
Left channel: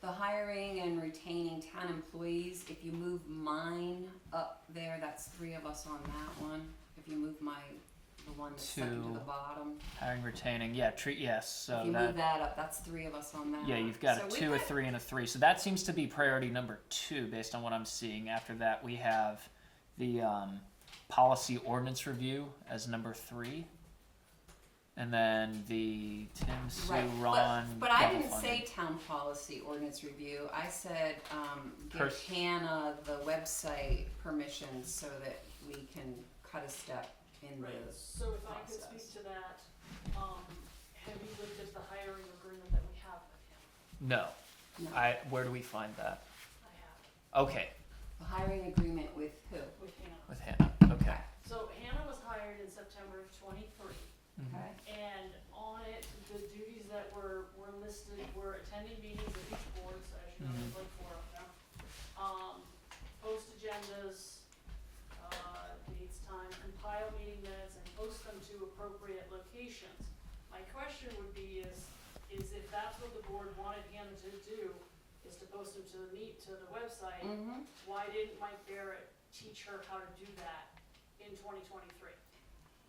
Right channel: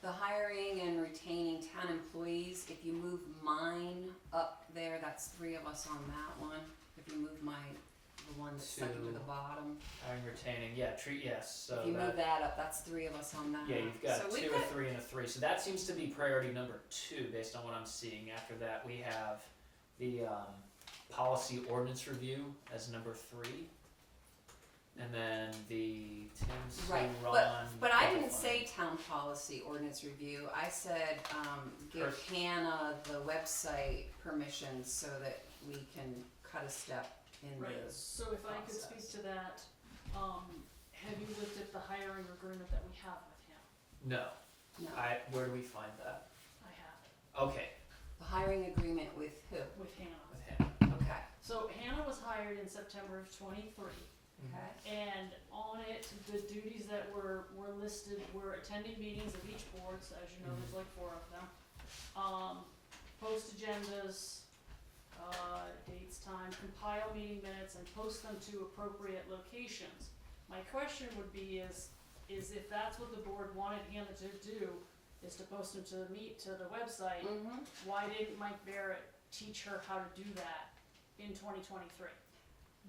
The hiring and retaining town employees, if you move mine up there, that's 3 of us on that one. If you move the one that's second to the 2. bottom, Hiring, retaining. Yeah, yes. So if you that. move that up, that's 3 of us on that. Yeah, you've got So a we've 2, a got- 3, and a 3. So that seems to be priority number 2 based on what I'm seeing. After that, we have the policy ordinance review as number 3. And then the Tim, Sue, Right, Ron. but I level didn't funding. say town policy ordinance review, I said, give Pers- Hannah the website permission so that we can cut a step in Right, the so if I could process. speak to that, have you looked at the hiring agreement that we have with him? No. No. Where do we find that? I have, Okay, The hiring agreement with who? with Hannah. with him. Okay. So Hannah was hired in September of 23. Okay, And on it, the duties that were listed were attending meetings of each board, so as you know, there's like 4 of them. Post agendas, dates, time, compile meeting minutes, and post them to appropriate locations. My question would be is if that's what the board wanted Hannah to do, is to post them to the website, mm-hmm, why didn't Mike Barrett teach her how to do that in 2023?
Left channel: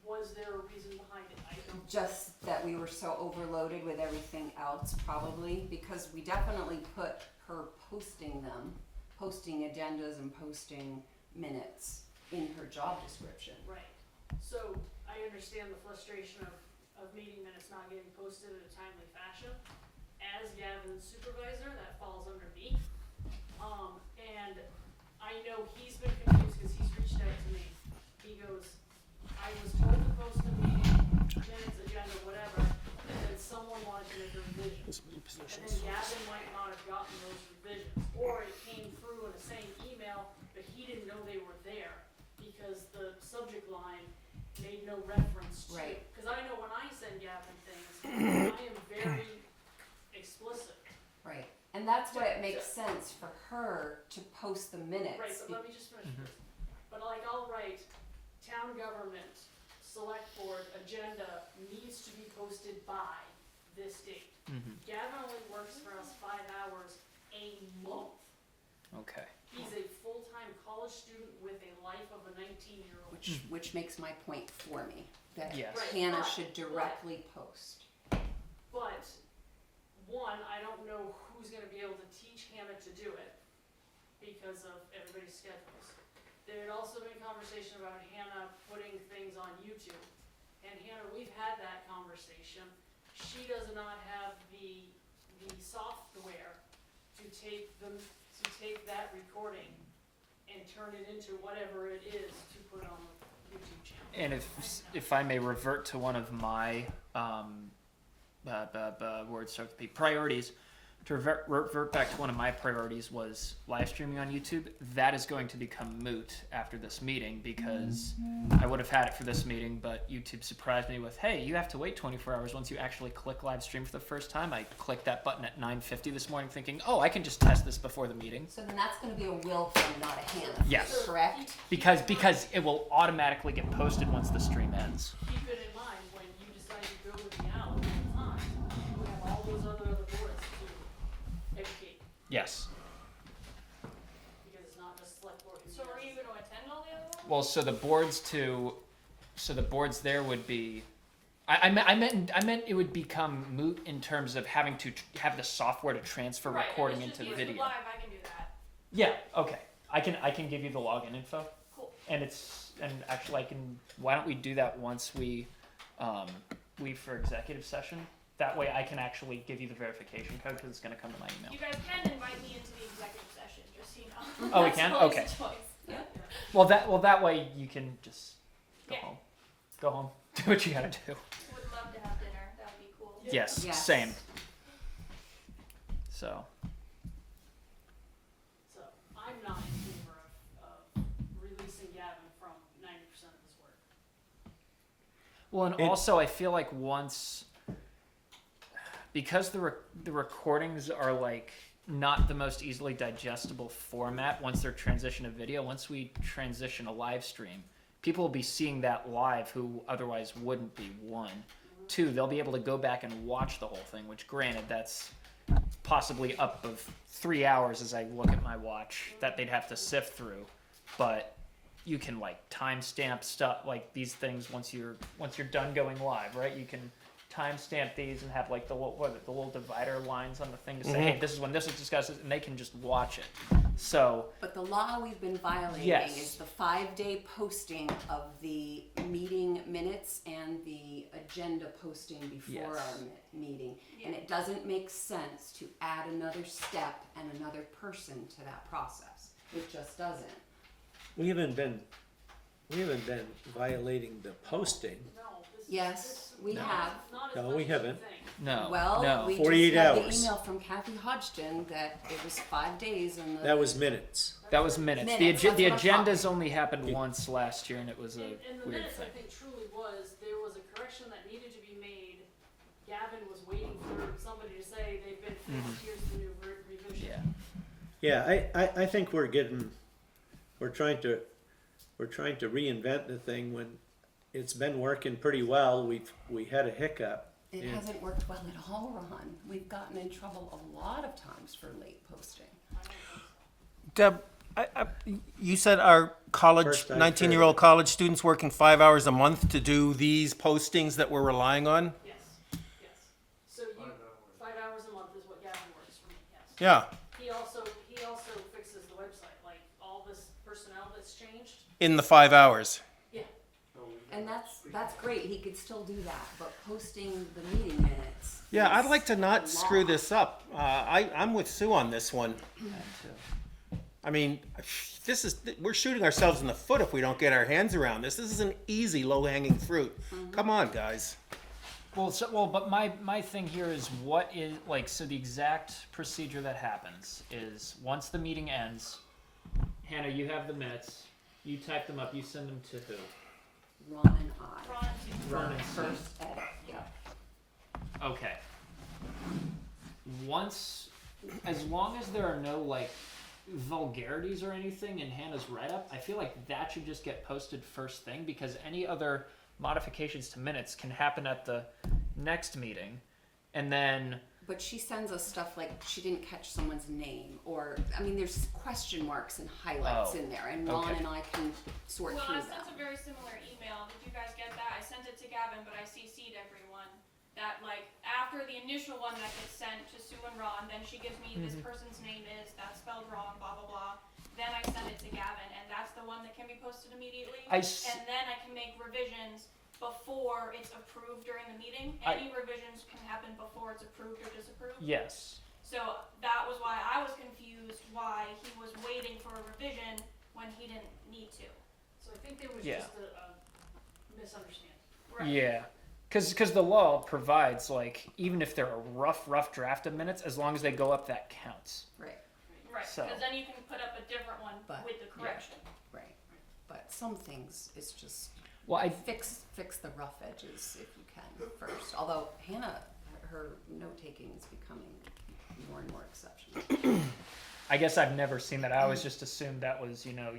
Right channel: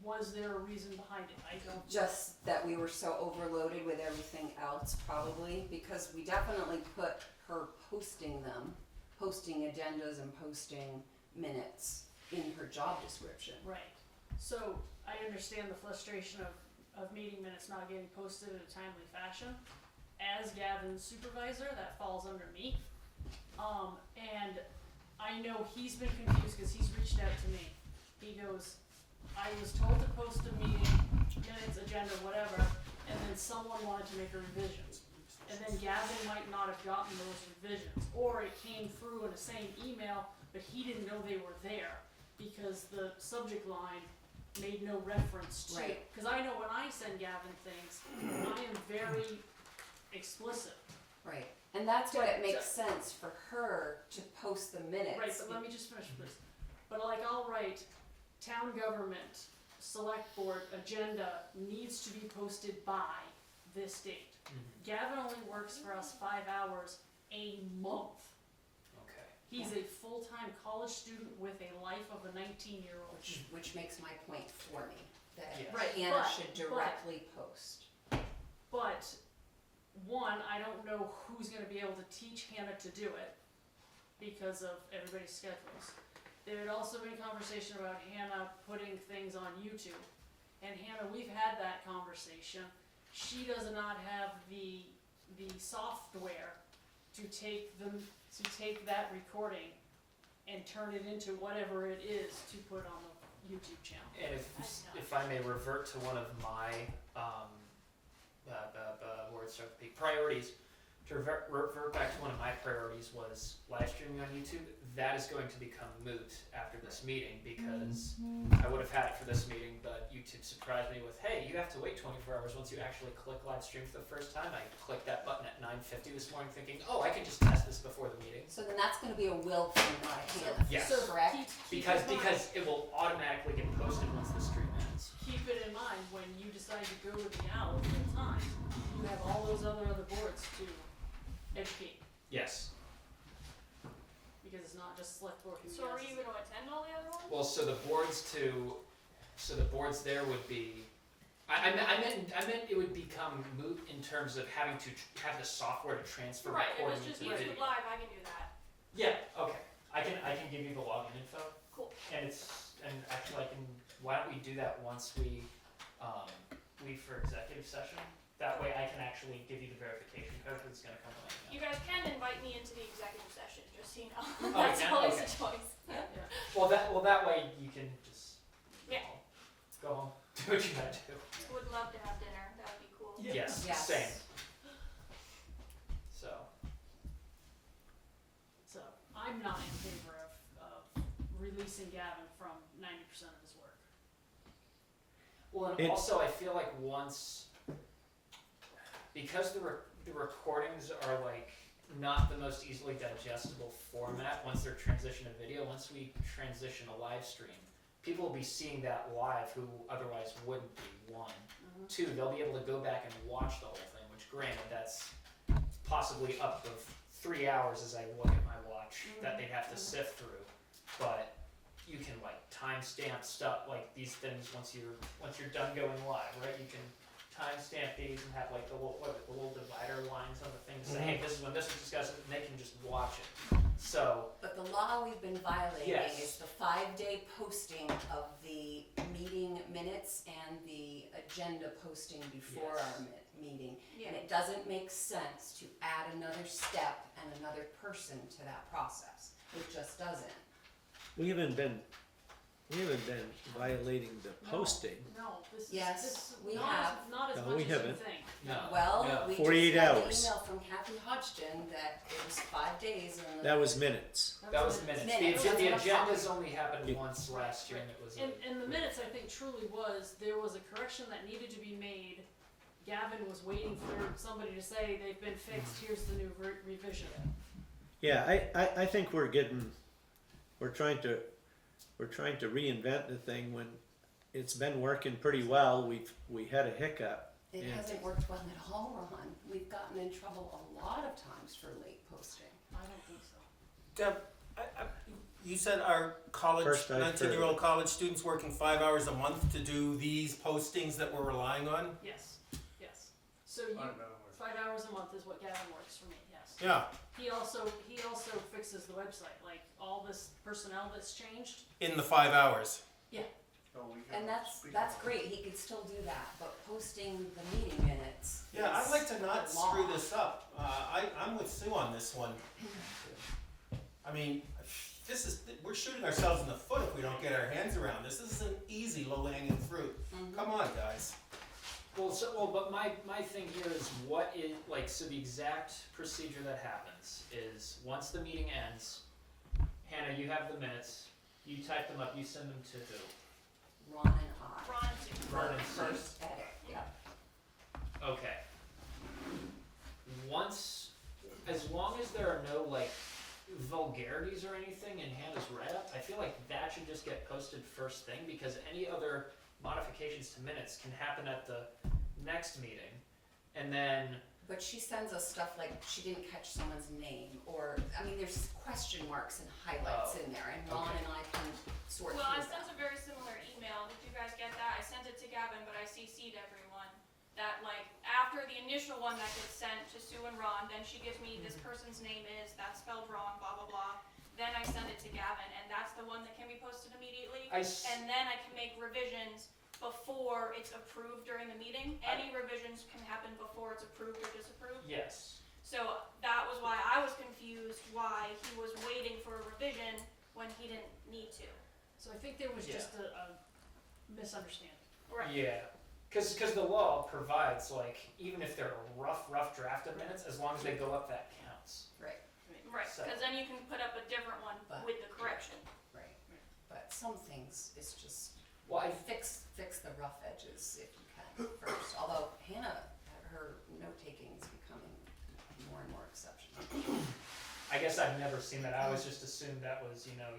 Was there a reason behind it? I don't. just that we were so overloaded with everything else, probably, because we definitely put her posting agendas and posting minutes in her job description. Right. So I understand the frustration of meeting minutes not getting posted in a timely fashion. As Gavin's supervisor, that falls under me. And I know he's been confused because he's reached out to me. He goes, I was told to post a meeting, minutes, agenda, whatever, and then someone wanted to make a revision. And then Gavin might not have gotten those revisions, or it came through in the same email, but he didn't know they were there because the subject line made no reference to. Right. Because I know when I send Gavin things, I am very explicit. Right, and that's why it makes sense for her to post the minutes. Right, but let me just finish this. But like I'll write, town government, select board, agenda needs to be posted by this date. Gavin only works for us 5 hours a month. Okay. He's a full-time college student with a life of a 19-year-old. Which makes my point for me, that Yes. Right, Hannah but- should directly post. But one, I don't know who's gonna be able to teach Hannah to do it because of everybody's schedules. There had also been conversation about Hannah putting things on YouTube. And Hannah, we've had that conversation. She does not have the software to take that recording and turn it into whatever it is to put on the YouTube channel. And if I may revert to one of my words so to speak, priorities, to revert back to one of my priorities was live streaming on YouTube. That is going to become moot after this meeting because I would have had it for this meeting, but YouTube surprised me with, hey, you have to wait 24 hours once you actually click live stream for the first time. I clicked that button at 9:50 this morning thinking, oh, I can just test this before the meeting. So then that's gonna be a Will thing, not a Hannah. Yes. Correct? Because it will automatically get posted once the stream ends. Keep it in mind when you decide to go with the owl full time, you have all those other boards to educate, Yes. because it's not just Selectboard. So are you gonna attend all the other ones? Well, so the boards there would be. I meant it would become moot in terms of having to have the software to transfer recording into the video. Right, live, I can do that. Yeah. Okay. I can give you the login info. Cool. And actually why don't we do that once we leave for executive session? That way I can actually give you the verification code because it's going to come to my email. You guys can invite me into the executive session, just so you know. Oh, we That's can? always Okay. a choice. Yeah. Well, that way you can just go Yeah. home. Go home. Do what you gotta do. Would love to have dinner, that would be cool. Yes. Yes. Same. So. So, I'm not in favor of releasing Gavin from 90% of his work. Well, and also I feel like because the recordings are like not the most easily digestible format once they're transition to video, once we transition a live stream, people will be seeing that live who otherwise wouldn't be, one. Two, they'll be able to go back and watch the whole thing, which granted that's possibly up of 3 hours as I look at my watch that they'd have to sift through. But you can like timestamp stuff like these things once you're done going live, right? You can timestamp these and have like the little divider lines on the thing to say, hey, this is when this is discussed, and they can just watch it. So. But the law we've been violating Yes. is the 5-day posting of the meeting minutes and the agenda posting before Yes. our meeting. Yeah. And it doesn't make sense to add another step and another person to that process. It just doesn't. We haven't been violating the posting. No, this is. Yes, this- we not have. as- Not as No, much we as you haven't. think. No. Well, no. we 48 just got hours. the email from Kathy Hodgson that it was 5 days and the. That was minutes. That was minutes. Minutes, The that's what I thought. agendas only happened Yeah. once last year, and it was a. In the weird minutes, I thing. think truly was, there was a correction that needed to be made. Gavin was waiting for somebody to say they've been fixed, here's the new revision. Yeah. Yeah, I think we're trying to reinvent the thing when it's been working pretty well. We had a hiccup. It Yeah. hasn't worked well at all, Ron. We've gotten in trouble a lot of times for late posting. I don't think so. Deb, you said our college, First I've 19-year-old college students working 5 hours a month to do these postings that we're relying on? Yes, yes. So you, 5 hours a month is what Gavin works for me, yes. Yeah, He also fixes the website, like all this personnel that's changed. in the 5 hours. Yeah. And that's great. He could still do that, but posting the meeting minutes. Yeah, I'd is like to a not screw law. this up. I'm with Sue on this one. I mean, we're shooting ourselves in the foot if we don't get our hands around this. This is an easy, low-hanging fruit. Come on, guys. But my thing here is what is like so the exact procedure that happens is once the meeting ends, Hannah, you have the minutes, you type them up, you send them to who? Ron and I. Ron, First. Yeah. Okay. As long as there are no like vulgarities or anything in Hannah's write-up, I feel like that should just get posted first thing because any other modifications to minutes can happen at the next meeting, and then. But she sends us stuff like she didn't catch someone's name, or I mean, there's question marks and highlights in there, and Ron Okay. and I can sort Well, through I sent that. a very similar email. Did you guys get that? I sent it to Gavin, but I CC'd everyone. That like after after the initial one that gets sent to Sue and Ron, then she gives me this person's name is, that's spelled wrong, blah, blah, blah. Then I send it to Gavin, and that's the one that can be posted immediately. And then I can make revisions before it's approved during the meeting. Any revisions can happen before it's approved or disapproved. Yes. So that was why I was confused why he was waiting for a revision when he didn't need to. So I think there was Yeah. just a misunderstanding. Right. Yeah. Because the law provides, like, even if they're a rough draft of minutes, as long as they go up, that counts. Right, Right, So- because then you can put up a different one But- with the correction. right. But some things, it's just Well, I fix the rough edges if you can first. Although Hannah, her note taking is becoming more and more exceptional. I guess I've never seen that. I always just assumed that was, you know,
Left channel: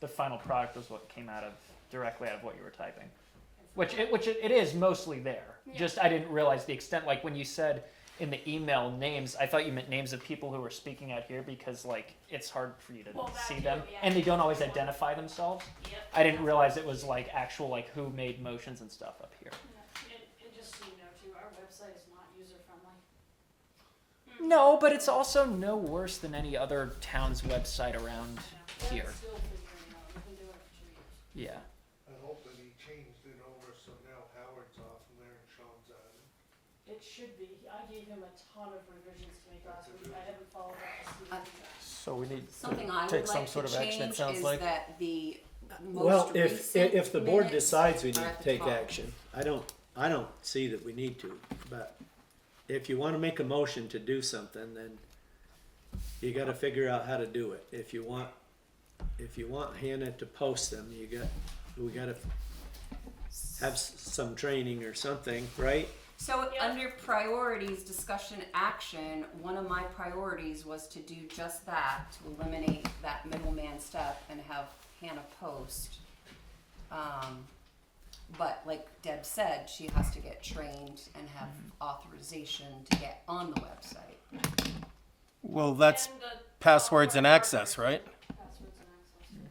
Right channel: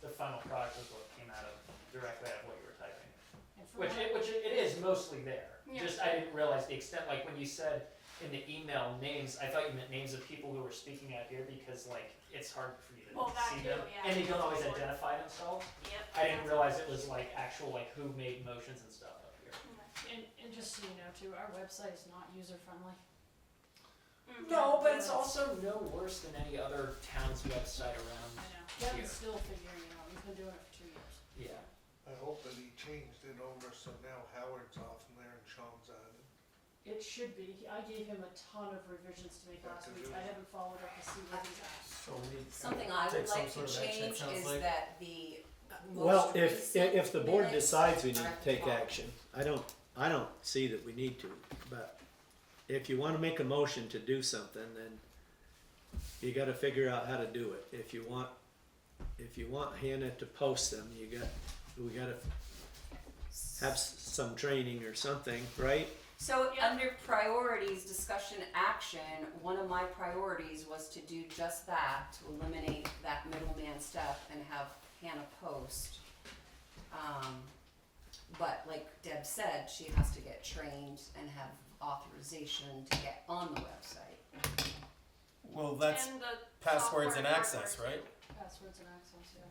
the final product was what came out of directly out of what you were typing. Which it is mostly there. Yeah. Just I didn't realize the extent. Like when you said in the email names, I thought you meant names of people who were speaking out here because like it's hard for you to Well, that see too, them, yeah. and they don't always identify themselves. Yep. I didn't realize it was like actual like who made motions and stuff up here. And just so you know too, our website is not user friendly. No, but it's also no worse than any other town's website around here. That's still figuring it out, you've been doing it for 2 years. Yeah. I hope that he changed it over so now Howard's off and there and Sean's on it. It should be, I gave him a ton of revisions to make last week, I haven't followed up to see what he got. So we need Something to I take would some like sort to of action, it change sounds is like. that the most Well, if recent the board minutes decides we are need at to the take top. action, I don't see that we need to, but if you wanna make a motion to do something, then you gotta figure out how to do it. If you want Hannah to post them, we gotta have some training or something, right? So Yeah. under priorities, discussion action, one of my priorities was to do just that, to eliminate that middleman step and have Hannah post. But like Deb said, she has to get trained and have authorization to get on the website. Well, that's And the passwords and software access, right? Passwords and access, yeah.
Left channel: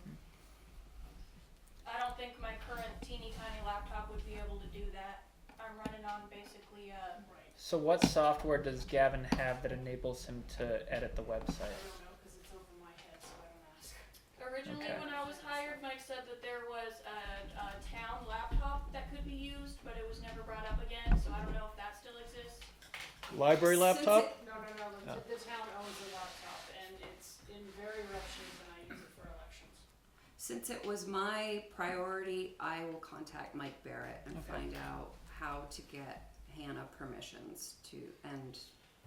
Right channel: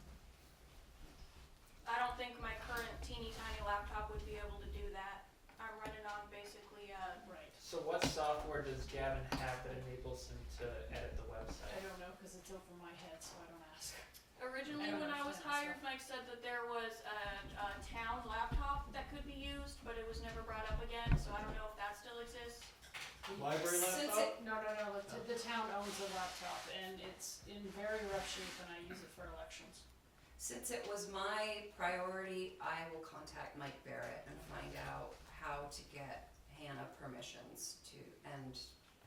I don't think my current teeny tiny laptop would be able to do that. I'm running on basically, Right, So what software does Gavin have that enables him to edit the website? I don't know, cause it's over my head, so I don't ask. originally when I was hired, Mike said that there was a town laptop that could be used, but it was never brought up again, so I don't know if that still exists. Library Since laptop? No, the town owns a laptop and it's in very rough shape and I use it for elections. Since it was my priority, I will contact Mike Barrett and find out how to get Hannah permissions to, and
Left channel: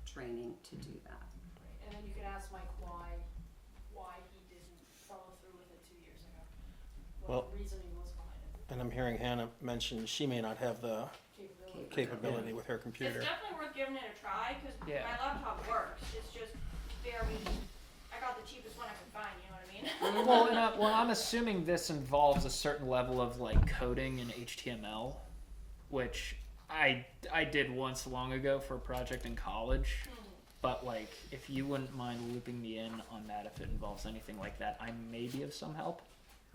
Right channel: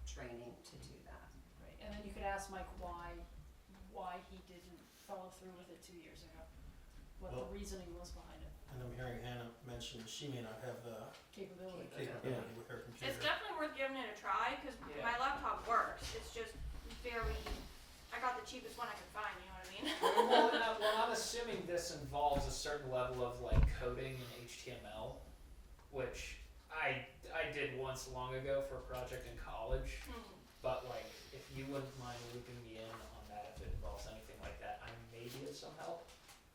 training to do that. Right, and then you could ask Mike why he didn't follow through with it 2 years ago. Well- What the reasoning was behind it, And I'm hearing Hannah mention she may not have the capability. capability with her It's computer. definitely worth giving it a try, cause Yeah. my laptop works, it's just very, I got the cheapest one I could find, you know what I mean? Well, I'm assuming this involves a certain level of like coding in HTML, which I did once long ago for a project in college. But like, if you wouldn't mind looping me in on that, if it involves anything like that, I may be of some help.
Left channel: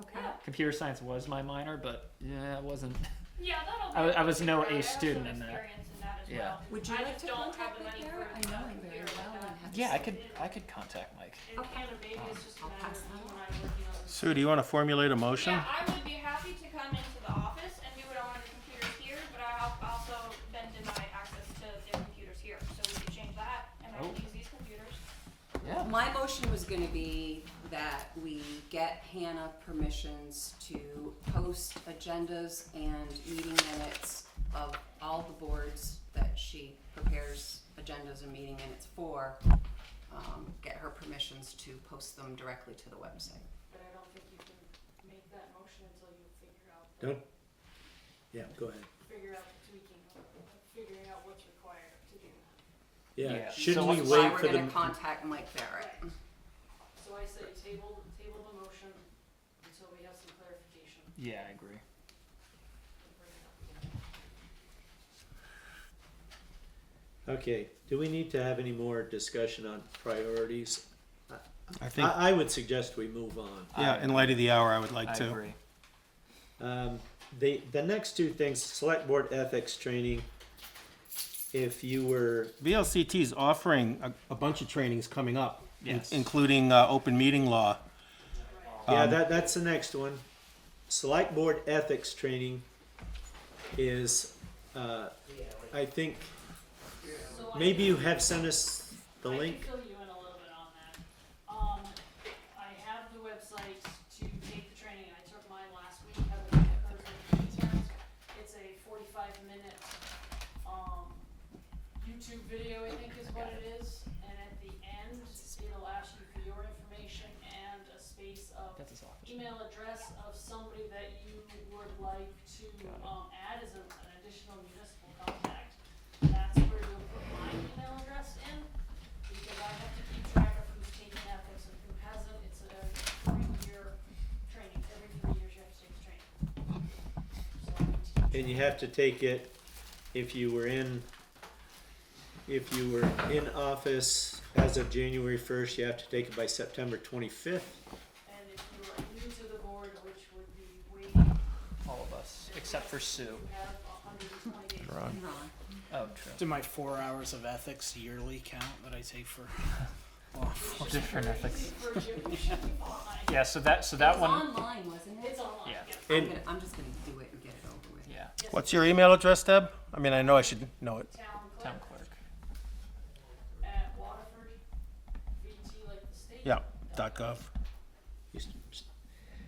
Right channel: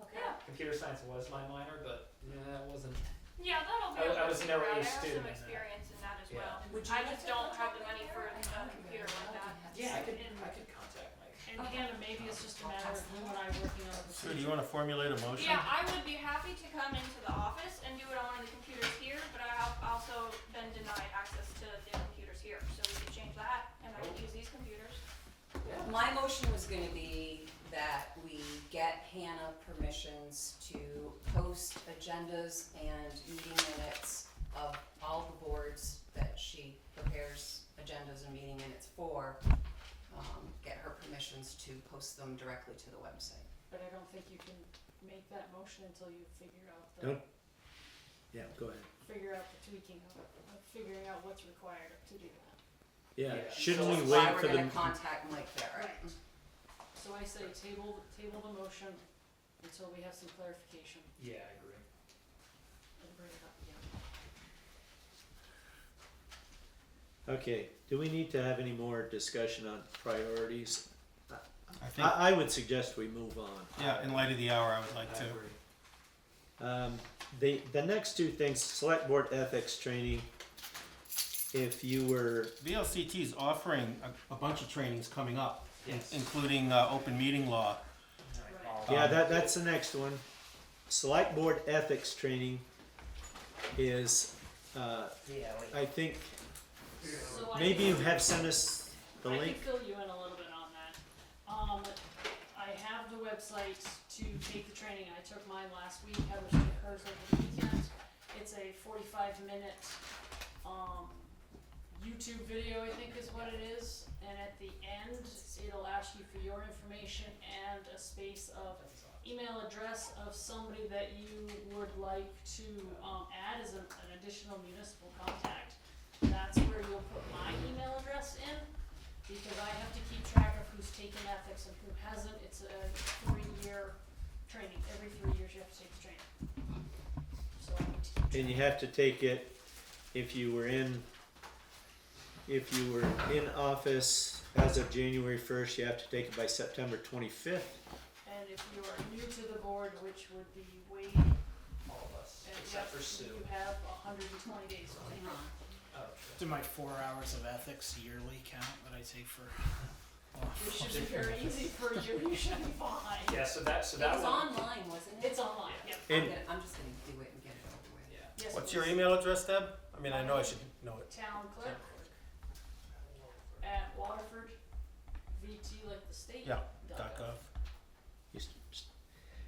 Okay. Yeah. Computer science was my minor, but yeah, it wasn't. Yeah, that'll be. I was no figure out. A I have some student in that. experience in that as Yeah. well. Would you I like just to don't have contact the money Mike for Barrett? I know a him very computer well like that. and have Yeah, I some- could contact Mike. And Hannah, maybe it's just a I'll matter pass of that you and I working on it. Sue, do you want to formulate a motion? Yeah, I would be happy to come into the office and do it on one of the computers here, but I also been denied access to the computers here, so we could change that, and I would use these computers. Yeah. My motion was gonna be that we get Hannah permissions to post agendas and meeting minutes of all the boards that she prepares agendas and meeting minutes for. Get her permissions to post them directly to the website. But I don't think you can make that motion until you figure out Don't- Yeah, go ahead. figure out the tweaking, figuring out what's required to do that. Yeah, Yeah. shouldn't So we that's why wait for we're the, gonna contact Mike Barrett. So I say table the motion until we have some clarification Yeah, I agree. and bring it up again. okay, do we need to have any more discussion on priorities? I think, I would suggest we move on. yeah, in light of the hour, I would I like to. agree. The next two things, select board ethics training, if you were, VLCT is offering a bunch of trainings coming up, Yes. including open meeting law. yeah, that's the next one. Select board ethics training is, I think, So maybe you have sent us the I link. can fill you in a little bit on that. I have the website to take the training. I took mine last week. I was at hers over the weekend. It's a 45-minute YouTube video, I think is what it is. And at the end, it'll ask you for your information and a space of email address of somebody that you would like to add as an additional municipal contact. That's where you'll put my email address in, because I have to keep track of who's taken ethics and who hasn't. It's a 3-year training. Every 3 years you have to take the training. So I need to keep And you have to take it if you were in office as of January 1st, you have to take it by September 25th. And if you are new to the board, which would be waiting, All of us, except for Sue. you have 120 days. Oh, true. Do my 4 hours of ethics yearly count that I take for law? Which is very easy for you. You should be fine. Yeah, so that It was one. online, wasn't it? It's online, Yeah. yep. And I'm just gonna do it and get it over with. Yeah. Yes, What's it your is. email address, Deb? I mean, I know I should know it. Town clerk Town clerk. at Waterford, VT like the state. Yeah, .gov.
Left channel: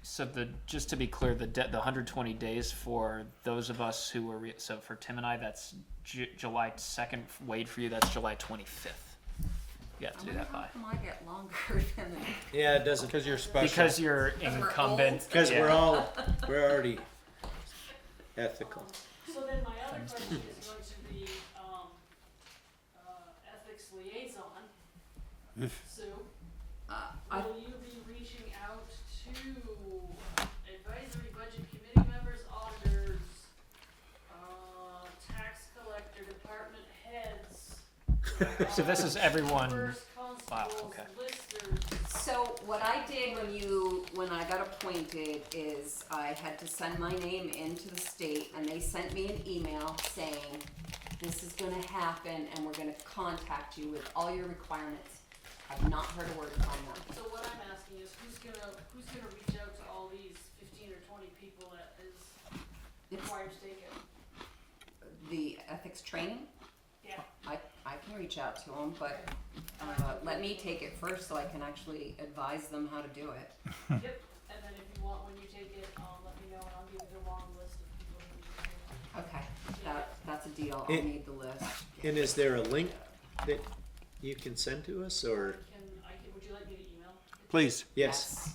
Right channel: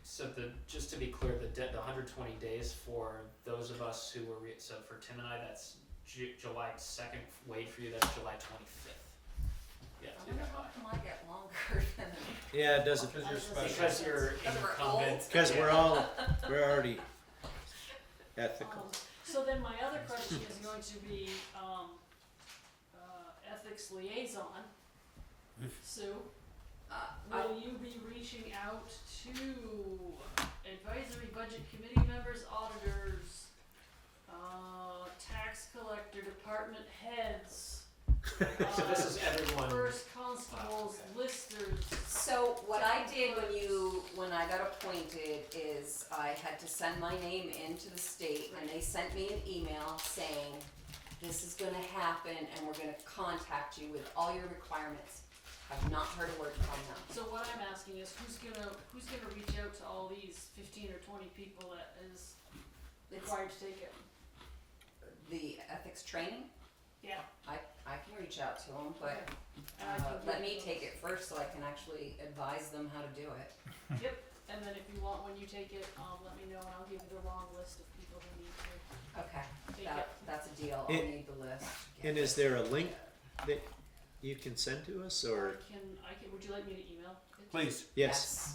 So just to be clear, the 120 days for those of us who were so for Tim and I, that's July 2nd. Wade, for you, that's July 25th. You have to do that How by. come I get longer than? yeah, it doesn't, Because you're special. Because you're Because we're incumbent. old? because Yeah. we're already ethical. So then my other question is going to be, ethics liaison. Sue, will you be reaching out to advisory budget committee members, auditors, tax collector, department heads? So this is everyone. First constables, okay. listers. So what I did when I got appointed is I had to send my name into the state, and they sent me an email saying, this is gonna happen and we're gonna contact you with all your requirements. I've not heard a word from them. So what I'm asking is, who's gonna reach out to all these 15 or 20 people that is It's required to take it? the ethics training. Yeah. I can reach out to them, but let me take it first so I can actually advise them how to do it. Yep, and then if you want, when you take it, let me know and I'll give you the long list of people who need to. Okay, that's a deal. I'll need the list. And is there a link that you can send to us, or? Would you like me to email? it? Please. Yes,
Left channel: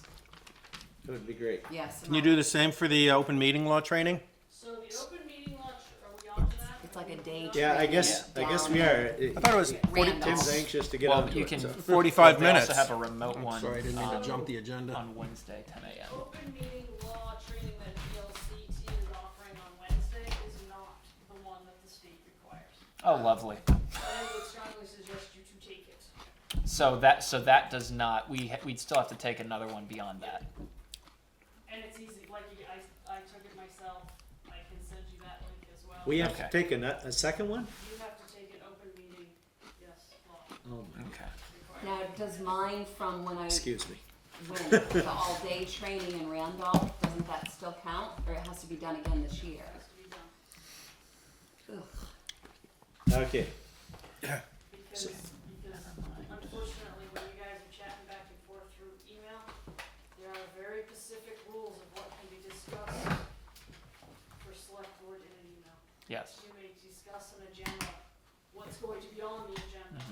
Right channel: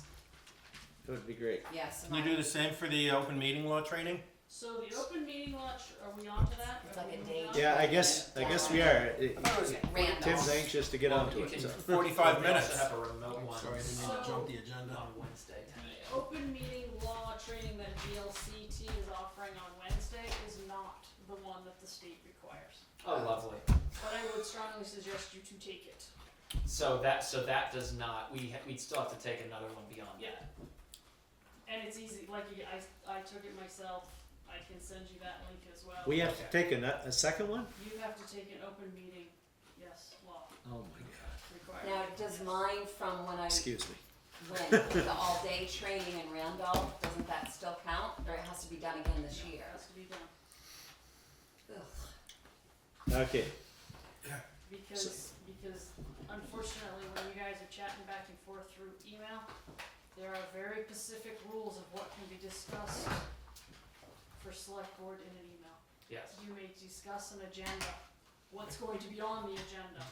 that would be great. Yes. Can you do the same for the open meeting law training? So the open meeting launch, are we on to that? It's like a day Yeah, I guess we are. I thought it was Randolph. Tim's anxious to get Well, onto you it, can- so. 45 We minutes. also have a remote one. Sorry, I didn't mean to jump the agenda. On Wednesday, 10 a.m. Open meeting law training that VLCT is offering on Wednesday is not the one that the state requires. Oh, lovely. But I would strongly suggest you to take it. So that does not. We'd still have to take another one beyond that. And it's easy, like I took it myself, I can send you that link as well. We have to Okay. take a second one? You have to take an open meeting, yes, law Oh my God. required. Now, does mine from when Excuse me. the all-day training in Randolph, doesn't that still count, or it has to be done again this year? It has to be done. Ugh. Okay, Because unfortunately, when you guys are chatting back and forth through email, there are very specific rules of what can be discussed for select board in an email. Yes. You may discuss an agenda, what's going to be on the agenda,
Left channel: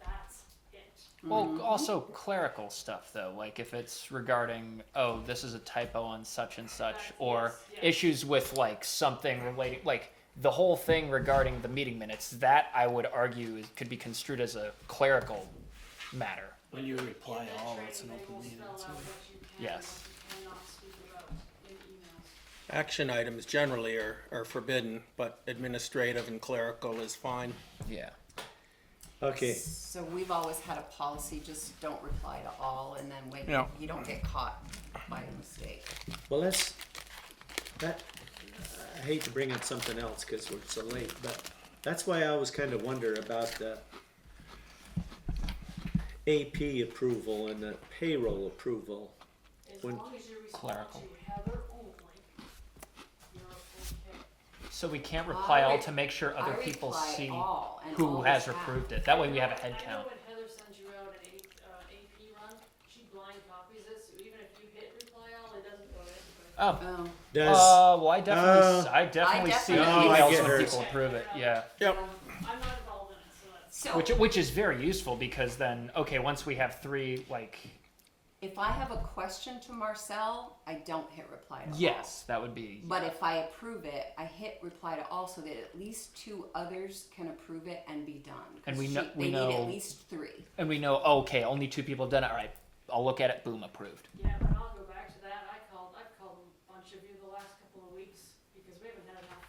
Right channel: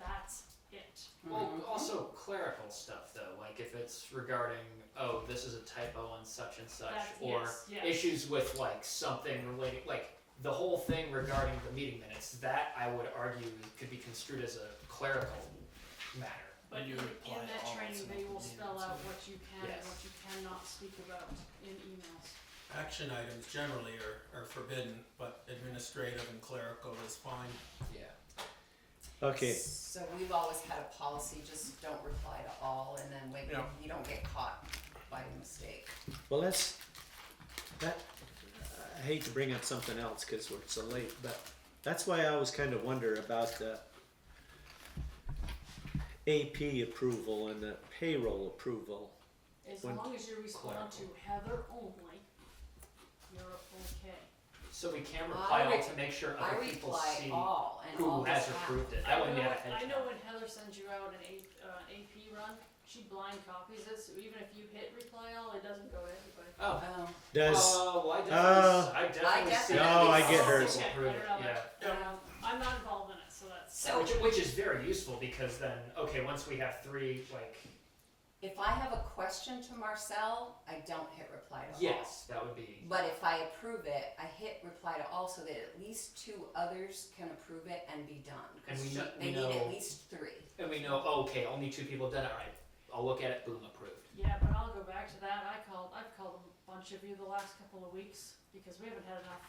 that's it. Well, also clerical stuff though, like if it's regarding, oh, this is a typo on such and such, That's- or yes, yes. issues with like something related, like the whole thing regarding the meeting minutes, that I would argue could be construed as a clerical matter. When you reply In that all, training, it's an they open will meeting. spell out what you can and Yes. what you cannot speak about in emails. Action items generally are forbidden, but administrative and clerical is fine. Yeah. okay. So we've always had a policy, just don't reply to all, and then when Yeah. you don't get caught by a mistake. Well, I hate to bring up something else because we're so late, but That's why I always kind of wonder about the AP approval and the payroll approval. As When- long as you respond to Heather only, you're okay. So we can't reply all I to make sure I other people reply see all, and who all has is half. approved it. That way we have a head I know count. when Heather sends you out an AP run, she blind copies it, so even if you hit reply all, it doesn't go to anybody. Oh. Oh, Does, Well, I definitely see. definitely No, I emails get from hers. people approve it, yeah. Yep. I'm not involved in it, so that's. so Which is very useful because then, okay, once we have 3, like, if I have a question to Marcel, I don't hit reply to all. yes, that would be, But if I approve it, I hit reply to all so that at least 2 others can approve it and be done. 'Cause And we know- they we need know- at least 3. and we know, oh, okay, only 2 people done it, all right, I'll look at it, boom, approved. Yeah, but I'll go back to that. I've called a bunch of you the last couple of weeks because we haven't had enough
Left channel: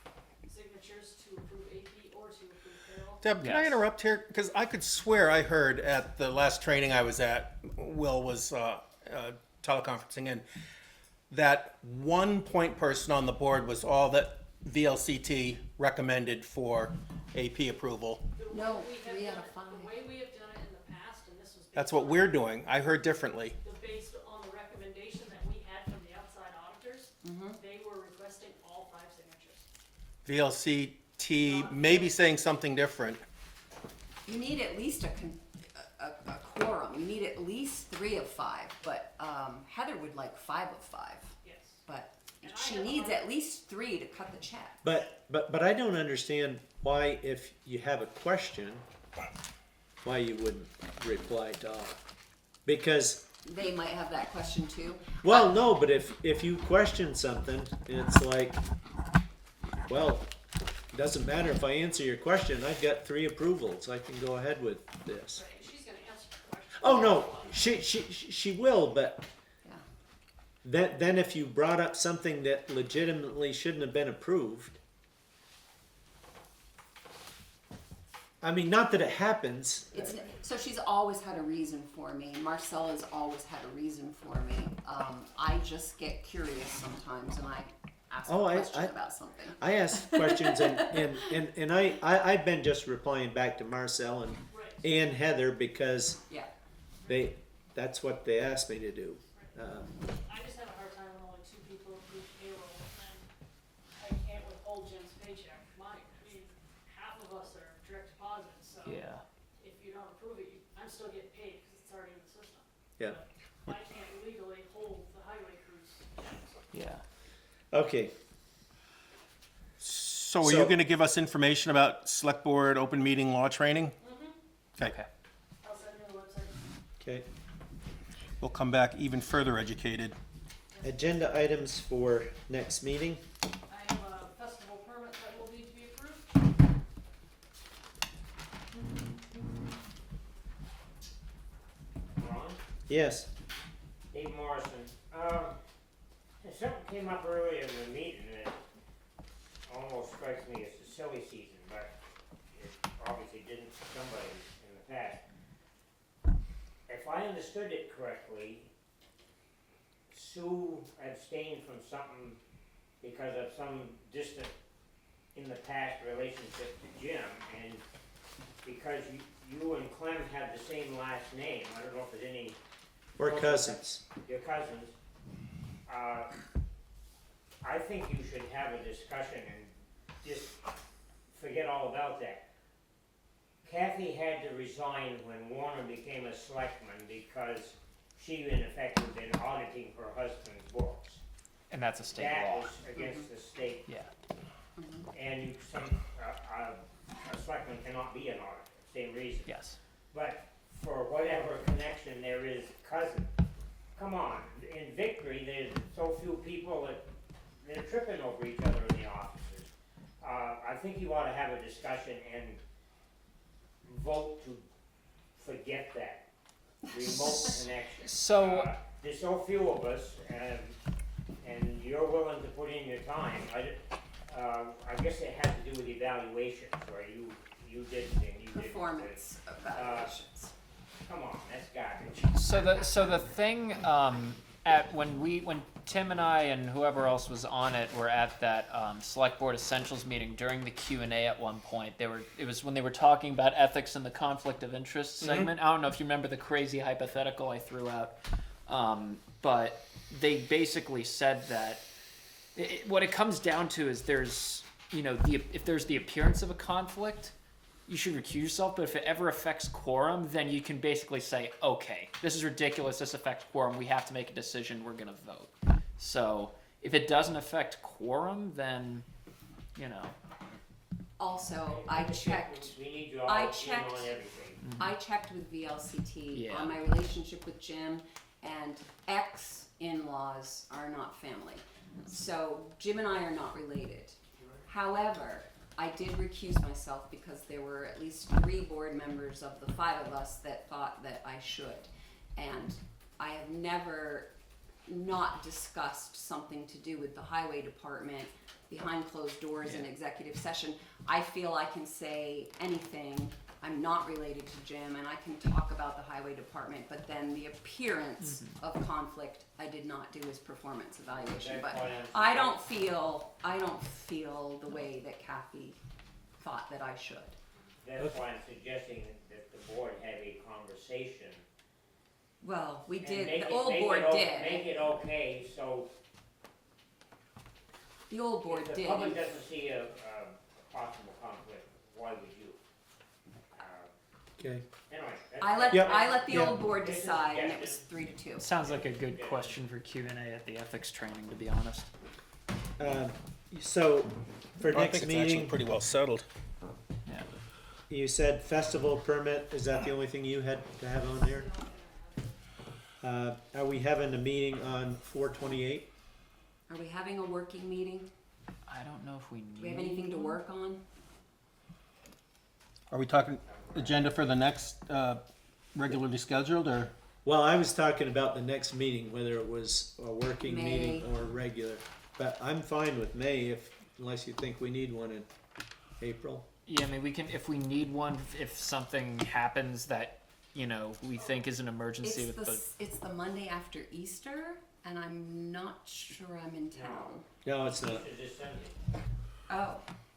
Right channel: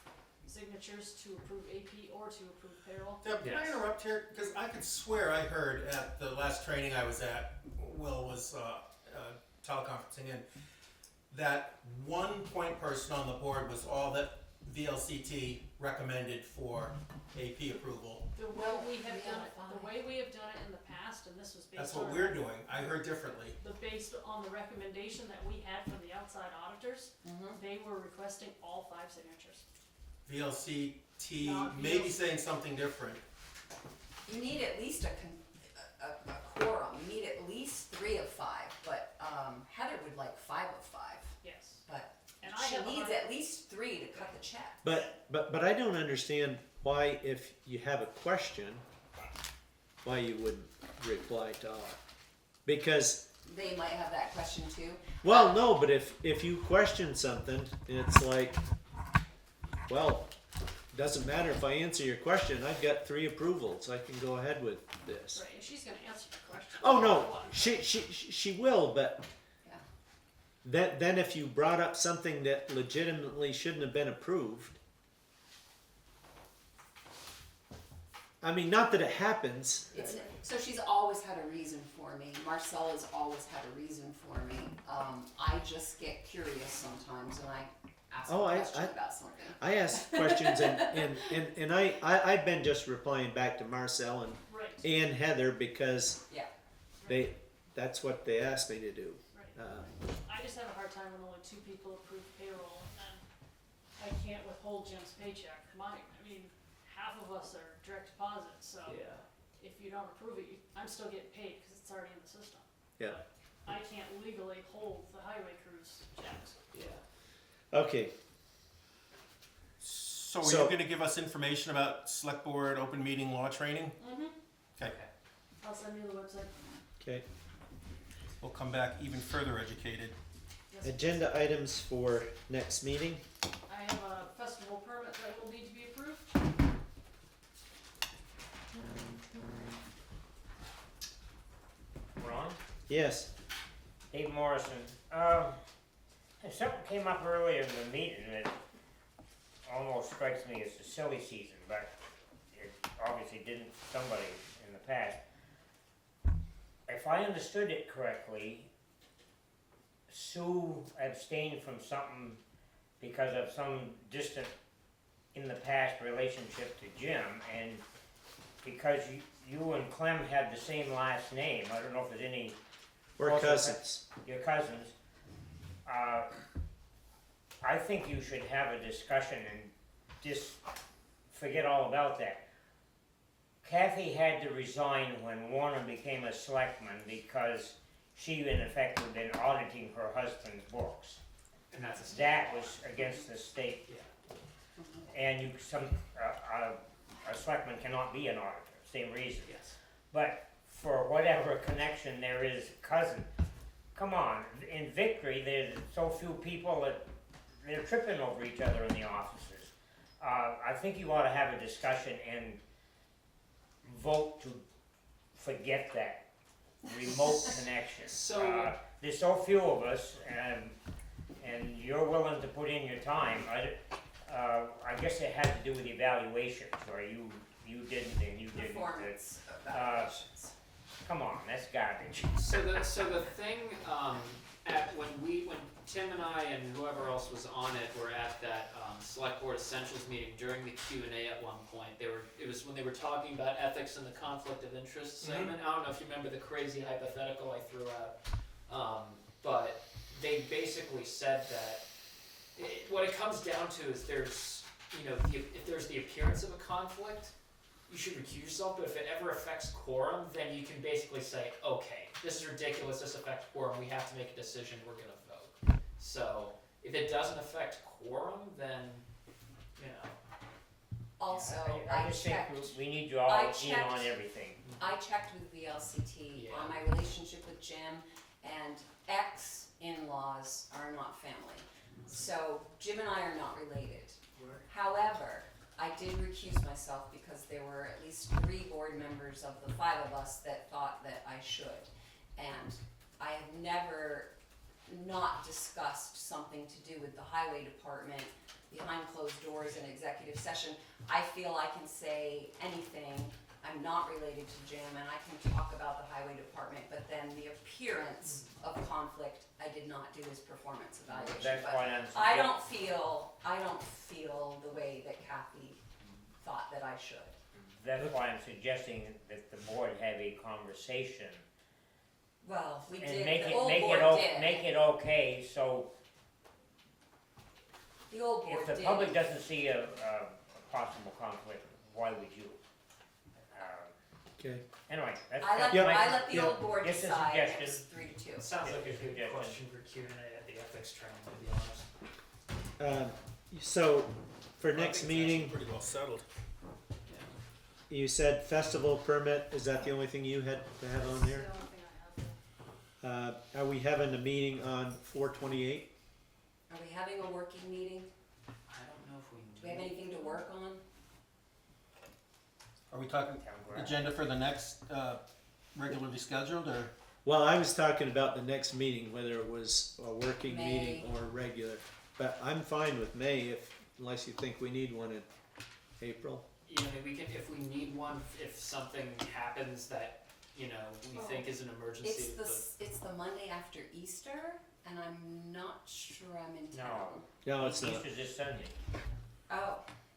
signatures to approve AP or to approve payroll. Deb, can I Yes. interrupt here? Because I could swear I heard at the last training I was at, Will was teleconferencing in, that one point person on the board was all that VLCT recommended for AP approval. The way No, we have we done have it, 5. the way we have done it in the past, and this was based That's what on we're doing. I heard differently. based on the recommendation that we had from the outside auditors, they were requesting all 5 signatures. VLCT may be saying something different. You need at least a quorum. You need at least 3 of 5. But Heather would like 5 of 5. Yes. But And I she have a needs hard- at least 3 to cut the check. but I don't understand why, if you have a question, why you wouldn't reply to all. Because, They might have that question too. well, no, but if you question something, it's like, well, it doesn't matter if I answer your question, I've got 3 approvals, I can go ahead with this. Right, and she's gonna answer the question. Oh, no, she will, but Yeah. then if you brought up something that legitimately shouldn't have been approved, I mean, not that it happens. So she's always had a reason for me. Marcel has always had a reason for me. I just get curious sometimes and I ask Oh, a I- question I- about something. I ask questions and I've been just replying back to Marcel and Heather because Yeah. that's what they asked me to do. I just have a hard time when only 2 people approve payroll and I can't withhold Jim's paycheck. I mean, half of us are direct deposit, so Yeah. if you don't approve it, I'm still getting paid because it's already in the system. Yeah. I can't legally hold the highway crews checks. Yeah. Okay. So are So- you going to give us information about select board open meeting law training? Okay. Okay. I'll send you the website. Okay. We'll come back even further educated. Agenda items for next meeting. I have a festival permit that will need to be approved. Ron? Yes. Dave Morrison. Something came up earlier in the meeting that almost strikes me as a silly season, but it obviously didn't to somebody in the past. If I understood it correctly, Sue abstained from something because of some distant, in the past, relationship to Jim, and because you and Clem had the same last name, I don't know if there's any We're Also, cousins. your cousins, I think you should have a discussion and just forget all about that. Kathy had to resign when Warner became a selectman because she in effect had been auditing her husband's books. And that's a state That law. was against the state. Yeah. And a selectman cannot be an auditor, same reason. Yes. But for whatever connection there is, cousin, come on, in Victory, there's so few people that they're tripping over each other in the offices. I think you ought to have a discussion and vote to forget that remote connection. So- There's so few of us, and you're willing to put in your time. I guess it has to do with evaluations, or you didn't and you didn't. Performance evaluations. Come on, that's garbage. So the thing when Tim and I and whoever else was on it were at that select board essentials meeting during the Q&A at one point. It was when they were talking about ethics and the conflict of interest segment. I don't know if you remember the crazy hypothetical I threw out, but they basically said that what it comes down to is there's, if there's the appearance of a conflict, you should recuse yourself, but if it ever affects quorum, then you can basically say, okay, this is ridiculous, this affects quorum, we have to make a decision, we're gonna vote. So, if it doesn't affect quorum, then, Also, I I just think checked, we need you all I in on checked- everything. I checked with VLCT Yeah. on my relationship with Jim, and ex-in-laws are not family. So Jim and I are not related. However, I did recuse myself because there were at least 3 board members of the 5 of us that thought that I should. And I have never not discussed something to do with the highway department behind closed doors in executive session. I feel I can say anything. I'm not related to Jim, and I can talk about the highway department, but then the appearance of conflict, I did not do his performance evaluation. That's But why I don't feel the way that Kathy thought that I should. That's why I'm suggesting that the board have a conversation. Well, we and did, make the it- old make board it o- did. Make it okay, so The old board if the did. public doesn't see a possible conflict, why would you? Okay. Anyway, that's. I let, Yep. I let the Yep. old board Just a decide, and it was suggestion. 3-2. it sounds like a good question for Q&A at the ethics training, to be honest. So, for I think next it's actually meeting, pretty well settled. Yeah. you said festival permit, is that the only thing you had to have on there? Are we having a meeting on 4/28? Are we having a working meeting? I don't know if we Do we have anything to work on? Are we talking agenda for the next regularly scheduled, or? Well, I was talking about the next meeting, whether it was a working meeting May. or regular. But I'm fine with May unless you think we need one in April. Yeah, I mean, we can, if we need one, if something happens that, we think is an emergency It's with it's the Monday after Easter, and I'm not sure I'm in town. No, it's not. Easter this Sunday. Oh,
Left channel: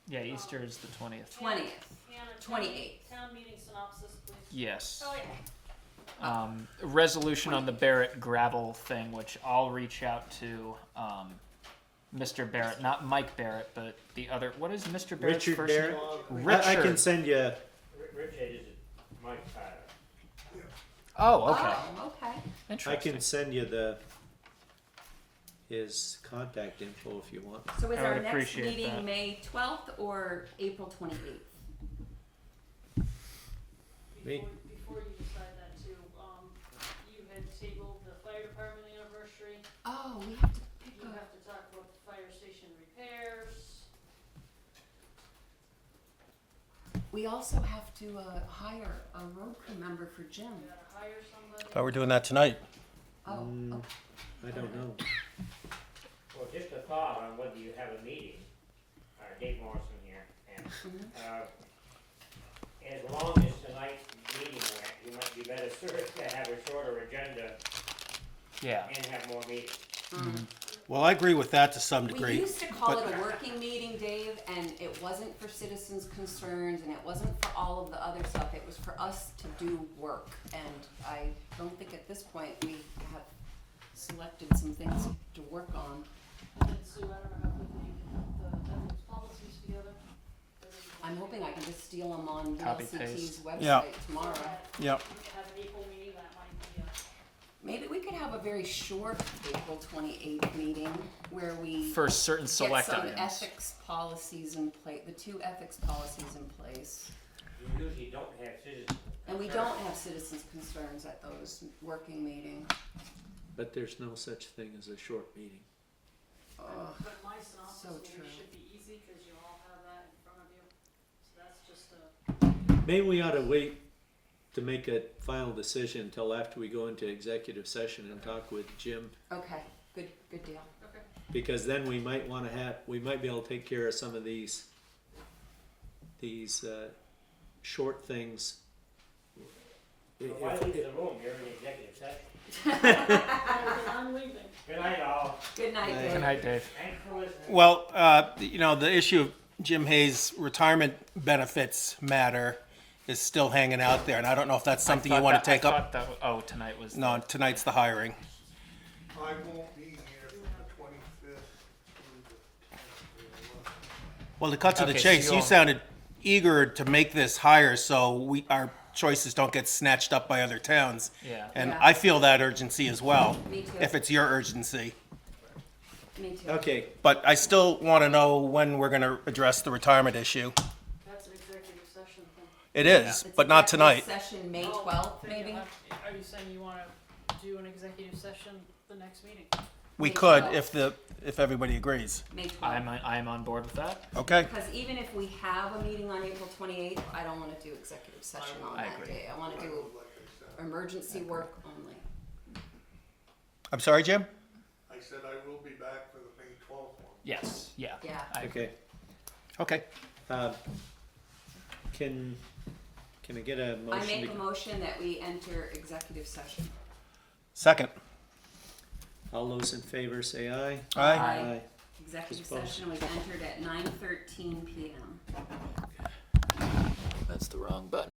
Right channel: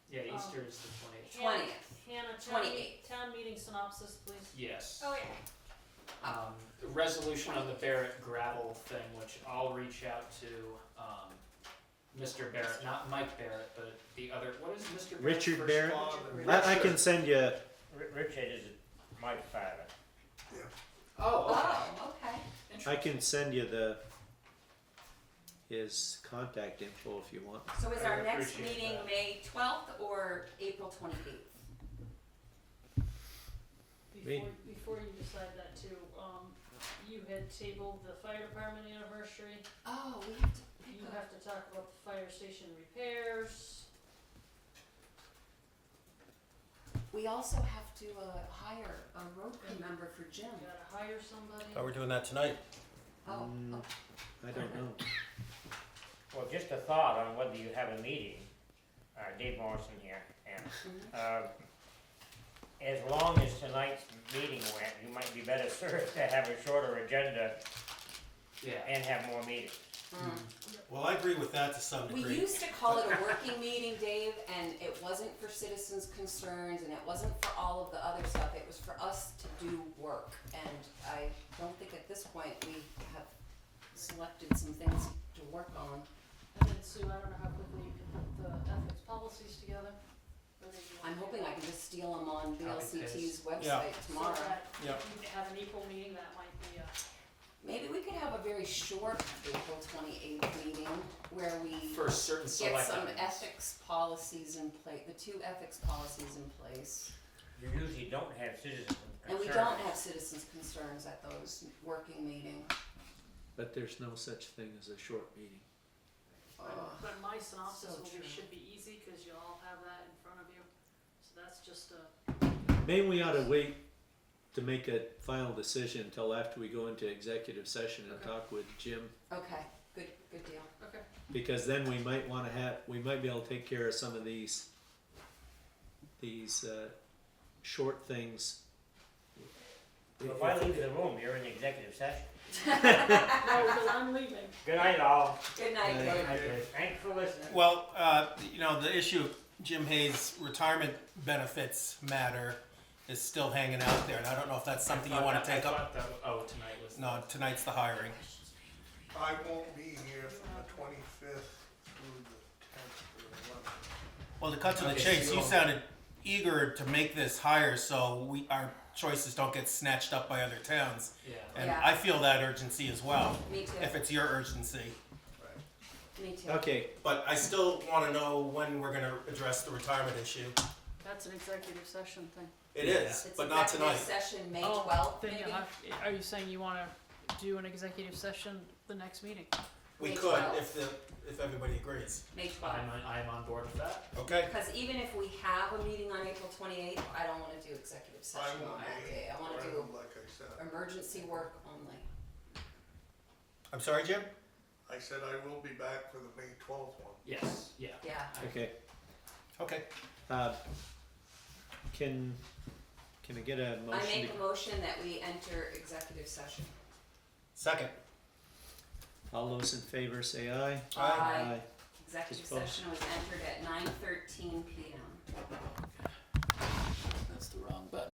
yeah, Easter is the 20th. 20th. Hannah, 28th. town meeting synopsis, please. Yes. Oh, yeah. Resolution on the Barrett gravel thing, which I'll reach out to, Mr. Barrett, not Mike Barrett, but the other, what is Mr. Barrett's Richard first Barrett? name? I can send you. Richard is my father. Oh, okay. Oh, okay. I Interesting. can send you his contact info if you want. So is I our would next appreciate meeting that. May 12th or April 28th? Me? Before you decide that too, you had tabled the fire department anniversary. Oh, we have to pick You have to talk about the fire station repairs. We also have to hire a road crew member for Jim. You gotta hire somebody. Thought we're doing that tonight. Oh, Mm. I don't know. Well, just a thought on whether you have a meeting, Dave Morrison here, and, as long as tonight's meeting went, you might be better served to have a shorter agenda Yeah. and have more meetings. Well, I agree with that to some We degree. used to call but- it a working meeting, Dave, and it wasn't for citizens' concerns, and it wasn't for all of the other stuff. It was for us to do work, and I don't think at this point we have selected some things to work on. And then Sue, I don't know how quickly you can put the ethics policies together. I'm hoping I can just steal them on Copy VLCT's paste. website Yeah. tomorrow. Yep. You could have an equal meeting, that might be Maybe we could have a very short April 28th meeting where we For certain get select some items. ethics policies in place, the 2 ethics policies in place. You usually don't have citizens. And we don't have citizens' concerns at those working meetings. But there's no such thing as a short meeting. Ugh. But my synopsis so will be- true. should be easy, cause you all have that in front of you. So that's just a, Maybe we ought to wait to make a final decision until after we go into executive session and talk with Jim, Okay, good deal. okay. because then we might we might be able to take care of some of these short things If I leave the room, you're in the executive session. No, because I'm leaving. Good night, all. Good night, Good Dave. Good night, Dave. Thanks for listening. Well, the issue of Jim Hayes' retirement benefits matter is still hanging out there, and I don't know if that's something you want to take up. Tonight was. No, tonight's the hiring. I won't be here from the 25th through the 10th or 11th. Well, to cut to the Okay, chase, so- you sounded eager to make this hire so our choices don't get snatched up by other towns. Yeah. And Yeah. I feel that urgency as well, Me too. if it's your urgency. Me too. Okay, But I still want to know when we're going to address the retirement issue. That's an executive session thing. It is, It's but not executive tonight. Session May Oh, 12th, then maybe? are you saying you wanna do an executive session the next meeting? We May could 12th. if everybody agrees. May 12th. I'm on board with that. Okay? Because even if we have a meeting on April 28th, I don't want to do executive session on I that agree. day. I want to do Like I said, emergency work only. I'm sorry, Jim? I said I will be back for the May 12th one. Yes. Yeah. Yeah. okay. Okay. Can I get a I motion make a to, motion that we enter executive session. Second. all those in favor say aye. Aye. Aye. Executive Dispose. session was entered at 9:13 p.m. That's the wrong button.